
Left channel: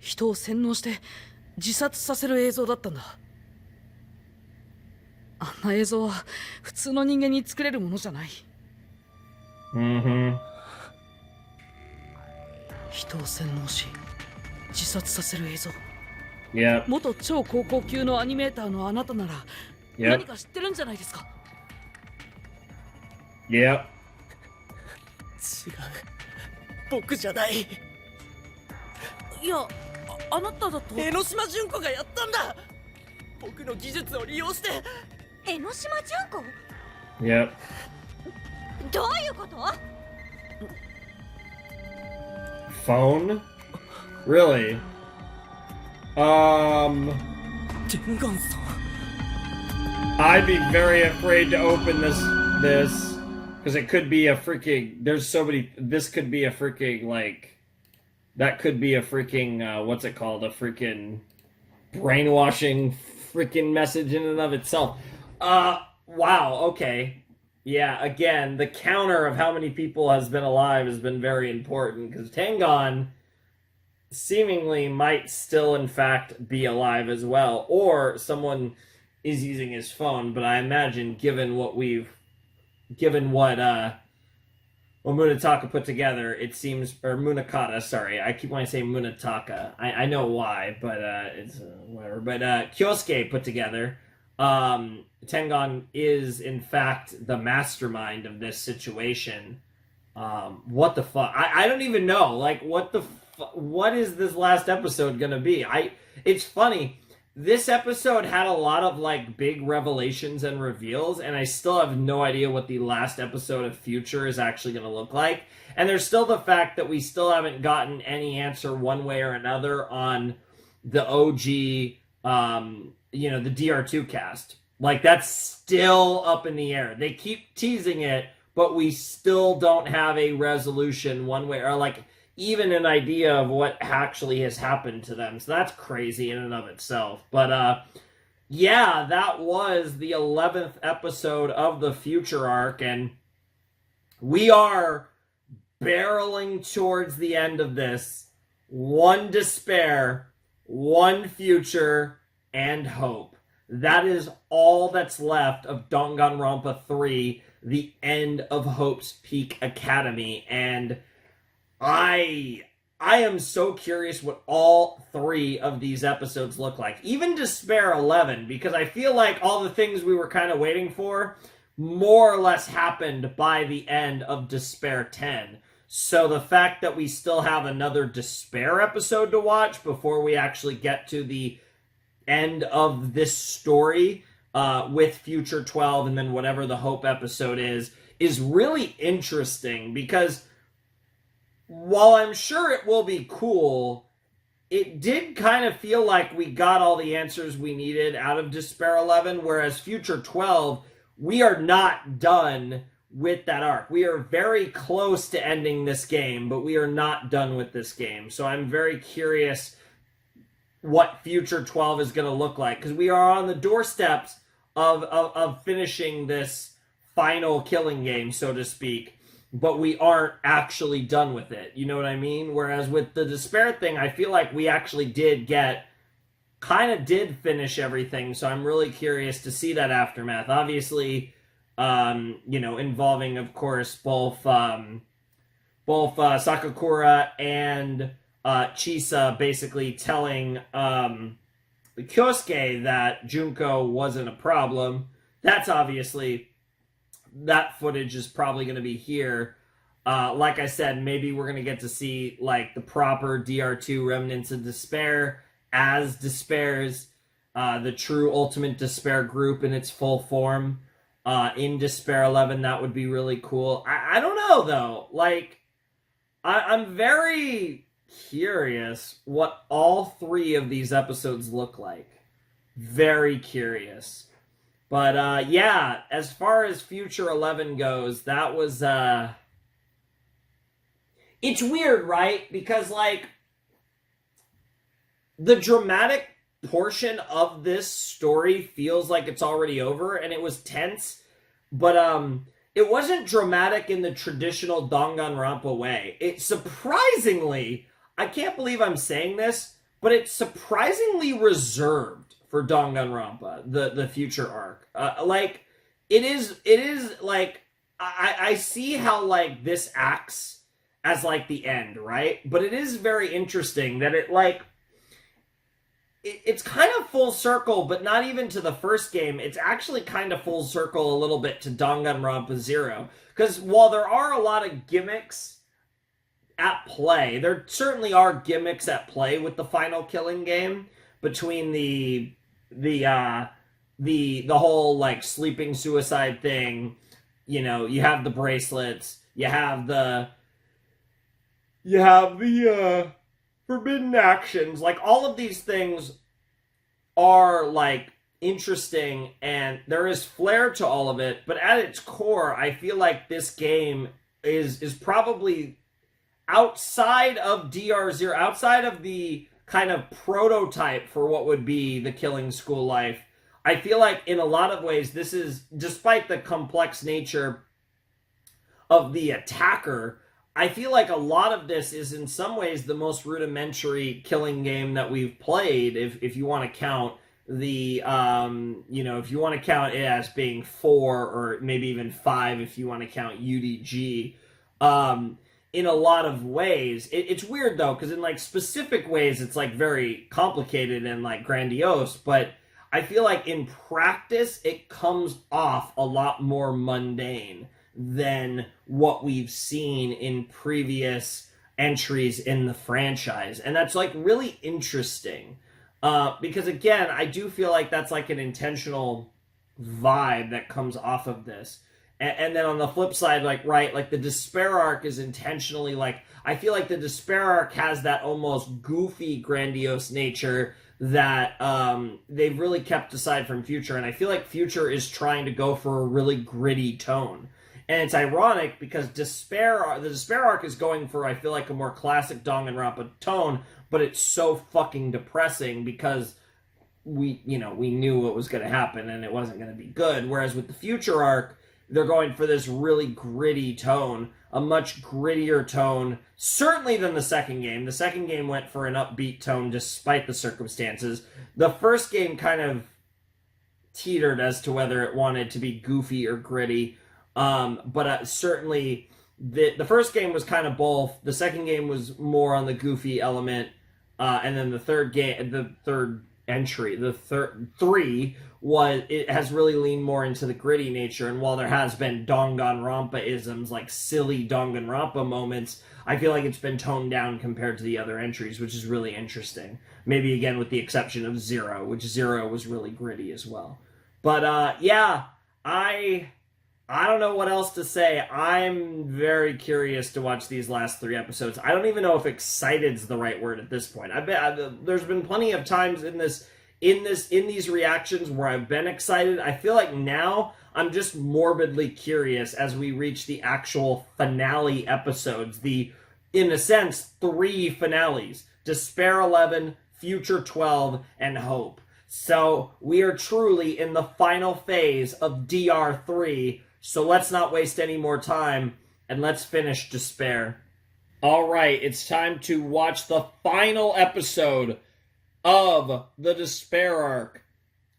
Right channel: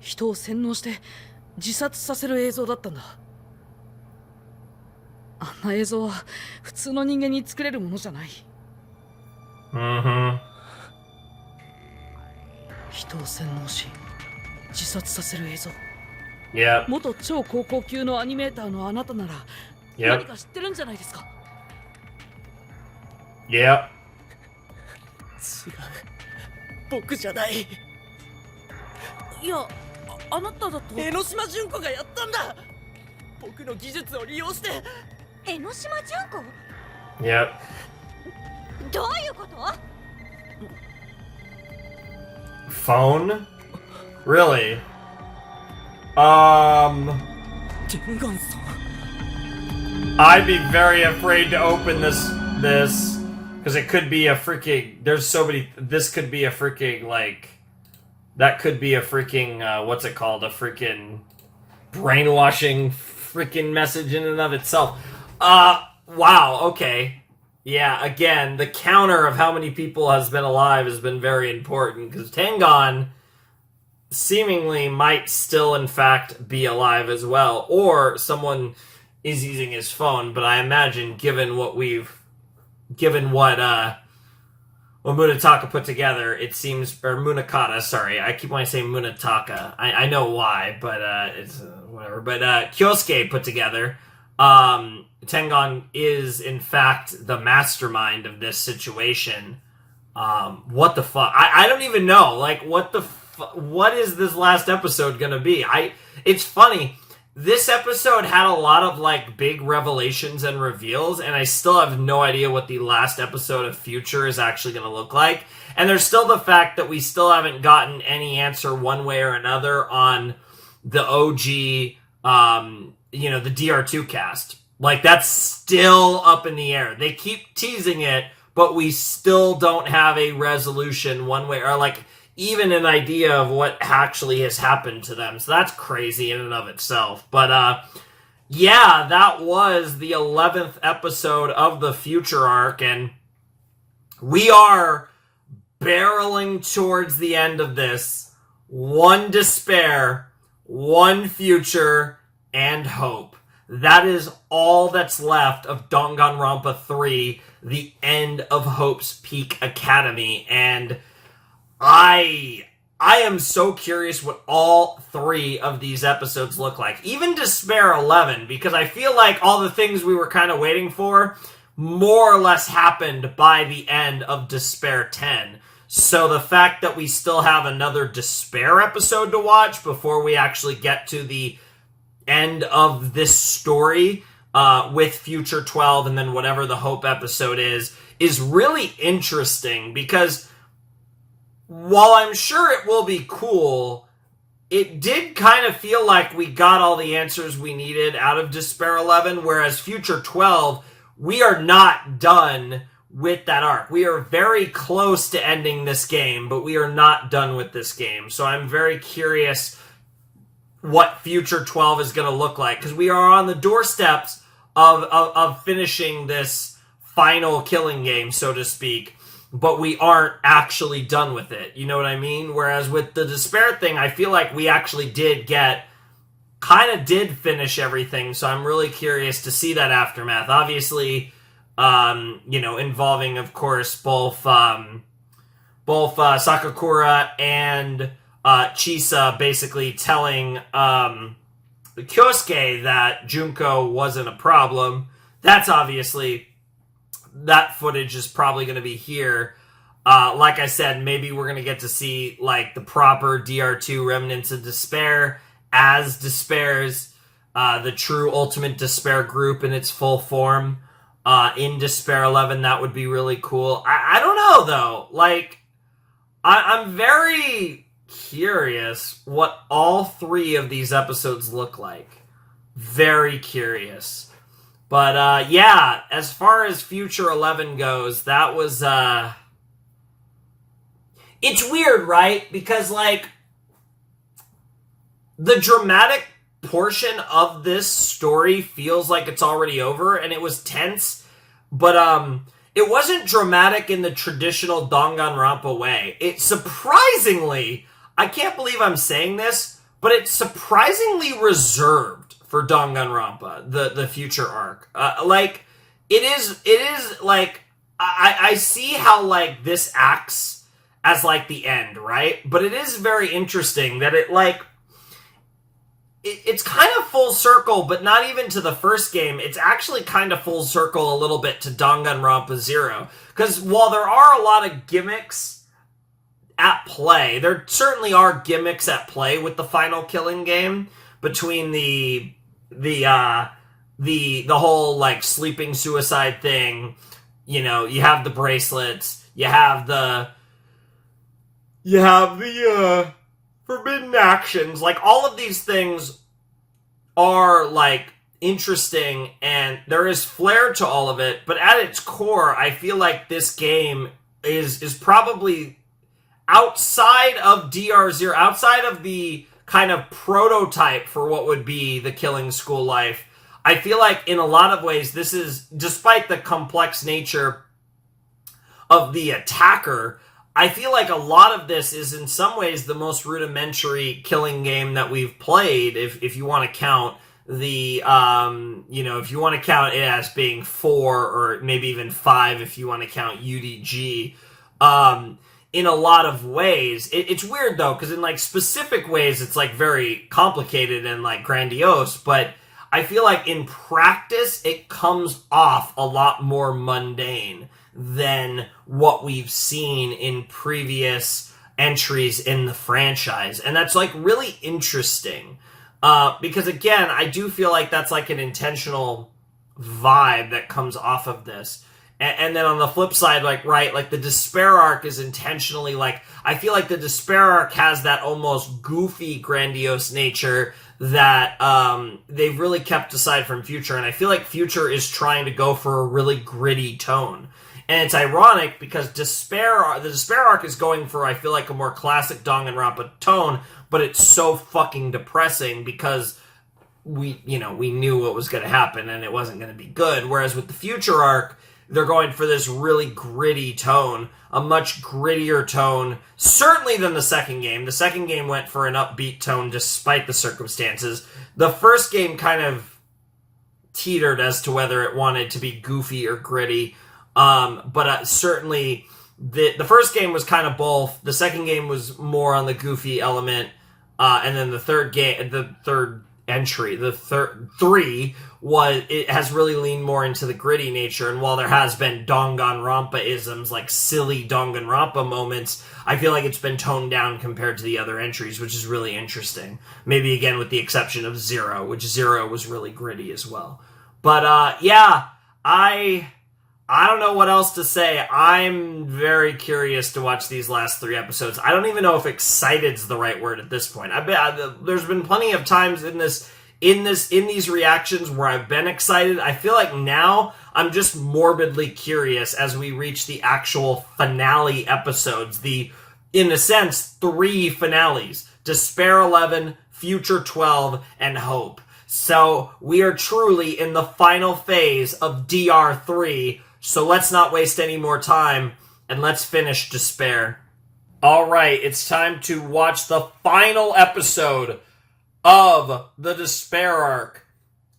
人を洗脳して自殺させる映像だったんだ。あんな映像は普通の人間に作れるものじゃない。人を洗脳し自殺させる映像。元超高校級のアニメーターのあなたなら何か知ってるんじゃないですか。違う、僕じゃない。いや、あなただと。江ノ島純子がやったんだ。僕の技術を利用して。江ノ島純子？どういうこと？ Phone? Really? 天眼さん。 I'd be very afraid to open this because it could be a freaking. There's so many. This could be a freaking like. That could be a freaking what's it called? A freaking brainwashing freaking message in and of itself. Wow. Okay. Yeah. Again, the counter of how many people has been alive has been very important because Tengon seemingly might still in fact be alive as well, or someone is using his phone, but I imagine given what Munetaka put together, it seems, or Munakata, sorry, I keep wanting to say Munetaka, I know why, but it's whatever, but Kyosuke put together, Tengon is in fact the mastermind of this situation. What the fuck? I don't even know, like, what is this last episode gonna be? It's funny, this episode had a lot of, like, big revelations and reveals, and I still have no idea what the last episode of Future is actually going to look like. And there's still the fact that we still haven't gotten any answer one way or another on the OG, the DR2 cast. Like, that's still up in the air. They keep teasing it, but we still don't have a resolution one way, or, like, even an idea of what actually has happened to them. So that's crazy in and of itself. But, yeah, that was the 11th episode of the Future arc, and we are barreling towards the end of this. One despair, one future, and hope. That is all that's left of Danganronpa 3, the end of Hope's Peak Academy, and I am so curious what all 3 of these episodes look like. Even Despair 11, because I feel like all the things we were kind of waiting for more or less happened by the end of Despair 10. So the fact that we still have another Despair episode to watch before we actually get to the end of this story with Future 12 and then whatever the Hope episode is really interesting, because while I'm sure it will be cool, it did kind of feel like we got all the answers we needed out of Despair 11, whereas Future 12, we are not done with that arc. We are very close to ending this game, but we are not done with this game. So I'm very curious what Future 12 is going to look like, because we are on the doorsteps of finishing this final killing game, so to speak. But we aren't actually done with it. You know what I mean? Whereas with the Despair thing, I feel like we actually did finish everything. So I'm really curious to see that aftermath. Obviously, involving, of course, both Sakakura and Chisa basically telling Kyosuke that Junko wasn't a problem. That's obviously... that footage is probably going to be here. Like I said, maybe we're going to get to see, like, the proper DR2 Remnants of Despair as Despairs, the true Ultimate Despair group in its full form in Despair 11. That would be really cool. I don't know, though. Like, I'm very curious what all 3 of these episodes look like. Very curious. But, yeah, as far as Future 11 goes, that was, it's weird, right? Because, like, the dramatic portion of this story feels like it's already over, and it was tense, but it wasn't dramatic in the traditional Danganronpa way. It surprisingly, I can't believe I'm saying this, but it's surprisingly reserved for Danganronpa, the future arc. Like, it is like, I see how, like, this acts as, like, the end, right? But it is very interesting that it, like, it's kind of full circle, but not even to the first game. It's actually kind of full circle a little bit to Danganronpa 0. Because while there are a lot of gimmicks at play, there certainly are gimmicks at play with the final killing game, between the whole, like, sleeping suicide thing. You know, you have the bracelets, you have the forbidden actions. Like, all of these things are, like, interesting, and there is flair to all of it, but at its core, I feel like this game is probably outside of DR0, outside of the kind of prototype for what would be the killing school life. I feel like in a lot of ways, this is, despite the complex nature of the attacker, I feel like a lot of this is in some ways the most rudimentary killing game that we've played, if you want to count the, if you want to count it as being 4 or maybe even 5 if you want to count UDG. In a lot of ways. It's weird, though, because in, like, specific ways, it's, like, very complicated and, like, grandiose, but I feel like in practice, it comes off a lot more mundane than what we've seen in previous entries in the franchise. And that's, like, really interesting. Because, again, I do feel like that's, like, an intentional vibe that comes off of this. And then on the flip side, like, right, like, the Despair arc is intentionally, like, I feel like the Despair arc has that almost goofy, grandiose nature that they've really kept aside from Future. And I feel like Future is trying to go for a really gritty tone. And it's ironic because the Despair arc is going for, I feel like, a more classic Danganronpa tone, but it's so fucking depressing because we knew what was going to happen and it wasn't going to be good. Whereas with the Future arc, they're going for this really gritty tone, a much grittier tone, certainly than the second game. The second game went for an upbeat tone despite the circumstances. The first game kind of teetered as to whether it wanted to be goofy or gritty. But certainly the first game was kind of both. The second game was more on the goofy element. And then the third it has really leaned more into the gritty nature. And while there has been Danganronpa-isms, like silly Danganronpa moments, I feel like it's been toned down compared to the other entries, which is really interesting. Maybe again with the exception of 0, which 0 was really gritty as well. But yeah, I don't know what else to say. I'm very curious to watch these last 3 episodes. I don't even know if excited's the right word at this point. There's been plenty of times in these reactions where I've been excited. I feel like now I'm just morbidly curious as we reach the actual finale episodes. In a sense, 3 finales. Despair 11, Future 12, and Hope. So we are truly in the final phase of DR3. So let's not waste any more time, and let's finish Despair. Alright, it's time to watch the final episode of the Despair arc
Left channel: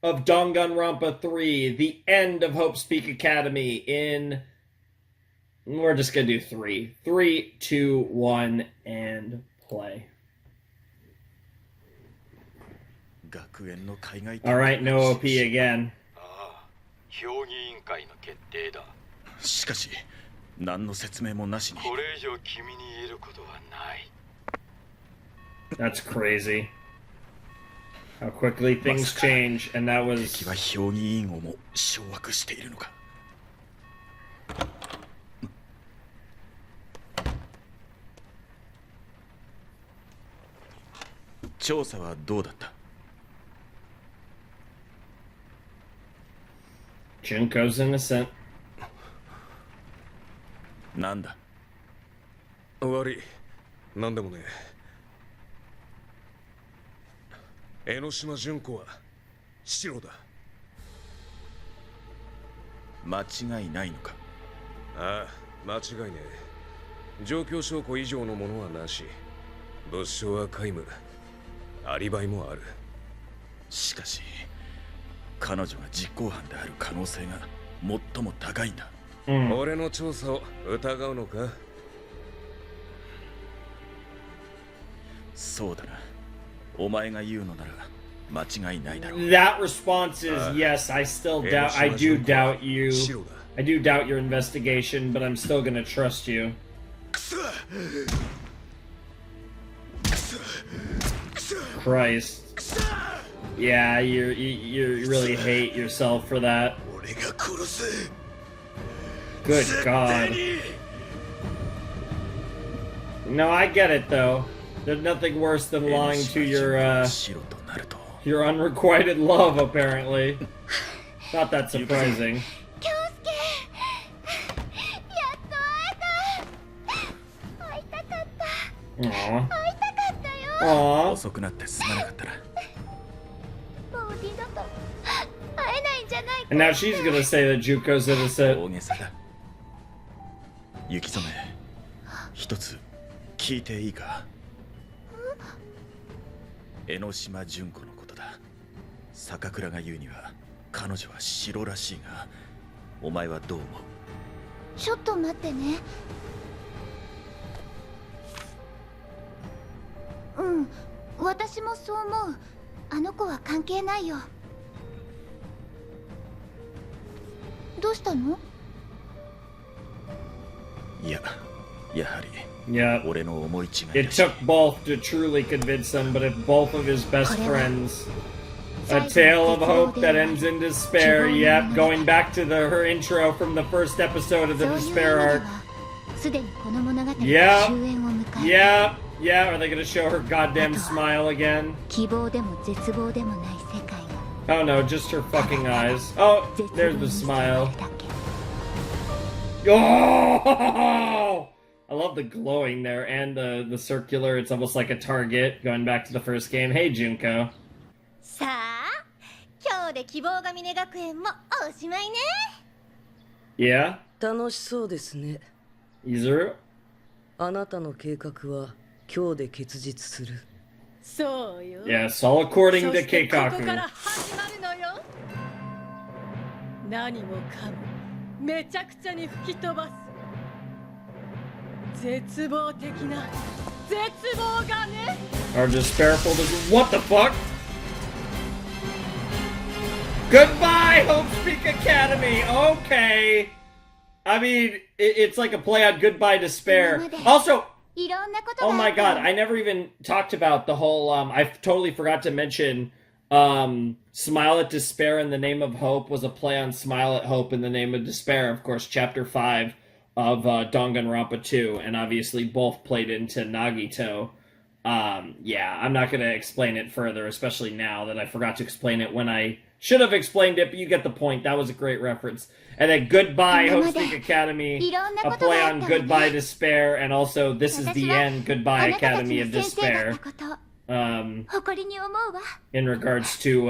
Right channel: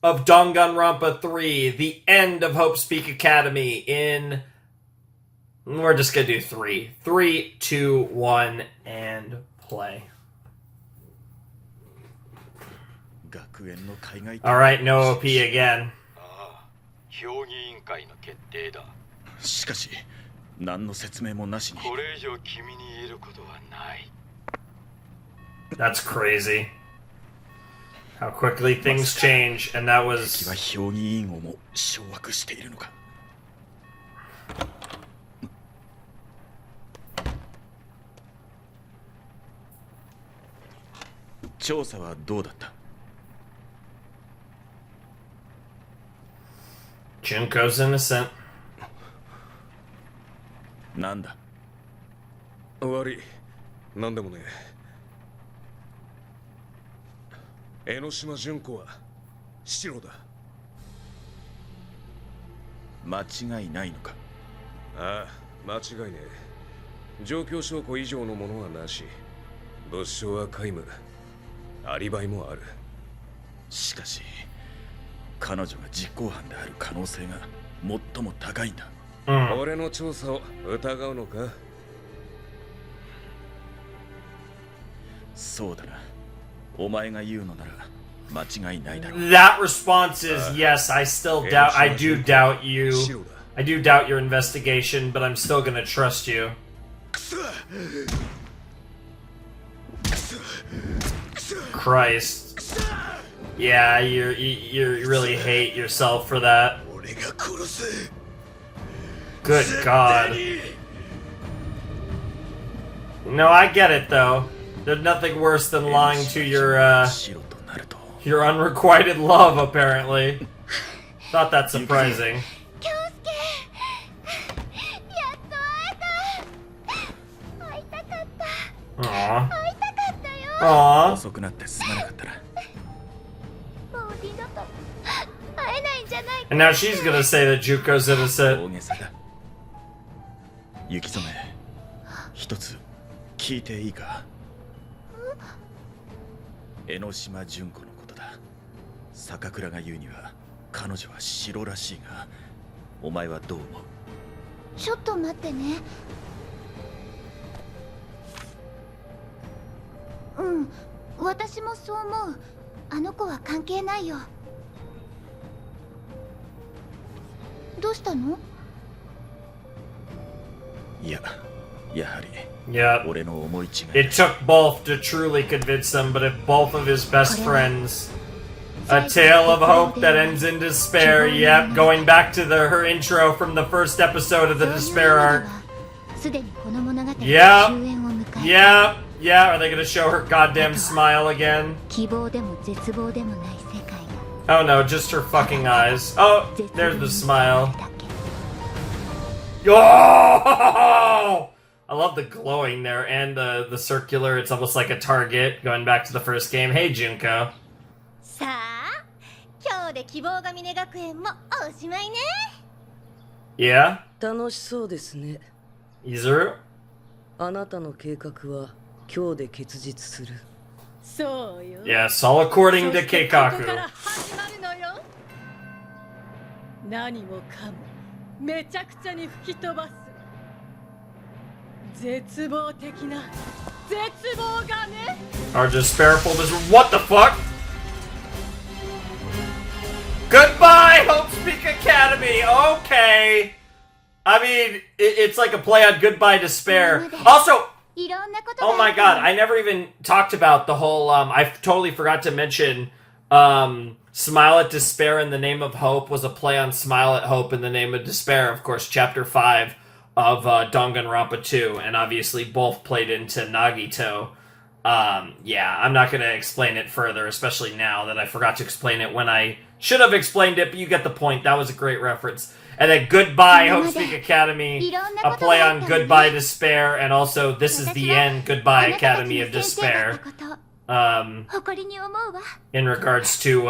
of Danganronpa 3, the end of Hope's Peak Academy we're just gonna do 3. 3, 2, 1, and play. Alright, no OP again. 評議委員会の決定だ。しかし、何の説明もなしに。これ以上君に言えることはない。That's crazy. How quickly things change, and that was. 敵は評議員をも掌握しているのか。調査はどうだった？ Junko's innocent. なんだ？悪い。なんでもね。江ノ島純子は白だ。間違いないのか？ああ、間違いねえ。状況証拠以上のものはなし。物証は皆無。アリバイもある。しかし彼女が実行犯である可能性が最も高いんだ。俺の調査を疑うのか？そうだな。お前が言うのなら間違いないだろう。 That response is yes. I still doubt. I do doubt you. I do doubt your investigation, but I'm still gonna trust you. Christ. Yeah, you really hate yourself for that. Good God. No, I get it though. There's nothing worse than lying to your unrequited love, apparently. Not that surprising. Aww. Aww. 遅くなってすまなかったな。And now she's gonna say that Juko's innocent. 大げさだ。雪染め、一つ聞いていいか？江ノ島純子のことだ。坂倉が言うには彼女は白らしいが、お前はどう思う？ちょっと待ってね。うん、私もそう思う。あの子は関係ないよ。どうしたの？いや、やはり。Yeah. It took both to truly convince them, but if both of his best friends, a tale of hope that ends in despair. Yep, going back to her intro from the first episode of the despair arc. Yeah. Yeah. Yeah. Are they gonna show her goddamn smile again? Oh no, just her fucking eyes. Oh, there's the smile. Oh! I love the glowing there and the circular. It's almost like a target going back to the first game. Hey, Junko. さあ、今日で希望ヶ峰学園もおしまいね。Yeah? 楽しそうですね。Izuru? あなたの計画は今日で結実する。そうよ。Yes, all according to そしてこ Keikaku. こから始まるのよ。何もかもめちゃくちゃに吹き飛ばす。絶望的な絶望がね。Our despairful what the fuck? Goodbye, Hope Speak Academy. Okay. I mean, it's like a play on Goodbye Despair. Also, oh my god, I never even talked about the whole, I totally forgot to mention, Smile at Despair in the Name of Hope was a play on Smile at Hope in the Name of Despair, of course, Chapter 5 of Danganronpa 2, and obviously both played into Nagito. Yeah, I'm not going to explain it further, especially now that I forgot to explain it when I should have explained it, but you get the point. That was a great reference. And then Goodbye, Hope Speak Academy, a play on Goodbye Despair, and also This is the End, Goodbye Academy of Despair. In regards to,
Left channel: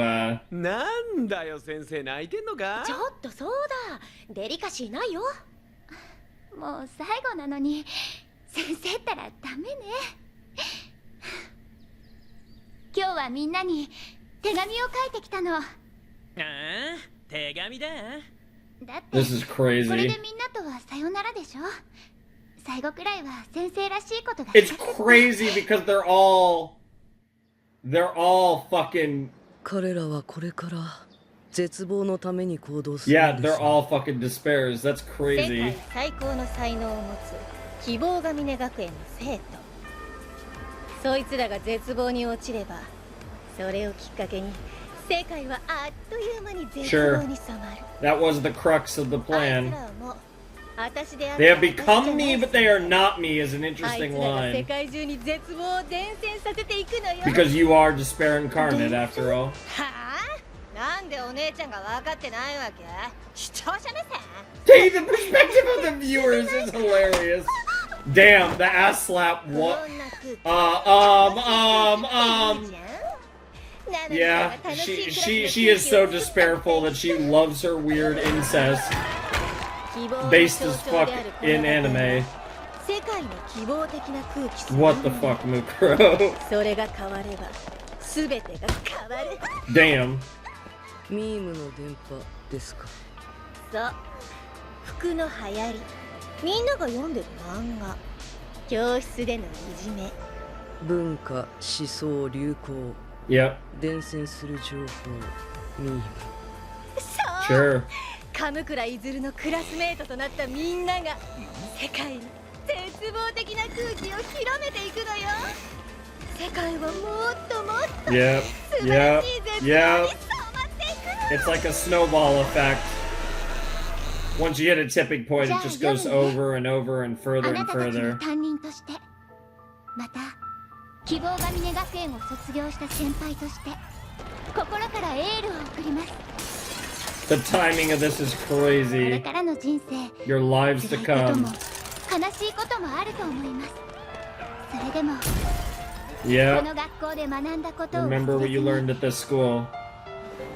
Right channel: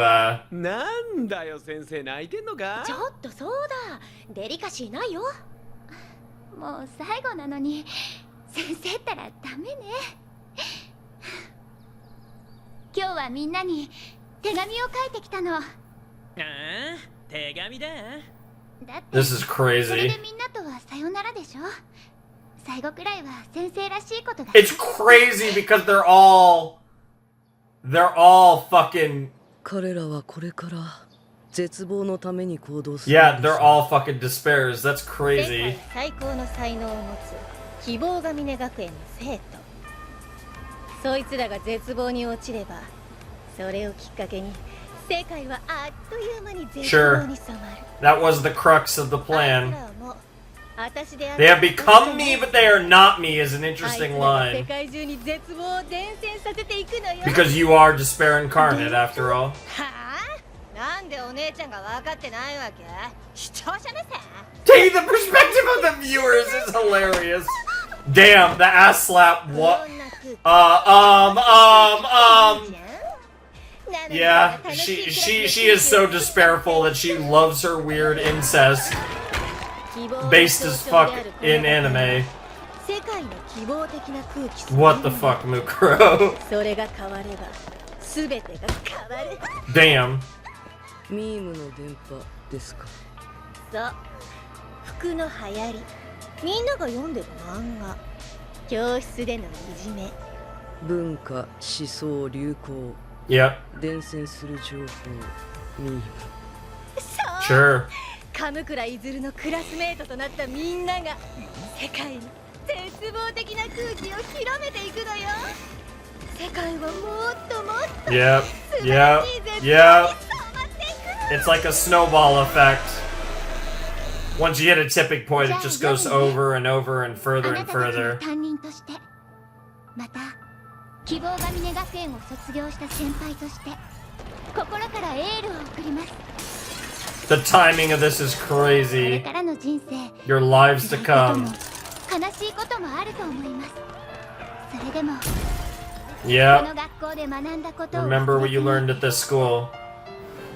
なんだよ先生泣いてんのか？ちょっとそうだ。デリカシーないよ。もう最後なのに先生ったらダメね。今日はみんなに手紙を書いてきたの。ああ、手紙だ。だって This is crazy. これでみんなとはさよならでしょ。最後くらいは先生らしいことが。It's crazy because they're all fucking. 彼らはこれから絶望のために行動する。Yeah, they're all fucking despairs. That's crazy. 世界最高の才能を持つ希望ヶ峰学園の生徒。そいつらが絶望に落ちれば、それをきっかけに世界はあっという間に絶望に染まる。That was the crux of the plan. あいつらはもう私である。 They have become me, but they are not me is an interesting あいつらが世 line. 界中に絶望を伝染させていくのよ。 Because you are despair incarnate, after all. はあ？なんでお姉ちゃんが分かってないわけ？視聴者目線？ Taking the perspective of the viewers is hilarious. Damn, the ass slap. What? Yeah, she is so despairful that she loves her weird incest. Based as fuck in anime. What the fuck, Mukuro? Damn. ミームの電波ですか。そう、服の流行り、みんなが読んでる漫画、教室でのいじめ、文化、思想、流行、Yep. 伝染する情報、ミーム。そう、 Sure. 神倉いずるのクラスメートとなったみんなが世界に絶望的な空気を広めていくのよ。世界はもっともっと Yep. 素晴らしい絶望に Yep. 染まっていくの。 It's like a snowball effect. Once you hit a tipping point, it just goes over and over and further and further. 担任として、また希望ヶ峰学園を卒業した先輩として、心からエールを送ります。 The timing of this is これ crazy. からの人生、 Your lives to 辛いことも come. 悲しいこともあると思います。それでも、こ Yep. の学校で学んだことを Remember what you learned at this school.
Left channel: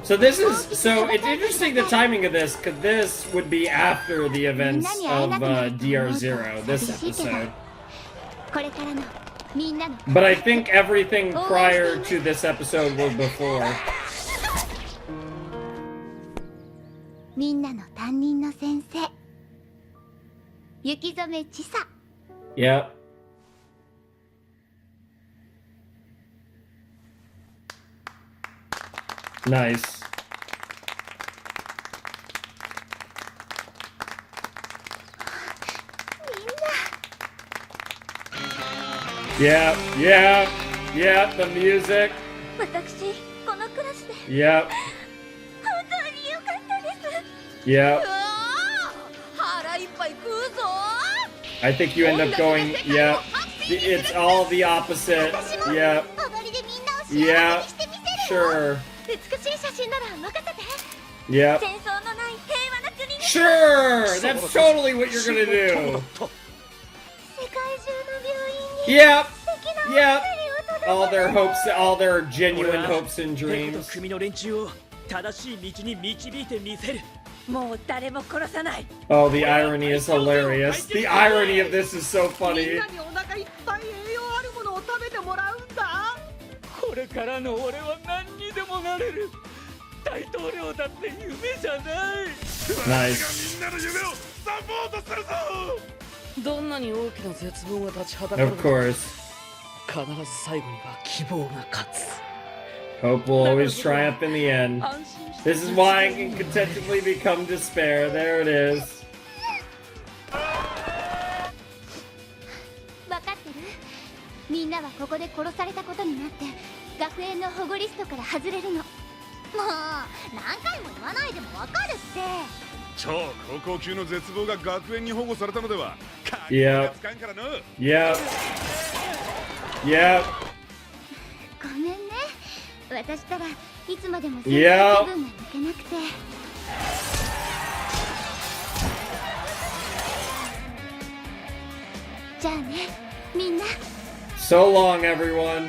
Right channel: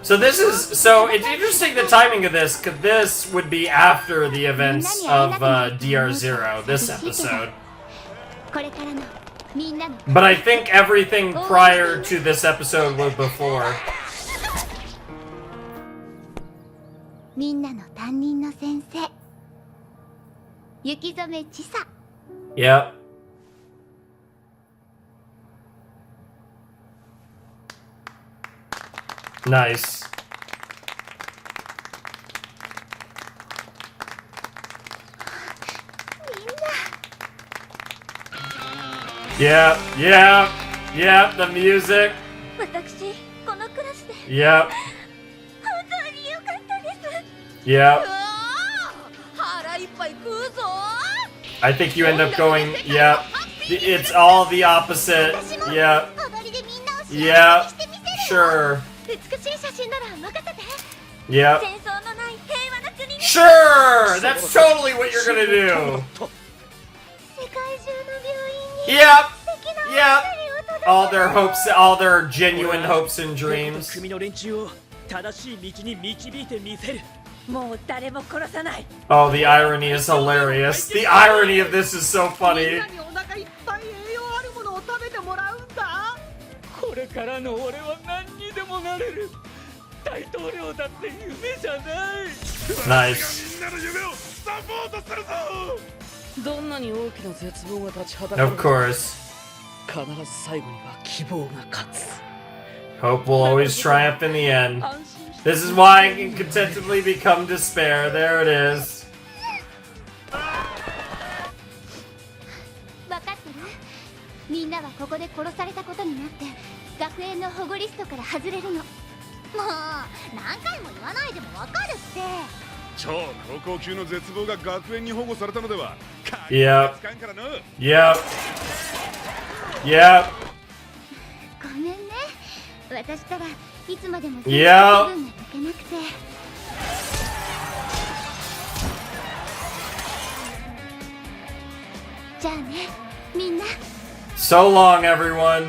So this is it's interesting the timing of this, because this would be after the events of DR0, this episode. これからのみんなの But I think everything prior to this episode was before. みんなの担任の先生、雪染千佐。 Yep. Nice. Yeah, yeah, yeah, the music. 私、このクラスで Yep, 本当に良かったです。 yep. 腹いっぱい食うぞ。 I think you end up going, yeah. It's all the opposite. Yeah, 踊りでみんなを幸せ yeah, にしてみせるの。 sure. 美しい写真なら任せて。 Yep. 戦争のない平和な国に。 Sure! That's totally what you're gonna do. 世界中の病院に Yep, 素敵な yep. お二人を届け All their hopes, all their genuine hopes and ペコと dreams. 組の連中を正しい道に導いてみせる。もう誰も殺さない。 Oh, the irony is hilarious. The irony of this is so みん funny. なにお腹いっぱい栄養あるものを食べてもらうんだ。これからの俺は何にでもなれる。大統領だって夢じゃない。 Nice. みんなの夢をサポートするぞ。どんなに大きな絶望が立ちはだかる Of course. 必ず最後には希望が勝つ。 Hope will always triumph in the end. This is why I can contentedly become despair. There it is. 分かってる？みんなはここで殺されたことになって学園の保護リストから外れるの。もう何回も言わないでも分かるって。超高校級の絶望が学園に保護されたのでは。 Yep. 使うからな。 Yep. Yep. ごめんね。私たらいつまでも先生 Yeah. 気分が抜けなくて。じゃあね、みんな。 So long, everyone.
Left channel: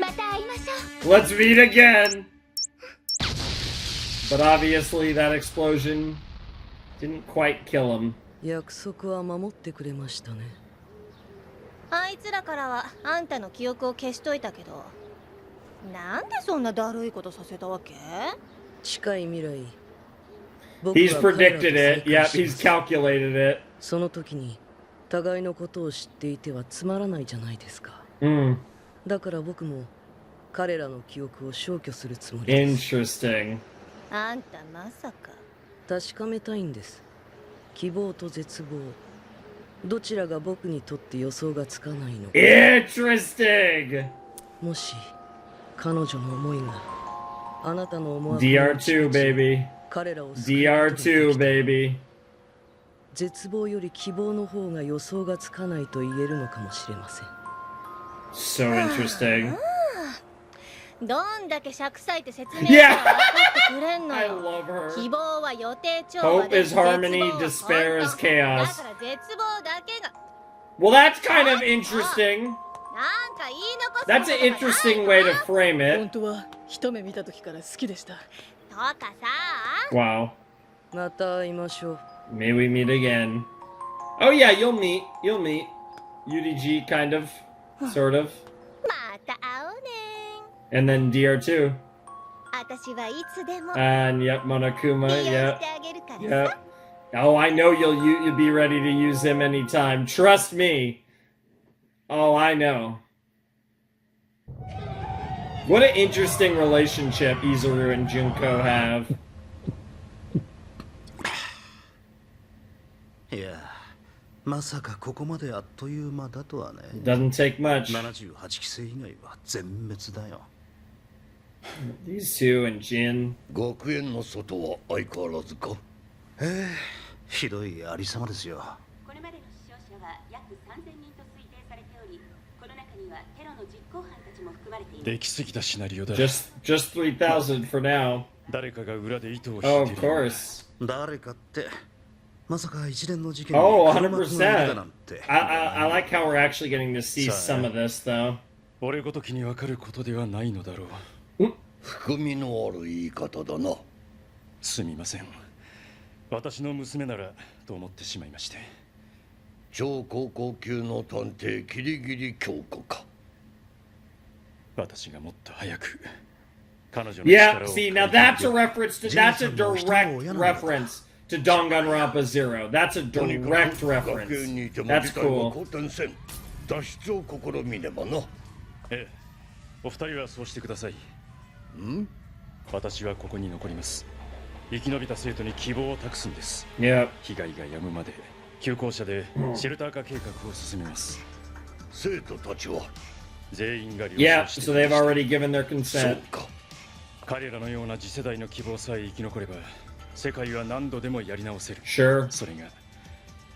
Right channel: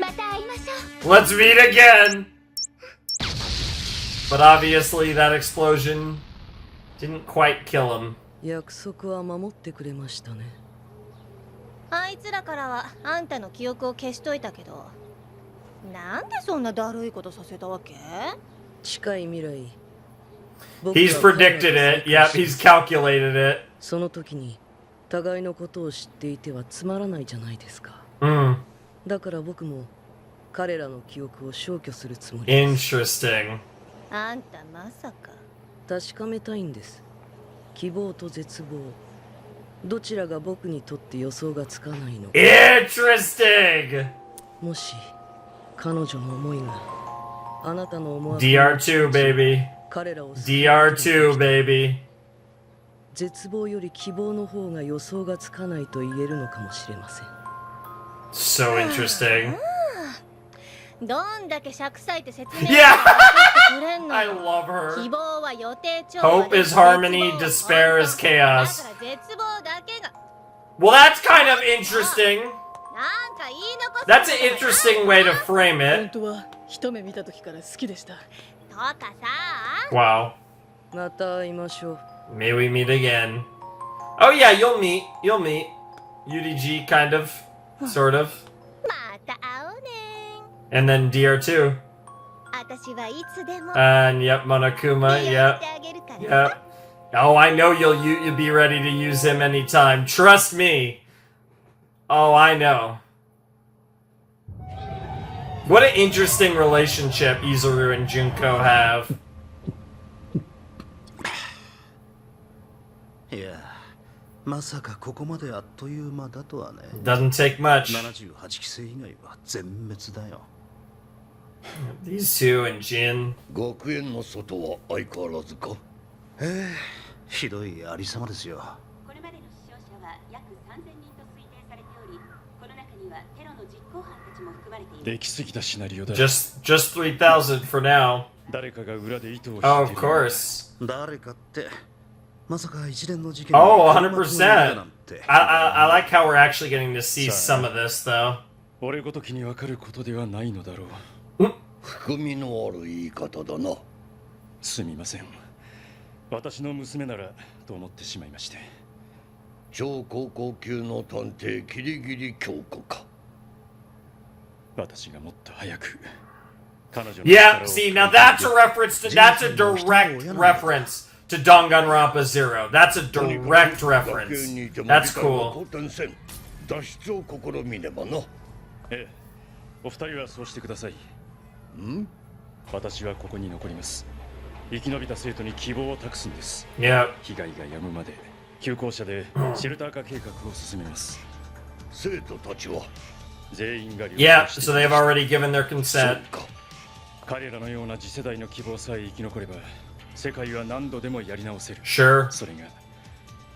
また会いましょう。 Let's meet again. But obviously, that explosion didn't quite kill him. 約束は守ってくれましたね。あいつらからはあんたの記憶を消しといたけど、なんでそんなだるいことさせたわけ？近い未来。 He's predicted it. Yep, he's calculated it. その時に互いのことを知っていてはつまらないじゃないですか。だから僕も彼らの記憶を消去するつもりです。 Interesting. あんたまさか。確かめたいんです。希望と絶望。どちらが僕にとって予想がつかないのか。Interesting. もし彼女の思いがあなたの思惑 DR2, baby. 彼らを DR2, baby. 絶望より希望の方が予想がつかないと言えるのかもしれません。 So interesting. どんだけ尺割いて説明して分かってくれんの I よ。 love her. 希望は予定調和 Hope で is harmony, 絶望は despair is 本当。 chaos. だから絶望だけが Well, that's kind of interesting. That's an interesting way to frame it. 本当は一目見た時から好きでした。とかさ。Wow. また会いましょう。May we meet again. Oh yeah, you'll meet. You'll meet. UDG kind of. Sort of. また会おうね。And then DR2. 私はいつでも。And yep, Monokuma. Yep. Yep. Oh, I know you'll be ready to use him anytime. Trust me. Oh, I know. What an interesting relationship Izuru and Junko have. いや、まさかここまであっという間だとはね。Doesn't take much. 78期生以外は全滅だよ。These two and Jin. 学園の外は相変わらずか。ひどいありさまですよ。これまでの死傷者は約3000人と推定されており、この中にはテロの実行犯たちも含まれています。できすぎたシナリオだ。Just 3,000 for now. 誰かが裏で糸を引いてる。Oh, of course. 誰かって。まさか一連の事件に Oh, 100%. I like how we're actually getting to see some of this, though. 俺ごときに分かることではないのだろう。含みのある言い方だな。すみません。私の娘ならと思ってしまいまして。超高校級の探偵キリギリ京子か。私がもっと早く彼女の Yeah, see, now that's a reference to, that's a direct reference to Danganronpa 0. That's a direct reference. That's cool. 脱出を試みねばな。ええ、お二人はそうしてください。ん？私はここに残ります。生き延びた生徒に希望を託すんです。Yeah. 被害が止むまで旧校舎でシェルター化計画を進めます。生徒たちは全員が了Yeah, 承して so they've already given their consent. 彼らのような次世代の希望さえ生き残れば世界は何度でもやり直せる。Sure. それが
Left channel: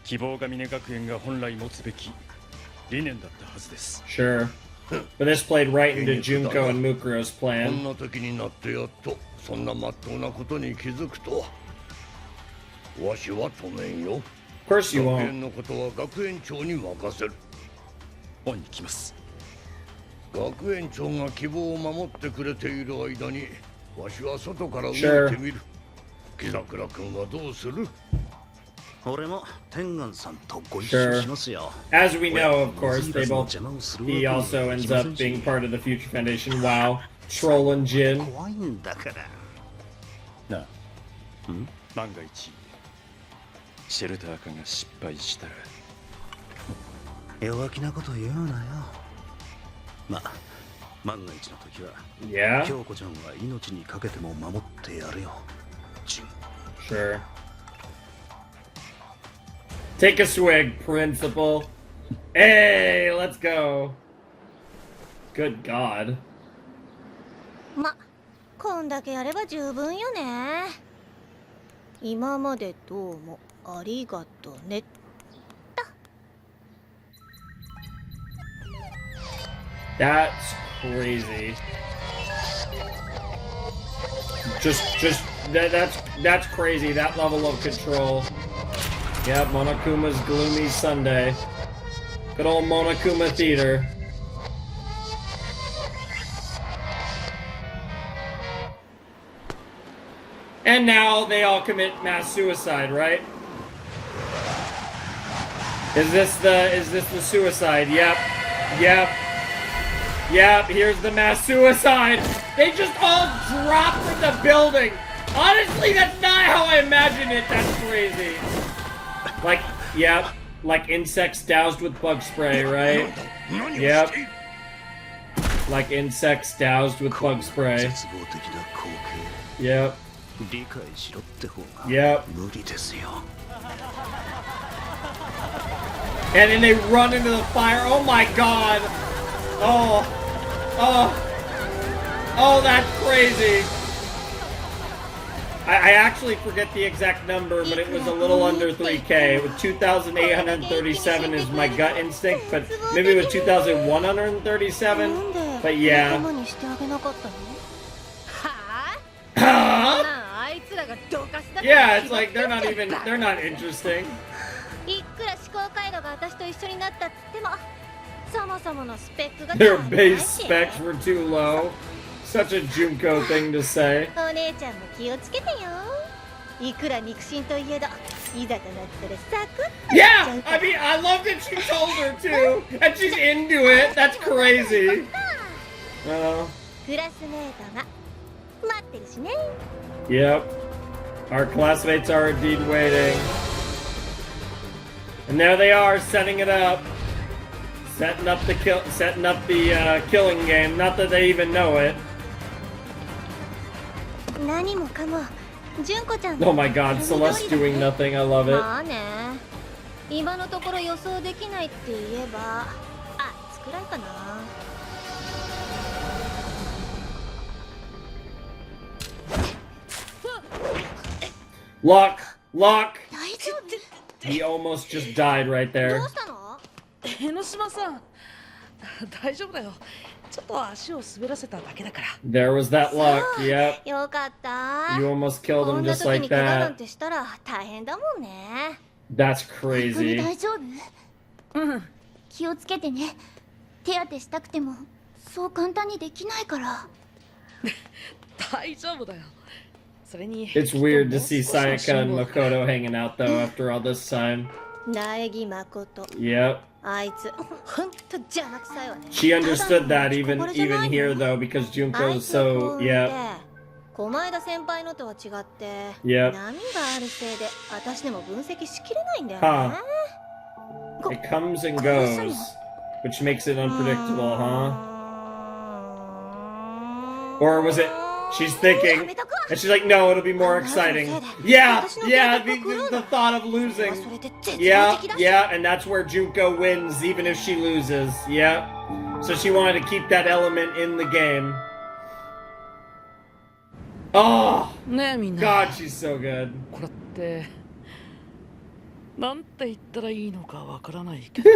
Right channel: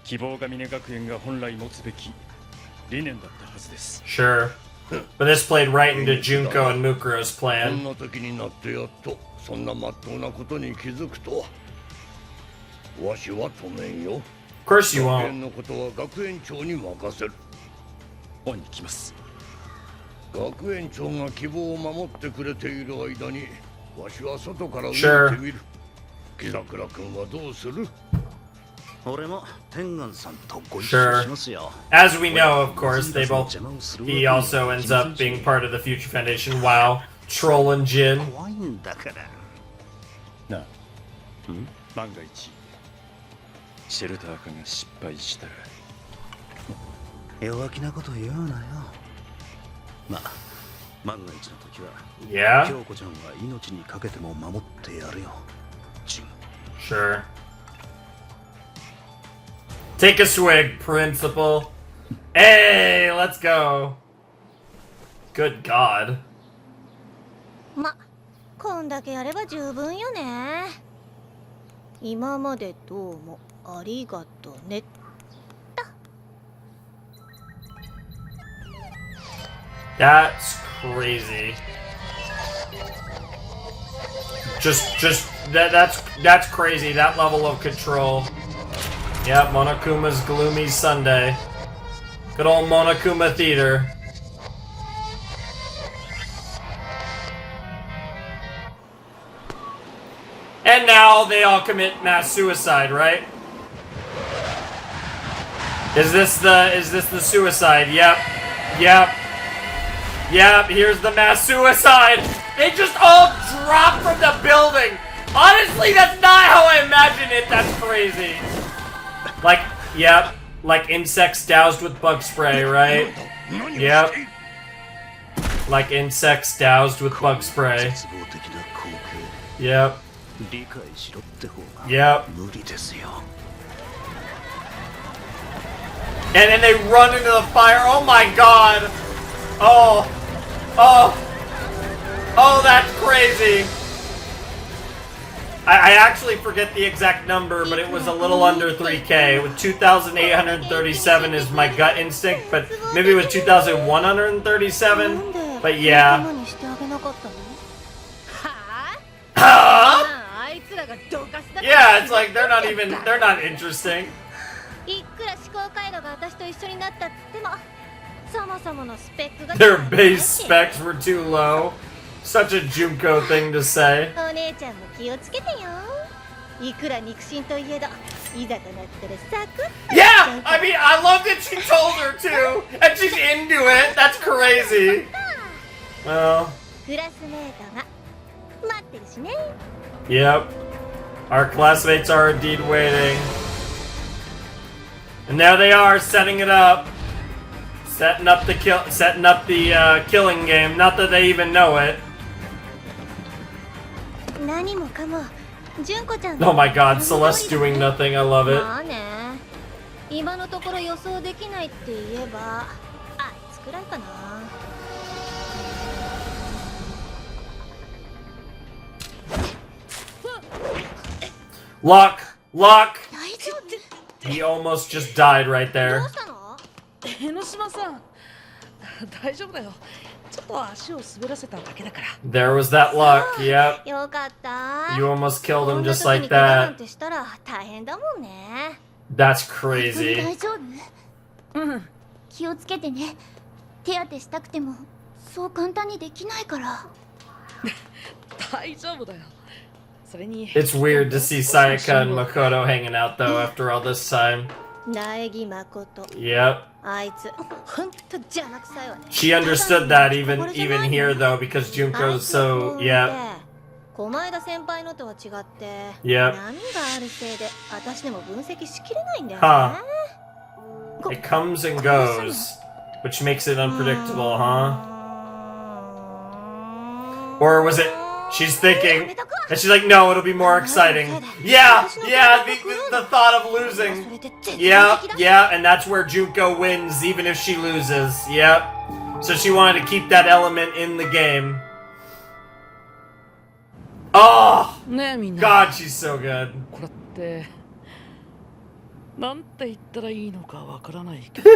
希望ヶ峰学園が本来持つべき理念だったはずです。Sure. But this played right into Junko and Mukuro's こん plan. な時になってやっとそんな真っ当なことに気づくとは。わしは止めんよ。Of course you 学 won't. 園のことは学園長に任せる。恩に来ます。学園長が希望を守ってくれている間にわしは外から動いてみる。木桜君はどうする？俺も天元さんとご一緒しますよ。As we know, of course, they both. He also ends up being part of the Future Foundation. Wow, Troll and Jin. 怖いんだから。なあ、万が一シェルター化が失敗したら。弱気なこと言うなよ。まあ、万が一の時は、Yeah. 京子ちゃんは命にかけても守ってやるよ。ジン。Sure. Take a swig, principal. Hey, let's go. Good God. ま、こんだけやれば十分よね。今までどうもありがとね。That's crazy. That's crazy. That level of control. Yep, Monokuma's Gloomy Sunday. Good old Monokuma Theater. And now they all commit mass suicide, right? Is this the suicide? Yep. Yep. Yep, here's the mass suicide. They just all drop from the building. Honestly, that's not how I imagine it. That's crazy. Like, yep, like insects doused with bug spray, right? Yep. Like insects doused with bug spray. Yep. Yep. And then they run into the fire. Oh my god. Oh. Oh. Oh, that's crazy. I actually forget the exact number, but it was a little under 3K. With 2,837 is my gut instinct, but maybe with 2,137. But yeah. Huh? Yeah, it's like they're not interesting. 考回路が私と一緒になったっつってもそもそものスペックが Their base specs were too low. Such a Junko thing to say. お姉ちゃんも気をつけてよ。いくら肉親といえどいざとなったらサクッと Yeah! I mean, I love that she told her to! And she's into it! That's crazy! Well... クラスメートが待ってるしね。 Yep. Our classmates are indeed waiting. And there they are, setting it up. Setting up the killing game. Not that they even know it. 何もかも純子ちゃん Oh my god, Celeste doing nothing. I love it. まあね。今のところ予想できないって言えばあいつくらいかな。Luck! Luck! He almost just died right there. 江ノ島さん、大丈夫だよ。ちょっと足を滑らせただけだから。 There was that luck, yep. よかった。 You almost killed こ him んな just 時 like に怪我な that. んてしたら大変だもんね。 That's 本当に crazy. 大丈夫？うん。気をつけてね。手当てしたくてもそう簡単にできないから。大丈夫だよ。それに It's weird to see Sayaka and Makoto hanging out though after all this time. 苗木誠。 Yep. あいつ本当邪魔くさいわね。 She understood that even here though because Junko's so yeah. 小前田先輩のとは違って、 Yep. 波があるせいで私でも分析しきれないんだよ Huh. ね。 It comes and goes, which makes it unpredictable, huh? Or was it she's thinking and she's like, no, it'll be more exciting. Yeah, the thought of losing. Yeah, and that's where Junko wins even if she loses. Yep. So she wanted to keep that element in the game. Oh, ねえみんな。 God, she's so good. これってなんて言ったらいいのかわからないけど。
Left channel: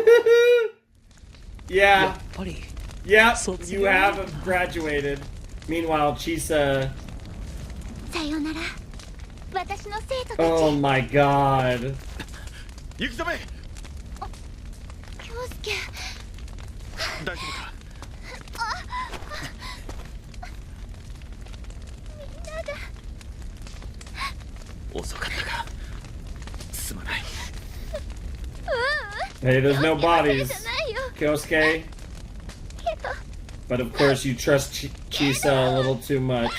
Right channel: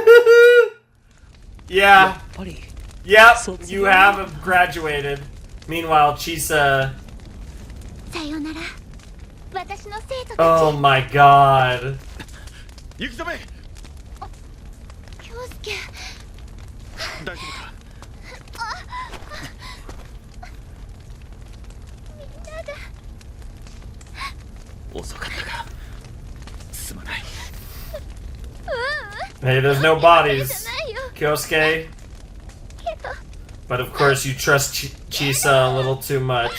Yeah. やっぱり。 Yep, you have graduated. Meanwhile, Chisa. さよなら。私の生徒たち。 Oh my god. Yukizome! 京介。大丈夫か？みんなが。遅かったか。すまない。Hey, there's no bodies. Kyosuke. But of course you trust Chisa a little too much.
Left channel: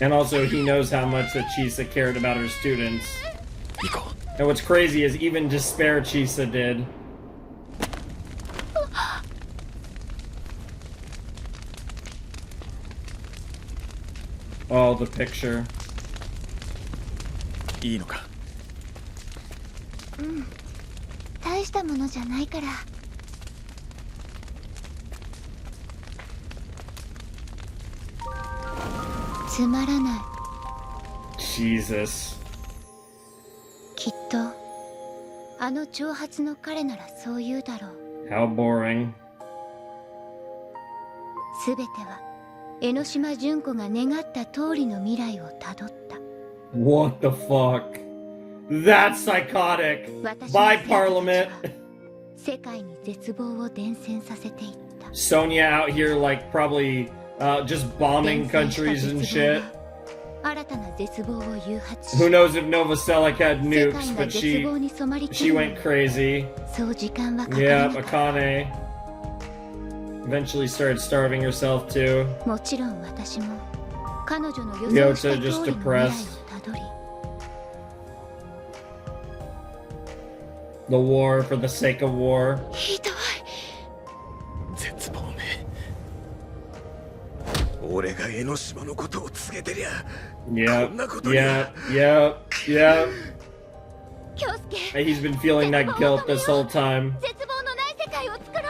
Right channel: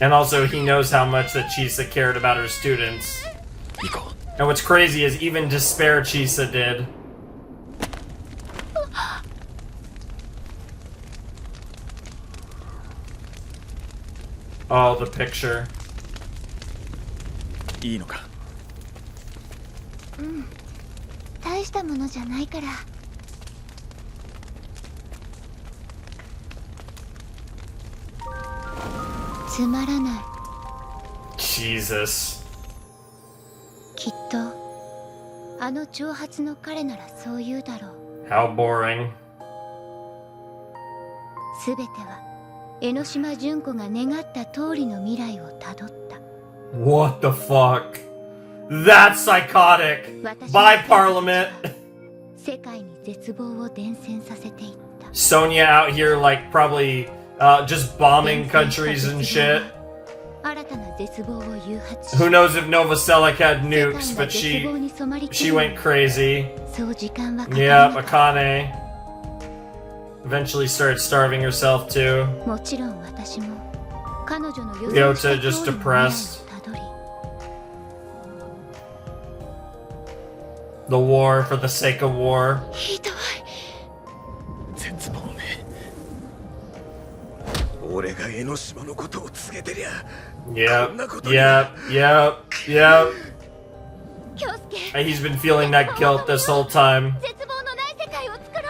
And also he knows how much that Chisa cared about her students. And what's crazy is even despair Chisa did. Oh, the picture. いいのか。うん。大したものじゃないから。つまらない。 Jesus. きっとあの長髪の彼ならそう言うだろう。 How boring. すべては江ノ島純子が願った通りの未来をたどった。 What the fuck? That's psychotic. By Parliament. 世界に絶望を伝染させていった。 Sonya out here like probably just bombing countries and shit. 新たな絶望を誘発し、 Who knows if Novoselic had nukes, but she went crazy. そう時間はかか Yeah, なかった。 Akane eventually started starving herself too. もちろん私も彼女の予想した Yota 通り just の未来を depressed. たどり、 The war for the sake of war. ひどい。絶望め。俺が江ノ島のことを告げてりゃ。 Yep, こんなことに。 yep, yep, yep. 京介。 He's been feeling that guilt this whole time. 絶望のない世界を作ろ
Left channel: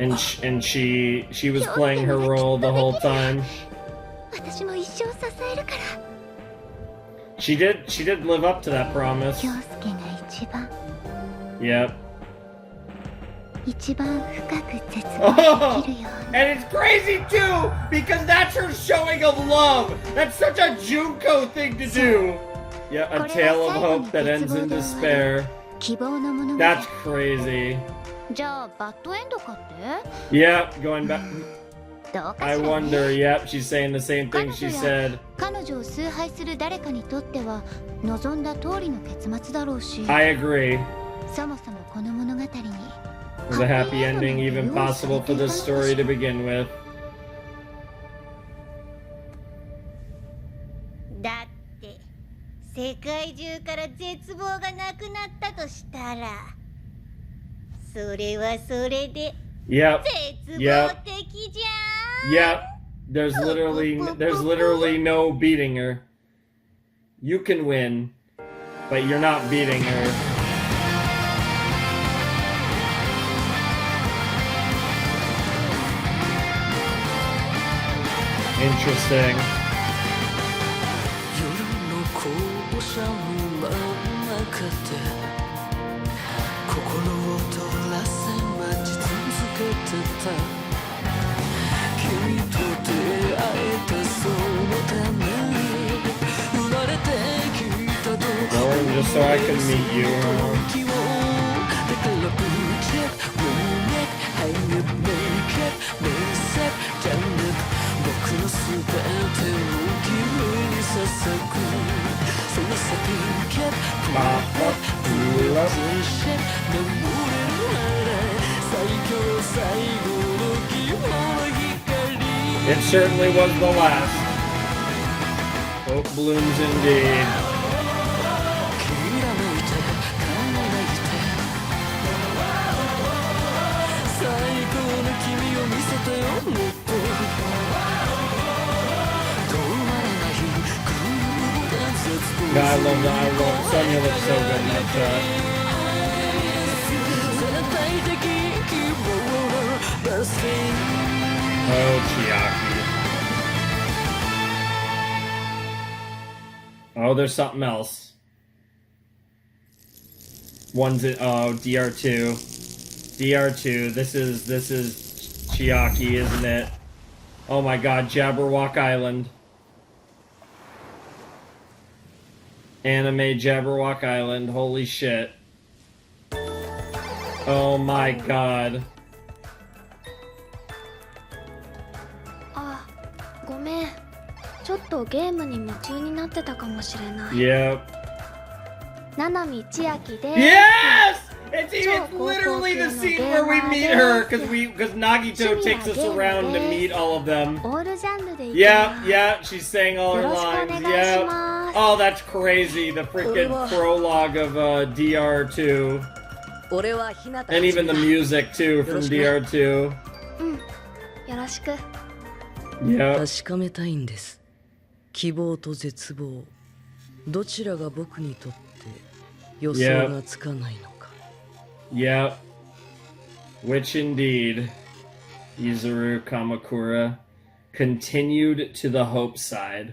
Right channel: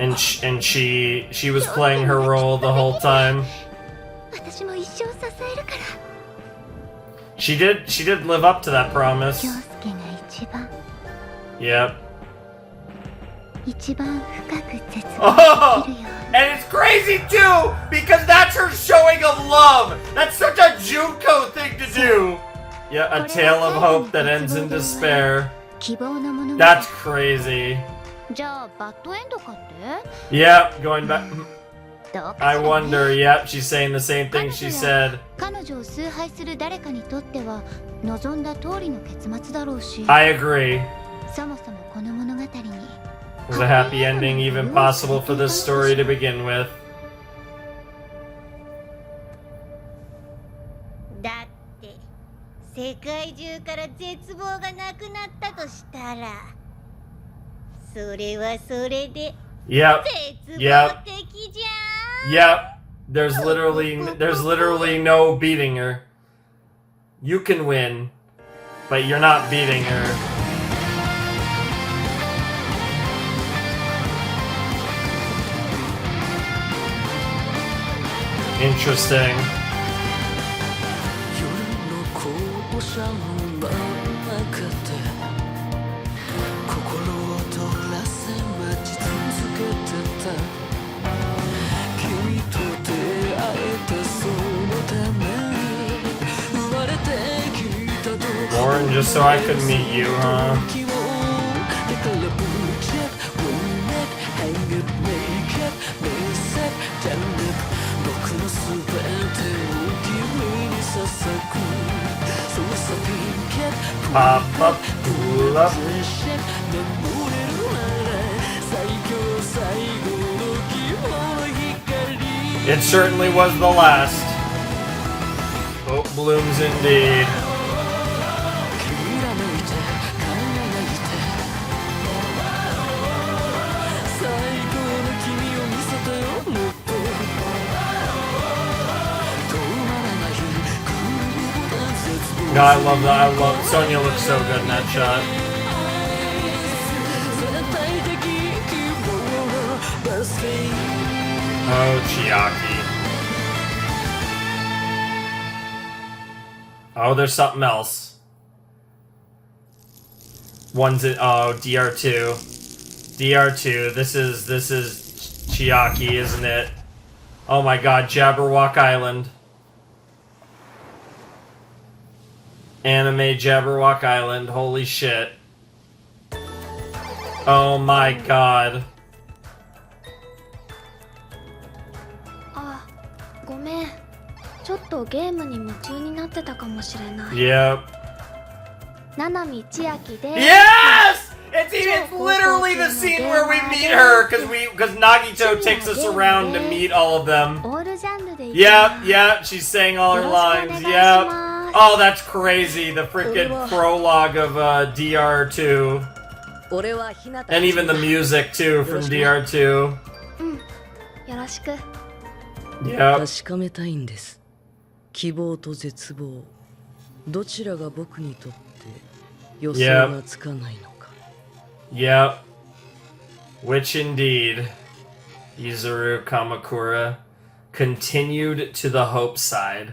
う。 And she was playing her role the whole time. 私も一生支えるから。 She did live up to that promise. 京介が一番。 Yep. 一番深く絶望できるように。 And it's crazy too because that's her showing of love. That's such a Junko thing to do. Yeah, a tale of hope that ends in despair. That's crazy. じゃあバッドエンドかって Yep, going back. どうか I しら wonder. ね Yep, she's saying the same thing she said. 彼女を崇拝する誰かにとっては望んだ通りの結末だろうし I agree. そもそもこの物語に Was a happy ending even possible for this story to begin with? だって世界中から絶望がなくなったとしたらそれはそれで Yep. 絶 Yep. 望的じゃん Yep. There's literally no beating her. You can win, but you're not beating her. Interesting. 夜の校舎の真ん中で心を取らせ待ち続けてた君と出会えたそのために生まれてきたと Born just so I could meet you, huh? だからブチェップウィネットハイネットメイケットメイセットジャンネット僕のすべてを君に捧ぐそうさピンケットプラッププラップシェット眠れるなら最強最後の希望の光 It certainly was the last. Hope blooms indeed. きらめいて輝いて最高の君を見せてよもっと止まらないグルーヴで絶望 God, I love that. I love Sonya looks so good in that shot. 絶対的希望のバスティン Oh, Chiaki. Oh, there's something else. One's in, oh, DR2. DR2. This is Chiaki, isn't it? Oh my god, Jabberwock Island. Anime Jabberwock Island. Holy shit. Oh my god. あ、ごめん。ちょっとゲームに夢中になってたかもしれない。 Yep. 七海千秋です。 Yes! It's literally the scene where we meet her because Nagito takes us around to meet all of them. オールジャンルで Yeah, she's saying all her lines. Yeah. Oh, that's crazy. The freaking prologue of DR2. And even the music too from DR2. うん。よろしく。 Yep. 確かめたいんです。希望と絶望、どちらが僕にとって予想がつかないのか。Yep. Which indeed, Yuzuru Kamakura continued to the hope side.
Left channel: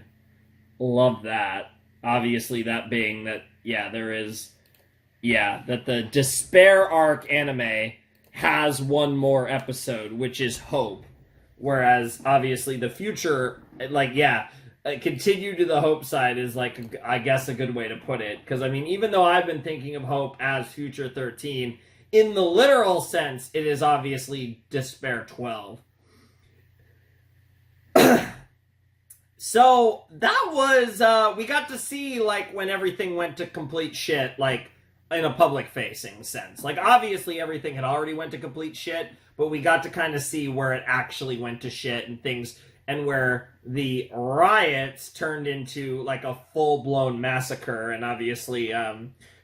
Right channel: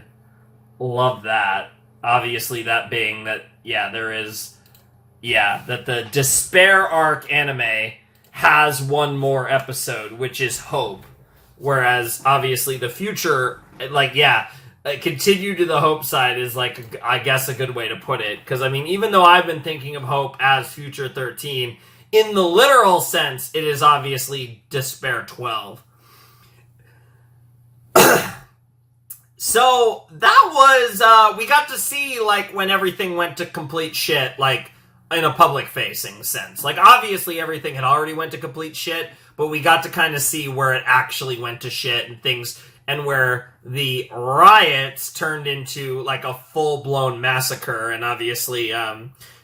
Love that. Obviously, that being that, there is, that the Despair arc anime has one more episode, which is Hope. Whereas, obviously, the future, continue to the hope side is, I guess a good way to put it. Because, I mean, even though I've been thinking of Hope as Future 13, in the literal sense, it is obviously Despair 12. So, that was, we got to see, when everything went to complete shit, in a public-facing sense. Obviously, everything had already went to complete shit, but we got to kind of see where it actually went to shit and things, and where the riots turned into, a full-blown massacre, and obviously,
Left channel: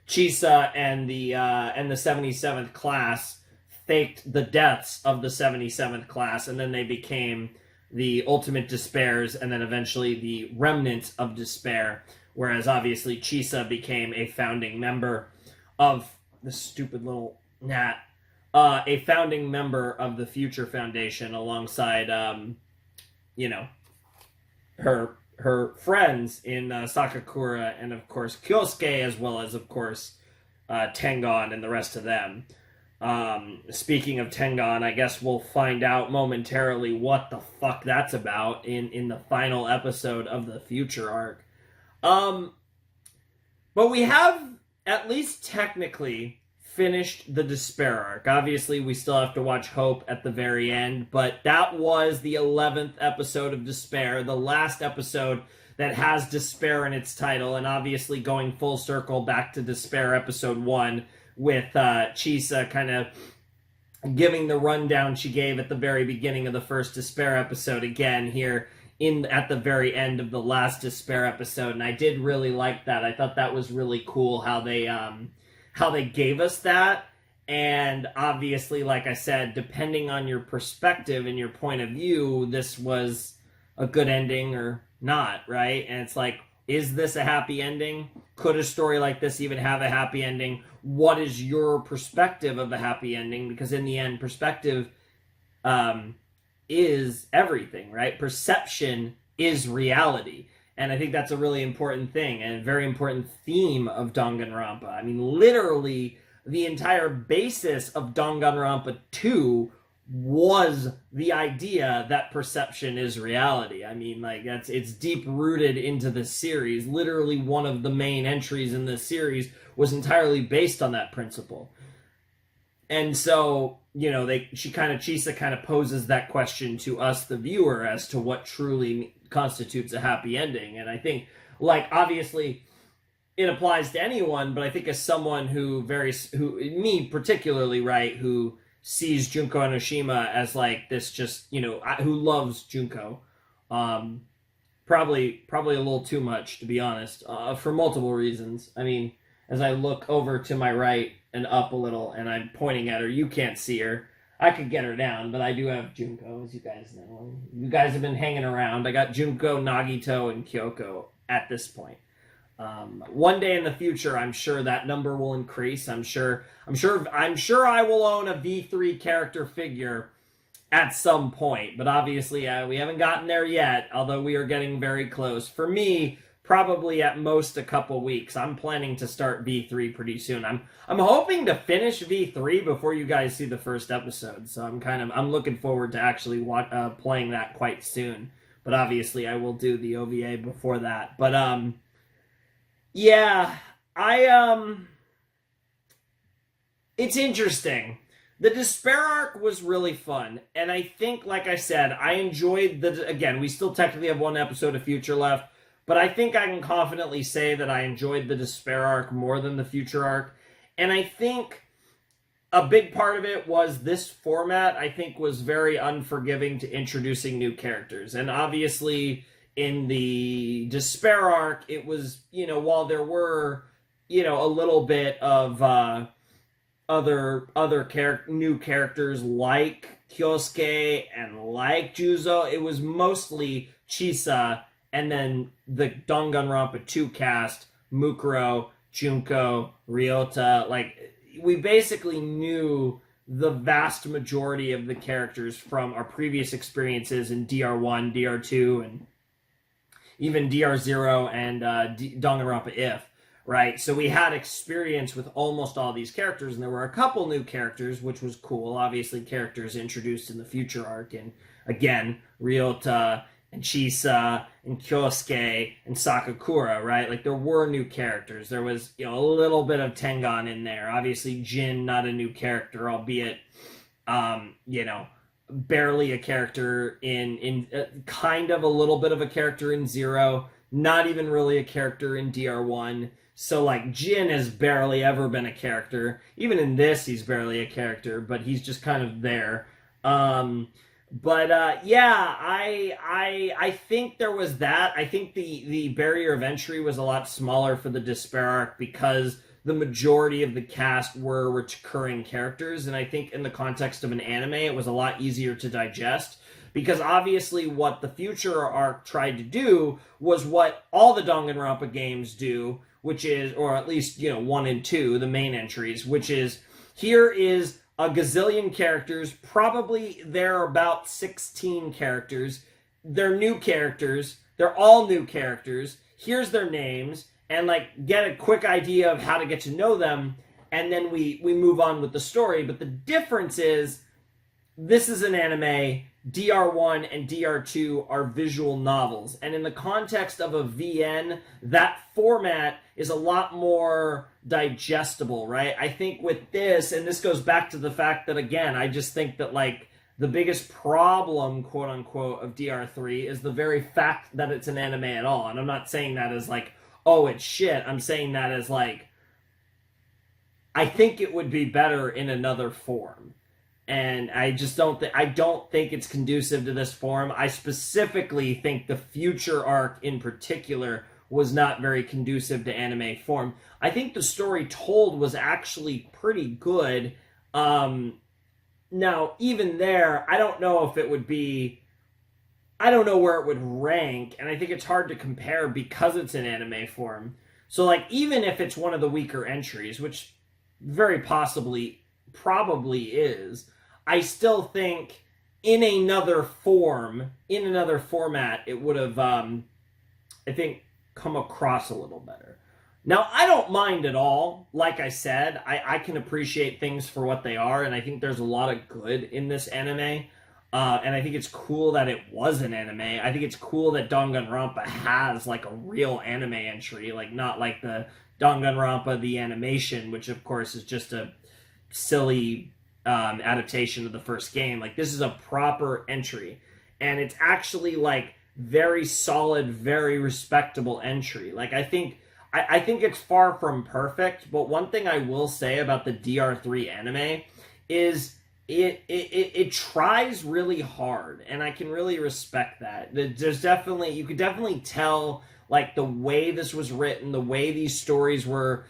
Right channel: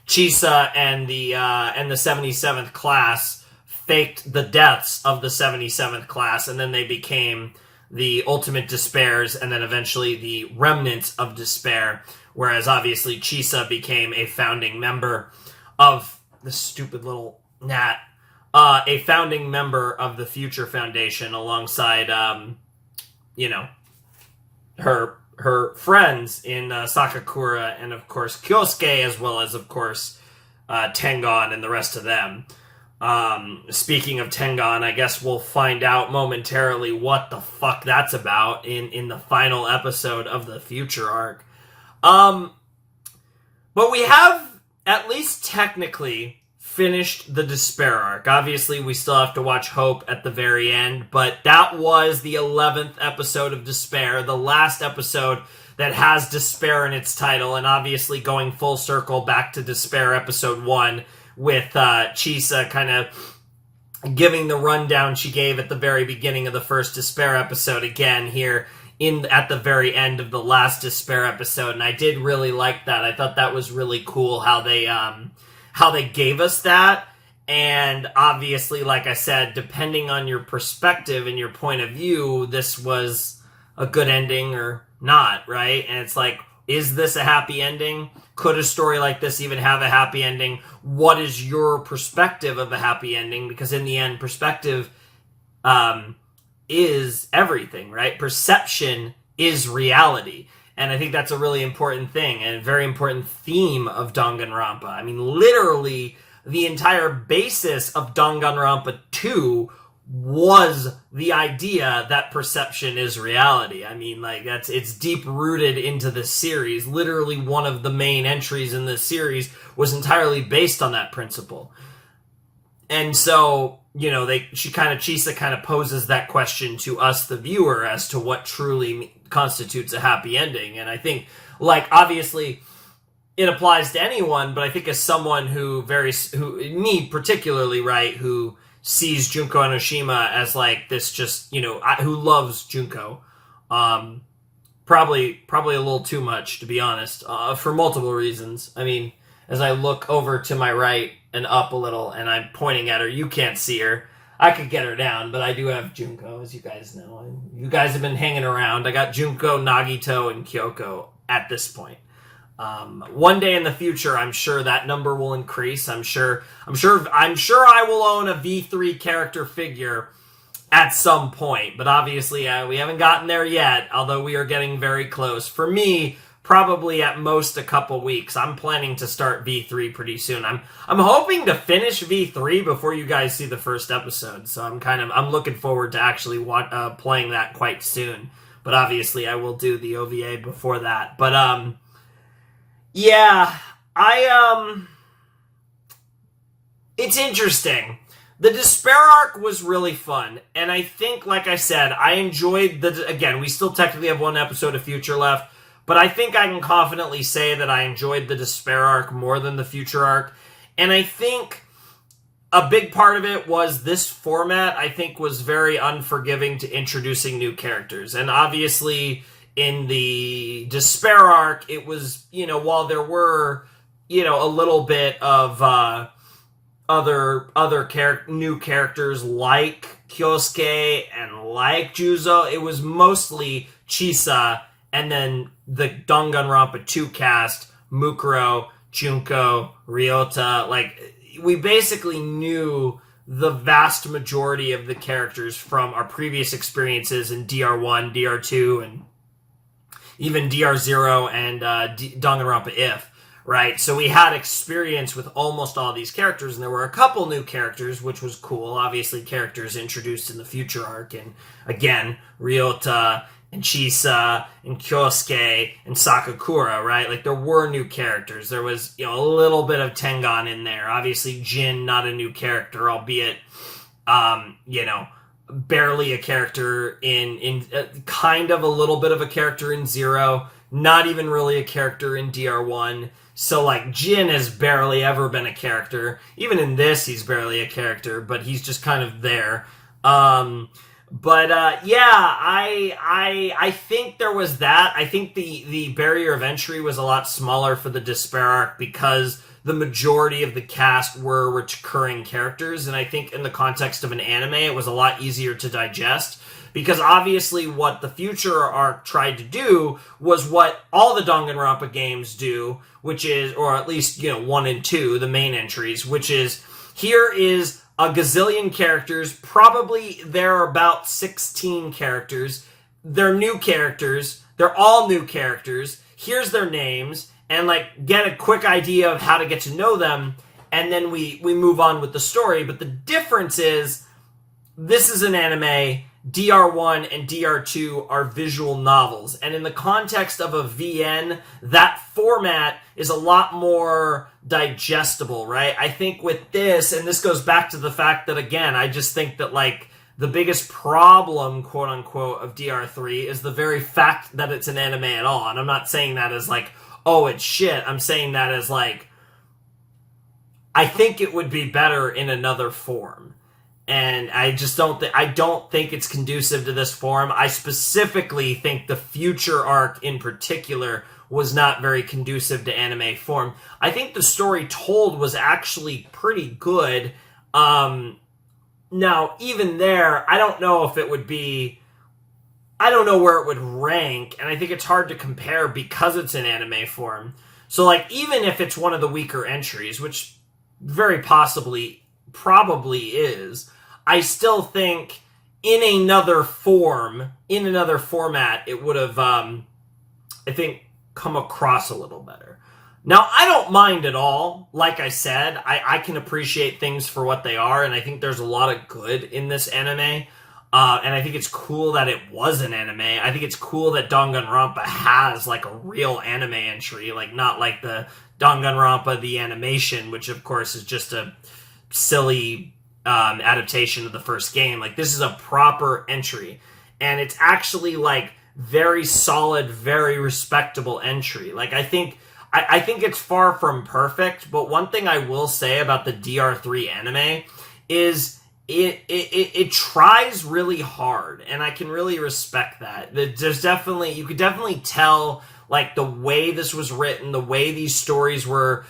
Chisa and the 77th class faked the deaths of the 77th class, and then they became the Ultimate Despairs, and then eventually the Remnants of Despair, whereas obviously Chisa became a founding member of the stupid little gnat, a founding member of the Future Foundation alongside, her friends in Sakakura and, of course, Kyosuke, as well as, of course, Tengon and the rest of them. Speaking of Tengon, I guess we'll find out momentarily what the fuck that's about in the final episode of the Future arc. But we have, at least technically, finished the Despair arc. Obviously, we still have to watch Hope at the very end, but that was the 11th episode of Despair, the last episode that has Despair in its title, and obviously going full circle back to Despair episode 1 with Chisa kind of giving the rundown she gave at the very beginning of the first Despair episode again here at the very end of the last Despair episode, and I did really like that. I thought that was really cool how they gave us that, and obviously, like I said, depending on your perspective and your point of view, this was a good ending or not, right? And it's like, is this a happy ending? Could a story like this even have a happy ending? What is your perspective of a happy ending? Because in the end, perspective is everything, right? Perception is reality. And I think that's a really important thing and a very important theme of Danganronpa. I mean, literally, the entire basis of Danganronpa 2 was the idea that perception is reality. I mean, like, it's deep rooted into the series. Literally, one of the main entries in this series was entirely based on that principle. And so, you know, Chisa kind of poses that question to us, the viewer, as to what truly constitutes a happy ending. And I think, like, obviously it applies to anyone, but I think as someone who me particularly, right, who sees Junko Enoshima as like this, just, you know, who loves Junko, probably a little too much, to be honest, for multiple reasons. I mean, as I look over to my right and up a little and I'm pointing at her, you can't see her. I could get her down, but I do have Junko, as you guys know. You guys have been hanging around. I got Junko, Nagito, and Kyoko at this point. One day in the future, I'm sure that number will increase. I'm sure I will own a V3 character figure at some point, but obviously we haven't gotten there yet, although we are getting very close. For me, probably at most a couple weeks. I'm planning to start V3 pretty soon. I'm hoping to finish V3 before you guys see the first episode, so I'm looking forward to actually playing that quite soon. But obviously I will do the OVA before that. But yeah, it's interesting. The Despair arc was really fun, and I think, like I said, I enjoyed again, we still technically have one episode of Future left, but I think I can confidently say that I enjoyed the Despair arc more than the Future arc, and I think a big part of it was this format, I think, was very unforgiving to introducing new characters, and obviously in the Despair arc, it was, you know, while there were, you know, a little bit of other new characters like Kyosuke and like Juzo, it was mostly Chisa and then the Danganronpa 2 cast, Mukuro, Junko, Ryota. Like, we basically knew the vast majority of the characters from our previous experiences in DR1, DR2, and even DR0 and Danganronpa If, right? So we had experience with almost all these characters, and there were a couple new characters, which was cool. Obviously, characters introduced in the Future arc, and again, Ryota and Chisa and Kyosuke and Sakakura, right? Like, there were new characters. There was, you know, a little bit of Tengan in there. Obviously, Jin, not a new character, albeit, you know, barely a character in kind of a little bit of a character in Zero, not even really a character in DR1. So, like, Jin has barely ever been a character. Even in this, he's barely a character, but he's just kind of there. Yeah, I think there was that. I think the barrier of entry was a lot smaller for the Despair arc because the majority of the cast were recurring characters, and I think in the context of an anime, it was a lot easier to digest, because obviously what the Future arc tried to do was what all the Danganronpa games do, which is, or at least, you know, 1 and 2, the main entries, which is, here is a gazillion characters, probably there are about 16 characters, they're new characters, they're all new characters, here's their names, and, like, get a quick idea of how to get to know them, and then we move on with the story. But the difference is, this is an anime, DR1 and DR2 are visual novels. And in the context of a VN, that format is a lot more digestible, right? I think with this, and this goes back to the fact that, again, I just think that, like, the biggest problem, quote unquote, of DR3 is the very fact that it's an anime at all. And I'm not saying that as, like, oh, it's shit. I'm saying that as, like, I think it would be better in another form. And I just don't think it's conducive to this form. I specifically think the future arc in particular was not very conducive to anime form. I think the story told was actually pretty good. Now, even there, I don't know if it would be... I don't know where it would rank, and I think it's hard to compare because it's in anime form. So, like, even if it's one of the weaker entries, which very possibly probably is... I still think in another form, in another format, it would have, I think, come across a little better. Now, I don't mind at all. Like I said, I can appreciate things for what they are, and I think there's a lot of good in this anime. And I think it's cool that it was an anime. I think it's cool that Danganronpa has, like, a real anime entry, like, not like the Danganronpa, the animation, which, of course, is just a silly... adaptation of the first game. Like, this is a proper entry, and it's actually, like, very solid, very respectable entry. Like, I think it's far from perfect, but one thing I will say about the DR3 anime is it tries really hard, and I can really respect that. There's definitely, you could definitely tell, like, the way this was written, the way these stories were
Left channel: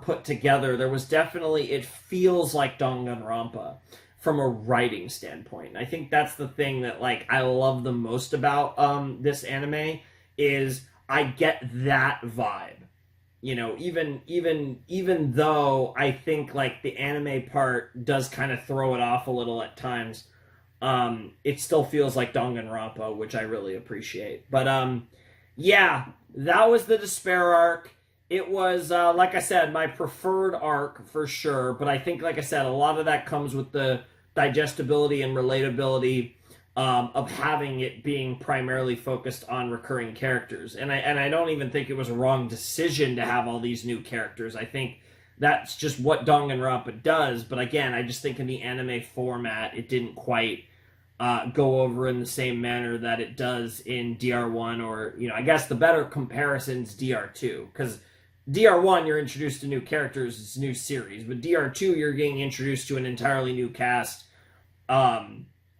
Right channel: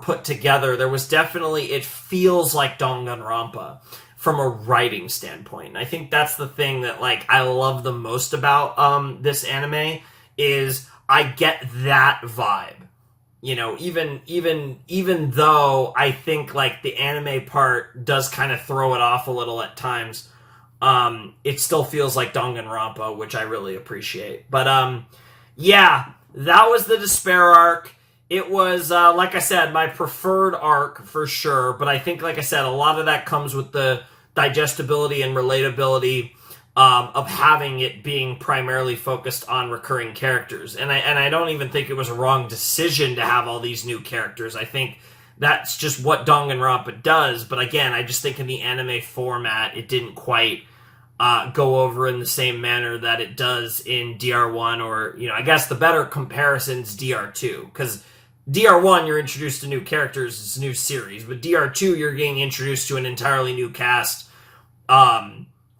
put together, there was definitely, it feels like Danganronpa from a writing standpoint. And I think that's the thing that, like, I love the most about this anime, is I get that vibe. You know, even though I think, like, the anime part does kind of throw it off a little at times, it still feels like Danganronpa, which I really appreciate. But, yeah, that was the Despair arc. It was, like I said, my preferred arc for sure, but I think, like I said, a lot of that comes with the digestibility and relatability of having it being primarily focused on recurring characters. And I don't even think it was a wrong decision to have all these new characters. I think that's just what Danganronpa does, but again, I just think in the anime format, it didn't quite go over in the same manner that it does in DR1, or, you know, I guess the better comparison's DR2, because DR1, you're introduced to new characters, it's a new series, but DR2, you're getting introduced to an entirely new cast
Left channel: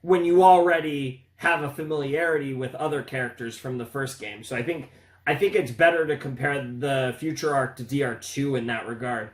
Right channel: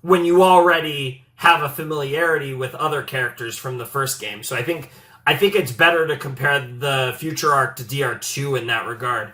when you already have a familiarity with other characters from the first game. So I think it's better to compare the future arc to DR2 in that regard,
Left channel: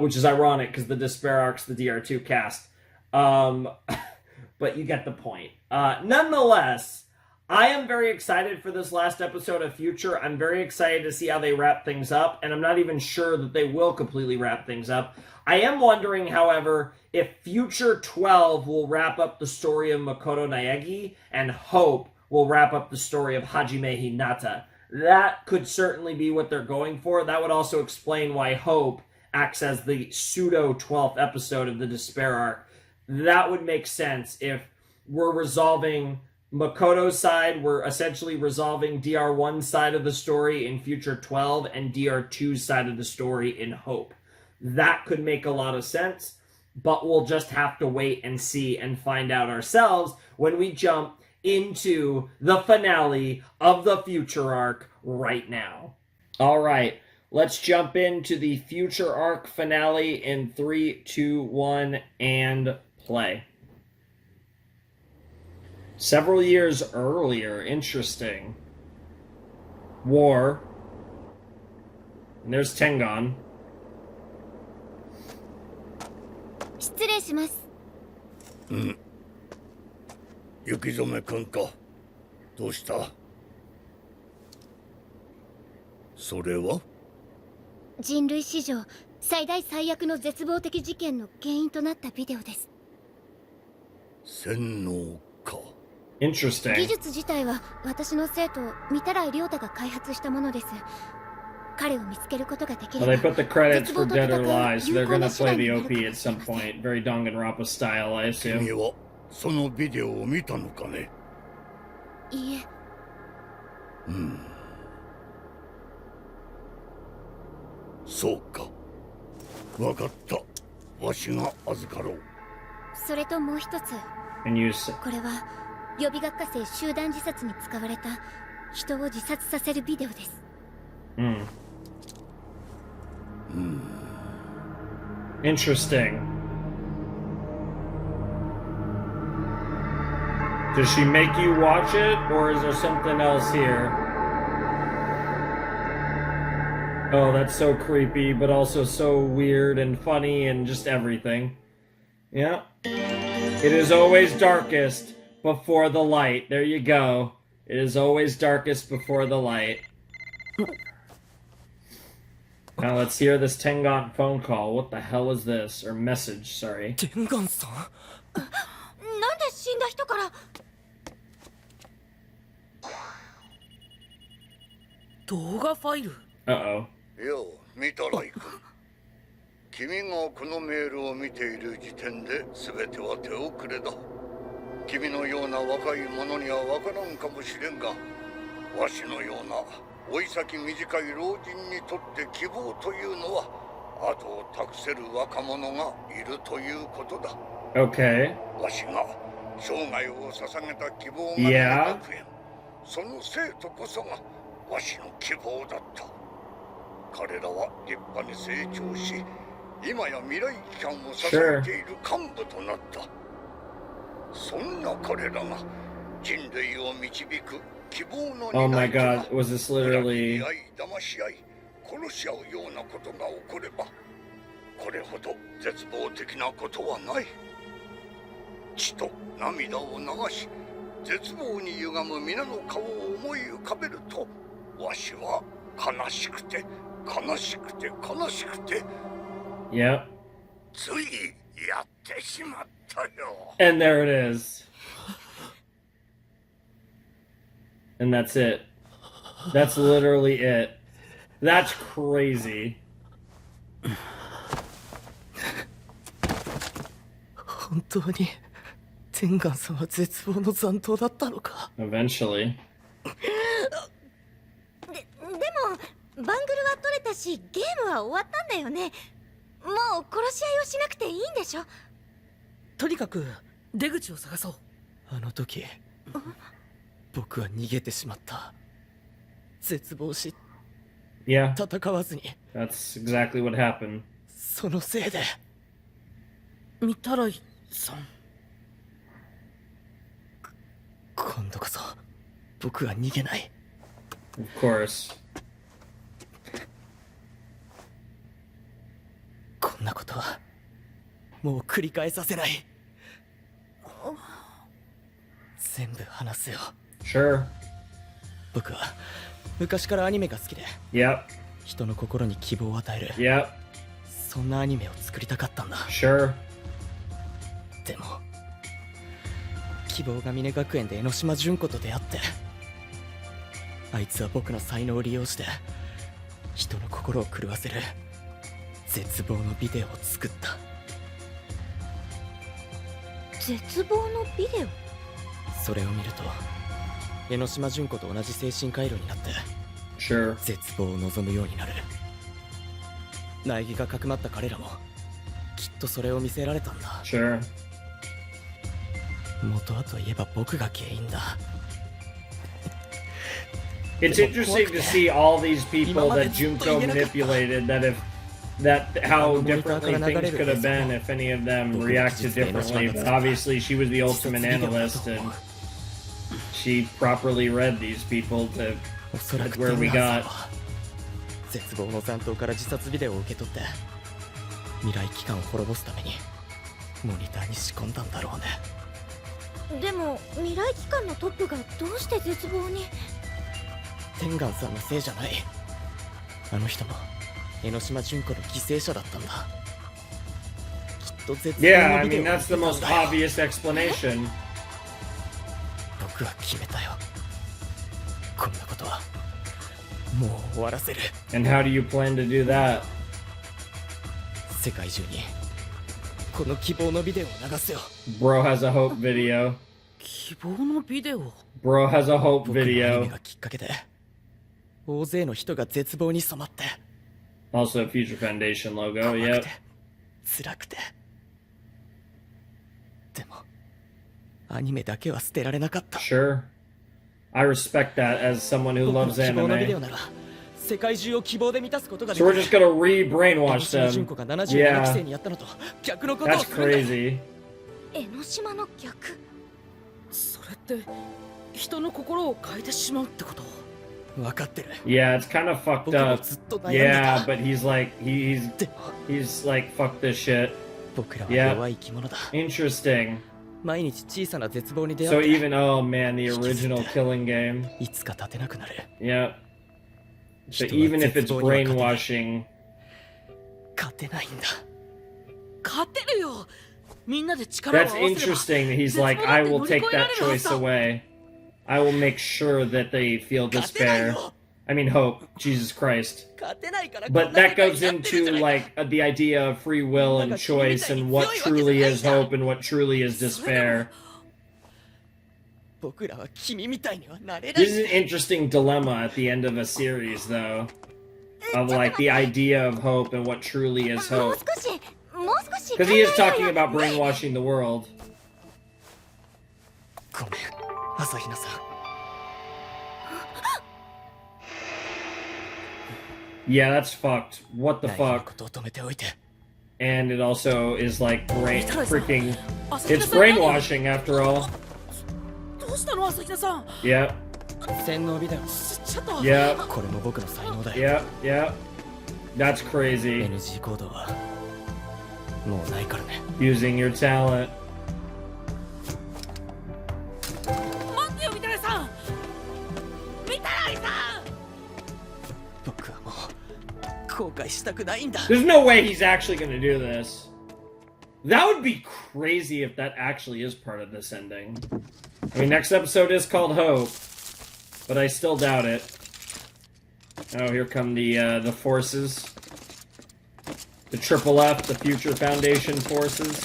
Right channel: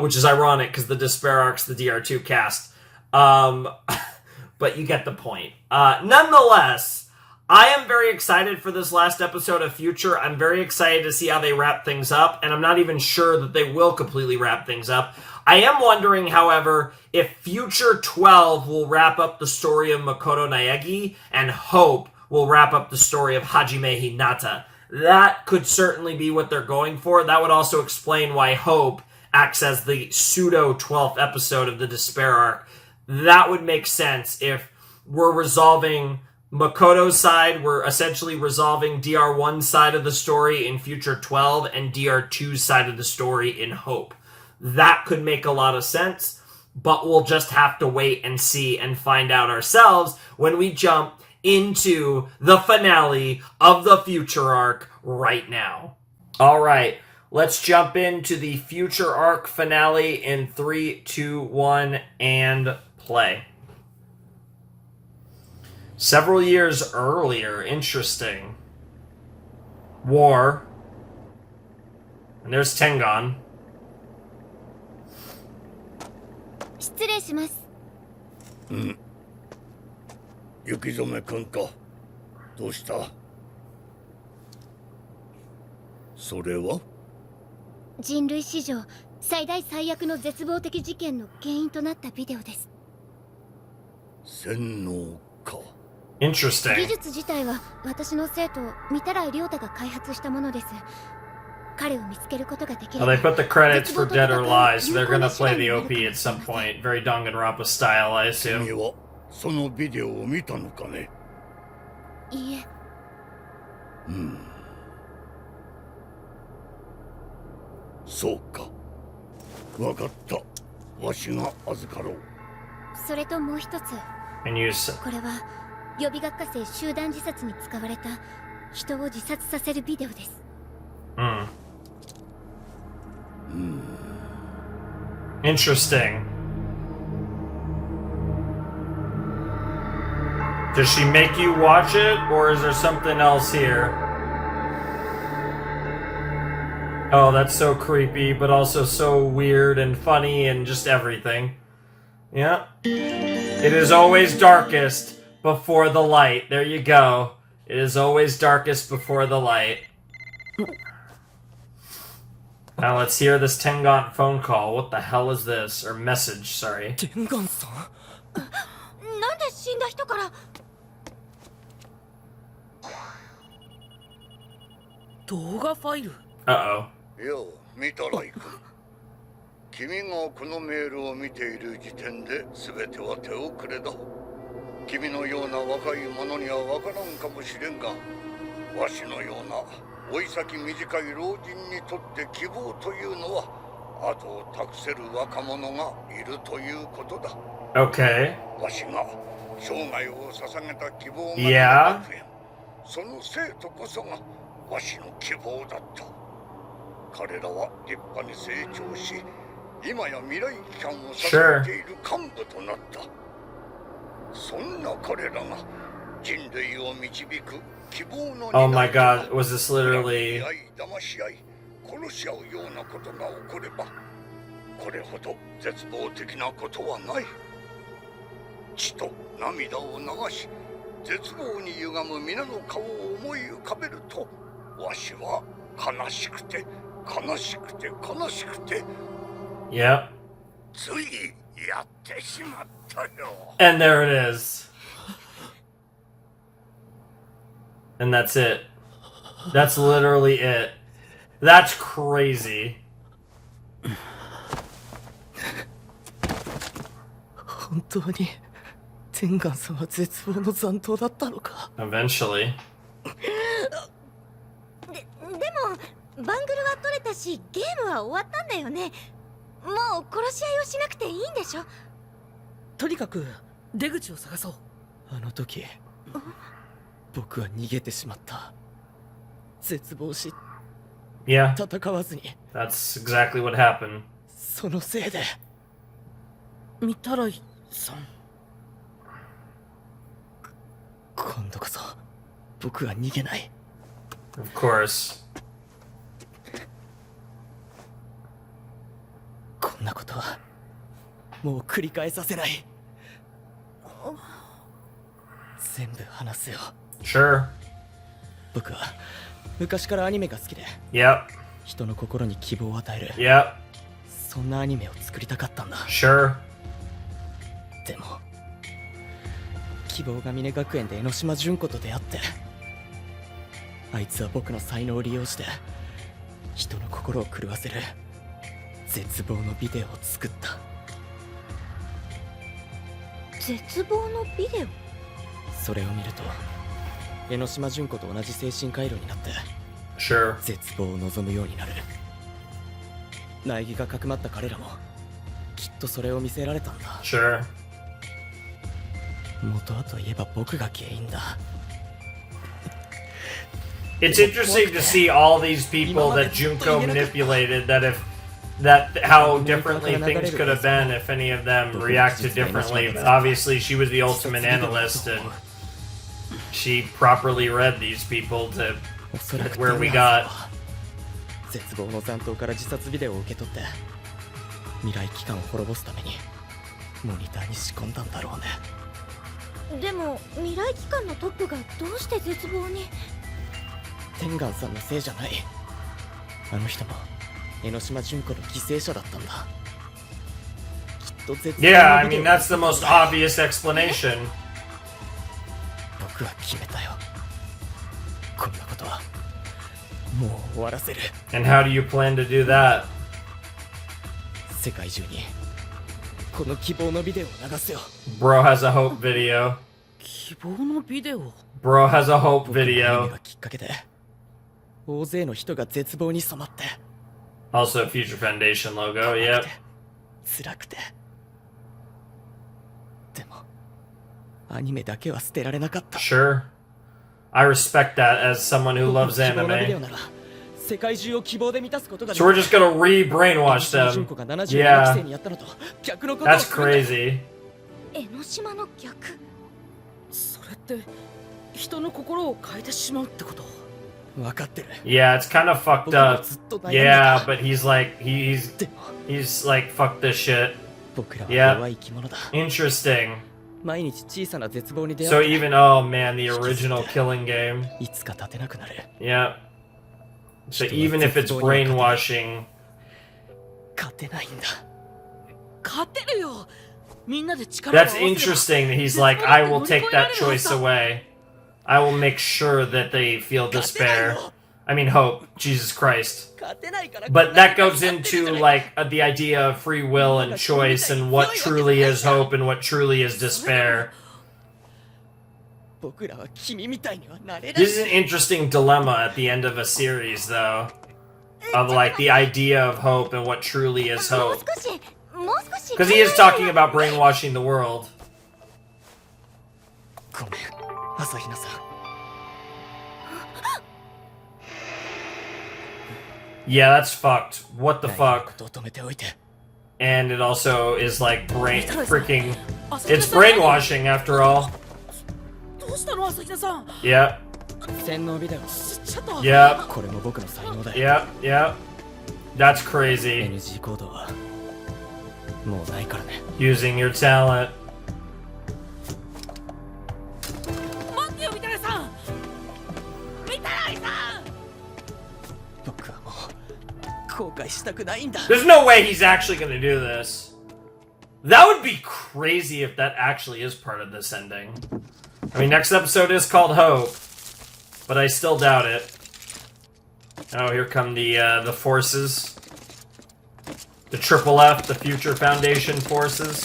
which is ironic because the Despair arc's the DR2 cast. But you get the point. Nonetheless, I am very excited for this last episode of Future. I'm very excited to see how they wrap things up, and I'm not even sure that they will completely wrap things up. I am wondering, however, if Future 12 will wrap up the story of Makoto Naegi, and Hope will wrap up the story of Hajime Hinata. That could certainly be what they're going for. That would also explain why Hope acts as the pseudo-12th episode of the Despair arc. That would make sense if we're resolving Makoto's side, we're essentially resolving DR1's side of the story in Future 12 and DR2's side of the story in Hope. That could make a lot of sense, but we'll just have to wait and see and find out ourselves when we jump into the finale of the Future arc right now. All right, let's jump into the Future arc finale in 3, 2, 1, and play. Several years earlier, interesting. War. And there's Tengon. 失礼します。雪染くんか。どうした？それは？人類史上最大最悪の絶望的事件の原因となったビデオです。洗脳か。Interesting. 技術自体は私の生徒御手洗亮太が開発したものです。彼を見つけることができれば、 Well, they put the credits for Dead or Alive, so they're gonna play the OP at some point. Very Danganronpa style, I assume. 君はそのビデオを見たのかね。いいえ。そうか。わかった。わしが預かろう。それともう一つ。これは予備学科生集団自殺に使われた人を自殺させるビデオです。Interesting. Does she make you watch it, or is there something else here? Oh, that's so creepy, but also so weird and funny and just everything. Yeah. It is always darkest before the light. There you go. It is always darkest before the light. Now let's hear this Tengan phone call. What the hell is this? Or message, sorry. Tengan-san? なんで死んだ人から。動画ファイル。Uh-oh. よう、見たらいく。君がこのメールを見ている時点で全ては手遅れだ。君のような若い者にはわからんかもしれんが、わしのような老い先短い老人にとって希望というのは後を託せる若者がいるということだ。Okay. わしが生涯を捧げた希望が学園、その生徒こそがわしの希望だった。彼らは立派に成長し、今や未来機関を支えている幹部となった。そんな彼らが人類を導く希望の Oh my god, was this literally... 騙し合い、殺し合うようなことが起これば、これほど絶望的なことはない。血と涙を流し、絶望に歪む皆の顔を思い浮かべると、わしは悲しくて悲しくて悲しくて、Yep. ついやってしまったよ。 And there it is. And that's it. That's literally it. That's crazy. 本当にテンガンさんは絶望の残党だったのか。 Eventually. でもバングルは取れたし、ゲームは終わったんだよね。もう殺し合いをしなくていいんでしょ。とにかく出口を探そう。あの時僕は逃げてしまった。絶望し、Yeah. 戦わずに。 That's exactly what happened. そのせいで。御手洗さん。今度こそ僕は逃げない。Of course. こんなことはもう繰り返させない。全部話すよ。Sure. 僕は昔からアニメが好きで、Yep. 人の心に希望を与える、Yep. そんなアニメを作りたかったんだ。Sure. でも希望ヶ峰学園で江ノ島純子と出会って、あいつは僕の才能を利用して人の心を狂わせる絶望のビデオを作った。絶望のビデオ。それを見ると江ノ島純子と同じ精神回路になって、Sure. 絶望を望むようになる。苗木がかくまった彼らもきっとそれを見せられたんだ。Sure. 元はといえば僕が原因だ。 It's interesting to see all these people that Junko manipulated, that how differently things could have been if any of them reacted differently. But obviously she was the ultimate analyst and she properly read these people to where we got. 絶望の残党から自殺ビデオを受け取って未来機関を滅ぼすためにモニターに仕込んだんだろうね。でも未来機関のトップがどうして絶望に。テンガンさんのせいじゃない。あの人も江ノ島純子の犠牲者だったんだ。きっと絶望 Yeah, の I ビデオ mean that's the most obvious explanation. 僕は決めたよ。こんなことはもう終わらせる。 And how do you plan to do that? 世界中にこの希望のビデオを流すよ。 Bro has a hope video. 希望のビデオ。 Bro has a hope 僕のアニメ video. がきっかけで大勢の人が絶望に染まって Also a Future Foundation logo, yeah. 辛くて。でもアニメだけは捨てられなかった。 Sure. I respect that as someone who 僕の loves 希望のビデオ anime. なら世界中を希望で満たすことがで So き we're る。 just gonna re-brainwash 江ノ島 them. 純子が77期生 Yeah. にやったのと逆のことを That's するんだよ。 crazy. 江ノ島の逆。それって人の心を変えてしまうってこと？分かってる。 Yeah, it's kind of fucked 僕も up. ずっと悩んでた。 Yeah, but he's like he's like fuck this shit. 僕らは Yeah. 弱い生き物だ。 Interesting. 毎日小さな絶望に出 So 会って even oh man, the original killing game. いつか立てなくなる。 Yeah. So even if it's brainwashing. 勝てないんだ。勝てるよ。みんなで力を合わ That's せれば。 interesting. He's like, I will take that choice away. I will make sure that they feel despair. I mean hope. Jesus Christ. 勝てないから。 But that goes into like the idea of free will and choice and what truly is hope and what truly is despair. 僕らは君みたいにはなれない。 This is an interesting dilemma at the end of a series, though, of like the idea of hope and what truly is もう hope. 少しもう少し Because he is talking about brainwashing the world. ごめん、朝比奈さん。 Yeah, that's fucked. What the 悩む fuck? ことを止めておいて。 And it also is like freaking. It's brainwashing after all. どうしたの朝比奈さん。 Yep. 洗脳ビデオ。ちょっと。 Yep. これも僕の才能だよ。 Yep. Yep. That's crazy. NG 行動はもうないからね。 Using your talent. 待ってよ、みたらいさん。みたらいさん。僕はもう後悔したくないんだ。 There's no way he's actually gonna do this. That would be crazy if that actually is part of this ending. I mean, next episode is called Hope, but I still doubt it. Oh, here come the forces. The Triple F, the Future Foundation forces.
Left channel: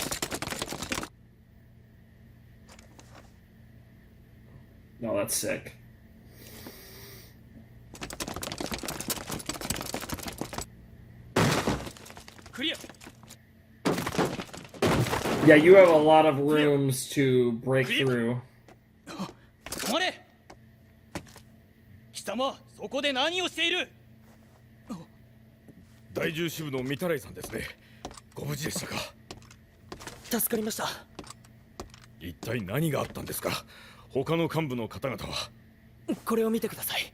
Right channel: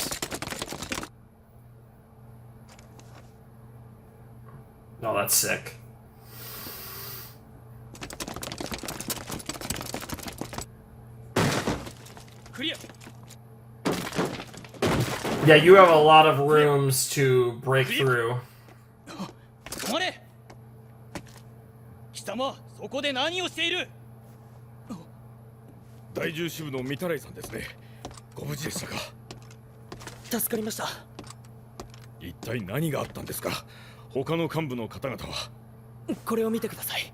Oh, that's sick. Yeah, you have a lot of rooms to break through. 止まれ。貴様、そこで何をしている？第10支部の御手洗さんですね。ご無事でしたか？助かりました。一体何があったんですか？他の幹部の方々は。これを見てください。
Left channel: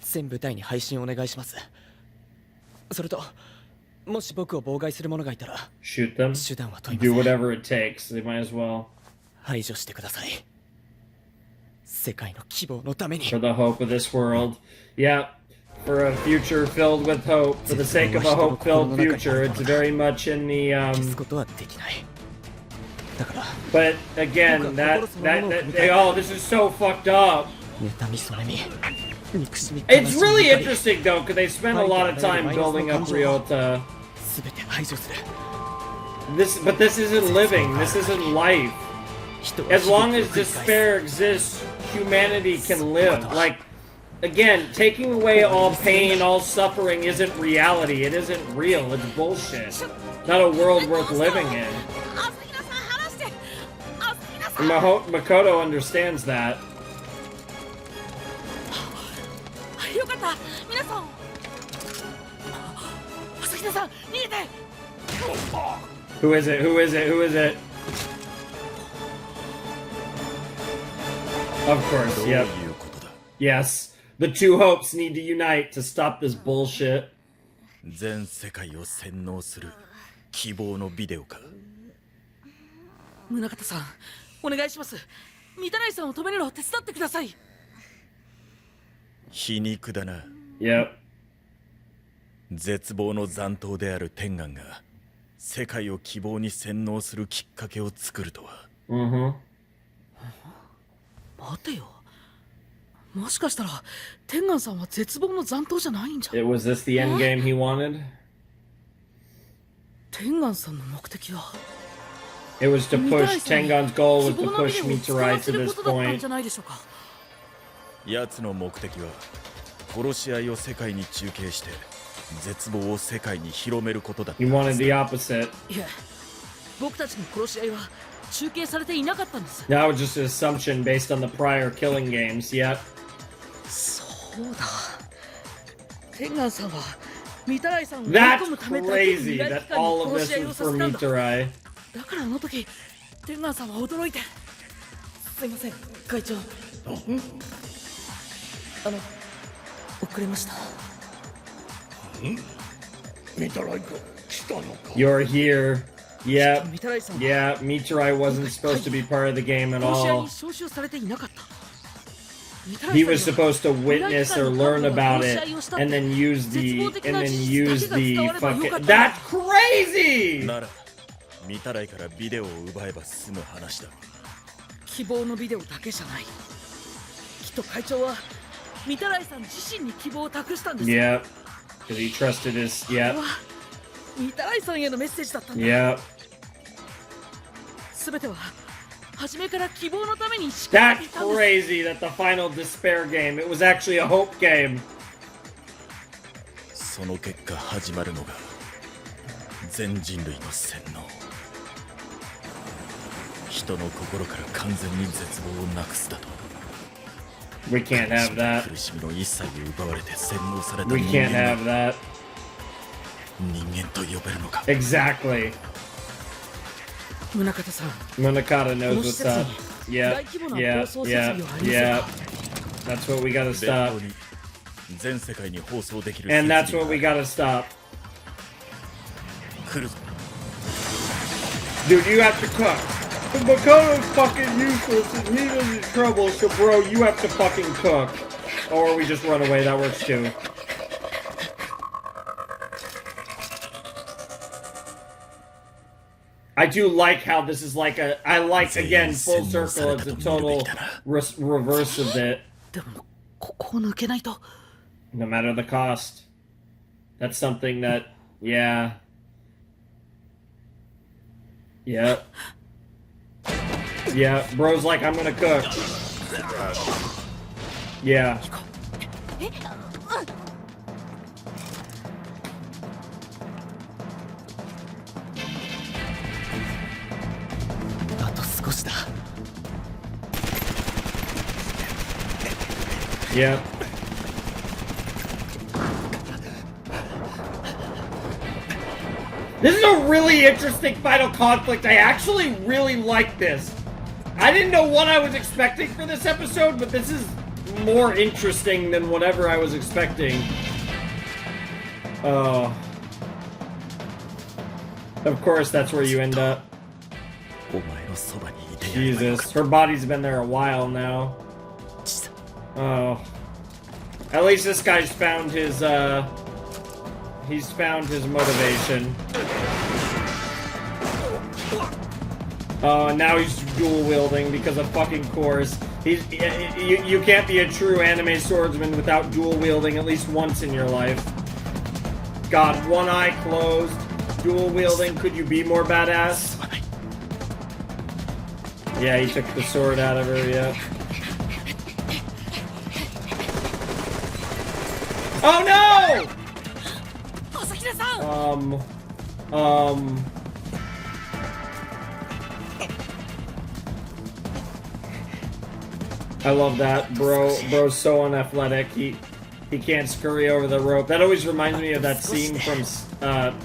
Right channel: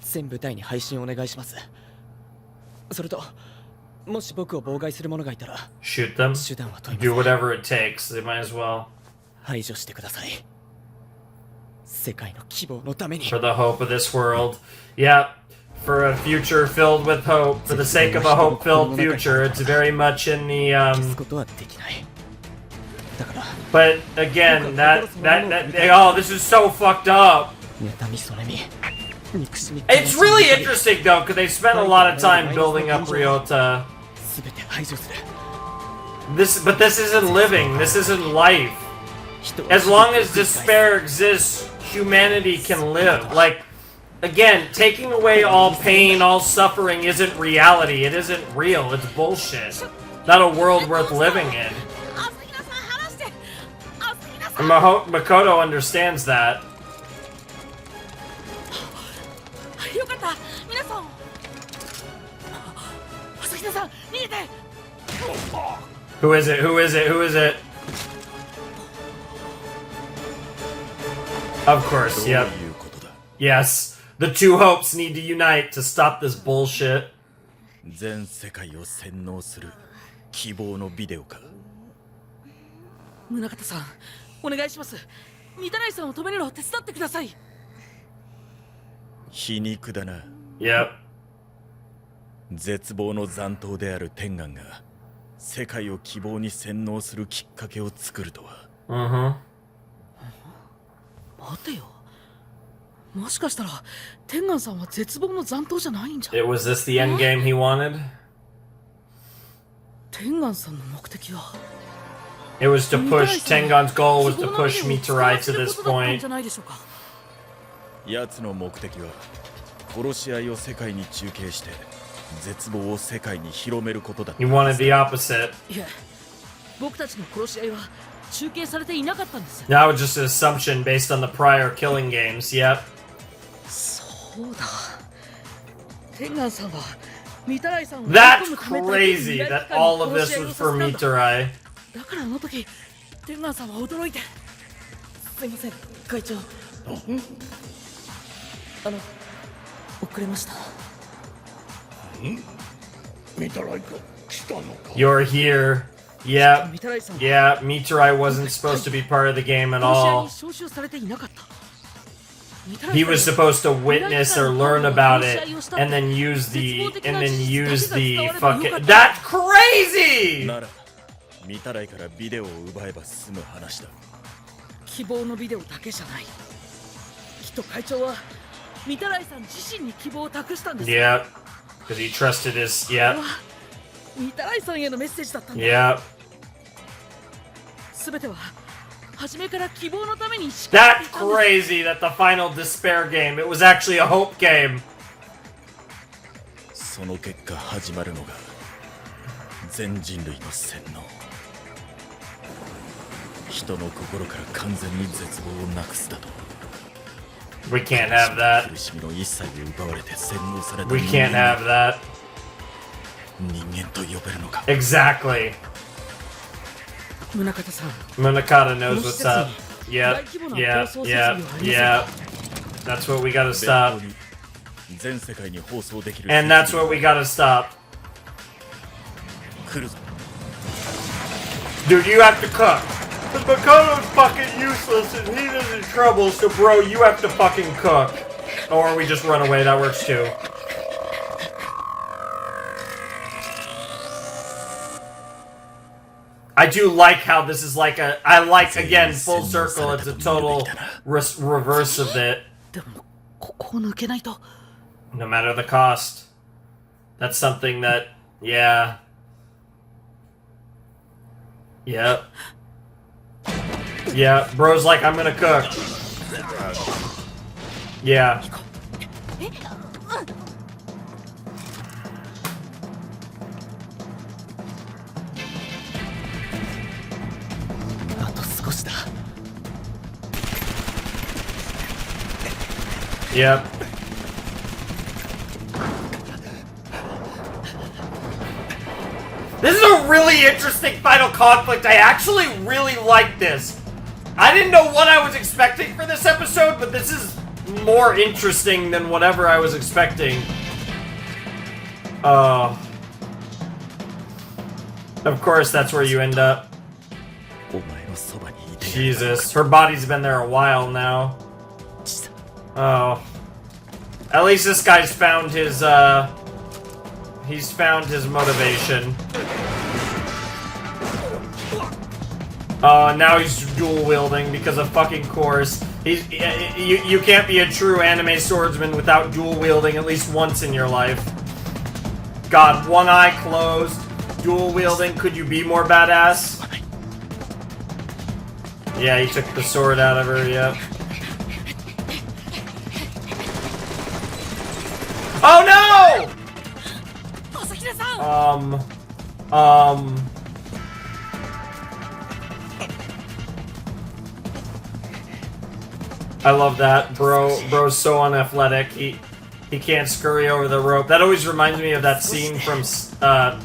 全部隊に配信お願いします。それと、もし僕を妨害する者がいたら、 Shoot them. 手段は問いません。 Do whatever it takes. They might as well. 排除してください。世界の希望のために。 For the hope of this world. Yeah. For a future filled with hope. For the sake of a hope-filled future. It's very much in the, 消すことはできない。だから。 But again, that oh, this is so fucked up. 妬みそれみ。 It's really interesting though, because they spent a lot of time building up Ryota. But this isn't living. This isn't life. As long as despair exists, humanity can live. Like, again, taking away all pain, all suffering isn't reality. It isn't real. It's bullshit. Not a world worth living in. And Makoto understands that. よかった、皆さん。朝比奈さん、逃げて。Who is it? Who is it? Who is it? Of course, yep. Yes, the two hopes need to unite to stop this bullshit. 全世界を洗脳する希望のビデオか。宗像さん、お願いします。御手洗さんを止めるのを手伝ってください。皮肉だな。Yep. 絶望の残党である天眼が世界を希望に洗脳するきっかけを作るとは。Mm-hmm. 待てよ。ももしかしたら天眼さんは絶望の残党じゃないんじゃ。 Was this the end game he wanted? 天眼さんの目的は It was to push Tengon's goal was to push Mitarai to this point. 奴の目的は殺し合いを世界に中継して絶望を世界に広めることだった。 He wanted the opposite. いや、僕たちの殺し合いは中継されていなかったんです。 That was just an assumption based on the prior killing games. Yep. そうだ。天眼さんはミタライさんを追い That's 込むためだけに crazy 未来 that 機関に all of 殺し this 合いを was さ for せたんだ。 Mitarai. だからあの時天眼さんは驚いて。すいません会長。遅れました。見たらいか来たのか。 You're here. Yeah. Yeah, Mitarai wasn't supposed to be part of the game at 殺し合い all. に招集されていなかった。 He was supposed to witness or learn about it and then use the fucking. That's crazy! なら見たらいからビデオを奪えば済む話だ。希望のビデオだけじゃない。きっと会長はミタライさん自身に希望を託したんです。 Yeah, because he trusted his. これ Yeah. はミタライさんへのメッセージだったんだ。 Yeah. すべては初めから希望のために仕掛け That's ていたんです。 crazy that the final despair game, it was actually a hope game. その結果始まるのが全人類の洗脳。人の心から完全に絶望をなくすだと。 We can't have that. 苦しみの一切を奪われて洗脳された We 人 can't 間 have を that. 人間と呼べるのか。 Exactly. 宗像さん。 Munakata この knows 施 what's 設 up. に Yeah, 大規模な yeah, 放送設 yeah, 備はありません yeah. か。 That's what we gotta 弁 stop. 当に全世界に放送できる And that's what we gotta stop. 来るぞ。 Dude, you have to cook. Makoto's fucking useless and he is in trouble, so bro, you have to fucking cook. Or we just run away, that works too. I do like how this is like a... I like, again, full circle, it's a total reverse of it. でもここを抜けないと。 No matter the cost. That's something that... Yeah. Yeah. Yeah, bro's like, I'm gonna cook. Yeah. あと少しだ。 Yep. This is a really interesting final conflict. I actually really like this. I didn't know what I was expecting for this episode, but this is more interesting than whatever I was expecting. Of course, that's where you end up. Jesus, her body's been there a while now. Oh. At least this guy's found his, he's found his motivation. Now he's dual wielding because of fucking course. You can't be a true anime swordsman without dual wielding at least once in your life. God, one eye closed, dual wielding. Could you be more badass? Yeah, he took the sword out of her. Yep. Oh no! I love that, bro's so unathletic. He can't scurry over the rope. That always reminds me of that scene from I'm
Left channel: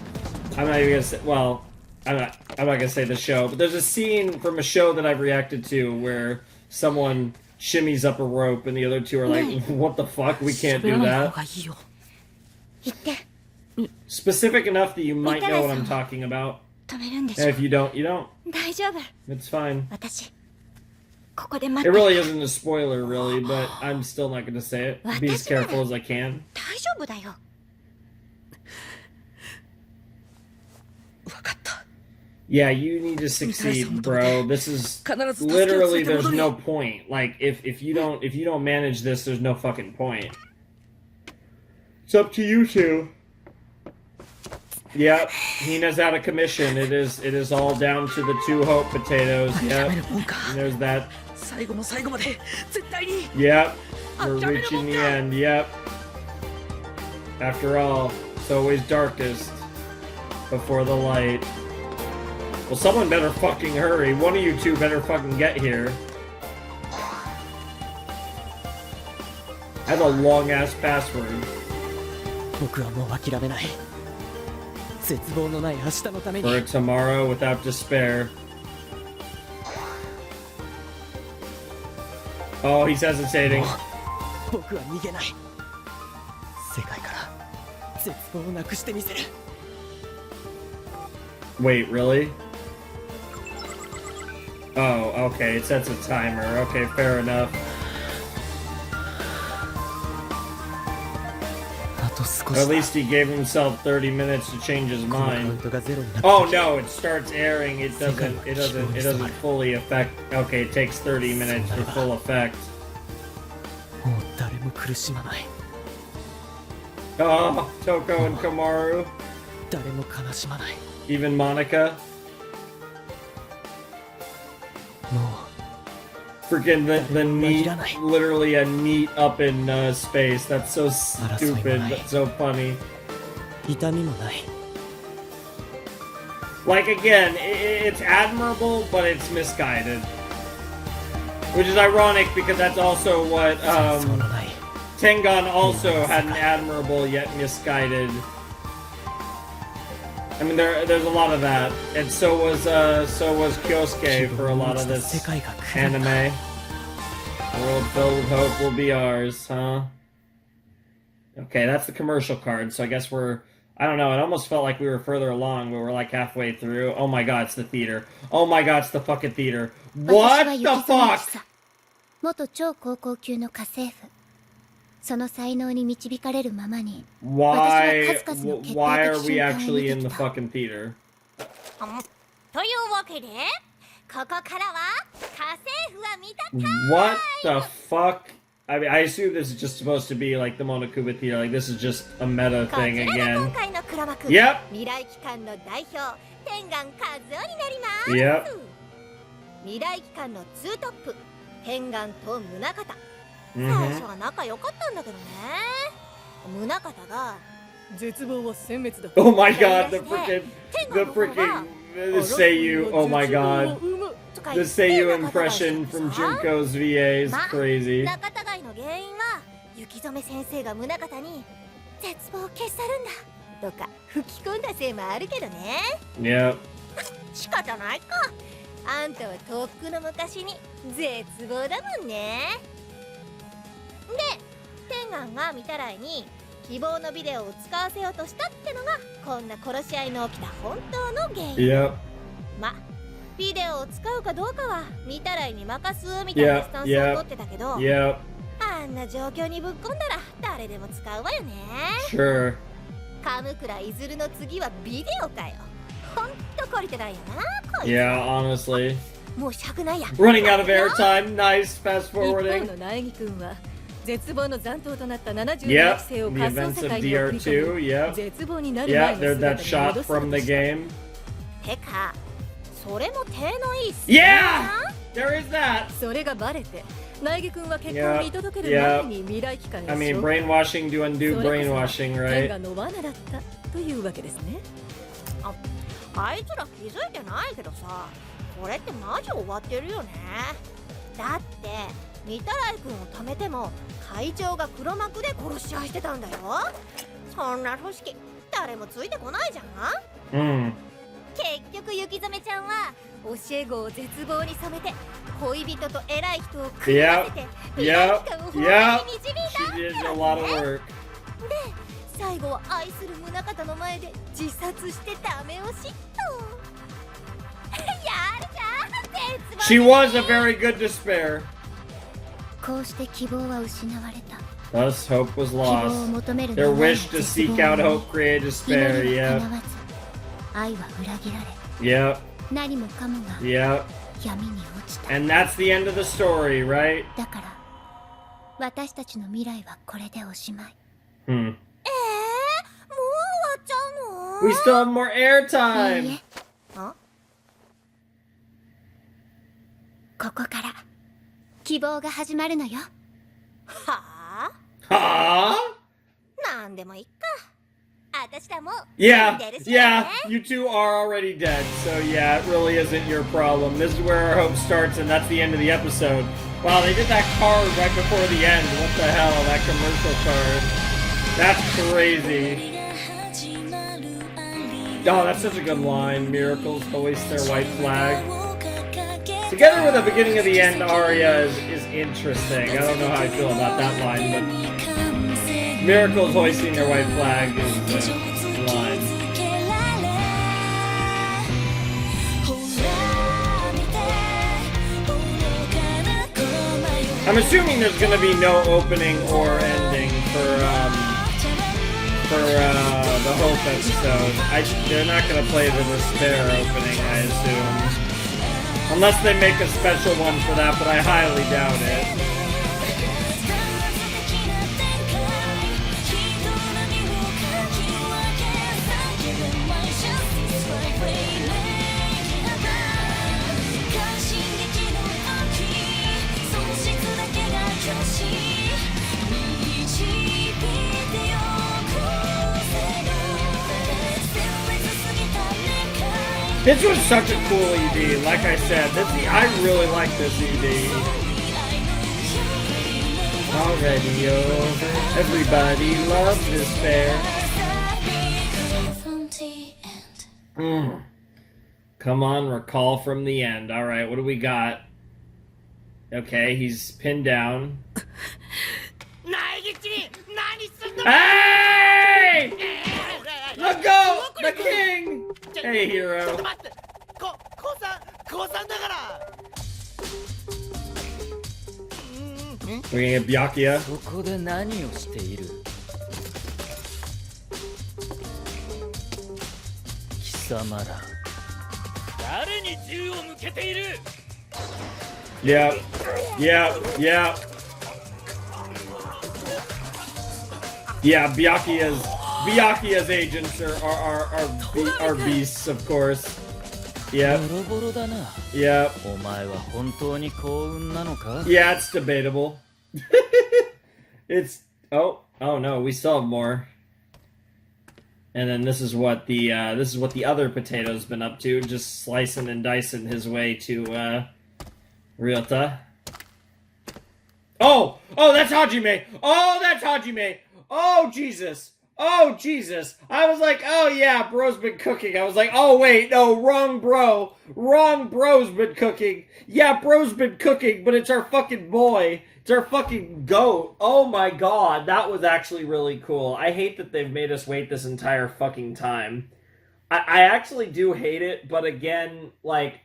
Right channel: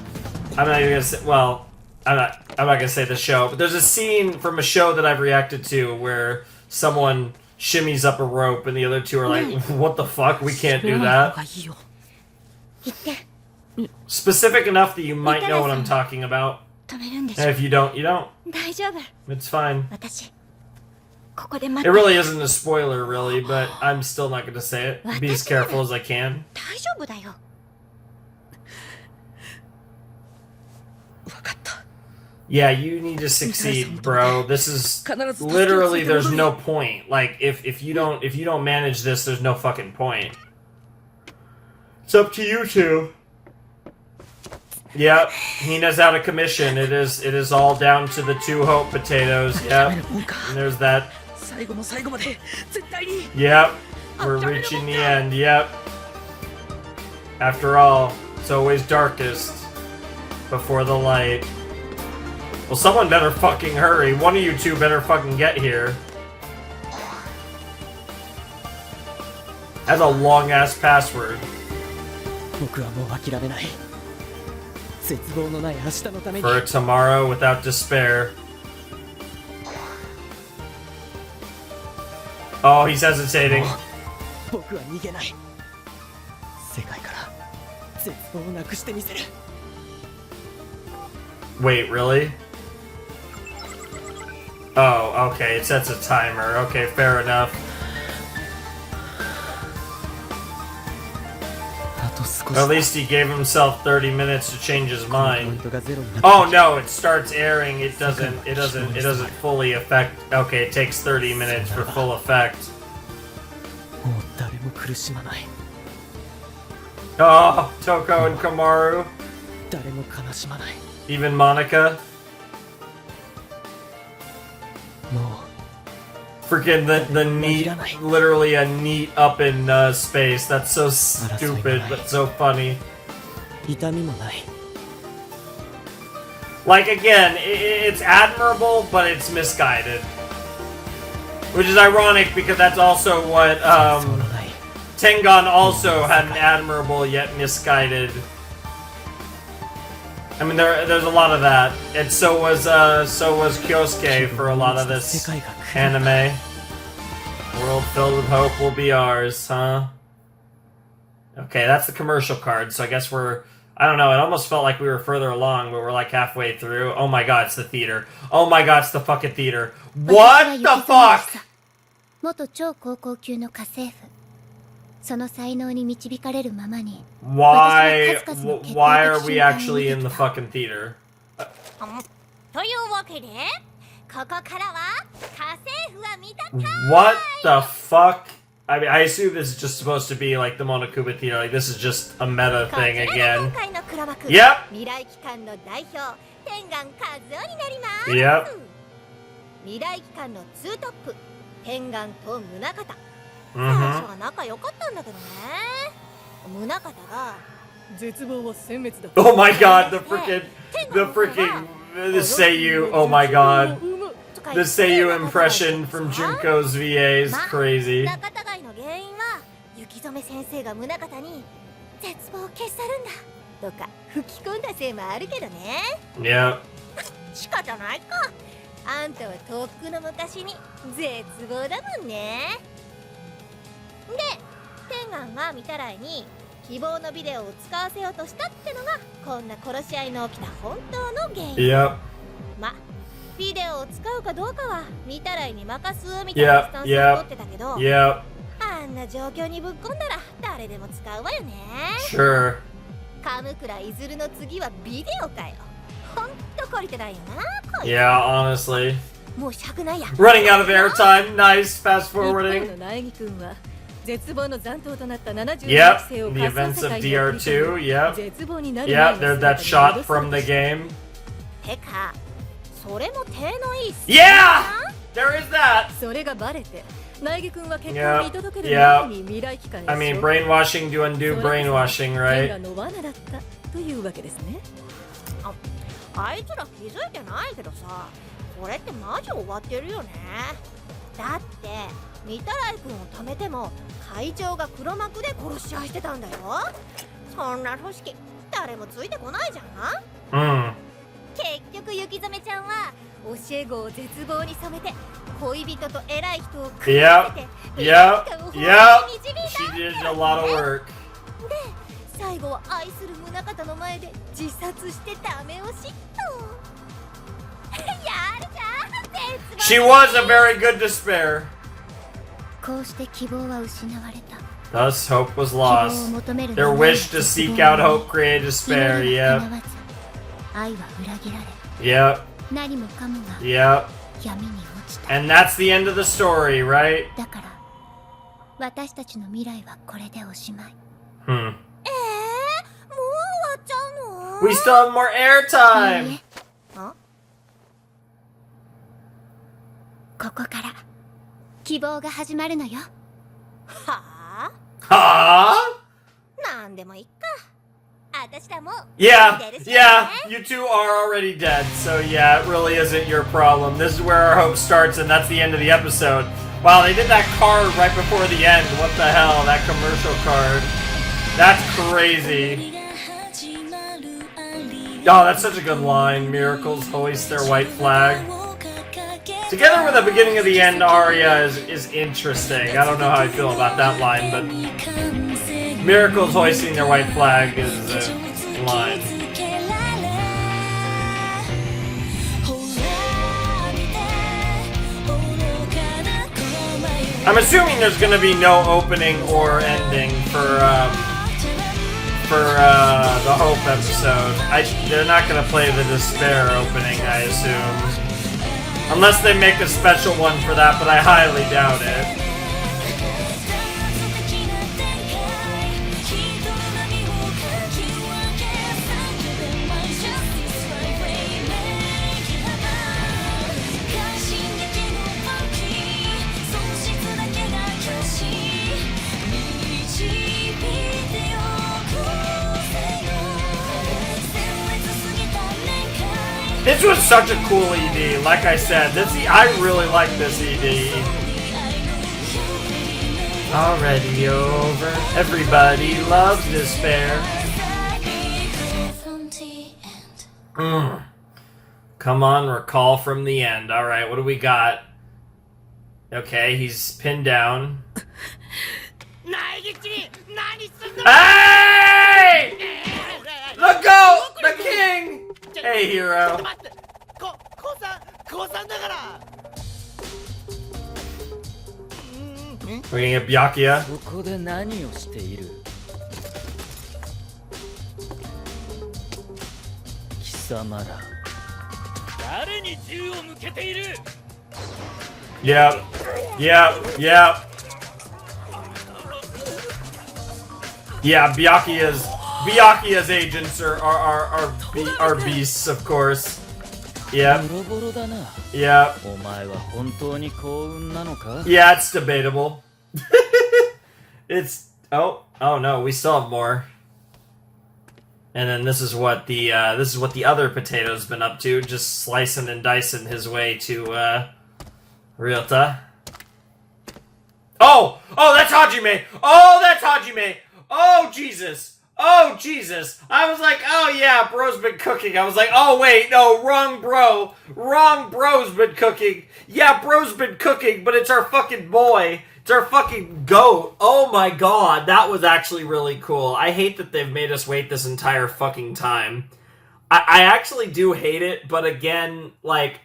not even gonna say, well, I'm not gonna say the show, but there's a scene from a show that I've reacted to where someone shimmies up a rope and the other two are like, what the fuck, we can't do that. Specific enough that you might know what I'm talking about. And if you don't, you don't. It's fine. It really isn't a spoiler, really, but I'm still not gonna say it. Be as careful as I can. Yeah, you need to succeed, bro. This is literally there's no point. Like if you don't manage this, there's no fucking point. It's up to you two. Yep, Hina's out of commission. It is all down to the two hope potatoes. Yep. And there's that. Yep. We're reaching the end. Yep. After all, it's always darkest before the light. Well, someone better fucking hurry. One of you two better fucking get here. That's a long-ass password. For a tomorrow without despair. Oh, he's hesitating. Wait, really? Oh, okay, it sets a timer. Okay, fair enough. At least he gave himself 30 minutes to change his mind. Oh no, it starts airing. It doesn't fully affect. Okay, it takes 30 minutes for full effect. Oh, Toko and Kamaru. Even Monica. Freaking the neat, literally a neat up in space. That's so stupid, but so funny. Like again, it's admirable, but it's misguided. Which is ironic because that's also what Tengan also had an admirable yet misguided. I mean, there's a lot of that, and so was Kyosuke for a lot of this anime. A world filled with hope will be ours, huh? Okay, that's the commercial card. So I guess I don't know. It almost felt like we were further along, but we're like halfway through. Oh my god, it's the theater. Oh my god, it's the fucking theater. What the fuck? Why are we actually in the fucking theater? What the fuck? I mean, I assume this is just supposed to be like the Monokuba theater. Like this is just a meta thing again. Yep. Oh my god, the freaking the Seiyu, oh my god. The Seiyu impression from Junko's VA is crazy. Yeah. 仕方ないか。あんたはとっくの昔に絶望だもんね。で、天眼が見たらいに希望のビデオを使わせようとしたってのがこんな殺し合いの起きた本当の原因。Yep. ま、ビデオを使うかどうかは見たらいに任すみたいなスタンスを取ってたけど、Yep. あんな状況にぶっ込んだら誰でも使うわよね。Sure. 鎌倉いずるの次はビデオかよ。ほんと懲りてないよな、こいつ。Yeah, honestly. もう尺ないや。Running out of airtime. Nice. Fast forwarding. 一方の苗木君は絶望の残党となった72 Yep. 期生を The 仮想 events 世 of 界に送り DR2. 込み Yep. 絶望になる前 Yeah, の there's 姿 that に shot 戻そう from と the した。 game. てか、それも手のいいっす Yeah! There is that! それがバレて、苗木君は結婚を見届ける Yeah. 前に未来機関へ I mean, 紹介。 brainwashing to undo brainwashing, 天 right? がの罠だったというわけですね。あいつら気づいてないけどさ、これってマジ終わってるよね。だって御手洗君を止めても会長が黒幕で殺し合いしてたんだよ。そんな組織誰もついてこないじゃん。結局雪染ちゃんは教え子を絶望に染めて恋人と偉い人を組み合わせて未来機関を法に導いたってね。で最後は愛する宗像の前で自殺してダメ押しと。やるじゃん、絶望。She was a very good despair. こうして希望は失われた。 Thus, hope was lost. Their wish to seek out hope created despair. Yep. 愛は裏切られ。 Yep. Yep. And that's the end of the story, right? だから私たちの未来はこれでおしまい。Hmm. もう終わっちゃうの？ We still have more airtime. ここから希望が始まるのよ。はあ？はあ？なんでもいいか。私らも Yeah, yeah, you two are already dead, so yeah, it really isn't your problem. This is where our hope starts, and that's the end of the episode. Wow, they did that card right before the end. What the hell, that commercial card. That's crazy. Oh, that's such a good line. Miracles hoist their white flag. Together with the beginning of the end aria is interesting. I don't know how I feel about that line, but Miracles hoisting their white flag is the line. I'm assuming there's going to be no opening or ending for the Hope episode. They're not going to play the Despair opening, I assume. Unless they make a special one for that, but I highly doubt it. This was such a cool ED, like I said. I really like this ED. Already over. Everybody loves Despair. Come on, recall from the end. Alright, what do we got? Okay, he's pinned down. Hey! The goat! The king! Hey, hero. Looking at Byakuya. ここで何をしている？貴様ら誰に銃を向けている？ Yep. Yep. Yep. Yeah, Byakuya's agents are beasts, of course. Yeah. Yeah. Yeah, it's debatable. Oh no, we still have more. And then this is what the other potato's been up to, just slicing and dicing his way to Ryota. Oh, that's Hajime. Oh, that's Hajime. Oh, Jesus. Oh, Jesus. I was like, oh, yeah, bro's been cooking. I was like, oh, wait, no, wrong bro. Wrong bro's been cooking. Yeah, bro's been cooking, but it's our fucking boy. It's our fucking goat. Oh, my God. That was actually really cool. I hate that they've made us wait this entire fucking time. I actually do hate it, but again, like,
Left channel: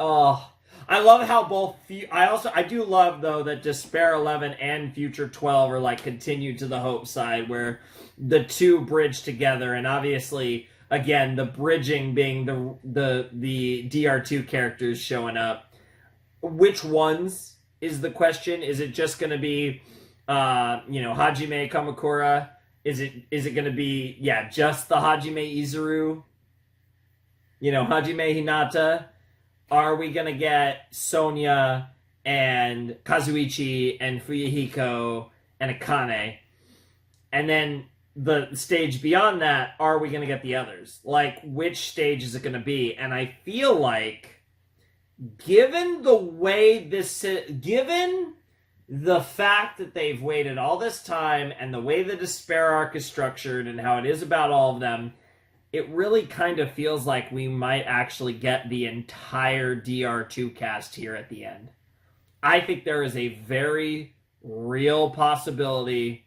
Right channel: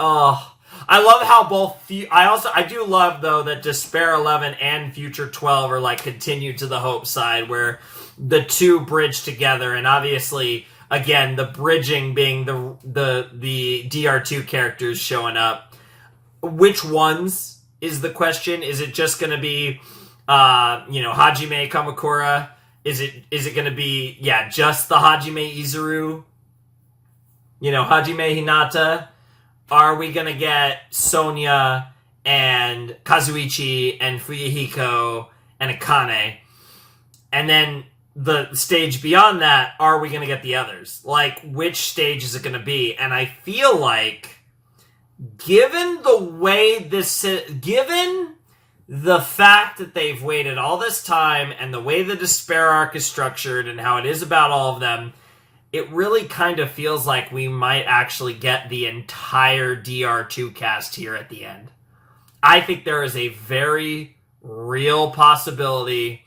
I love how both... I do love, though, that Despair 11 and Future 12 are, like, continued to the Hope side, where the two bridge together, and obviously, again, the bridging being the DR2 characters showing up. Which ones is the question? Is it just going to be, Hajime Kamakura? Is it going to be, just the Hajime Izuru? Hajime Hinata? Are we going to get Sonya and Kazuichi and Fuyuhiko and Akane? And then the stage beyond that, are we going to get the others? Like, which stage is it going to be? And I feel like, given the fact that they've waited all this time and the way the Despair arc is structured and how it is about all of them, it really kind of feels like we might actually get the entire DR2 cast here at the end. I think there is a very real possibility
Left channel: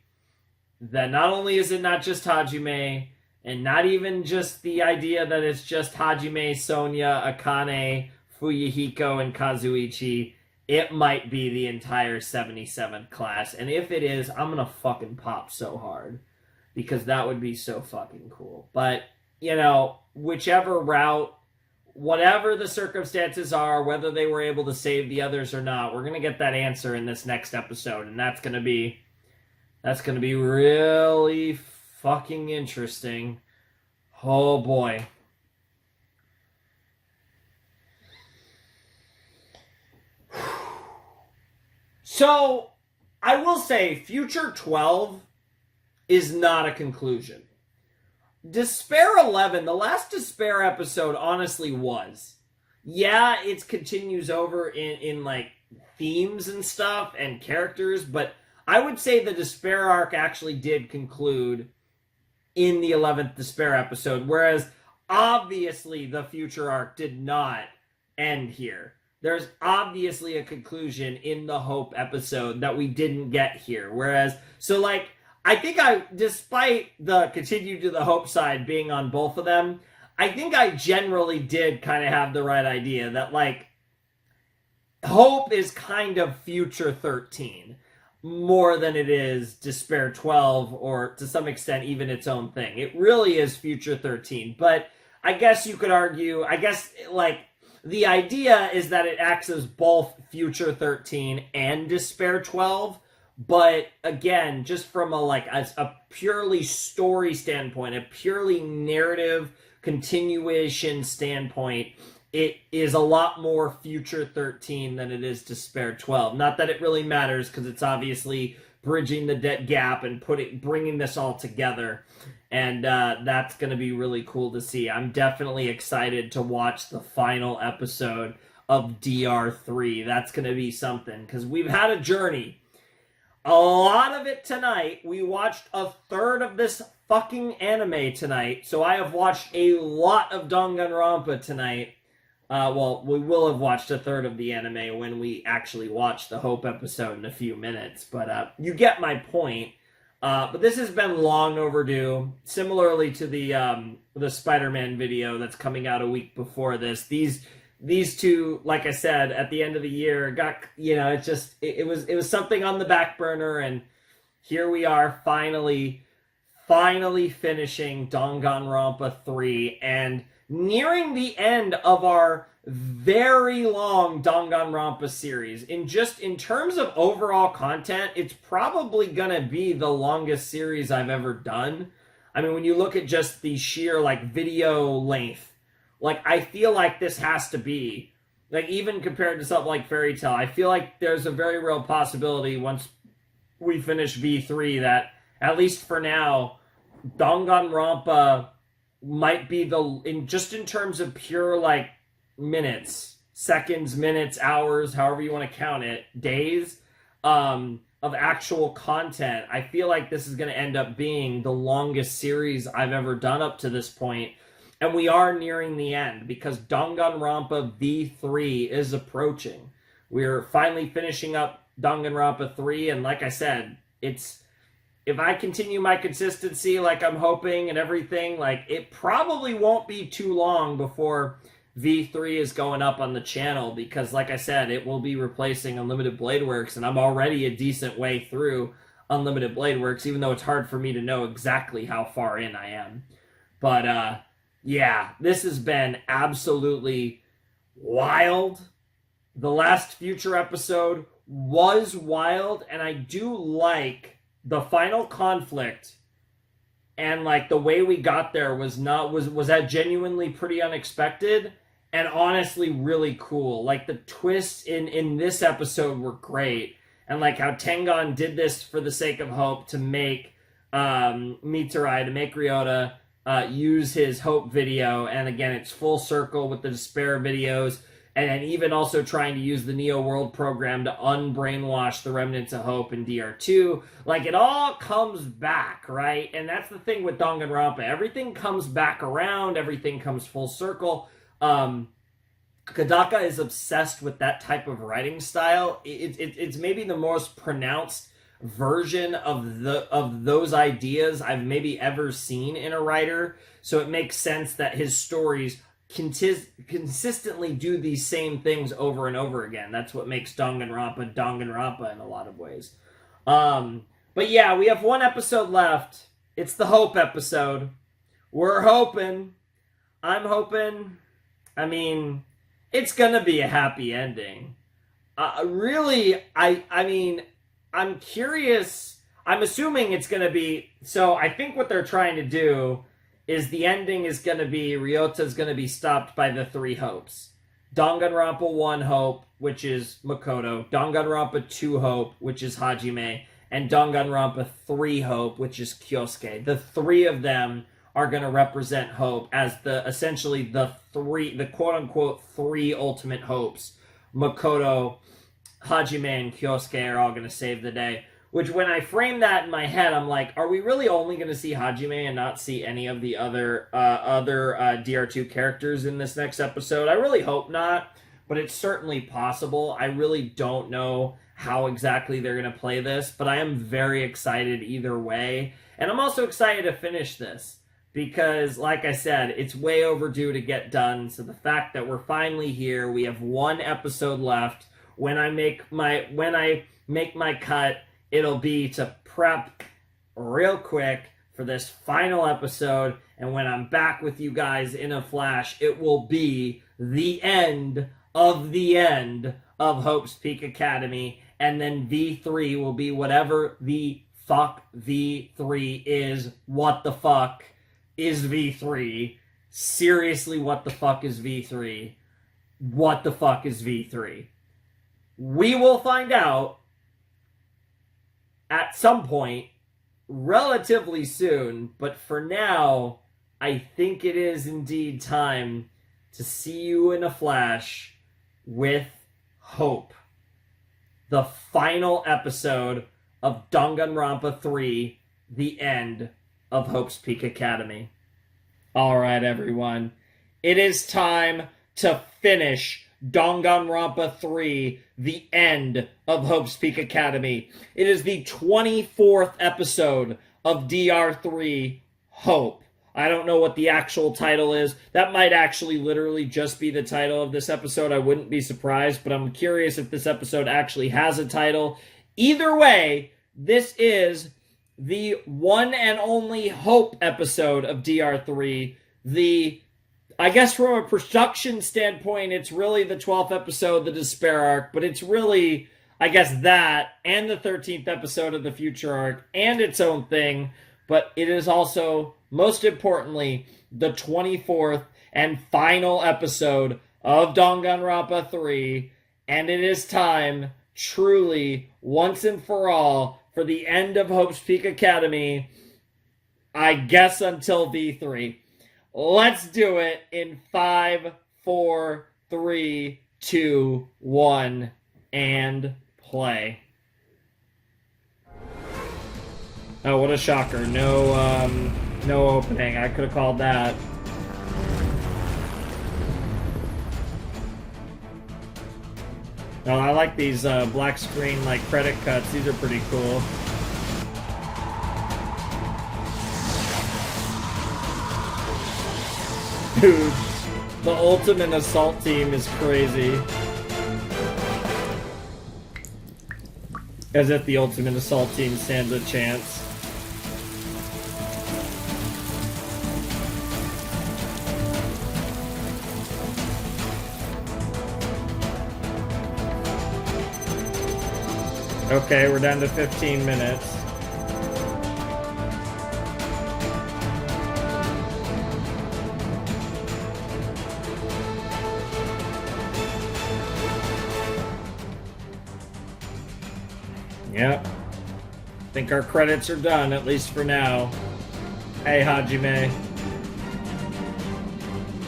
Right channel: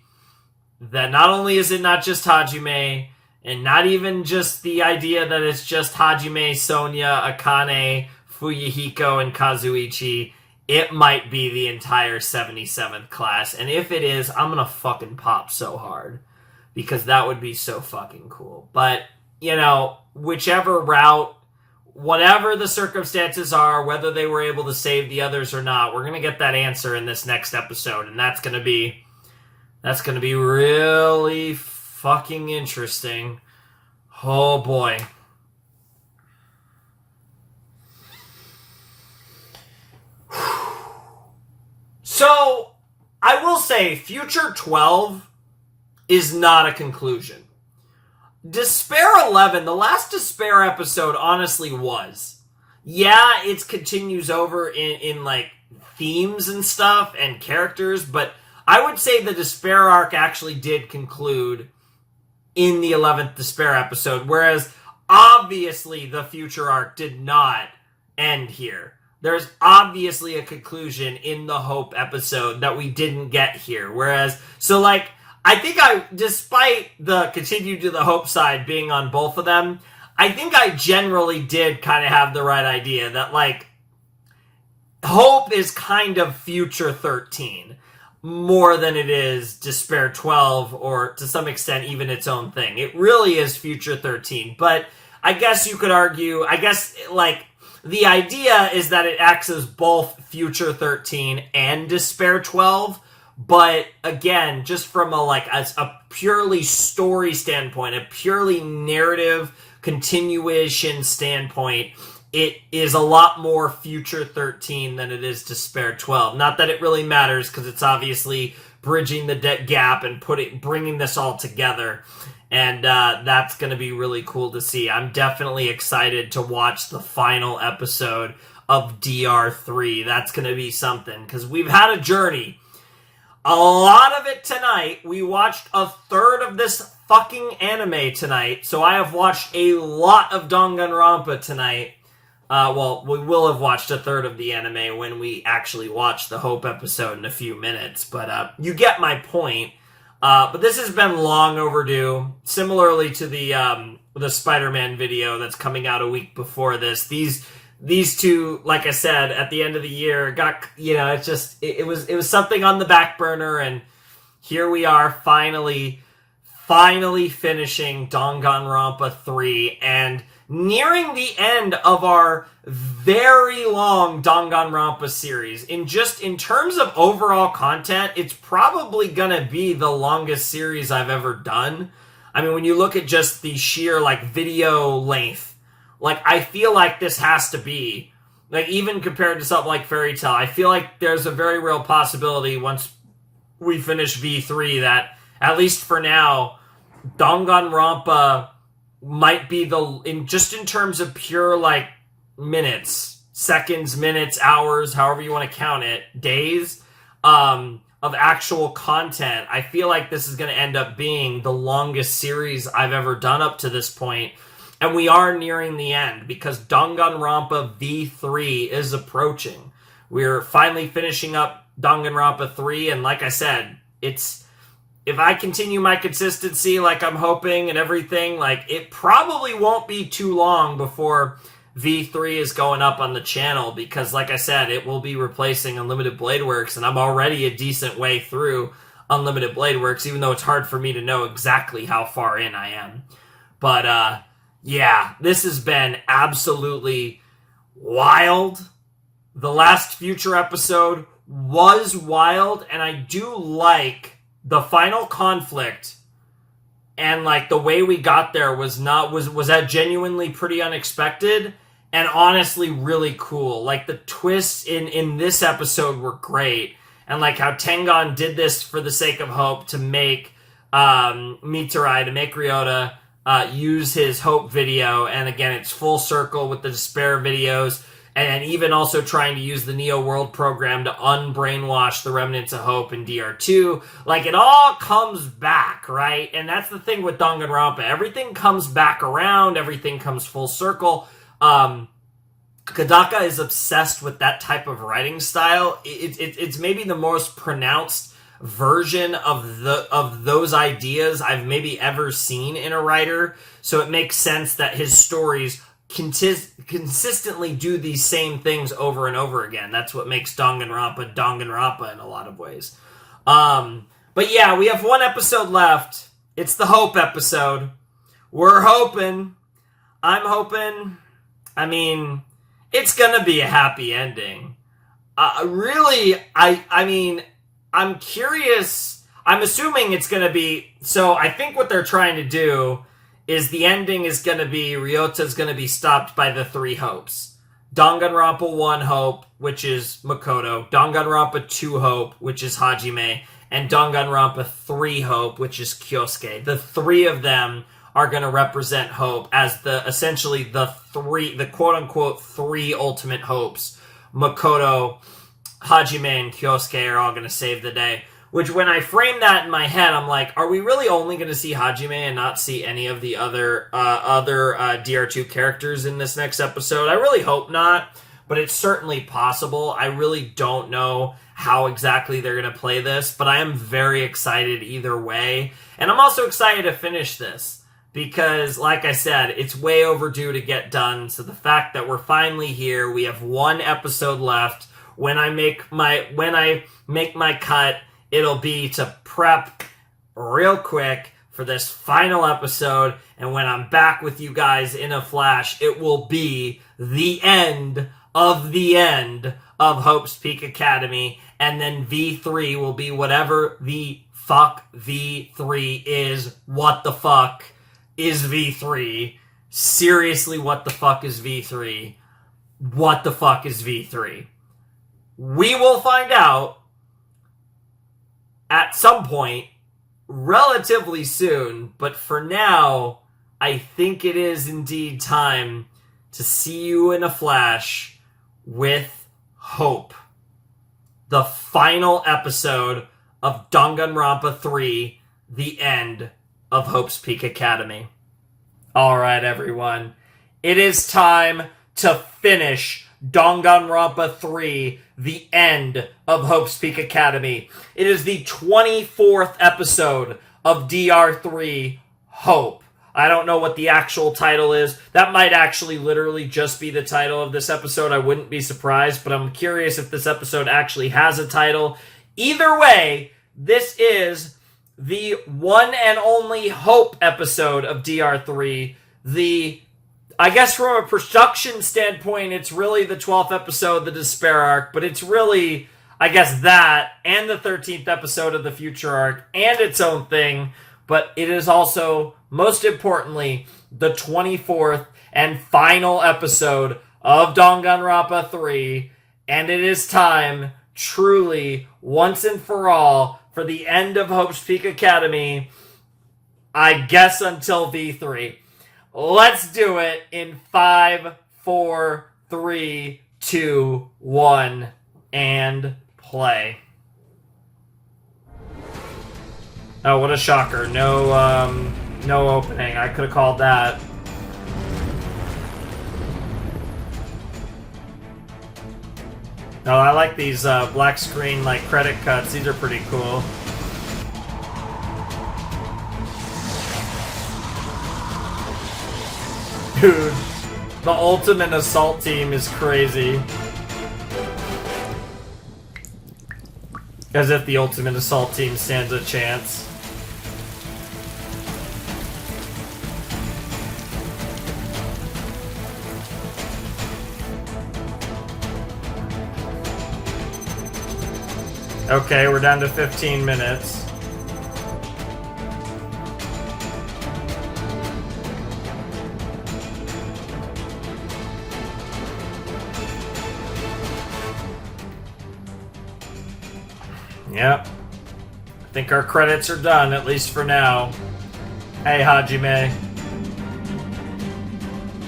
that not only is it not just Hajime, and not even just the idea that it's just Hajime, Sonya, Akane, Fuyuhiko, and Kazuichi, it might be the entire 77th class. And if it is, I'm gonna fucking pop so hard. Because that would be so fucking cool. But, whichever route whatever the circumstances are, whether they were able to save the others or not, we're going to get that answer in this next episode. And that's going to be really fucking interesting. Oh boy. So, I will say, Future 12 is not a conclusion. Despair 11, the last Despair episode, honestly was. Yeah, it continues over in like, themes and stuff and characters, but I would say the Despair arc actually did conclude in the 11th Despair episode, whereas, obviously, the Future arc did not end here. There's obviously a conclusion in the Hope episode that we didn't get here. Whereas, so like, I think despite the Continue to the Hope side being on both of them, I think I generally did kind of have the right idea that like, Hope is kind of Future 13 more than it is Despair 12 or to some extent even its own thing. It really is Future 13, but I guess you could argue, the idea is that it acts as both Future 13 and Despair 12, but again, just from a purely story standpoint, a purely narrative continuation standpoint, it is a lot more Future 13 than it is Despair 12. Not that it really matters, because it's obviously bridging the gap and bringing this all together. And that's going to be really cool to see. I'm definitely excited to watch the final episode of DR3. That's going to be something, because we've had a journey. A lot of it tonight. We watched a third of this fucking anime tonight. So I have watched a lot of Danganronpa tonight. We will have watched a third of the anime when we actually watch the Hope episode in a few minutes. But you get my point. But this has been long overdue. Similarly to the Spider-Man video that's coming out a week before this. These two, like I said, at the end of the year got, it was something on the back burner, and here we are finally finishing Danganronpa 3 and nearing the end of our very long Danganronpa series. In terms of overall content, it's probably gonna be the longest series I've ever done. I mean, when you look at just the sheer, video length, I feel like this has to be, even compared to something like Fairy Tail, I feel like there's a very real possibility once we finish V3 that, at least for now, Danganronpa might be in terms of pure, minutes, seconds, minutes, hours, however you want to count it, days, of actual content, I feel like this is going to end up being the longest series I've ever done up to this point. And we are nearing the end, because Danganronpa V3 is approaching. We're finally finishing up Danganronpa 3, and like I said, if I continue my consistency like I'm hoping and everything, it probably won't be too long before V3 is going up on the channel, because like I said, it will be replacing Unlimited Blade Works, and I'm already a decent way through Unlimited Blade Works, even though it's hard for me to know exactly how far in I am. But, yeah, this has been absolutely wild. The last Future episode was wild, and I do like the final conflict, and the way we got there was that genuinely pretty unexpected and honestly really cool. The twists in this episode were great, and how Tengon did this for the sake of Hope to make Mitarai, to make Ryota use his Hope video, and again, it's full circle with the Despair videos, and even also trying to use the Neo World program to unbrainwash the remnants of Hope in DR2. It all comes back, right? And that's the thing with Danganronpa. Everything comes back around, everything comes full circle. Kadaka is obsessed with that type of writing style. It's maybe the most pronounced version of those ideas I've maybe ever seen in a writer, so it makes sense that his stories consistently do these same things over and over again. That's what makes Danganronpa in a lot of ways. But yeah, we have one episode left. It's the Hope episode. We're hoping, I'm hoping, I mean, it's gonna be a happy ending. Really, I mean, I'm curious. I'm assuming it's gonna be. So I think what they're trying to do is the ending is gonna be Ryota's gonna be stopped by the 3 hopes. Danganronpa 1 hope, which is Makoto. Danganronpa 2 hope, which is Hajime. And Danganronpa 3 hope, which is Kyosuke. The 3 of them are going to represent hope as essentially the quote-unquote 3 ultimate hopes. Makoto, Hajime, and Kyosuke are all going to save the day. Which, when I frame that in my head, I'm like, are we really only going to see Hajime and not see any of the other DR2 characters in this next episode? I really hope not, but it's certainly possible. I really don't know how exactly they're going to play this, but I am very excited either way. And I'm also excited to finish this because, like I said, it's way overdue to get done. So the fact that we're finally here, we have 1 episode left. When I make my cut, it'll be to prep real quick for this final episode. And when I'm back with you guys in a flash, it will be the end of Hope's Peak Academy. And then V3 will be whatever the fuck V3 is. What the fuck is V3? Seriously, what the fuck is V3? What the fuck is V3? We will find out at some point relatively soon, but for now, I think it is indeed time to see you in a flash with Hope. The final episode of Danganronpa 3, the end of Hope's Peak Academy. Alright, everyone. It is time to finish Danganronpa 3, the end of Hope's Peak Academy. It is the 24th episode of DR3, Hope. I don't know what the actual title is. That might actually literally just be the title of this episode. I wouldn't be surprised, but I'm curious if this episode actually has a title. Either way, this is the one and only Hope episode of DR3. I guess from a production standpoint, it's really the 12th episode, the Despair arc, but it's really, I guess, that and the 13th episode of the Future arc and its own thing, but it is also, most importantly, the 24th and final episode of Danganronpa 3, and it is time, truly, once and for all, for the end of Hope's Peak Academy, I guess until V3. Let's do it in 5, 4, 3, 2, 1, and play. Oh, what a shocker. No opening. I could have called that. Oh, I like these black screen credit cuts. These are pretty cool. Dude, the ultimate assault team is crazy. As if the ultimate assault team stands a chance. Okay, we're down to 15 minutes. Yep. I think our credits are done, at least for now. Hey, Hajime.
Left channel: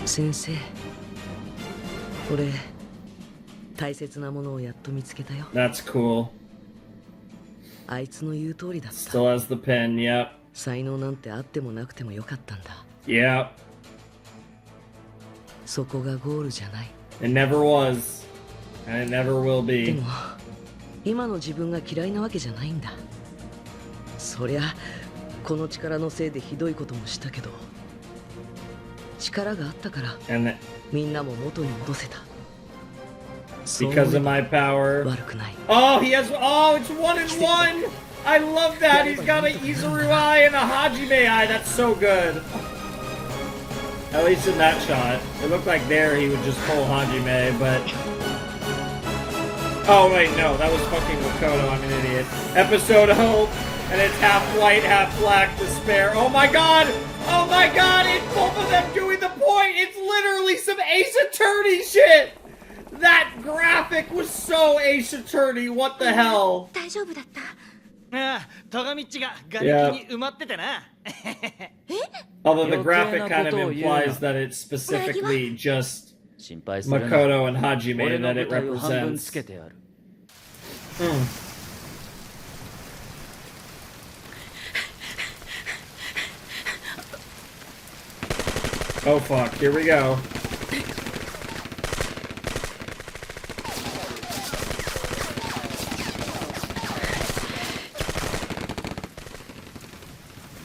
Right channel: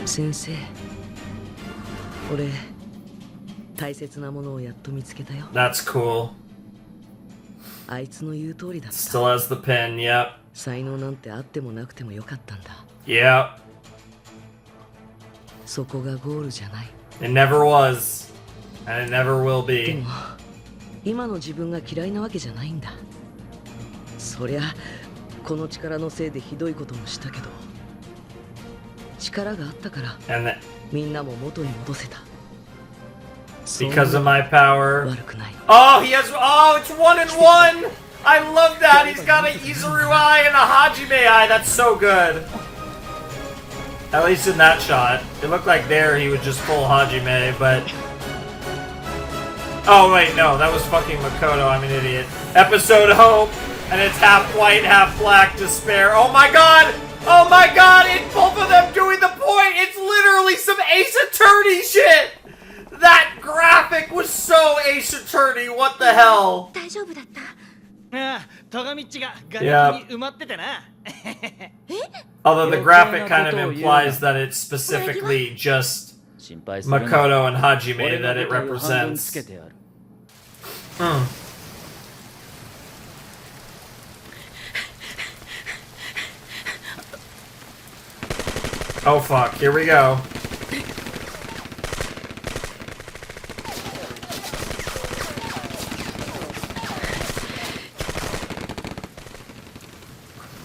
Sensei. 俺、大切なものをやっと見つけたよ。That's cool. あいつの言う通りだった。Still has the pen, yep. 才能なんてあってもなくてもよかったんだ。Yep. そこがゴールじゃない。It never was. And it never will be. でも、今の自分が嫌いなわけじゃないんだ。そりゃ、この力のせいでひどいこともしたけど、力があったから、みんなも元に戻せた。Because of my power. 悪くない。Oh, he has. Oh, it's 1 and 1. I love that. He's got an Izuru eye and a Hajime eye. That's so good. At least in that shot. It looked like there he would just pull Hajime, but... Oh, wait, no. That was fucking Makoto. I'm an idiot. Episode Hope, and it's half white, half black despair. Oh my god! Oh my god! It's both of them doing the point! It's literally some Ace Attorney shit! That graphic was so Ace Attorney. What the hell? Yeah. Although the graphic kind of implies that it's specifically just Makoto and Hajime that it represents. Oh fuck, here we go.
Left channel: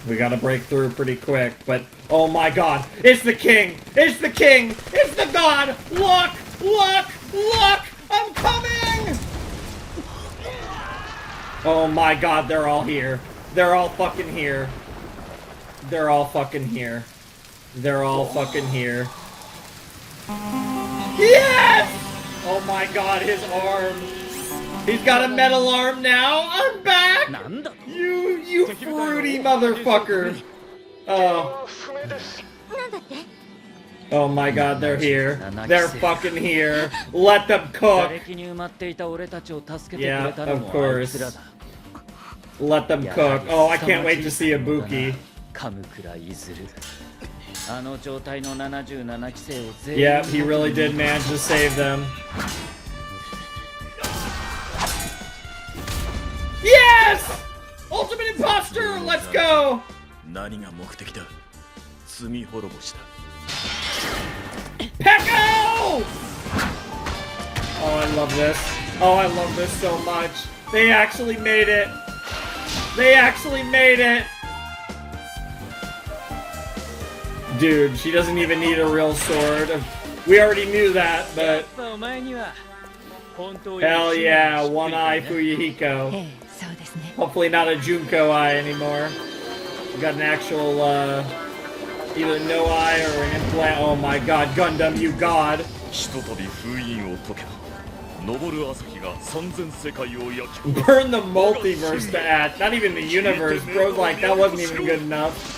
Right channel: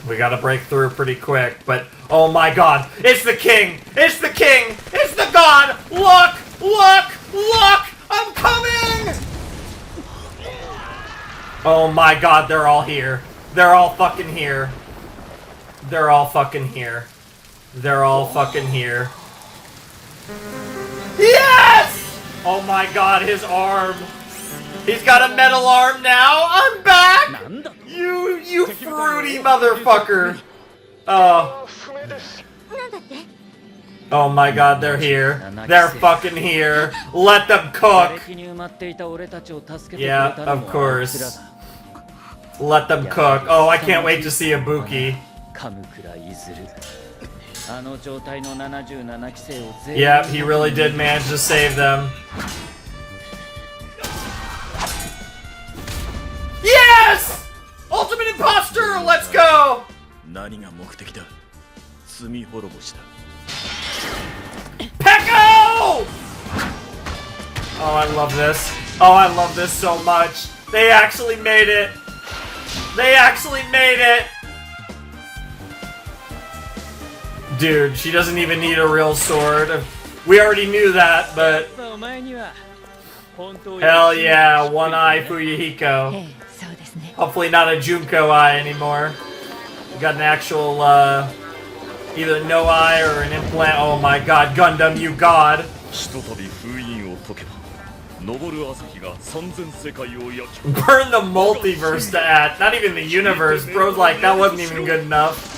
We gotta break through pretty quick, but oh my god, it's the king! It's the king! It's the god! Look! Look! Look! I'm coming! Oh my god, they're all here. They're all fucking here. They're all fucking here. They're all fucking here. Yes! Oh my god, his arm. He's got a metal arm now. I'm back! You fruity motherfucker. Oh. Oh my god, they're here. They're fucking here. Let them cook. Yeah, of course. Let them cook. Oh, I can't wait to see Ibuki. Yeah, he really did manage to save them. Yes! Ultimate Imposter! Let's go! Pecco! Oh, I love this. Oh, I love this so much. They actually made it. They actually made it. Dude, she doesn't even need a real sword. We already knew that, but... Hell yeah, one eye Fuyuhiko. Hopefully not a Junko eye anymore. We got an actual, either no eye or an implant. Oh my god, Gundam, you god. Burn the multiverse to act, not even the universe. Bro's like, that wasn't even good enough.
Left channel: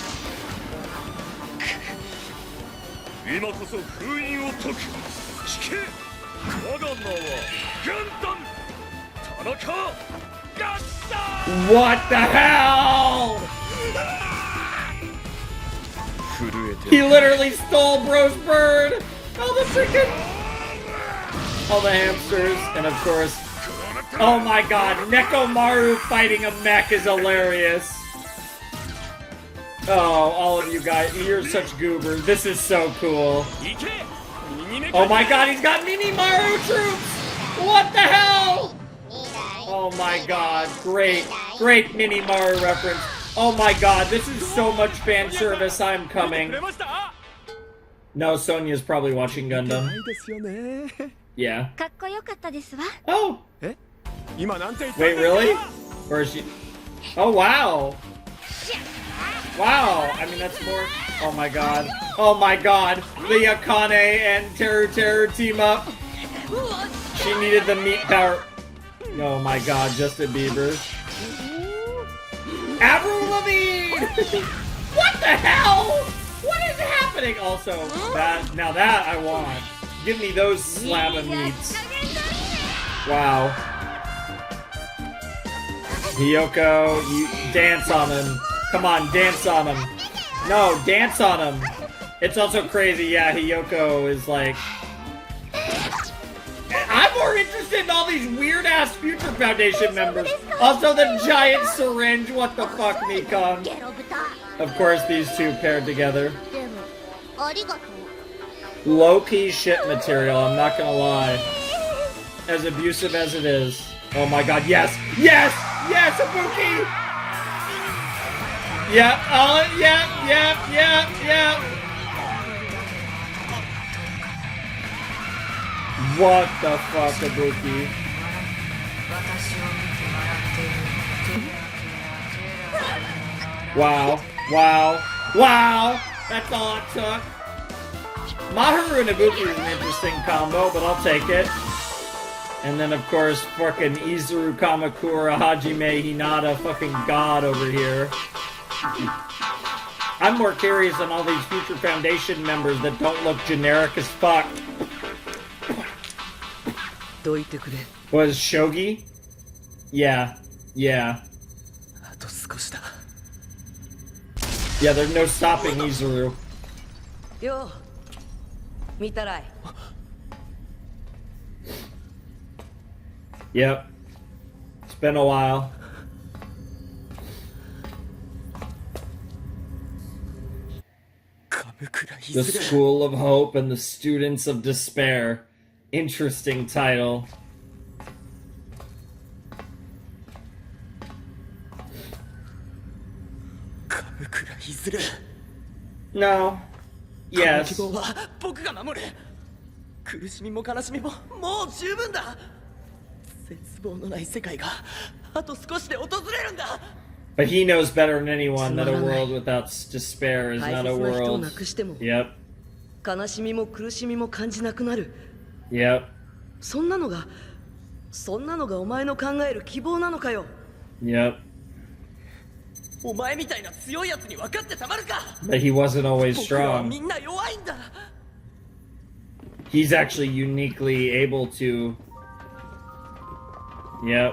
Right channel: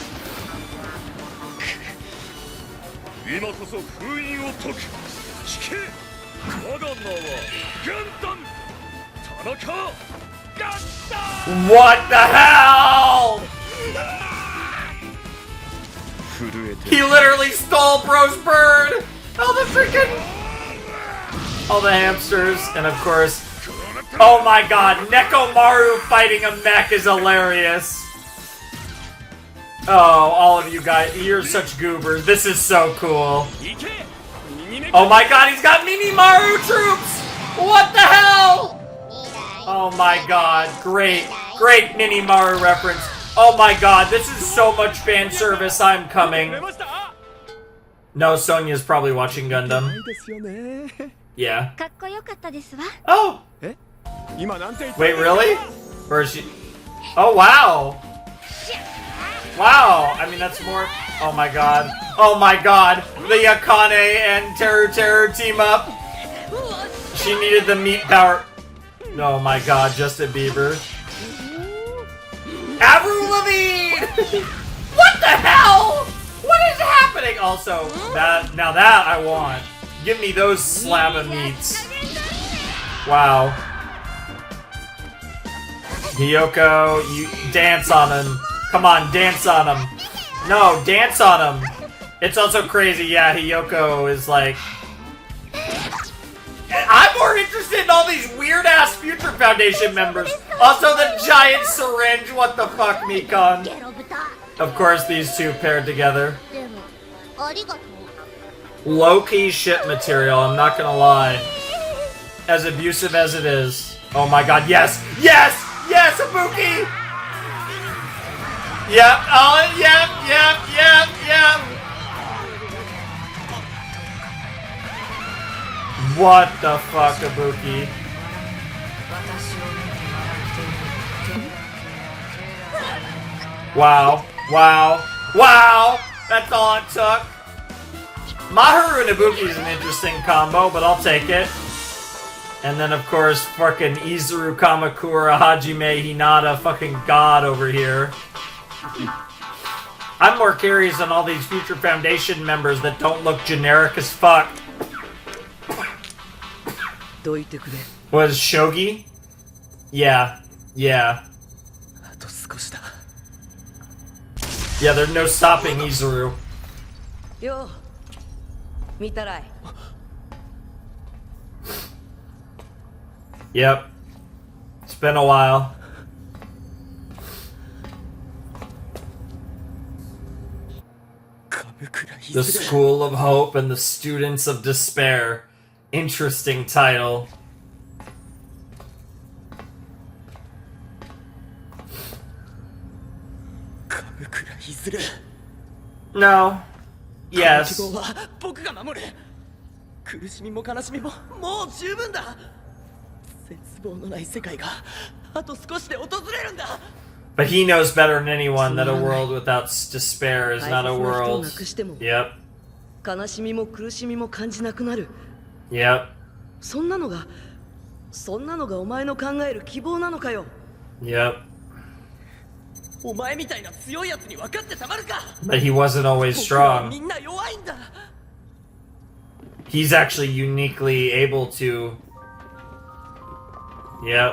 What the hell? He literally stole Bro's bird! All the freaking... all the hamsters, and of course... oh my god, Nekomaru fighting a mech is hilarious. Oh, all of you guys, you're such goobers. This is so cool. Oh my god, he's got Mimimaru troops! What the hell? Oh my god, great, great Minimaru reference. Oh my god, this is so much fan service, I'm coming. No, Sonia's probably watching Gundam. Yeah. Oh! Wait, really? Or is she... oh, wow! Wow, I mean, that's more... oh my god. Oh my god, the Akane and Teru team up. She needed the meat power. Oh my god, Justin Bieber. Avril Lavigne! What the hell? What is happening? Also, now that I want. Give me those slab of meats. Wow. Hiyoko, you dance on him. Come on, dance on him. No, dance on him. It's also crazy, yeah, Hiyoko is like... I'm more interested in all these weird-ass Future Foundation members. Also the giant syringe, what the fuck, Mikon? Of course, these two paired together. Low-key shit material, I'm not gonna lie. As abusive as it is. Oh my god, yes! Yes! Yes, Ibuki! Yep, oh, yep. What the fuck, Ibuki? Wow. That's all it took. Maharu and Ibuki is an interesting combo, but I'll take it. And then, of course, fucking Izuru, Kamakura, Hajime, Hinata, fucking god over here. I'm more curious on all these future Foundation members that don't look generic as fuck. Was Shogi? Yeah. Yeah. Yeah, there's no stopping Izuru. Yo, Mitarai. Yep. It's been a while. The School of Hope and the Students of Despair. Interesting title. No. Yes. 僕が守る。苦しみも悲しみももう十分だ。絶望のない世界があと少しで訪れるんだ。But he knows better than anyone that a world without despair is not a world. Yep. 悲しみも苦しみも感じなくなる。Yep. そんなのがお前の考える希望なのかよ。Yep. お前みたいな強いやつに分かってたまるか。 But he wasn't always 僕らは strong. みんな弱いんだ。 He's actually uniquely able to. Yep.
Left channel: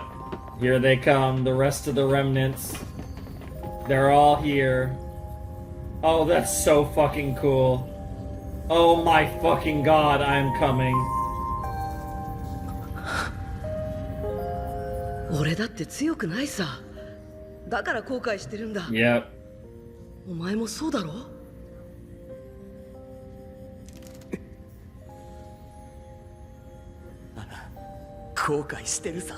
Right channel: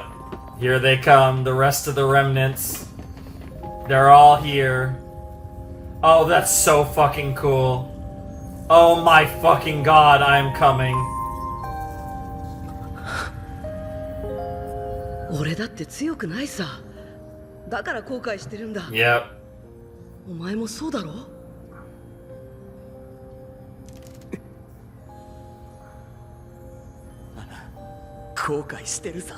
Here they come, the rest of the remnants. They're all here. Oh, that's so fucking cool. Oh my fucking god, I'm coming. 俺だって強くないさ。だから後悔してるんだ。Yep. お前もそうだろ？後悔してるさ。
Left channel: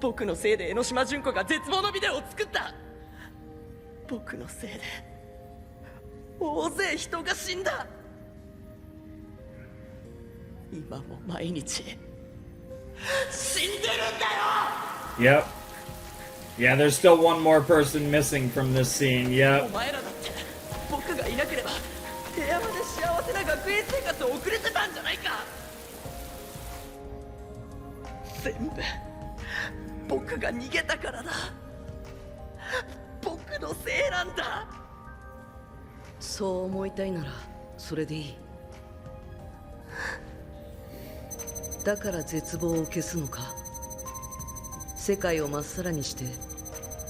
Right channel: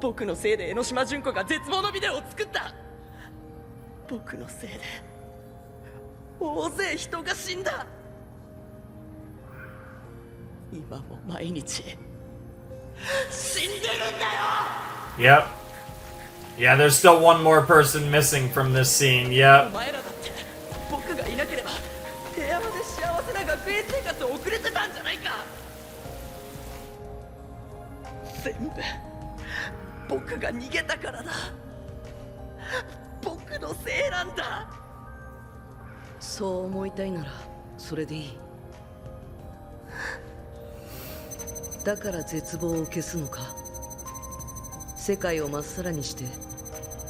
僕のせいで江ノ島純子が絶望のビデオを作った。僕のせいで大勢人が死んだ。今も毎日死んでるんだよ。 Yep. Yeah, there's still one more person missing from this scene. お Yep. 前らだって僕がいなければ平和で幸せな学園生活を送れてたんじゃないか。全部僕が逃げたからだ。僕のせいなんだ。そう思いたいならそれでいい。だから絶望を消すのか。世界をまっさらにして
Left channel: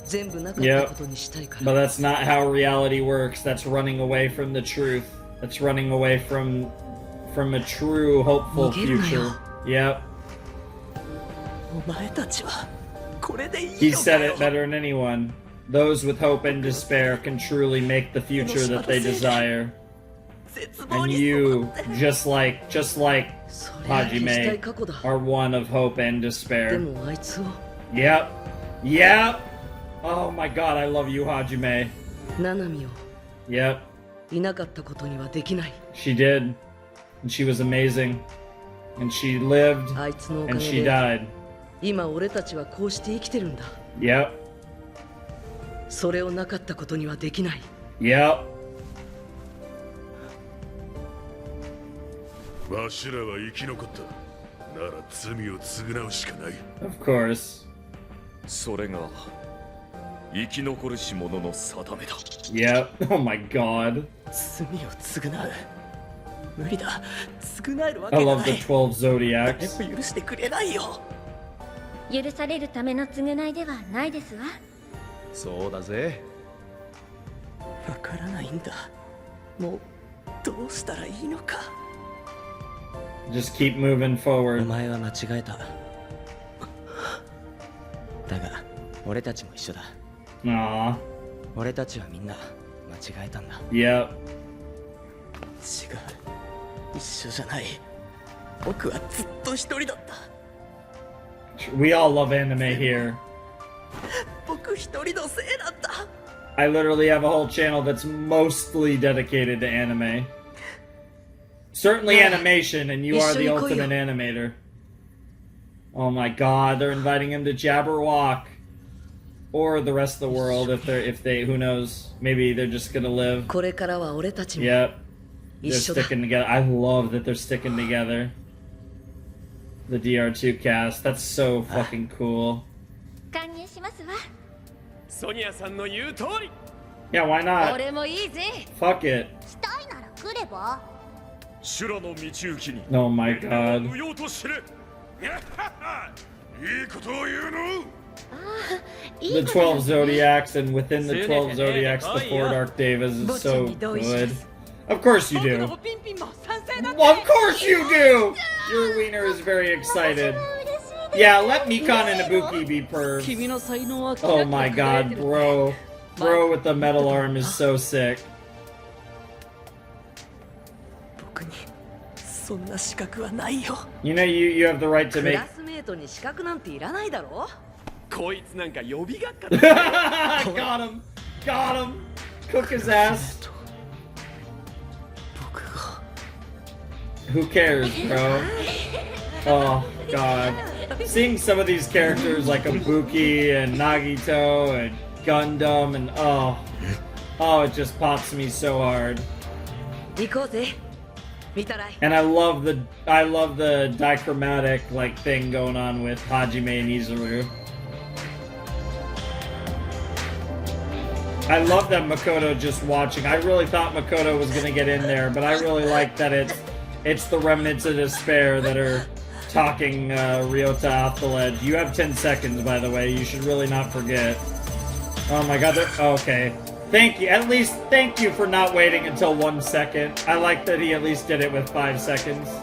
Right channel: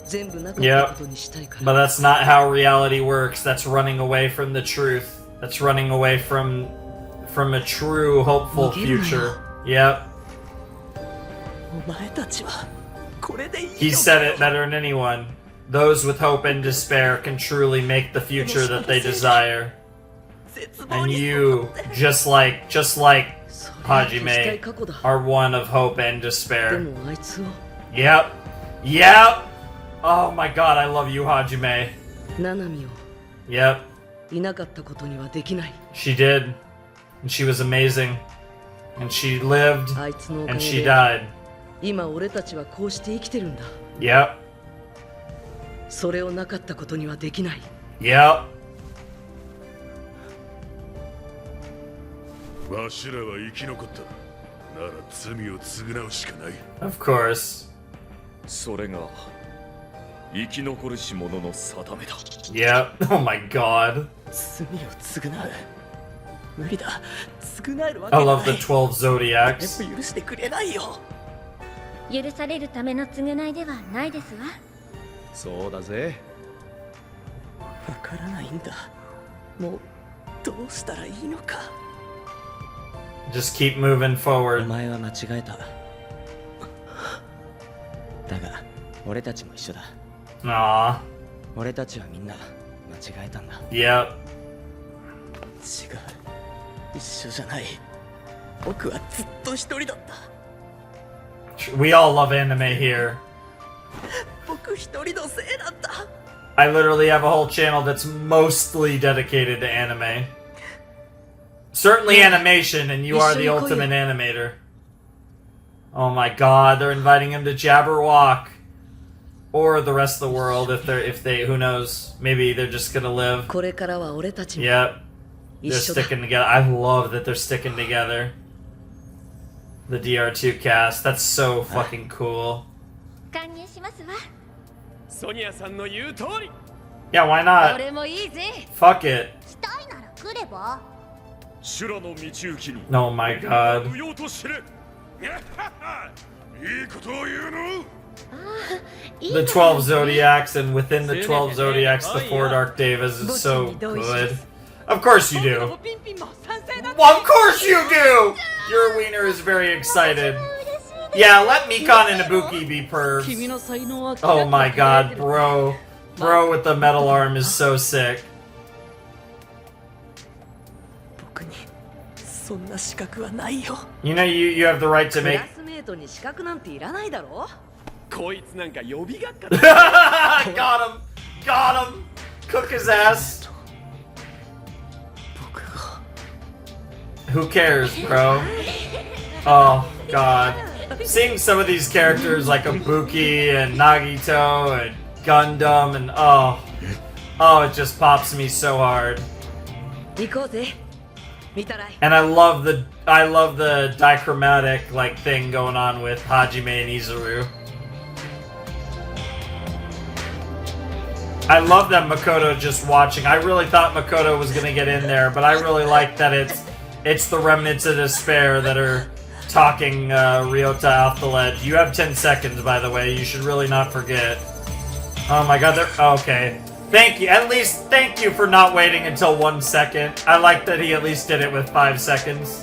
全部なかったことにしたいから。But that's not how reality works. That's running away from the truth. That's running away from a true hopeful future. Yep. お前たちはこれでいいのかよ。 He said it better than anyone. Those with hope and despair can truly make the future that they desire. And you, just like Hajime, are one of hope and despair. Yep. Yep. Oh my god, I love you, Hajime. ナナミを Yep. いなかったことにはできない。 She did. And she was amazing. And she lived. あいつのおか And げ she で died. 今俺たちはこうして生きてるんだ。 Yep. それをなかったことにはできない。 Yep. わしらは生き残った。なら罪を償うしかない。 Of course. それが生き残るし者の定めだ。 Yep. Oh my god. 罪を償う。無理だ。償えるわ I けが love な the い。 12 Zodiacs. 誰も許してくれないよ。許されるための償いではないですわ。そうだぜ。わからないんだ。もうどうしたらいいのか。 Just keep moving お forward. 前は間違えた。だが俺たちも一緒だ。 Aww. 俺たちはみんな間違えたんだ。 Yep. 違う。一緒じゃない。僕はずっと一人だった。 We all love anime here. 僕一人のせいなんだ。 I literally have a whole channel that's mostly dedicated to anime. Certainly animation, and you are the ultimate animator. Oh my god, they're inviting him to Jabberwock. Or the rest of the world if they who knows, maybe they're just gonna live. これからは俺たちも Yep. They're sticking together. I love that they're sticking together. The DR2 cast. That's so fucking cool. Yeah, why not? Fuck it. Oh my god. The 12 Zodiacs, and within the 12 Zodiacs, the 4 Dark Devas is so good. Of course you do. Of course you do! Your wiener is very excited. Yeah, let Mikan and Ibuki be pervs. Oh my god, bro. Bro with the metal arm is so sick. You know you have the right to make... Got him! Got him! Cook his ass! Who cares, bro? Oh, god. Seeing some of these characters like Ibuki and Nagito and Gundam and oh, it just pops me so hard. And I love the dichromatic like thing going on with Hajime and Izuru. I love that Makoto just watching. I really thought Makoto was gonna get in there, but I really like that it's the remnants of despair that are talking Ryota off the ledge. You have 10 seconds, by the way. You should really not forget. Oh my god, okay. Thank you. At least thank you for not waiting until 1 second. I like that he at least did it with 5 seconds.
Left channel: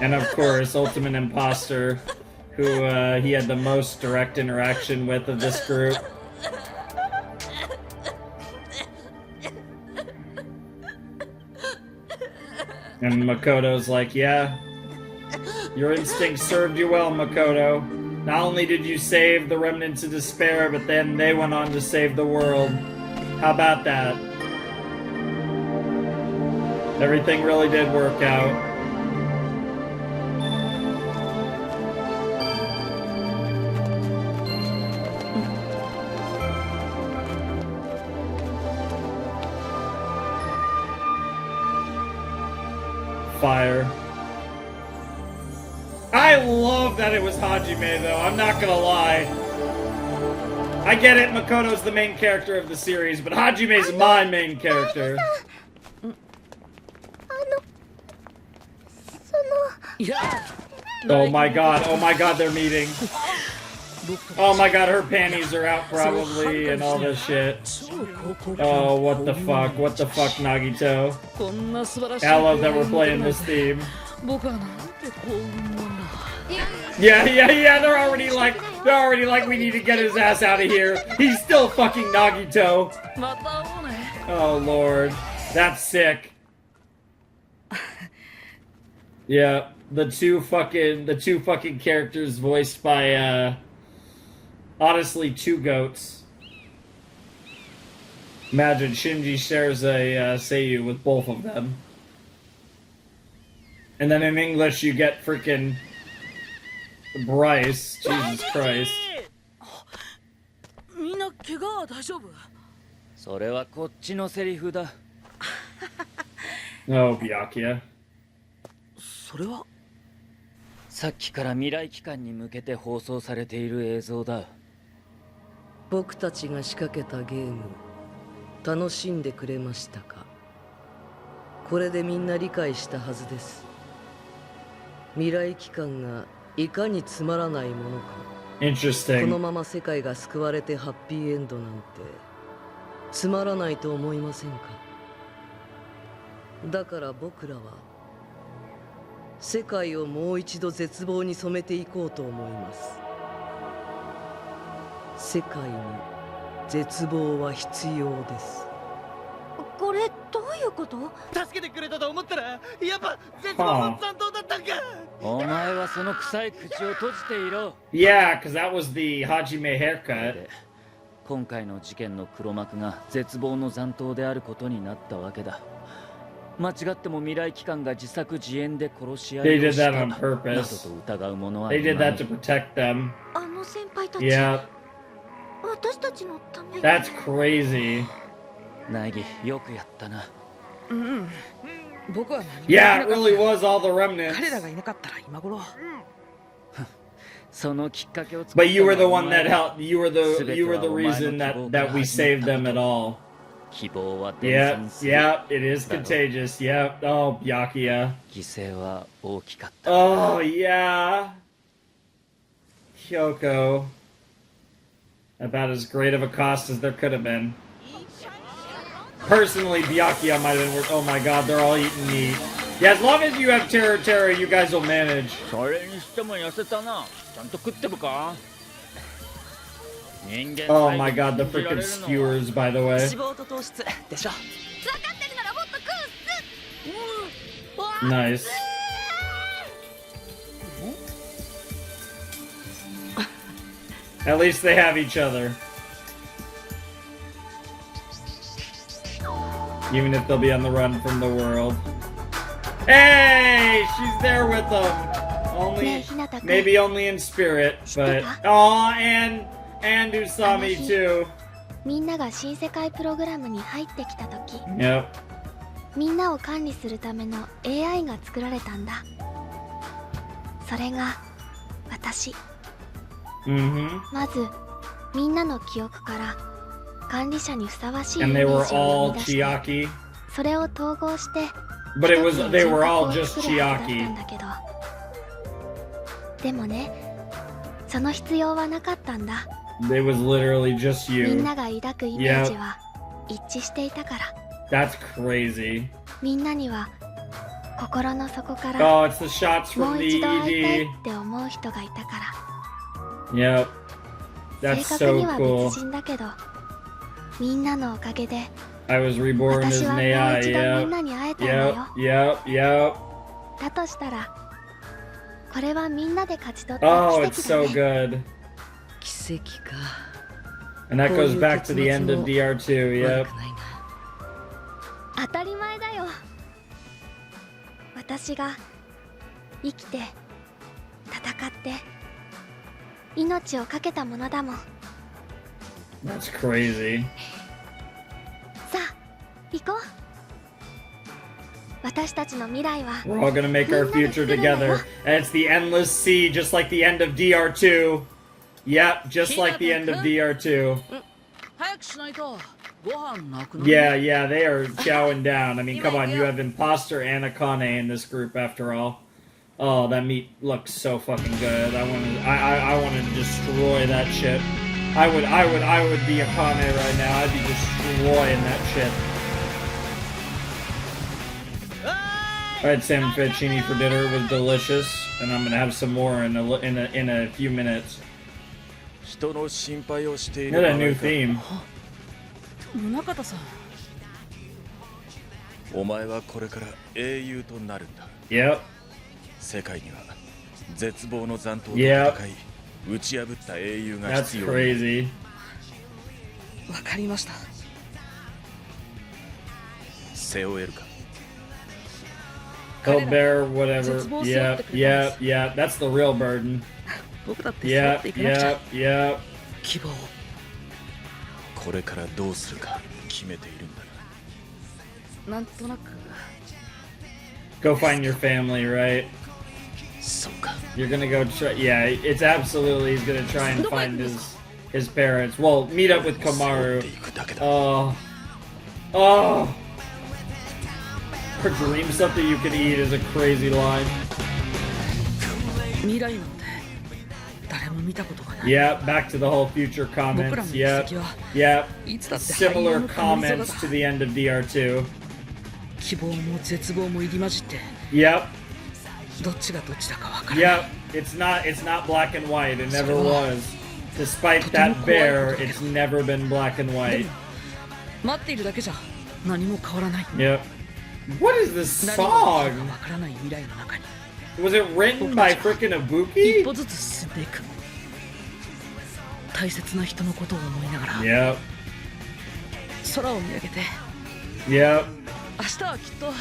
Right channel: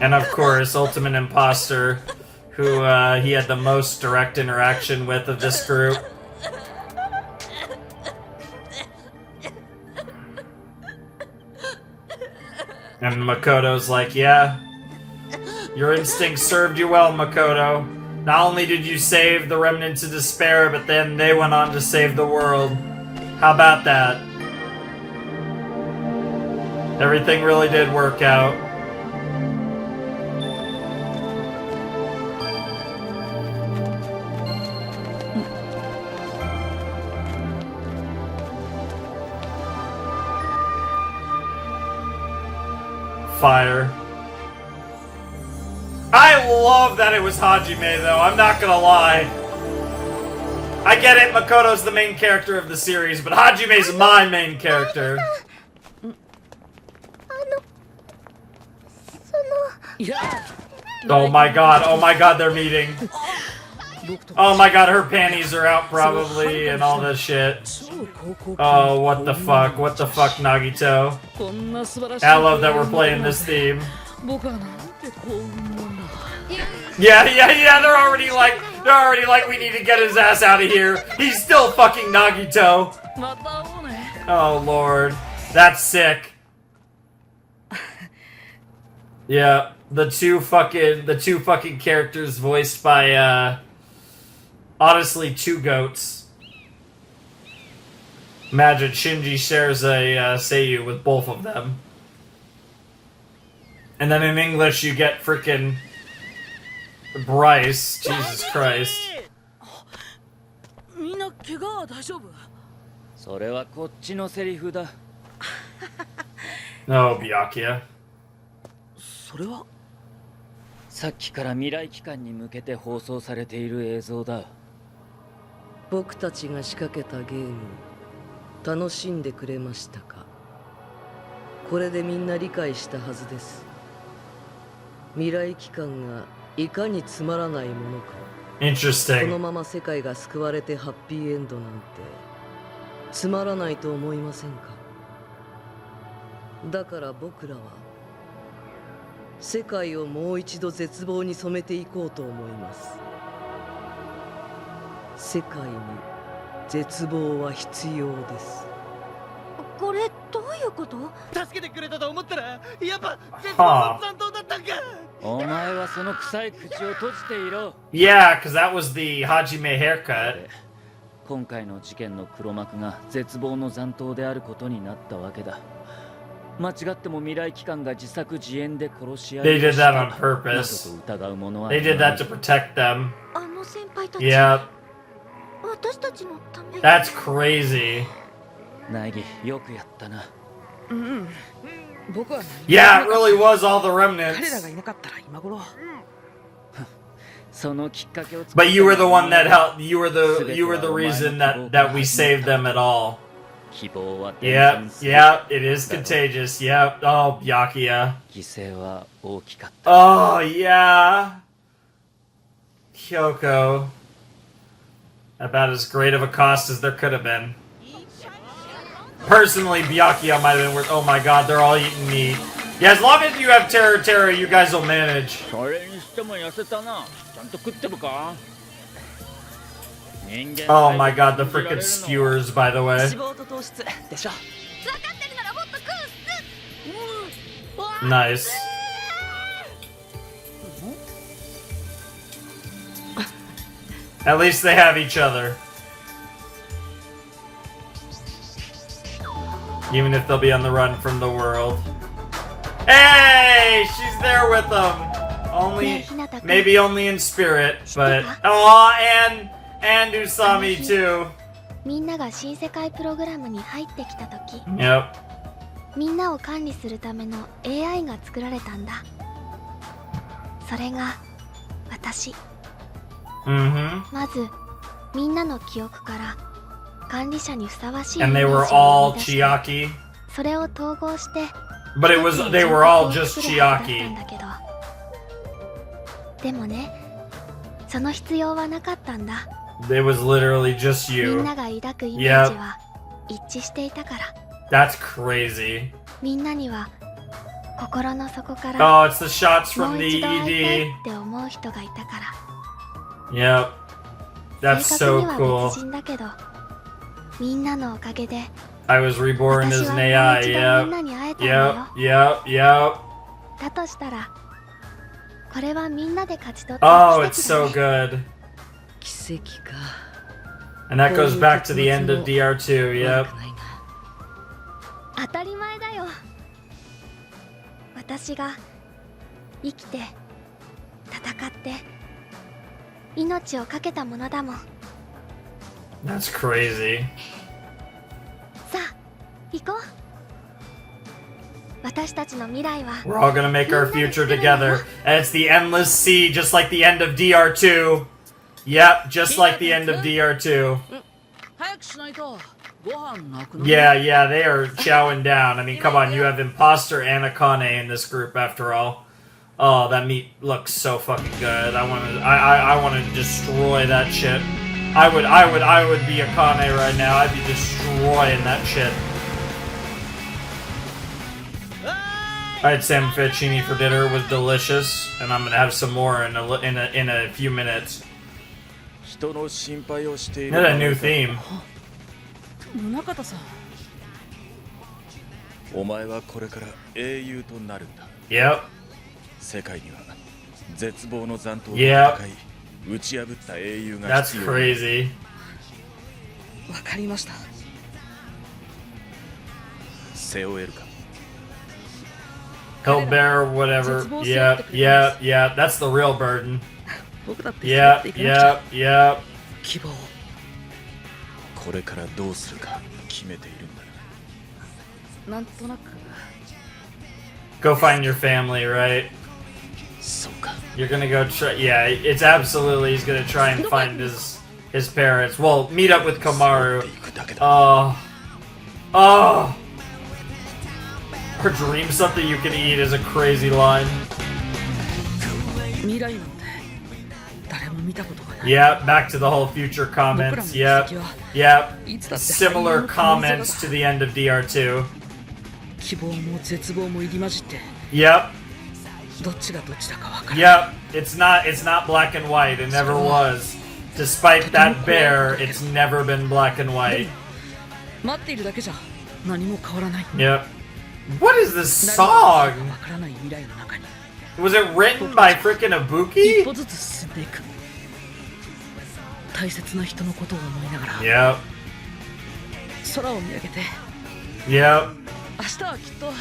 And of course, Ultimate Imposter, who he had the most direct interaction with of this group. And Makoto's like, yeah, your instincts served you well, Makoto. Not only did you save the remnants of despair, but then they went on to save the world. How about that? Everything really did work out. Fire. I love that it was Hajime, though. I'm not gonna lie. I get it, Makoto's the main character of the series, but Hajime's my main character. Oh my god, they're meeting. Oh my god, her panties are out probably, and all this shit. Oh, what the fuck, Nagito. I love that we're playing this theme. Yeah, they're already like, we need to get his ass out of here. He's still fucking Nagito. Oh lord, that's sick. Yeah, the two fucking characters voiced by, honestly, 2 goats. Imagine Shinji shares a seiyuu with both of them. And then in English you get frickin' Bryce. Jesus Christ. No, Byakuya. それはさっきから未来機関に向けて放送されている映像だ。僕たちが仕掛けたゲーム楽しんでくれましたか？これでみんな理解したはずです。未来機関がいかにつまらないものか。このまま世界が救われてハッピーエンドなんてつまらないと思いませんか？だから僕らは世界をもう一度絶望に染めていこうと思います。世界に絶望は必要です。これどういうこと？助けてくれたと思ったらやっぱ絶望の残党だったんか。お前はその臭い口を閉じていろ。Yeah, because that was the Hajime haircut. 今回の事件の黒幕が絶望の残党であることになったわけだ。間違っても未来機関が自作自演で殺し合 They い did をした that on など purpose. と疑う者は They い did な that い to protect them. あの先輩たち Yep. 私たちのため That's crazy. ナイギよくやったな。うん。僕は何も Yeah, it really was all the 彼ら remnants. がいなかったら今頃。そのきっかけを作った But you were the のは one that helped. You were the 全ては reason お前の that 希望から we 始ま saved った them at all. 希望は伝 Yep, 染する。 yep, it is だろ contagious. Yep. Oh, Byakuya. 犠牲は大きかった。 Oh, yeah. Kyoko. About as great of a cost as there could have been. Personally, Byakuya might have been worth. Oh my god, they're all eating meat. Yeah, as long as you have Terra, you guys will manage. それにしても痩せたな。ちゃんと食ってるか？ Oh my god, the freaking skewers, by the way. 脂肪と糖質でしょ。分かってるならもっと食うっす。 Nice. At least they have each other. Even if they'll be on the run from the world. Hey! She's there with them! Only, maybe only in spirit, but... Aw, and Usami too. みんなが新世界プログラムに入ってきた時 Yep. みんなを管理するための AI が作られたんだ。それが私。Mm-hmm. まずみんなの記憶から管理者にふさわしいイ And メ they ー were ジを all 生み出して Chiaki. それを統合して But it was, 一つの they were all 人格を just 作るはずだった Chiaki. んだけど、でもね、その必要はなかったんだ。 It was literally just み you. んなが抱くイメージは一致していたから。 That's crazy. みんなには心の底か Oh, ら it's the shots も from う the 一度会いたい ED. って思う人がいたから。 Yep. 正 That's 確 so には cool. 別人だけど、みんなのおかげで I was reborn 私 as は an もう AI. 一度みん Yep. なに会えたんだよ。 Yep. Yep. だとしたらこれはみんなで勝ち取った Oh, 奇 it's 跡だ so ね。 good. 奇跡か。 And that goes こういう back to the end of 結末も DR2. Yep. 悪くないな。当たり前だよ。私が生きて戦って命を懸けたものだもん。 That's crazy. さあ行こう。私たちの未来は We're all gonna make our future together. And it's the endless sea, just like the end of DR2. Yep, just like the end of DR2. 早くしないとご飯なくなる。 Yeah, they are chowing down. I mean, come on, you have Imposter and Akane in this group after all. Oh, that meat looks so fucking good. I want to destroy that shit. I would be Akane right now. I'd be destroying that shit. I had salmon fettuccine for dinner. It was delicious, and I'm gonna have some more in a few minutes. 人の心配をしている What a new theme. 宗像さん。お前はこれから英雄となるんだ。 Yep. 世界には絶望の残党と Yep. 戦い打ち破った英雄が That's 必要。 crazy. わかりました。背負えるか。 Help bear whatever. Yeah. That's the real burden. 僕だって背負っていかなくちゃ。 Yep. 希望。これからどうするか決めているんだな。なんとなく。 Go find your family, right? そうか。 You're gonna go try. Yeah, it's absolutely. He's gonna try and find his parents. Well, meet up with Kamaru. Oh. Dream something you can eat is a crazy line. 未来なんて誰も見たことがない。 Yeah, back to the whole future comments. Yep. Similar comments to the end of DR2. 希望も絶望も入り混じって。 Yep. どっちがどっちだかわからない。 Yep. It's not black and white. It never was. Despite that bear, it's never been black and white. 待っているだけじゃ何も変わらない。 Yep. What is this song? Was it written by frickin' Ibuki? 一歩ずつ進んでいく。大切な人のことを思いながら。 Yep. 空を見上げて。 Yep. 明日はきっと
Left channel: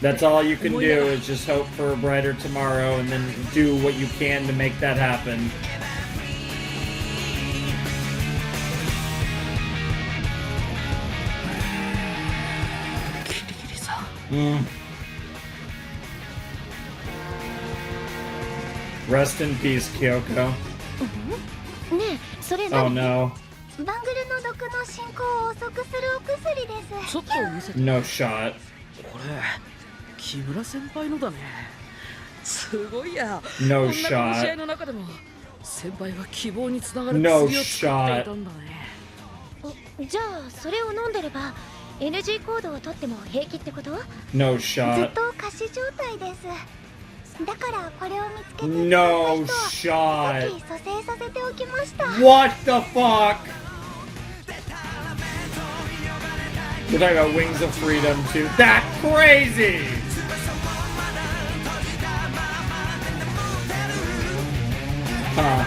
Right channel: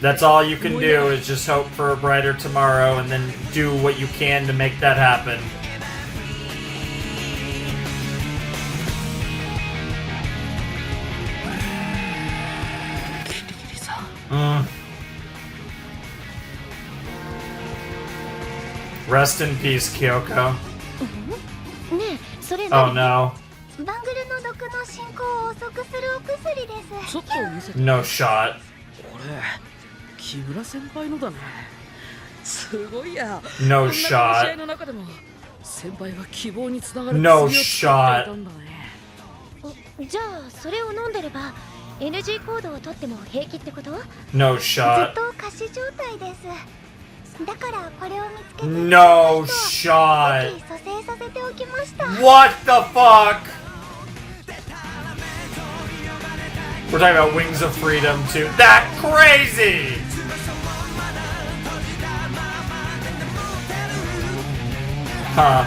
That's all you can do is just hope for a brighter tomorrow and then do what you can to make that happen. Rest in peace, Kyoko. ねえ、それ Oh no. バングルの毒の進行を遅くするお薬です。ちょっと見せて。 No shot. これ木村先輩のだね。すごいや。 No こんな試合 shot. の中でも先輩は希望につながる No 薬を作っていたんだね。じゃあそれを飲んでれば NG コードを取っても平気ってこと？ No ず shot. っと仮死状態です。だからこれを見つけて No shot. 蘇生させておきました。 What the fuck? We're talking about Wings of Freedom too. That's crazy! Huh.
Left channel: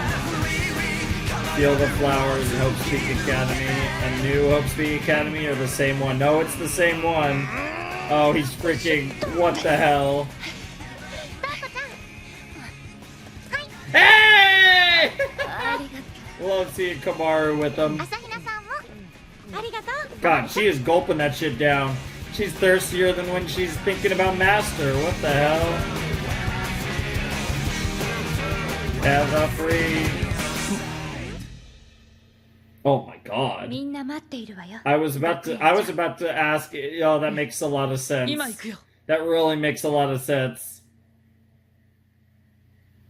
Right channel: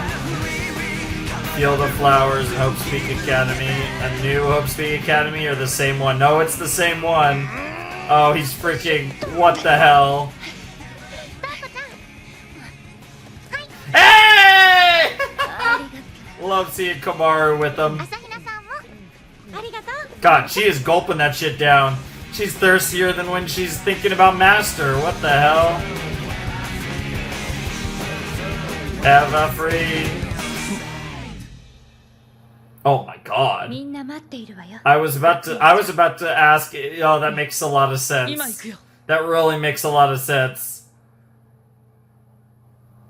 Field of Flowers and Hope Speak Academy. A new Hope Speak Academy or the same one? No, it's the same one. Oh, he's freaking... What the hell? Hey! Love seeing Kamaru with him. God, she is gulping that shit down. She's thirstier than when she's thinking about Master. What the hell? Ever free. Oh my god. I was about to ask. Oh, that makes a lot of sense. That really makes a lot of sense.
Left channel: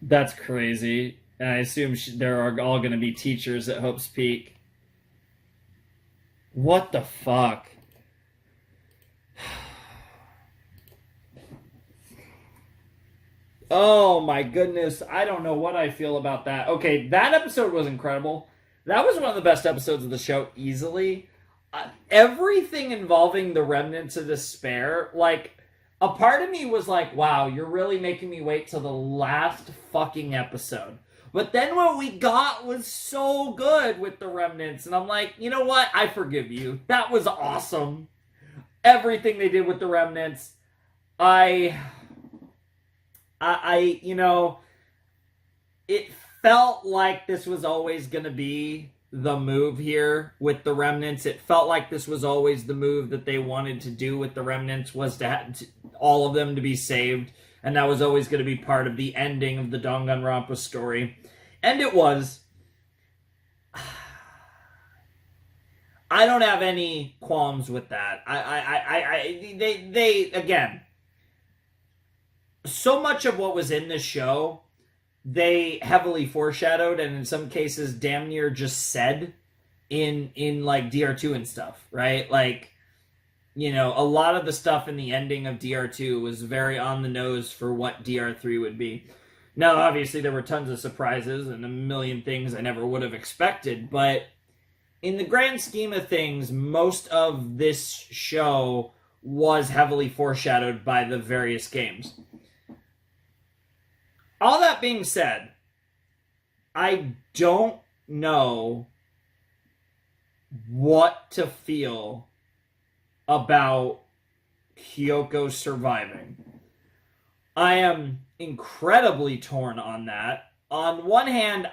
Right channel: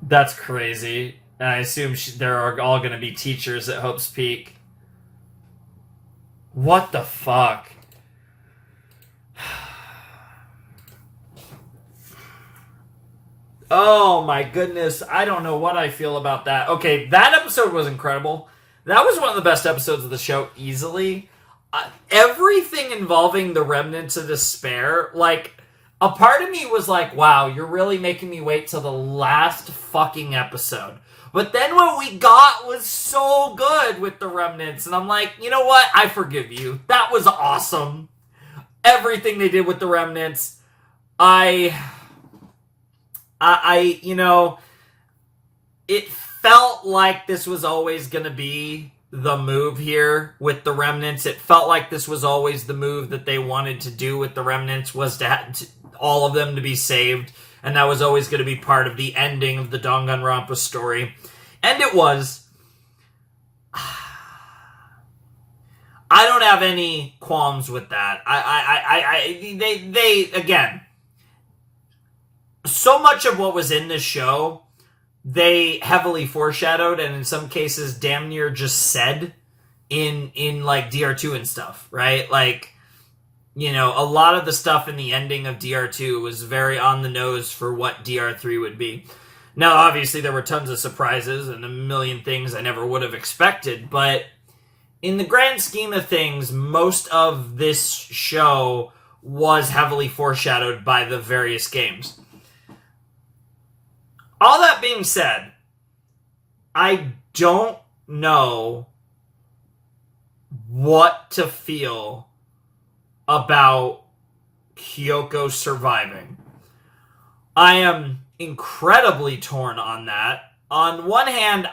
That's crazy. And I assume they're all going to be teachers at Hope's Peak. What the fuck? Oh my goodness. I don't know what I feel about that. Okay, that episode was incredible. That was one of the best episodes of the show, easily. Everything involving the Remnants of Despair, like, a part of me was like, wow, you're really making me wait till the last fucking episode. But then what we got was so good with the Remnants, and I'm like, you know what? I forgive you. That was awesome. Everything they did with the Remnants, you know, it felt like this was always going to be the move here with the Remnants. It felt like this was always the move that they wanted to do with the Remnants, was to all of them to be saved. And that was always going to be part of the ending of the Danganronpa story. And it was. I don't have any qualms with that. They again, so much of what was in this show, they heavily foreshadowed, and in some cases damn near just said in like DR2 and stuff, right? Like, you know, a lot of the stuff in the ending of DR2 was very on the nose for what DR3 would be. Now, obviously, there were tons of surprises and a million things I never would have expected, but in the grand scheme of things, most of this show was heavily foreshadowed by the various games. All that being said, I don't know what to feel about Kyoko surviving. I am incredibly torn on that. On one hand,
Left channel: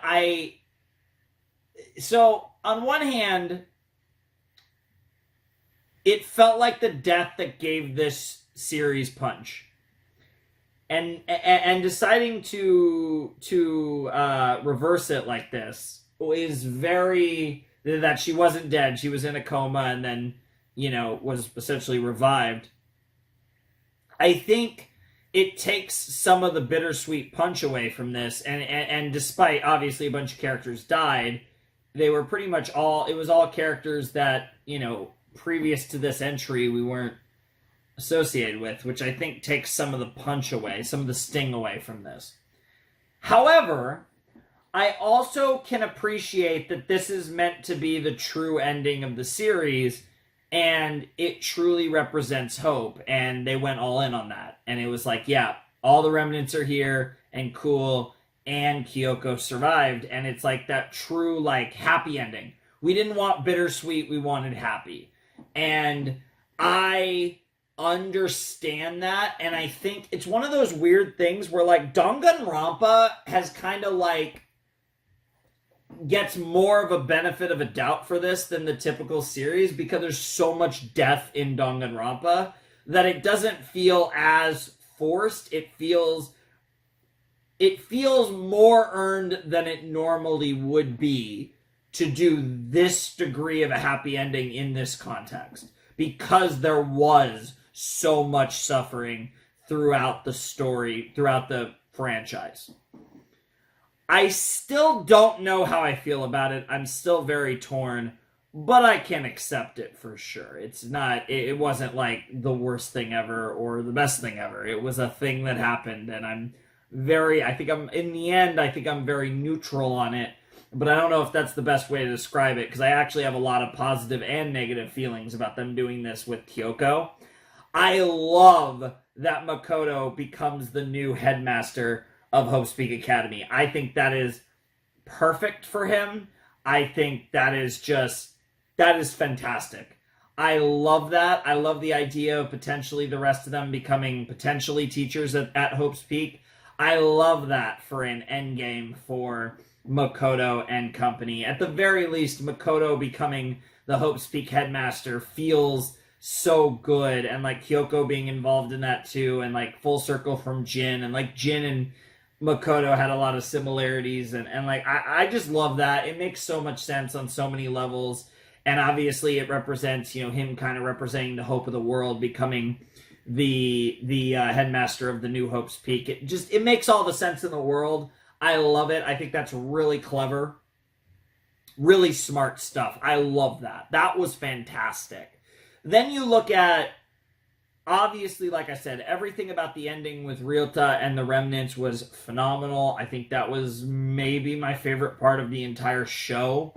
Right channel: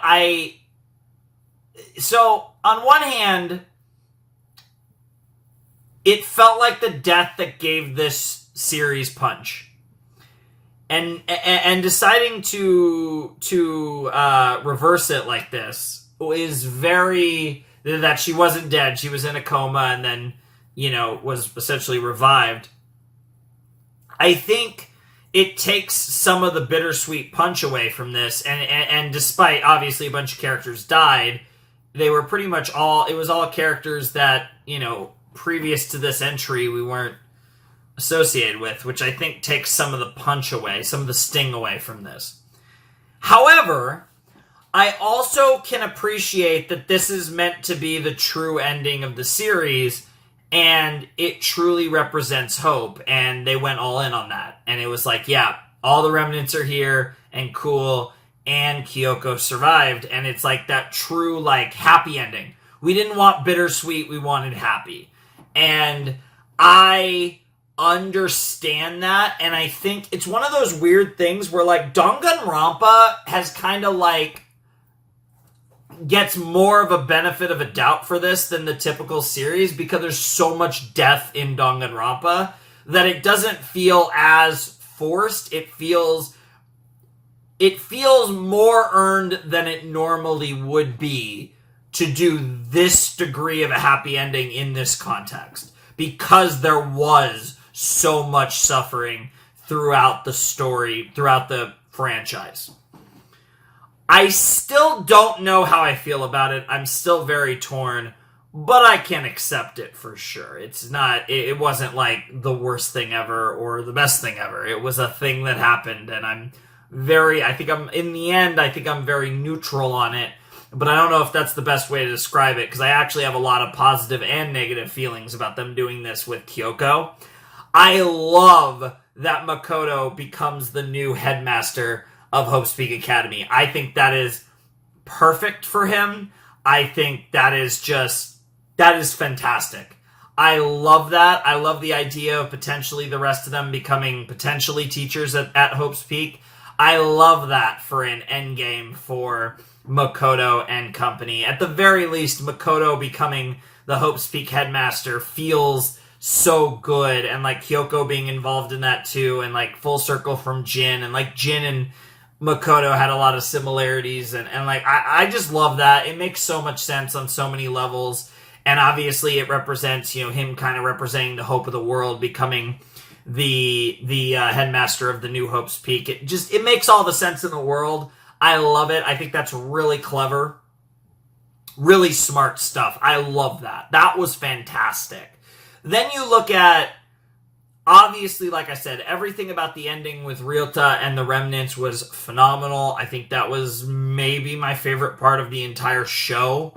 it felt like the death that gave this series punch. And deciding to reverse it like this is very, that she wasn't dead, she was in a coma and then, you know, was essentially revived. I think it takes some of the bittersweet punch away from this, and despite obviously a bunch of characters died, they were pretty much all, it was all characters that, you know, previous to this entry we weren't associated with, which I think takes some of the punch away, some of the sting away from this. However, I also can appreciate that this is meant to be the true ending of the series, and it truly represents hope, and they went all in on that. And it was like, yeah, all the remnants are here, and cool, and Kyoko survived, and it's like that true, like, happy ending. We didn't want bittersweet, we wanted happy. And I understand that, and I think it's one of those weird things where, like, Danganronpa has kind of, like, gets more of a benefit of a doubt for this than the typical series because there's so much death in Danganronpa that it doesn't feel as forced. It feels more earned than it normally would be to do this degree of a happy ending in this context, because there was so much suffering throughout the story, throughout the franchise. I still don't know how I feel about it. I'm still very torn, but I can accept it for sure. It wasn't like the worst thing ever or the best thing ever. It was a thing that happened, and I'm very neutral on it, but I don't know if that's the best way to describe it, because I actually have a lot of positive and negative feelings about them doing this with Kyoko. I love that Makoto becomes the new headmaster of Hope's Peak Academy. I think that is perfect for him. I think that is fantastic. I love that. I love the idea of potentially the rest of them becoming potentially teachers at Hope's Peak. I love that for an endgame for Makoto and company. At the very least, Makoto becoming the Hope's Peak headmaster feels so good, and like Kyoko being involved in that too, and like full circle from Jin, and like Jin and Makoto had a lot of similarities, and like I just love that. It makes so much sense on so many levels, and obviously it represents, you know, him kind of representing the hope of the world, becoming the headmaster of the new Hope's Peak. It makes all the sense in the world. I love it. I think that's really clever, really smart stuff. I love that. That was fantastic. Then you look at, obviously, like I said, everything about the ending with Ryota and the Remnants was phenomenal. I think that was maybe my favorite part of the entire show.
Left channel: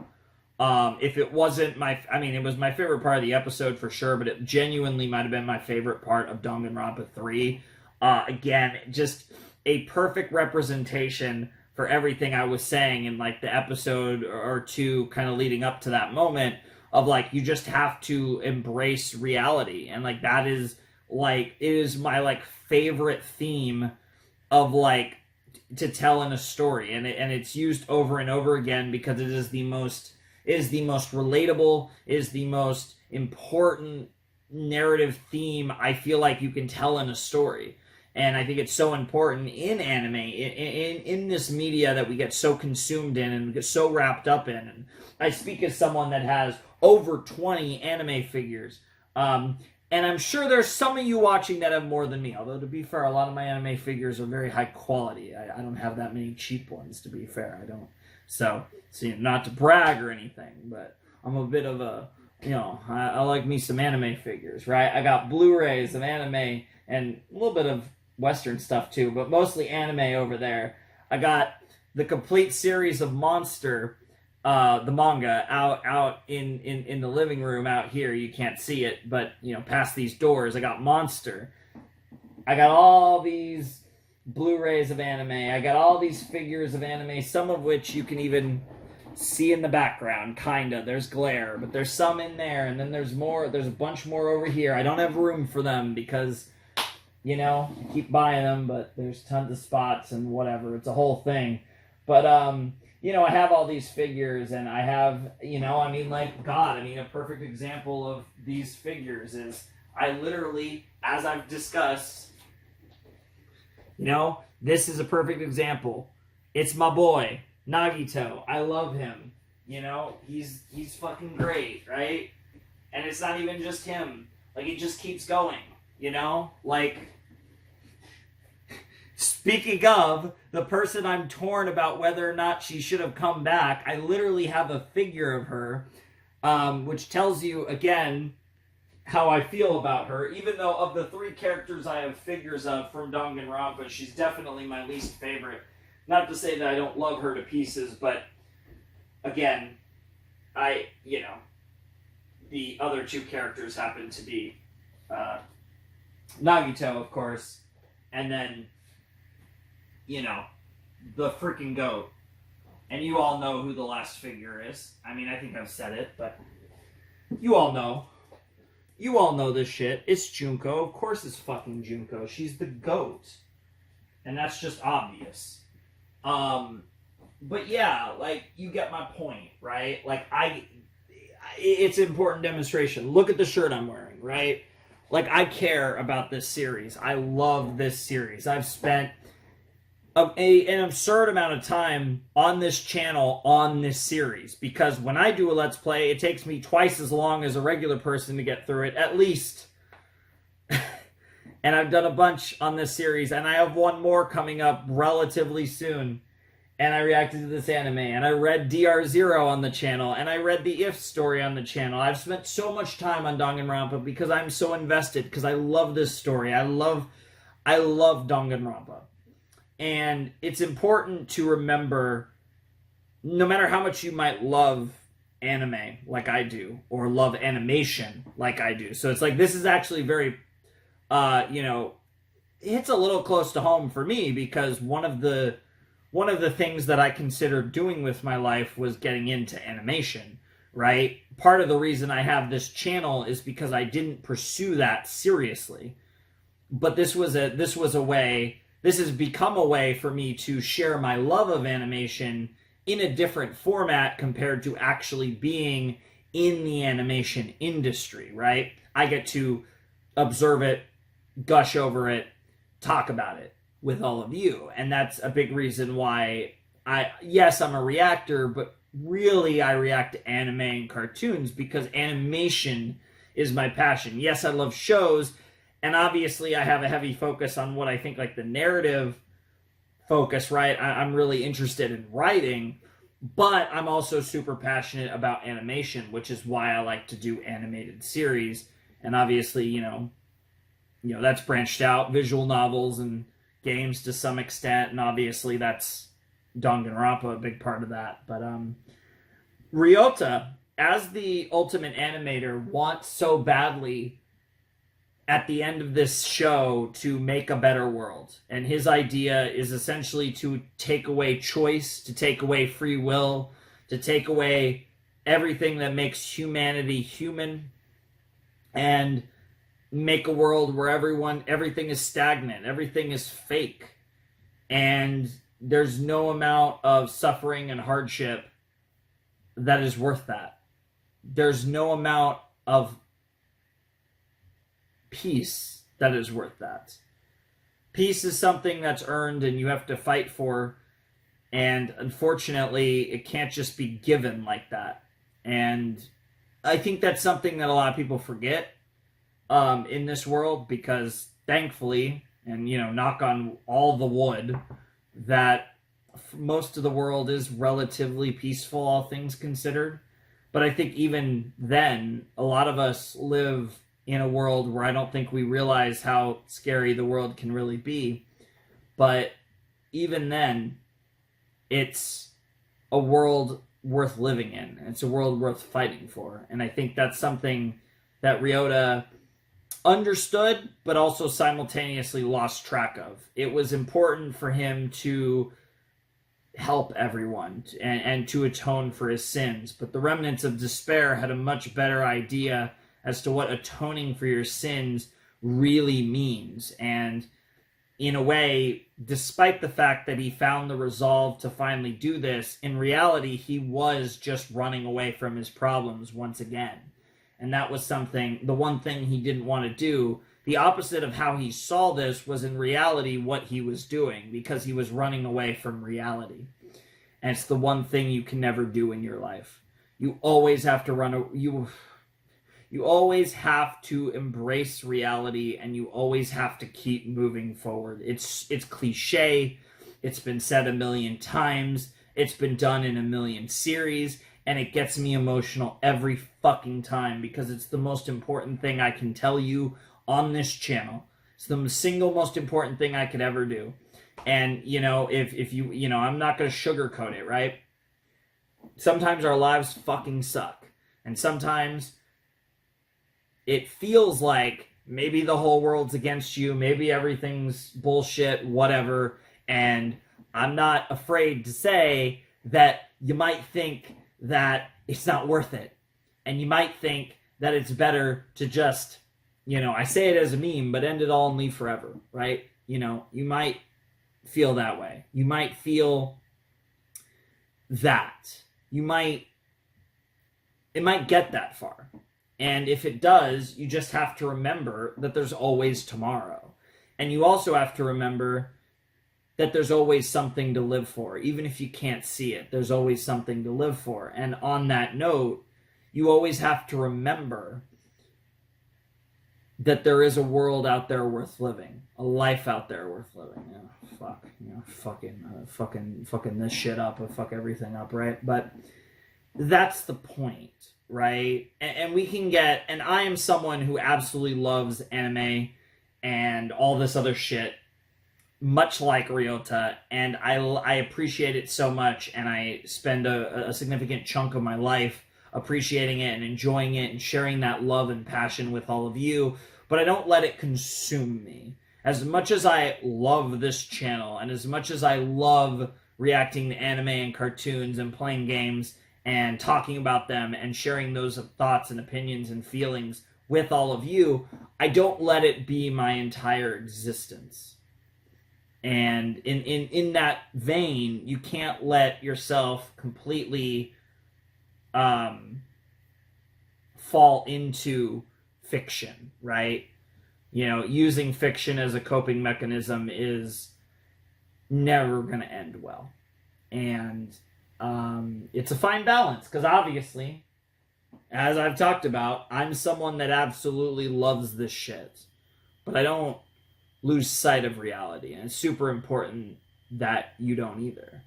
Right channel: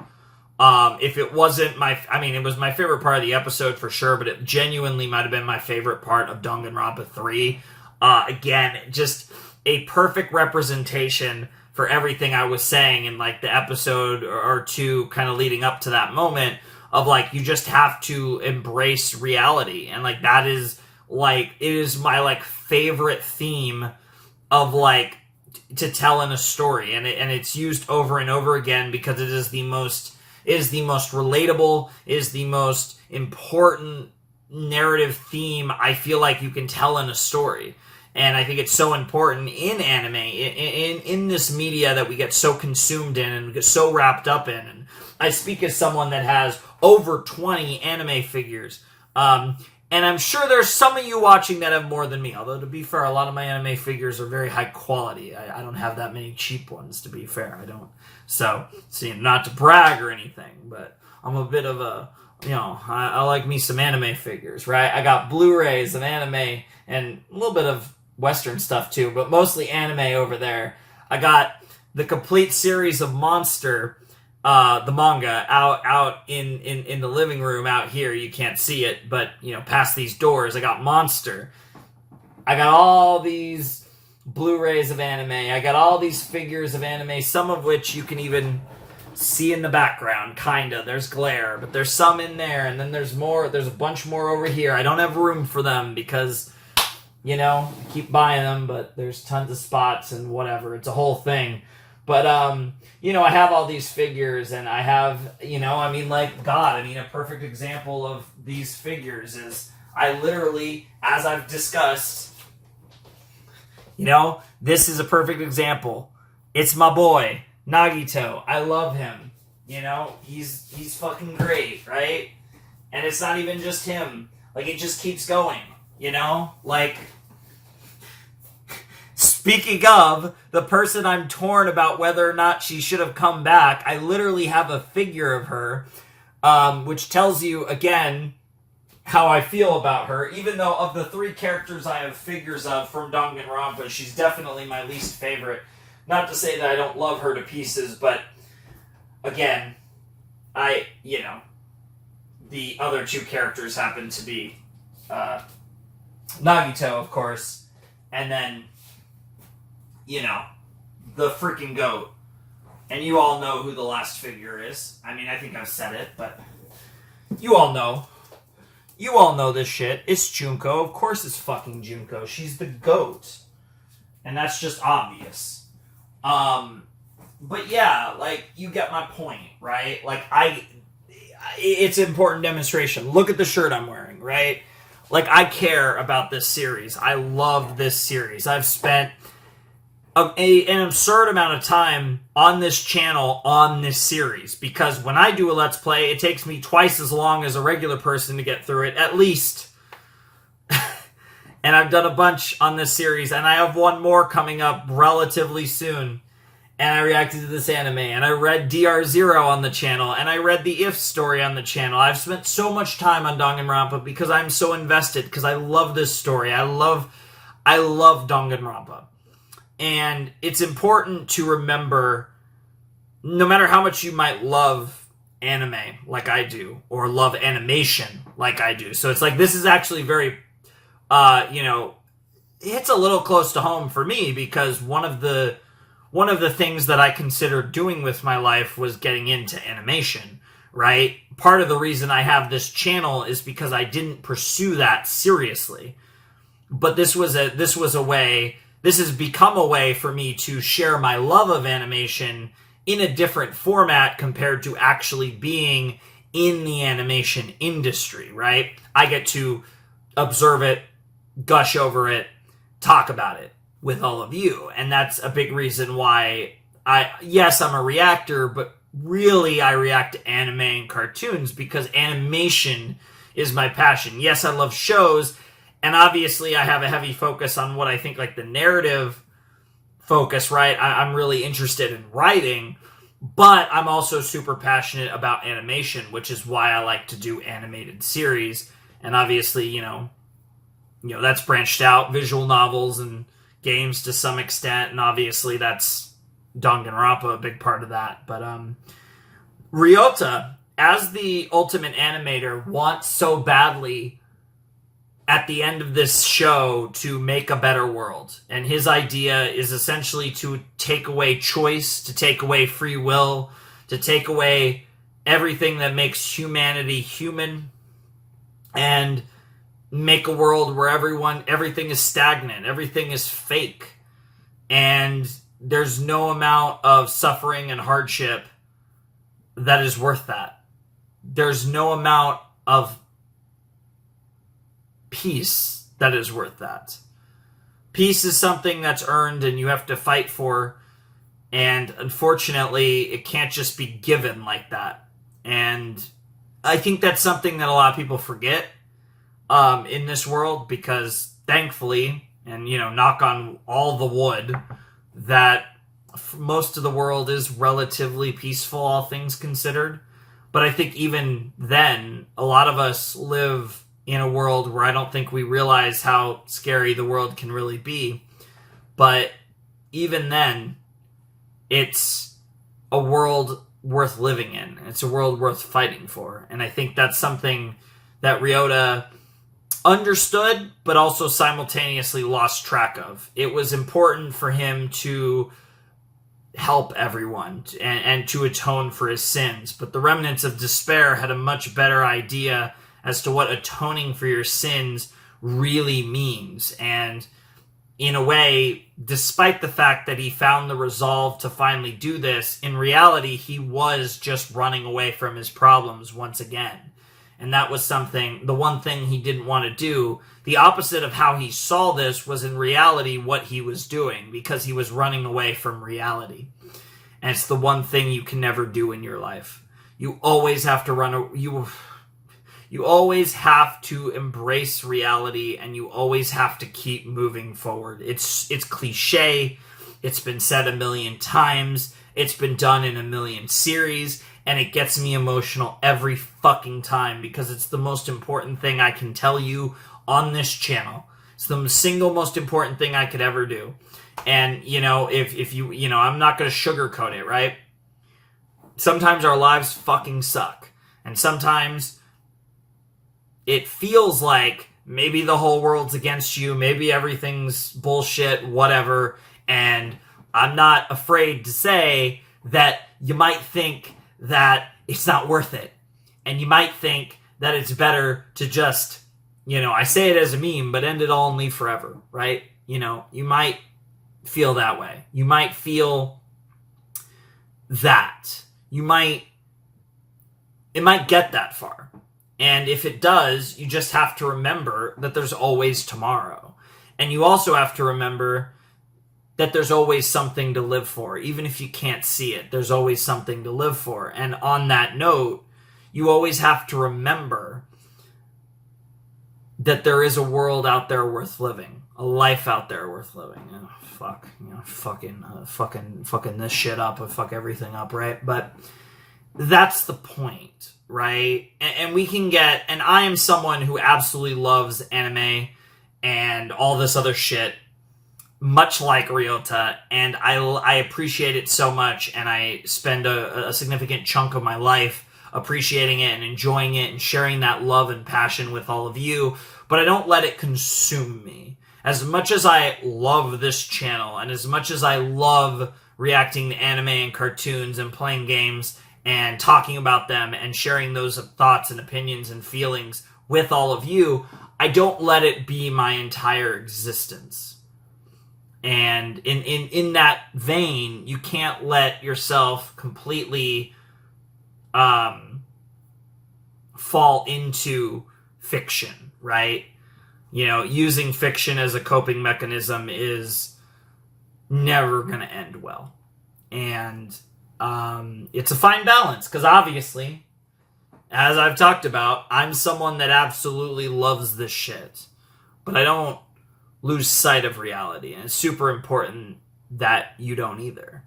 If it wasn't it was my favorite part of the episode for sure, but it genuinely might have been my favorite part of Danganronpa 3. Again, just a perfect representation for everything I was saying in like the episode or two kind of leading up to that moment of like, you just have to embrace reality. And like, that is like, it is my like favorite theme of like to tell in a story. And it's used over and over again because it is the most relatable, is the most important narrative theme I feel like you can tell in a story. And I think it's so important in anime, in this media that we get so consumed in and get so wrapped up in. And I speak as someone that has over 20 anime figures. And I'm sure there's some of you watching that have more than me. Although, to be fair, a lot of my anime figures are very high quality. I don't have that many cheap ones, to be fair. I don't. So, not to brag or anything, but I'm a bit of a, I like me some anime figures, right? I got Blu-rays of anime and a little bit of Western stuff too, but mostly anime over there. I got the complete series of Monster, the manga, out in the living room out here. You can't see it, but past these doors, I got Monster. I got all these Blu-rays of anime. I got all these figures of anime, some of which you can even see in the background, kinda. There's glare, but there's some in there, and then there's more. There's a bunch more over here. I don't have room for them because, I keep buying them, but there's tons of spots and whatever. It's a whole thing. But, I have all these figures, and I have, a perfect example of these figures is I literally, as I've discussed, this is a perfect example. It's my boy, Nagito. I love him. He's fucking great, right? And it's not even just him. Like, it just keeps going, Like, speaking of the person I'm torn about whether or not she should have come back, I literally have a figure of her, which tells you, again, how I feel about her. Even though of the 3 characters I have figures of from Danganronpa, she's definitely my least favorite. Not to say that I don't love her to pieces, but again, the other 2 characters happen to be Nagito, of course, and then, the freaking goat. And you all know who the last figure is. I think I've said it, but you all know. You all know this shit. It's Junko. Of course it's fucking Junko. She's the GOAT. And that's just obvious. But yeah, like, you get my point, right? Like, it's an important demonstration. Look at the shirt I'm wearing, right? Like, I care about this series. I love this series. I've spent an absurd amount of time on this channel on this series, because when I do a Let's Play, it takes me twice as long as a regular person to get through it, at least. And I've done a bunch on this series, and I have one more coming up relatively soon. And I reacted to this anime, and I read DR0 on the channel, and I read the If story on the channel. I've spent so much time on Danganronpa because I'm so invested, because I love this story. I love Danganronpa. And it's important to remember, no matter how much you might love anime like I do, or love animation like I do. So it's like, this is actually very, it's a little close to home for me, because one of the things that I considered doing with my life was getting into animation, right? Part of the reason I have this channel is because I didn't pursue that seriously. But this has become a way for me to share my love of animation in a different format compared to actually being in the animation industry, right? I get to observe it, gush over it, talk about it with all of you. And that's a big reason why I'm a reactor, but really I react to anime and cartoons because animation is my passion. Yes, I love shows, and obviously I have a heavy focus on what I think, like, the narrative focus, right? I'm really interested in writing, but I'm also super passionate about animation, which is why I like to do animated series. And obviously, that's branched out, visual novels and games to some extent, and obviously that's Danganronpa, a big part of that. But Ryota, as the ultimate animator, wants so badly at the end of this show to make a better world. And his idea is essentially to take away choice, to take away free will, to take away everything that makes humanity human, and make a world where everything is stagnant, everything is fake, and there's no amount of suffering and hardship that is worth that. There's no amount of peace that is worth that. Peace is something that's earned and you have to fight for, and unfortunately it can't just be given like that. And I think that's something that a lot of people forget in this world, because thankfully, and knock on all the wood, that most of the world is relatively peaceful, all things considered. But I think even then, a lot of us live in a world where I don't think we realize how scary the world can really be. But even then, it's a world worth living in. It's a world worth fighting for. And I think that's something that Ryota understood, but also simultaneously lost track of. It was important for him to help everyone and to atone for his sins. But the remnants of despair had a much better idea as to what atoning for your sins really means. And in a way, despite the fact that he found the resolve to finally do this, in reality, he was just running away from his problems once again. And that was the one thing he didn't want to do. The opposite of how he saw this was in reality what he was doing, because he was running away from reality. And it's the one thing you can never do in your life. You always have to you always have to embrace reality, and you always have to keep moving forward. It's cliche. It's been said a million times. It's been done in a million series, and it gets me emotional every fucking time, because it's the most important thing I can tell you on this channel. It's the single most important thing I could ever do. And, if you, I'm not going to sugarcoat it, right? Sometimes our lives fucking suck. And sometimes it feels like maybe the whole world's against you, maybe everything's bullshit, whatever, and I'm not afraid to say that you might think that it's not worth it, and you might think that it's better to just, I say it as a meme, but end it all and leave forever, right? You might feel that way. You might feel that. It might get that far. And if it does, you just have to remember that there's always tomorrow. And you also have to remember that there's always something to live for. Even if you can't see it, there's always something to live for. And on that note, you always have to remember that there is a world out there worth living. A life out there worth living. Oh, fuck. Fucking this shit up. I fuck everything up, right? But that's the point, right? And we can get... And I am someone who absolutely loves anime and all this other shit, much like Ryota, and I appreciate it so much, and I spend a significant chunk of my life appreciating it and enjoying it and sharing that love and passion with all of you, but I don't let it consume me. As much as I love this channel, and as much as I love reacting to anime and cartoons and playing games and talking about them and sharing those thoughts and opinions and feelings with all of you, I don't let it be my entire existence. And in that vein, you can't let yourself completely fall into fiction, right? Using fiction as a coping mechanism is never going to end well. And it's a fine balance, because obviously, as I've talked about, I'm someone that absolutely loves this shit. But I don't lose sight of reality, and it's super important that you don't either.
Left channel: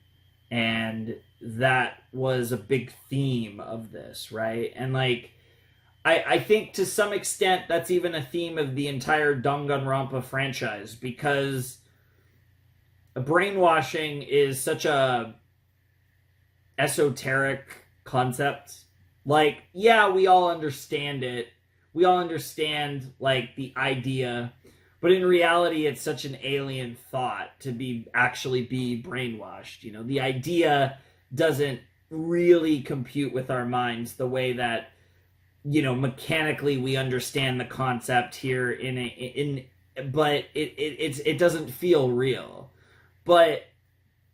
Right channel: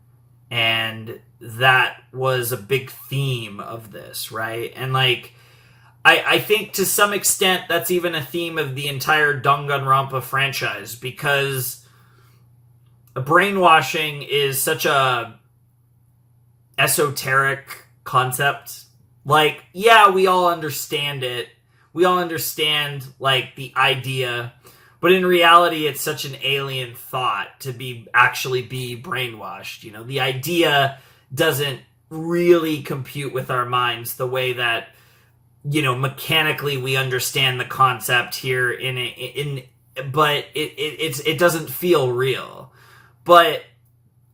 And that was a big theme of this, right? And I think to some extent that's even a theme of the entire Danganronpa franchise, because brainwashing is such a esoteric concept. Yeah, we all understand it. We all understand the idea. But in reality, it's such an alien thought to actually be brainwashed. The idea doesn't really compute with our minds the way that, mechanically we understand the concept here but it doesn't feel real. But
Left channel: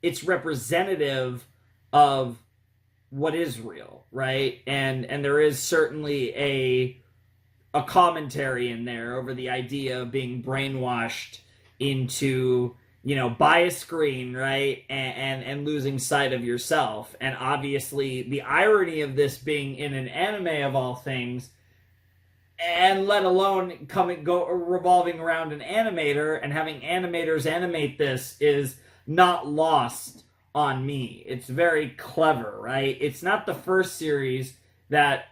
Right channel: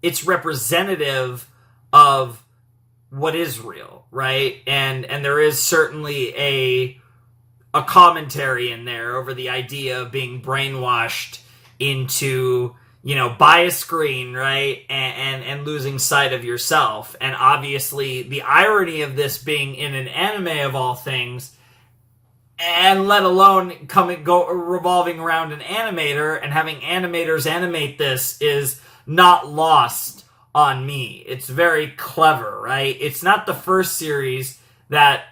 it's representative of what is real, right? And there is certainly a commentary in there over the idea of being brainwashed into, by a screen, right? And losing sight of yourself. And obviously the irony of this being in an anime of all things, and let alone revolving around an animator and having animators animate this, is not lost on me. It's very clever, right? It's not the first series that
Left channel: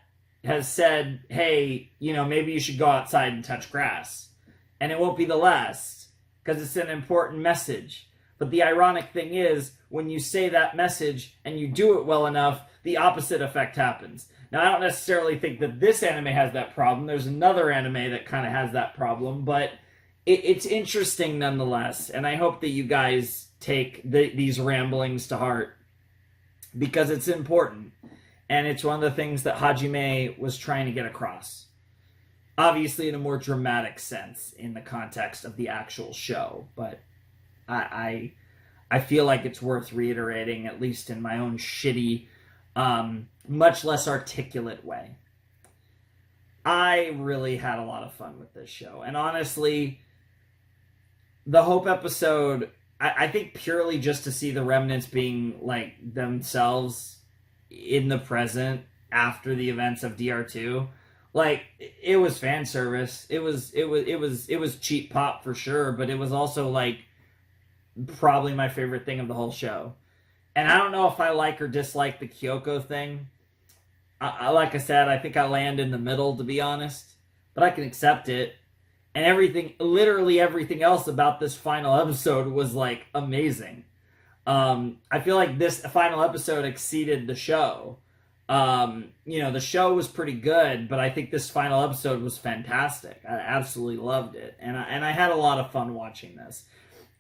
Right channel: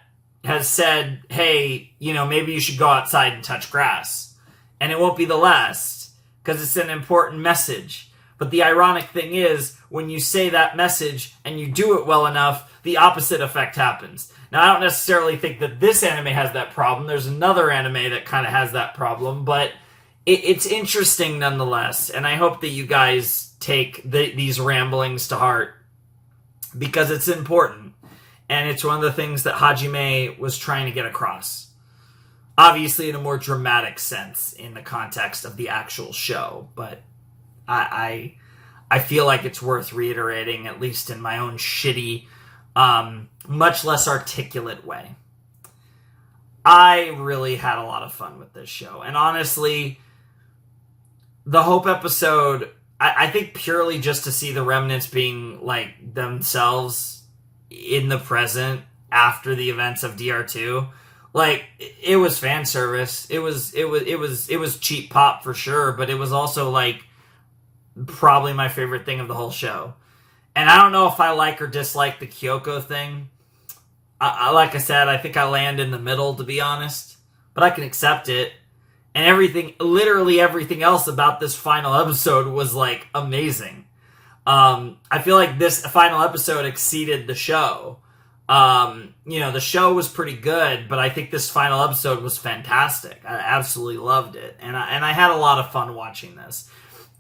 has said, hey, maybe you should go outside and touch grass. And it won't be the last, because it's an important message. But the ironic thing is, when you say that message and you do it well enough, the opposite effect happens. Now, I don't necessarily think that this anime has that problem. There's another anime that kind of has that problem, but it's interesting nonetheless. And I hope that you guys take these ramblings to heart, because it's important. And it's one of the things that Hajime was trying to get across. Obviously in a more dramatic sense in the context of the actual show. But I feel like it's worth reiterating, at least in my own shitty, much less articulate way. I really had a lot of fun with this show. And honestly, the Hope episode, I think purely just to see the remnants being themselves in the present after the events of DR2, it was fan service. It was cheap pop for sure, but it was also probably my favorite thing of the whole show. And I don't know if I like or dislike the Kyoko thing. Like I said, I think I land in the middle, to be honest, but I can accept it. And literally everything else about this final episode was amazing. I feel like this final episode exceeded the show. The show was pretty good, but I think this final episode was fantastic. I absolutely loved it. And I had a lot of fun watching this.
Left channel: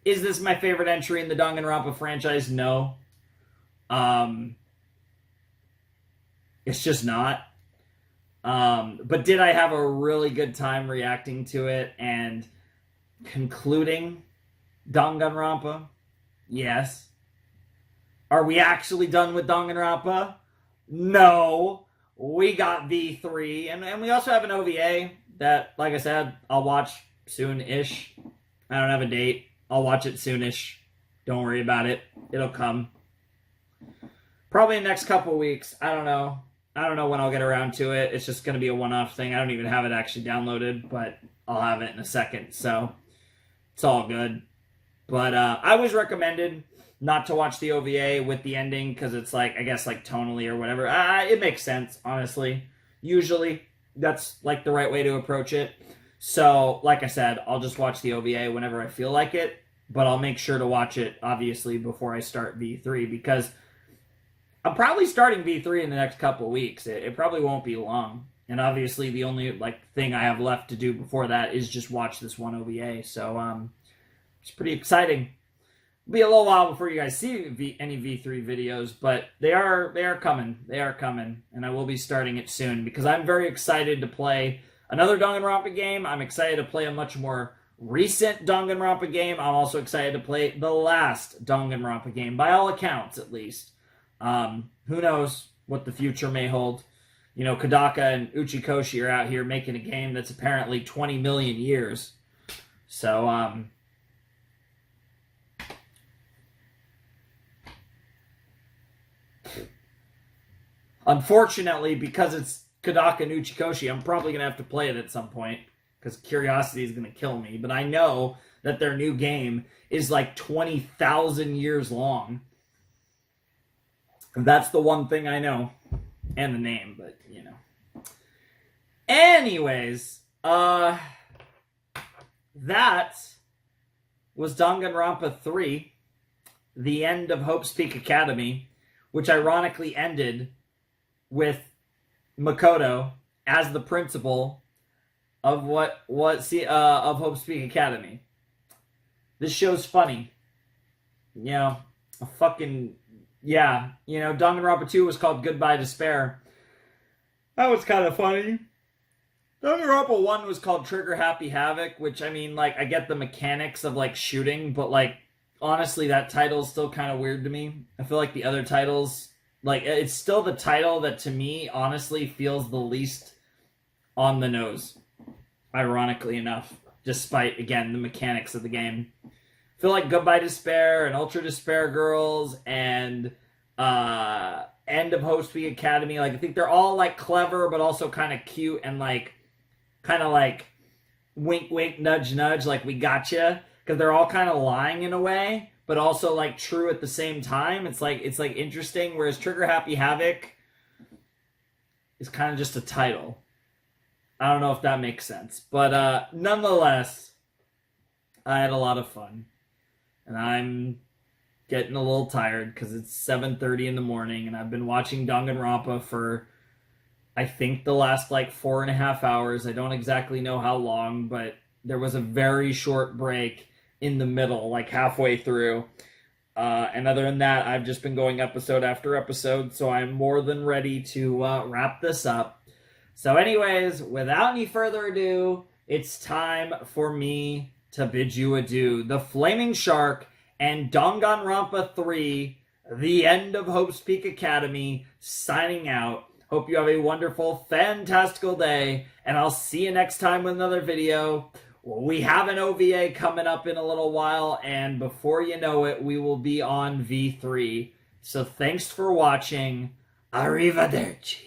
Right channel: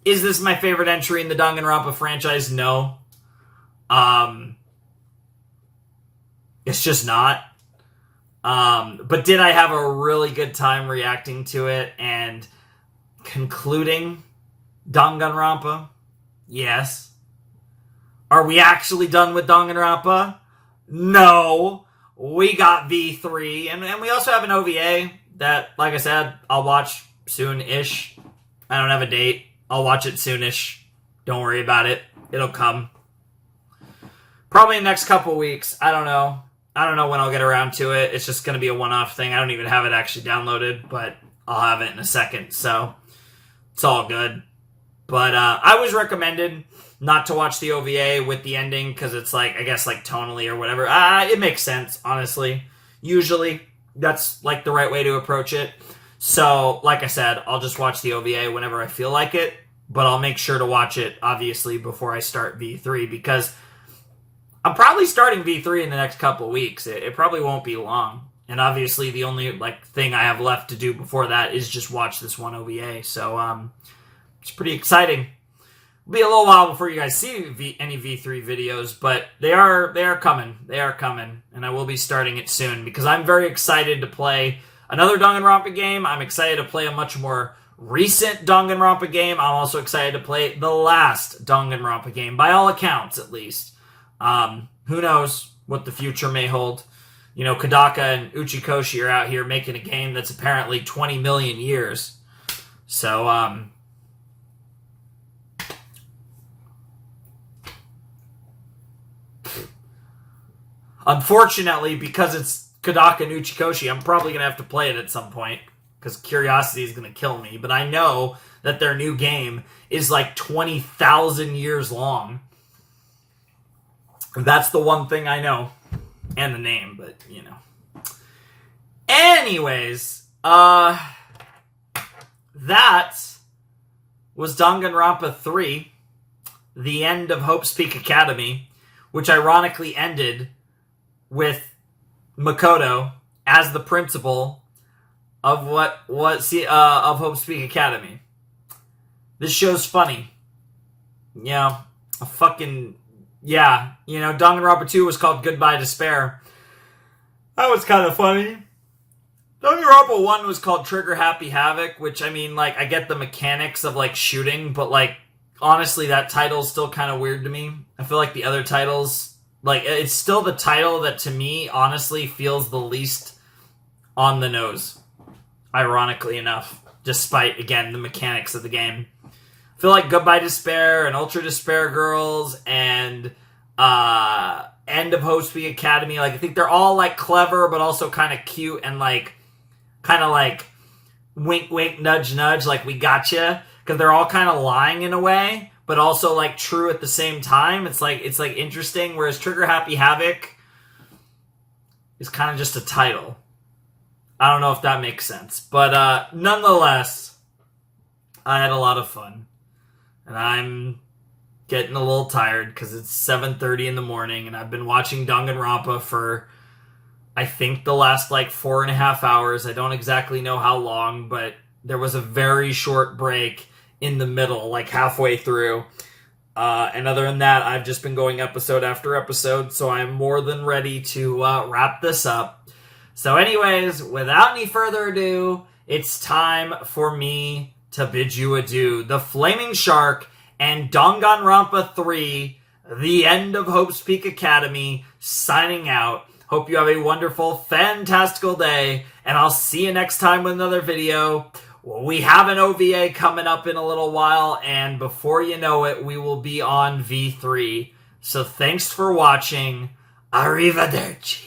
Is this my favorite entry in the Danganronpa franchise? No. It's just not. But did I have a really good time reacting to it and concluding Danganronpa? Yes. Are we actually done with Danganronpa? No. We got V3, and we also have an OVA that, like I said, I'll watch soon-ish. I don't have a date. I'll watch it soon-ish. Don't worry about it. It'll come. Probably in the next couple weeks. I don't know. I don't know when I'll get around to it. It's just going to be a one-off thing. I don't even have it actually downloaded, but I'll have it in a second, so it's all good. But I was recommended not to watch the OVA with the ending because it's like, I guess, like tonally or whatever. It makes sense, honestly. Usually, that's like the right way to approach it. So, like I said, I'll just watch the OVA whenever I feel like it, but I'll make sure to watch it, obviously, before I start V3 because I'm probably starting V3 in the next couple of weeks. It probably won't be long. And obviously, the only like thing I have left to do before that is just watch this one OVA. So, it's pretty exciting. It'll be a little while before you guys see any V3 videos, but they are coming. They are coming, and I will be starting it soon because I'm very excited to play another Danganronpa game. I'm excited to play a much more recent Danganronpa game. I'm also excited to play the last Danganronpa game, by all accounts, at least. Who knows what the future may hold. You know, Kodaka and Uchikoshi are out here making a game that's apparently 20 million years. So, unfortunately, because it's Kodaka and Uchikoshi, I'm probably going to have to play it at some point because curiosity is going to kill me. But I know that their new game is like 20,000 years long. That's the one thing I know. And the name, but, you know. Anyways, that was Danganronpa 3, the end of Hope's Peak Academy, which ironically ended with Makoto as the principal of of Hope's Peak Academy. This show's funny. Yeah, you know, Danganronpa 2 was called Goodbye Despair. That was kind of funny. Danganronpa 1 was called Trigger Happy Havoc, which, I mean, like, I get the mechanics of, like, shooting, but, like, honestly, that title's still kind of weird to me. I feel like the other titles, like, it's still the title that, to me, honestly, feels the least on the nose. Ironically enough. Despite, again, the mechanics of the game. I feel like Goodbye Despair and Ultra Despair Girls and End of Hope's Peak Academy, like, I think they're all, like, clever, but also kind of cute and, like, kind of, like, wink, wink, nudge, nudge, like, we gotcha. Because they're all kind of lying in a way, but also, like, true at the same time. It's interesting, whereas Trigger Happy Havoc is kind of just a title. I don't know if that makes sense. But, nonetheless, I had a lot of fun. And I'm getting a little tired because it's 7:30 in the morning and I've been watching Danganronpa for, I think, the last, like, 4.5 hours. I don't exactly know how long, but there was a very short break in the middle, like halfway through. And other than that, I've just been going episode after episode, so I'm more than ready to wrap this up. So anyways, without any further ado, it's time for me to bid you adieu. The Flaming Shark and Danganronpa 3, the end of Hope's Peak Academy, signing out. Hope you have a wonderful, fantastical day, and I'll see you next time with another video. We have an OVA coming up in a little while, and before you know it, we will be on V3. So thanks for watching. Arrivederci.